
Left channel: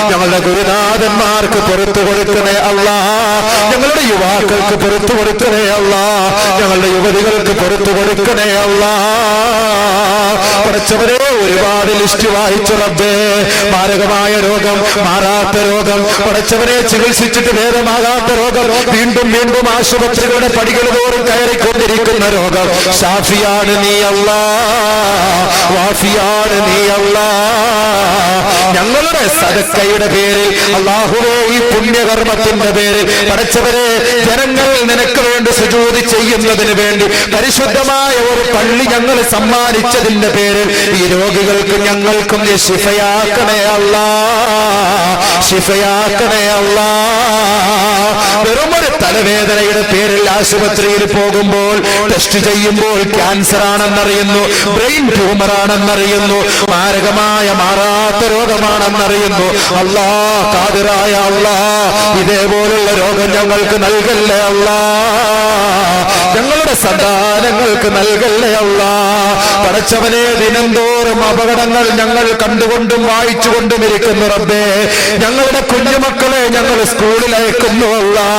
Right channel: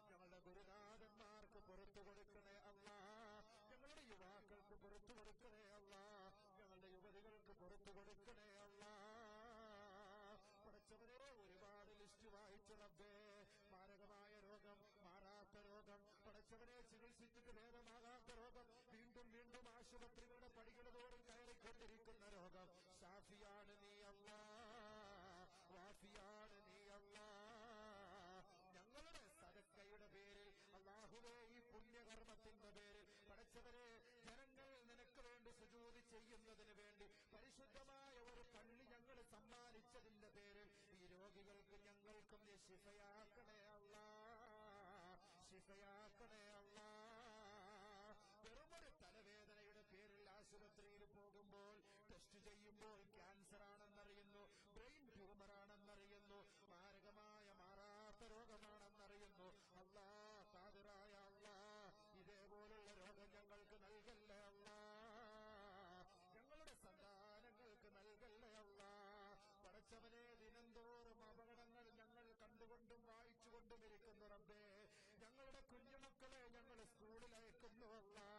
ഞങ്ങളുടെ ഗുരുനാഥന്മാർക്ക് പുറത്തു കൊടുക്കണേ അല്ലാ. ഞങ്ങളുടെ യുവാക്കൾക്ക് പുറത്തു കൊടുക്കണേ അല്ലാ. ഞങ്ങളുടെ യുവതികൾക്ക് പുറത്തു കൊടുക്കണേ അല്ലാ. പഠിച്ചവരെ ഒരുപാട് ലിസ്റ്റ് വായിച്ചു റബ്ബേ. മാരകമായ രോഗം, മാറാത്ത രോഗം, പഠിച്ചവരെ ചികിത്സിച്ചിട്ട് ഭേദമാകാത്ത രോഗം, വീണ്ടും വീണ്ടും ആശുപത്രികളുടെ പടികൾ തോറും കയറിക്കൊണ്ടിരിക്കുന്ന രോഗം. ഷാഫിയാണ് നീ അല്ലാ, വാഫിയാണ് നീ അല്ലാ. ഞങ്ങളുടെ സദക്കയുടെ പേരിൽ അല്ലാഹുവേ, ഈ പുണ്യകർമ്മത്തിന്റെ പേരിൽ പഠിച്ചവരെ ജനങ്ങൾ നിനക്ക് വേണ്ടി സുജൂദ് ചെയ്യുന്നതിന് വേണ്ടി പരിശുദ്ധമായ ഒരു പള്ളി ഞങ്ങൾ സമ്മാനിച്ചതിന്റെ പേരിൽ ഈ രോഗികൾക്ക് ഞങ്ങൾക്കും നീ ശിഫയാക്കണേ അല്ലാ, ശിഫയാക്കണേ അല്ലാ. വെറുമൊരു തലവേദനയുടെ പേരിൽ ആശുപത്രിയിൽ പോകുമ്പോൾ ടെസ്റ്റ് ചെയ്യുമ്പോൾ ക്യാൻസർ ആണെന്നറിയുന്നു, ബ്രെയിൻ ട്യൂമർ ആണെന്നറിയുന്നു, മാരകമായ മാറാത്ത രോഗമാണെന്നറിയുന്നു. അല്ലാ, ഖാദിറായ അല്ലാ, ഇതേപോലുള്ള രോഗം ഞങ്ങൾക്ക് നൽകല്ലേ അല്ലാ, ഞങ്ങളുടെ സന്താനങ്ങൾക്ക് നൽകല്ലേ അല്ലാ. പടച്ചവനെ, ദിനംതോറും അപകടങ്ങൾ ഞങ്ങൾ കണ്ടുകൊണ്ടും വായിച്ചുകൊണ്ടും ഇരിക്കുന്നു റബ്ബേ. ഞങ്ങളുടെ കുഞ്ഞുമക്കളെ ഞങ്ങൾ സ്കൂളിൽ അയക്കുന്നു അല്ലാ.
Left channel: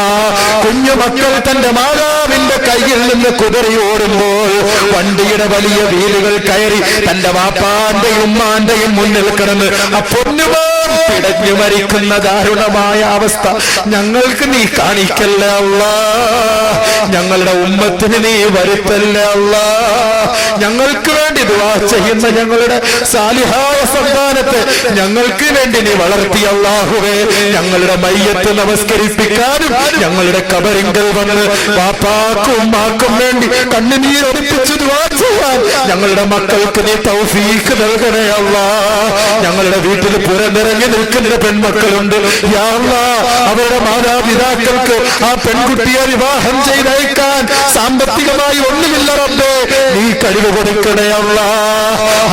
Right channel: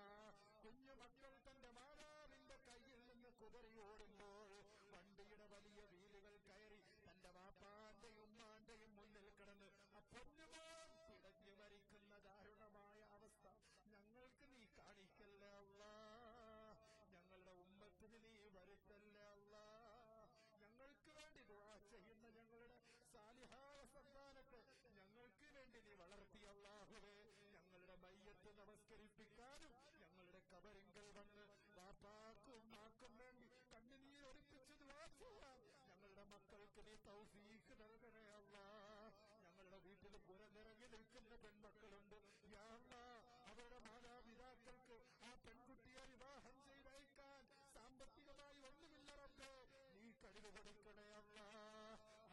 കുഞ്ഞുമക്കൾ തന്റെ മാതാവിന്റെ കയ്യിൽ നിന്ന് കുതറി ഓടുമ്പോൾ വണ്ടിയുടെ വലിയ വീലുകൾ കയറി തന്റെ വാപ്പാന്റെയും ഉമ്മാന്റെയും മുന്നിൽ കിടന്ന് ആ പൊന്നുമാൻ പിടഞ്ഞു മരിക്കുന്ന ദാരുണമായ അവസ്ഥ ഞങ്ങൾക്ക് നീ കാണിക്കല്ലേ അല്ലാ. ഞങ്ങളുടെ ഉമ്മത്തിന് നീ വരുത്തല്ലേ അല്ലാ. ഞങ്ങൾക്ക് വേണ്ടി ദുആ ചെയ്യുന്ന ഞങ്ങളുടെ സാലിഹായ സന്താനത്തെ ഞങ്ങൾക്ക് വേണ്ടി നീ വളർത്തി അല്ലാഹുവേ. ഞങ്ങളുടെ മയ്യത്ത് നമസ്കരിപ്പിക്കാനും ഞങ്ങളുടെ കബറിങ്കൽ വന്ന് വാപ്പാക്കും ഉമ്മാക്കും വേണ്ടി കണ്ണുനീരൊലിപ്പിച്ച് ദുആ ചെയ്യാൻ ഞങ്ങളുടെ മക്കൾക്ക് നീ തൗഫീഖ് നൽകണേ അല്ലാ. ഞങ്ങളുടെ വീട്ടിൽ പുറത്തിറങ്ങി നിൽക്കുന്ന പെൺമക്കളുണ്ട് യാ അല്ലാ, അവരുടെ മാതാപിതാക്കൾക്ക് ആ പെൺകുട്ടിയെ വിവാഹം ചെയ്തയക്കാൻ സാമ്പത്തികമായി ഒന്നുമില്ല റബ്ബേ, നീ കഴിവ് കൊടുക്കണേ അല്ലാ.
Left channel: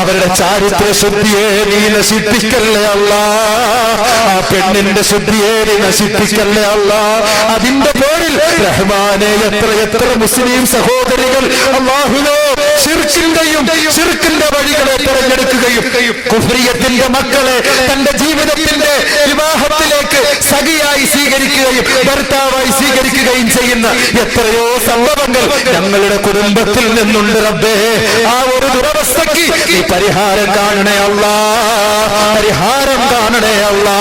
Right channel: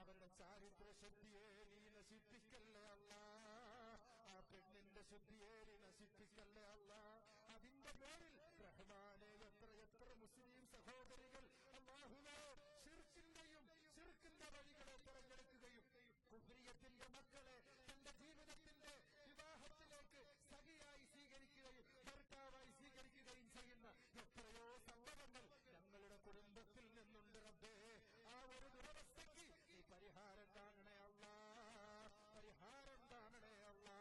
അവരുടെ ചാരിത്ര ശുദ്ധിയെ നീ നശിപ്പിക്കല്ലേ അല്ലാ. ആ പെണ്ണിന്റെ ശുദ്ധിയെ നീ നശിപ്പിക്കല്ലേ അല്ലാ. അതിന്റെ പേരിൽ റഹ്മാനെ എത്ര മുസ്ലിം സഹോദരികൾ അല്ലാഹുവേ ശിർക്കിന്റെ വഴികളെ തിരഞ്ഞെടുക്കുകയും കുഫ്രിയത്തിന്റെ മക്കളെ തന്റെ ജീവിതത്തിന്റെ വിവാഹത്തിലേക്ക് സഖിയായി സ്വീകരിക്കുകയും ഭർത്താവായി സ്വീകരിക്കുകയും ചെയ്യുന്ന എത്രയോ സംഭവങ്ങൾ ഞങ്ങളുടെ കുടുംബത്തിൽ നിന്നുണ്ട് റബ്ബേ. ആ ഒരു ദുരവസ്ഥയ്ക്ക് ഈ പരിഹാരം കാണണേ അല്ലാ, പരിഹാരം കാണണേ അല്ലാ.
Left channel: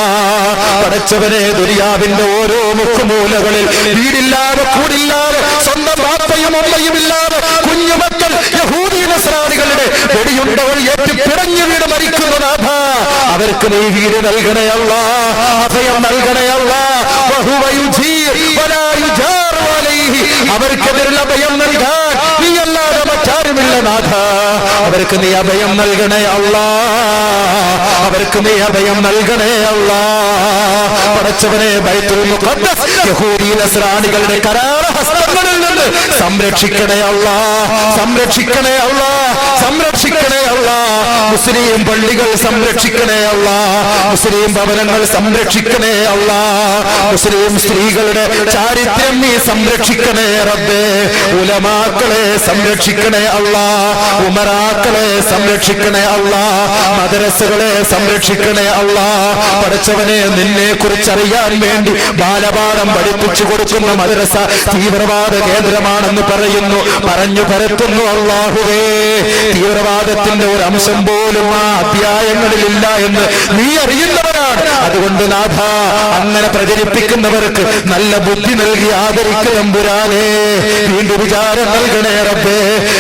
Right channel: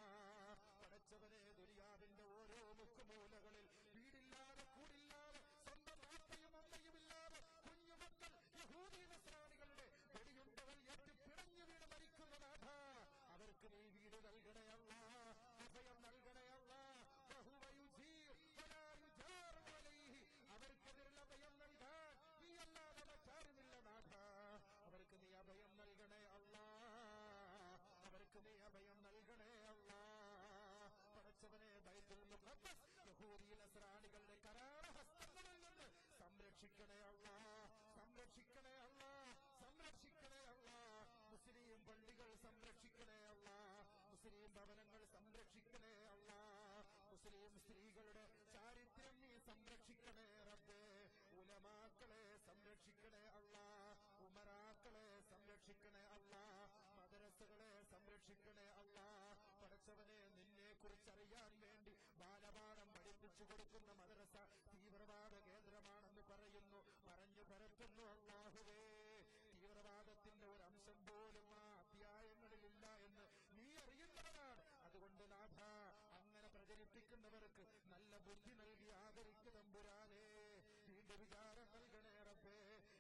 പടച്ചവനെ, ദുനിയാവിന്റെ ഓരോ മുക്കുമൂലകളിൽ വീടില്ലാതെ കൂടില്ലാതെ സ്വന്തം ബാപ്പയും അമ്മയും ഇല്ലാതെ കുഞ്ഞുമക്കൾ യഹൂദി നസ്രാനികളുടെ വെടിയുണ്ടകൾ ഏറ്റ് പിടഞ്ഞു വീട് മരിക്കുന്ന നാഥ, അവർക്ക് നീ വീട് നൽകണേ അല്ലാ, അഭയം നൽകണേ അല്ലാ. അവർക്കെതിരുള്ള അഭയം നൽകാൻ നീ അല്ലാതെ മറ്റാരുമില്ല നാഥ. അവർക്ക് നീ അഭയം നൽകണേ അല്ലാ, അവർക്ക് നീ അഭയം നൽകണേ അല്ലാ. പടച്ചവനെ, ബൈത്തുൽ മുഖദ്ദസ് യഹൂദി നസ്രാനികളുടെ കരാളഹസ്തങ്ങളിൽ നിന്ന് സംരക്ഷിക്കണേ അല്ലാ, സംരക്ഷിക്കണേ അല്ലാ, സംരക്ഷിക്കണേ അല്ലാ. മുസ്ലിം പള്ളികൾ സംരക്ഷിക്കണേ അല്ലാ, മുസ്ലിം ഭവനങ്ങൾ സംരക്ഷിക്കണേ അല്ലാ. മുസ്ലിം സ്ത്രീകളുടെ ചാരിത്രം നീ സംരക്ഷിക്കണേ റബ്ബേ. ഉലമാക്കളെ സംരക്ഷിക്കണേ അല്ലാ, ഉമറാക്കളെ സംരക്ഷിക്കണേ അല്ലാ, മദ്രസകളെ സംരക്ഷിക്കണേ അല്ലാ. പഠിച്ചവനെ, നിന്നെ കുറിച്ചറിയാൻ വേണ്ടി ബാലപാഠം പഠിപ്പിച്ചു കൊടുക്കുന്ന മദ്രസ തീവ്രവാദ കേന്ദ്രമാണെന്ന് പറഞ്ഞു പരത്തുന്നു അല്ലാഹുവേ. തീവ്രവാദത്തിന്റെ ഒരു അംശം പോലും ആ അധ്യായങ്ങളിലില്ല എന്ന് നീ അറിയുന്നവരാണ്. അതുകൊണ്ട് നാഥ, അങ്ങനെ പ്രചരിപ്പിക്കുന്നവർക്ക് നല്ല ബുദ്ധി നൽകി ആദരിക്കമ്പുരാനേ. വീണ്ടും വിചാരം നൽകണേ റബ്ബേ.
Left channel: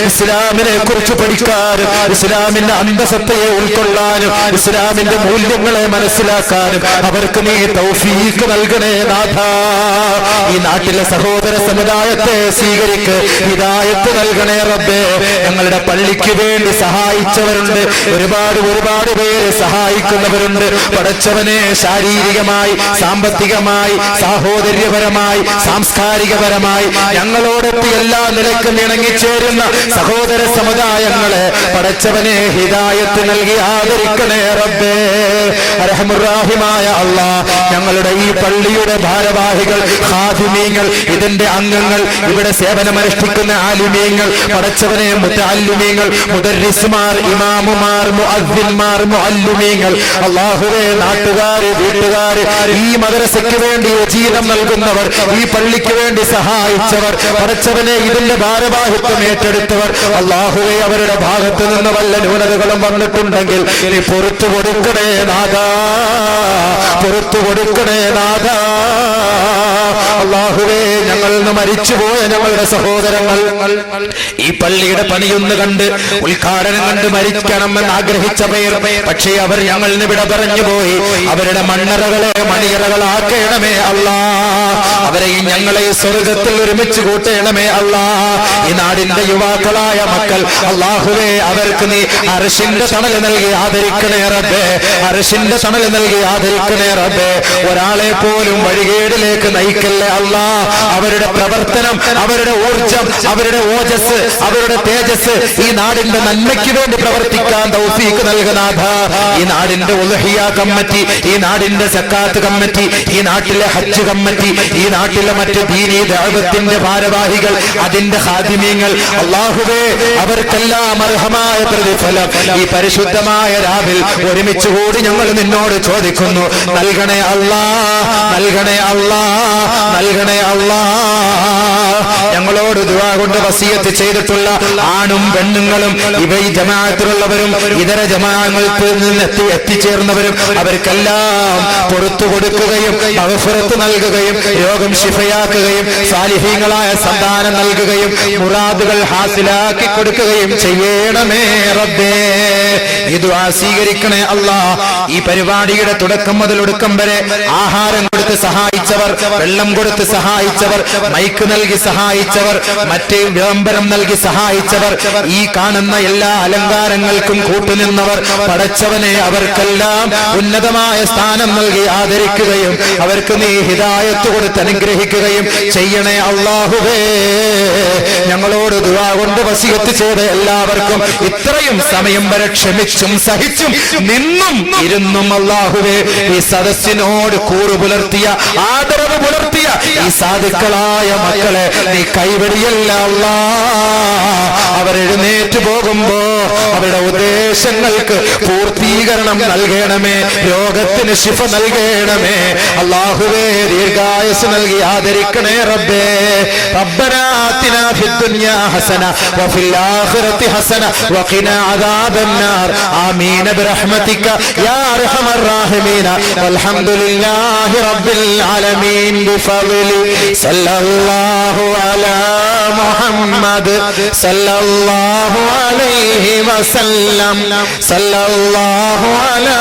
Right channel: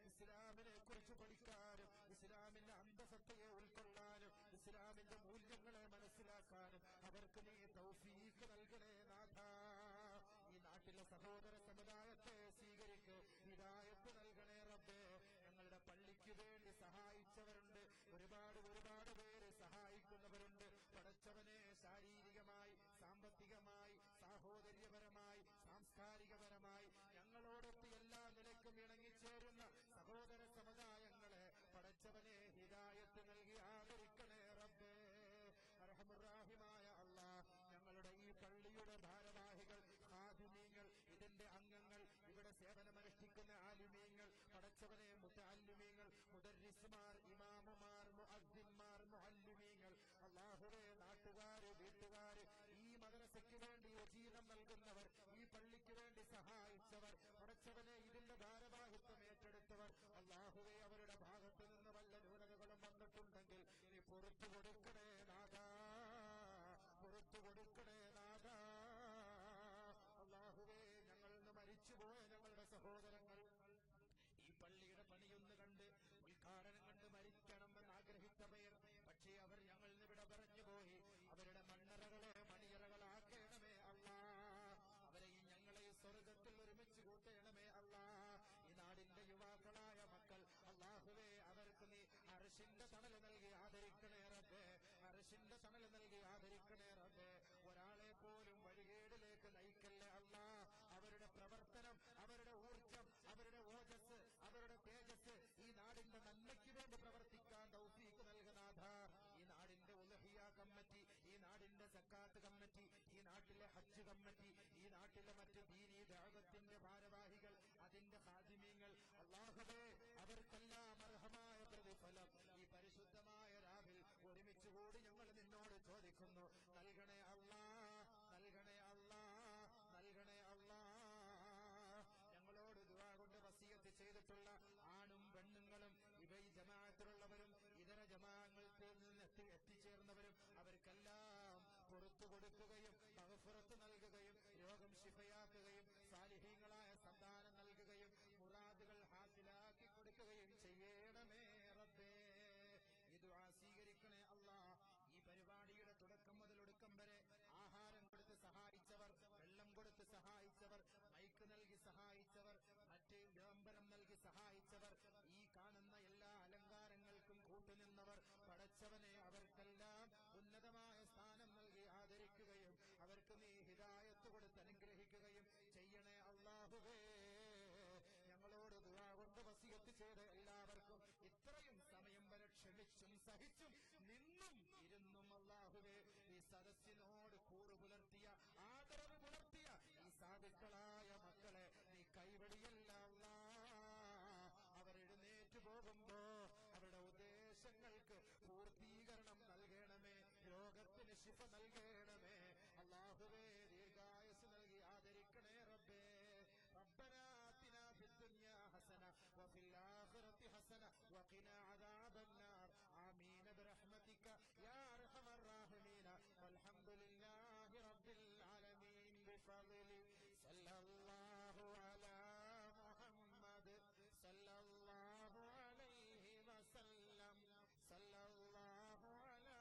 ഇസ്ലാമിനെ കുറിച്ച് പഠിക്കാനും ഇസ്ലാമിന്റെ അന്തസത്തയെ ഉൾക്കൊള്ളാനും ഇസ്ലാമിന്റെ മൂല്യങ്ങളെ മനസ്സിലാക്കാനും അവർക്ക് നീ തൗഫീഖ് നൽകണേ നാഥ. ഈ നാട്ടിലെ സഹോദര സമുദായത്തെ സ്വീകരിക്ക്, ഹിദായത്ത് നൽകണേ റബ്ബേ. ഞങ്ങളുടെ പള്ളിക്ക് വേണ്ടി സഹായിച്ചവരുണ്ട്, ഒരുപാട് പേര് സഹായിക്കുന്നവരുണ്ട്. പടച്ചവനെ, ശാരീരികമായി, സാമ്പത്തികമായി, സാഹോദര്യപരമായി, സാംസ്കാരികപരമായി ഞങ്ങളോടൊത്ത് എല്ലാ നിലക്കും ഇണങ്ങിച്ചേരുന്ന സഹോദര സമുദായങ്ങളെ പടച്ചവനെ ഹിദായത്ത് നൽകി ആദരിക്കണേ റബ്ബേ. അർഹമുർ-റഹീമായ അല്ലാഹ്, ഞങ്ങളുടെ ഈ പള്ളിയുടെ ഭാരവാഹികൾ, ഖാദിമീങ്ങൾ, ഇതിന്റെ അംഗങ്ങൾ, ഇവിടെ സേവനമനുഷ്ഠിക്കുന്ന ആലിമീങ്ങൾ, പടച്ചവനെ മുതഅല്ലിമീങ്ങൾ, മുദർരിസ്മാർ, ഇമാമുമാർ, മുഅദ്ദിൻമാർ, മുഅല്ലിമീങ്ങൾ, അല്ലാഹുവേ നാട്ടുകാര്, വീട്ടുകാര്, ഈ മദ്രസയ്ക്ക് വേണ്ടി ജീവിതം നൽകുന്നവർ, ഈ പള്ളിക്ക് വേണ്ടി സഹായിച്ചവർ, പടച്ചവനെ ഇതിന്റെ ഭാരവാഹിത്വം ഏറ്റെടുത്തവർ, അല്ലാഹുവേ അവരുടെ ഭാഗത്ത് നിന്ന് വല്ല ന്യൂനതകളും വന്നിട്ടുണ്ടെങ്കിൽ നീ പുറത്തു കൊടുക്കണേ നാഥാ, പുറത്തു കൊടുക്കണേ നാഥാ. അല്ലാഹുവേ ഞങ്ങളിൽ നിന്ന് മരിച്ചുപോയ ഞങ്ങളുടെ സഹോദരങ്ങൾ ഈ പള്ളിയുടെ പണിയൊന്ന് കണ്ട് ഉദ്ഘാടനം കണ്ട് മരിക്കണമെന്ന് ആഗ്രഹിച്ച പേർ, പക്ഷേ അവർ ഞങ്ങളിൽ നിന്ന് വിട പറഞ്ഞു പോയി. അവരുടെ മണ്ണറകളെ മണിയറകളാക്കണമേ അല്ലാ, അവരെയും ഞങ്ങളെ സ്വർഗത്തിൽ ഒരുമിച്ച് കൂട്ടണമേ അല്ലാ. ഈ നാടിന്റെ യുവാക്കളായ മക്കൾ, അല്ലാഹുവേ അവർക്ക് നീ അർശിന്റെ തണൽ നൽകി ആദരിക്കണേ റബ്ബേ, അർശിന്റെ തണൽ നൽകി ആദരിക്കണേ റബ്ബേ. ഒരാളെ പോലും വഴികേടിലേക്ക് നയിക്കല്ലേ അല്ലാ. അവരുടെ പ്രവർത്തനം, അവരുടെ ഊർജം, അവരുടെ ഓജസ്, അവരുടെ തേജസ് ഈ നാടിന്റെ നന്മയ്ക്ക് വേണ്ടി പ്രവർത്തിക്കാൻ തൗഫീഖ് നൽകനാഥ. ഈ നാടിന്റെ ഉളുഹിയ കമ്മിറ്റി, ഈ നാടിന്റെ സക്കാത്ത് കമ്മിറ്റി, ഈ നാട്ടിലെ ഹജ്ജ് കമ്മിറ്റി, ഈ നാട്ടിലെ മറ്റ് ദീനീ ദഅവത്തിന്റെ ഭാരവാഹികൾ, അതിന്റെ ഖാദിമീങ്ങൾ, അല്ലാഹുവേ അവർക്കെല്ലാം അർഹമായ പ്രതിഫലം ഈ പരിശുദ്ധമായ രാവിൽ ഒരുമിച്ച് കൂടി ഞങ്ങൾ നിന്നോട് ചോദിക്കുന്നു. നൽകണേ അല്ലാ, നൽകണേ അല്ലാ, നൽകണേ അല്ലാ. ഞങ്ങളോട് ദുആ കൊണ്ട് വസിയത്ത് ചെയ്തിട്ടുള്ള ആണും പെണ്ണുങ്ങളും ഇവ ഈ ജമാഅത്തിലുള്ളവരും ഇതര ജമാഅത്തിൽ നിന്ന് എത്തിച്ചേർന്നവരും അവർക്കെല്ലാം പുറത്തു കൊടുക്കുകയും മഗ്ഫിറത്ത് നൽകുകയും രോഗം ശിഫയാക്കുകയും സാലിഹീങ്ങളായ സന്താനം നൽകുകയും മുറാദുകൾ ഹാസിലാക്കി കൊടുക്കുകയും ചെയ്യണമേ റബ്ബേ. ഈ ദുആ സ്വീകരിക്കണേ അല്ലാഹ്. ഈ പരിപാടിയുടെ തുടക്കം മുതൽ ഒടുക്കം വരെ ആഹാരം കൊടുത്ത് സഹായിച്ചവർ, വെള്ളം കൊടുത്ത് സഹായിച്ചവർ, മൈക്ക് നൽകി സഹായിച്ചവർ, മറ്റ് വിളംബരം നൽകി സഹായിച്ചവർ, ഈ കാണുന്ന എല്ലാ അലങ്കാരങ്ങൾക്കും കൂട്ടുനിന്നവർ, പടച്ചവനെ അവർക്കെല്ലാം ഉന്നതമായ സ്ഥാനം നൽകി ആദരിക്കുകയും അവർക്ക് നീ ഹിദായത്ത് കൊടുത്ത് അനുഗ്രഹിക്കുകയും ചെയ്യണേ അല്ലാഹുവേ. ഞങ്ങളോട് ദുആ കൊണ്ട് വസിയത്ത് ചെയ്ത എല്ലാവർക്കും ഇത്രയും സമയം വരെ ക്ഷമിച്ചും സഹിച്ചും നിന്നും ഇരുന്നും അല്ലാഹുവേ ഈ സദസ്സിനോട് കൂറു പുലർത്തിയ, ആദരവ് പുലർത്തിയ ഈ സാധുക്കളായ മക്കളെ നീ കൈവടിയല്ല അല്ലാ. അവരെഴുന്നേറ്റ് പോകുമ്പോ അവരുടെ ഉദ്ദേശങ്ങൾക്ക് പൂർത്തീകരണം നൽകണമേ, രോഗത്തിന് ശിഫ നൽകണമേ അല്ലാഹുവേ. ദീർഘായുസ് നൽകി ആദരിക്കണേ റബ്ബേ. റബ്ബനാ ആതിനാ ഫിദ്ദുനിയാ ഹസന വഫിൽ ആഖിറതി ഹസന വഖിനാ അദാബന്നാർ. ആമീൻ ബിറഹ്മതിക യാ അർഹമർ റഹീമീൻ. വൽഹംദുലില്ലാഹി റബ്ബിൽ ആലമീൻ ബിഫദ്ലി സല്ലല്ലാഹു അലാ മുഹമ്മദ് സല്ലല്ലാഹു അലൈഹി വസല്ലം സല്ലല്ലാഹു അലാ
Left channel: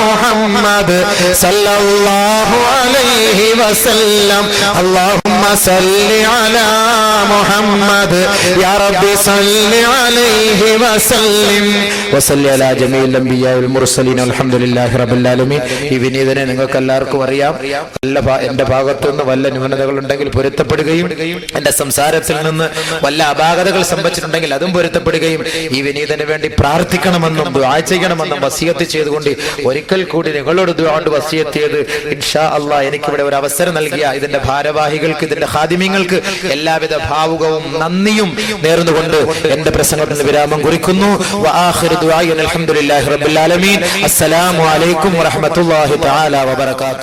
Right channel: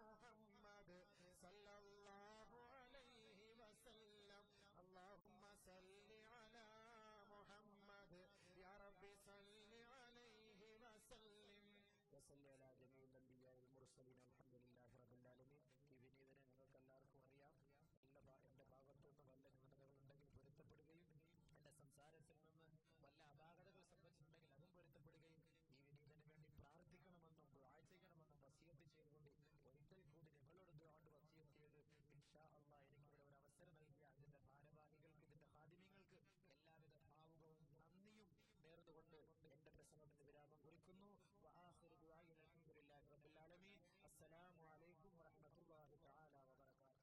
മുഹമ്മദ് സല്ലല്ലാഹു അലൈഹി വസല്ലം. അല്ലാഹുമ്മ സല്ലി അലാ മുഹമ്മദ് യാ റബ്ബി സല്ലി അലൈഹി വസല്ലം വസല്ലി അലാ ജമീഇൽ അംബിയാ വൽ മുർസലീൻ അൽഹംദുലില്ലാഹി റബ്ബിൽ ആലമീൻ. ഈ വിനീതനെ നിങ്ങൾക്ക് എല്ലാവർക്കും അറിയാം. എന്റെ ഭാഗത്തുനിന്ന് വല്ല ന്യൂനതകൾ ഉണ്ടെങ്കിൽ പൊരുത്തപ്പെടുകയും എന്റെ സംസാരത്തിൽ നിന്ന് വല്ല അപാകതകൾ സംഭവിച്ചിട്ടുണ്ടെങ്കിൽ അതും പൊരുത്തപ്പെടുകയും ഈ വിനീതന് വേണ്ടി പ്രാർത്ഥിക്കണമെന്നും ദുആ ചെയ്യണമെന്നും വസിയത്ത് ചെയ്തുകൊണ്ട് ഒരിക്കൽ കൂടി നിങ്ങളോട് ദുആ കൊണ്ട് വസിയത്ത് ചെയ്ത് ഇൻഷാ അല്ലാഹ് എനിക്കിവിടെ ഒരു അവസരം നൽകിയ ഇതിന്റെ ഭാരവാഹികൾക്ക്, ഇതിന്റെ ഖാദിമീങ്ങൾക്ക് എല്ലാവിധ ഭാവുകവും നന്ദിയും നേർന്നുകൊണ്ട് എന്റെ പ്രസംഗത്തിന് വിരാമം കുറിക്കുന്നു. വആഖിറു ദുആഇന അൽഹംദുലില്ലാഹി റബ്ബിൽ ആലമീൻ. അസ്സലാമു അലൈക്കും വറഹ്മത്തുള്ളാഹി തആല വബറകാതുഹു.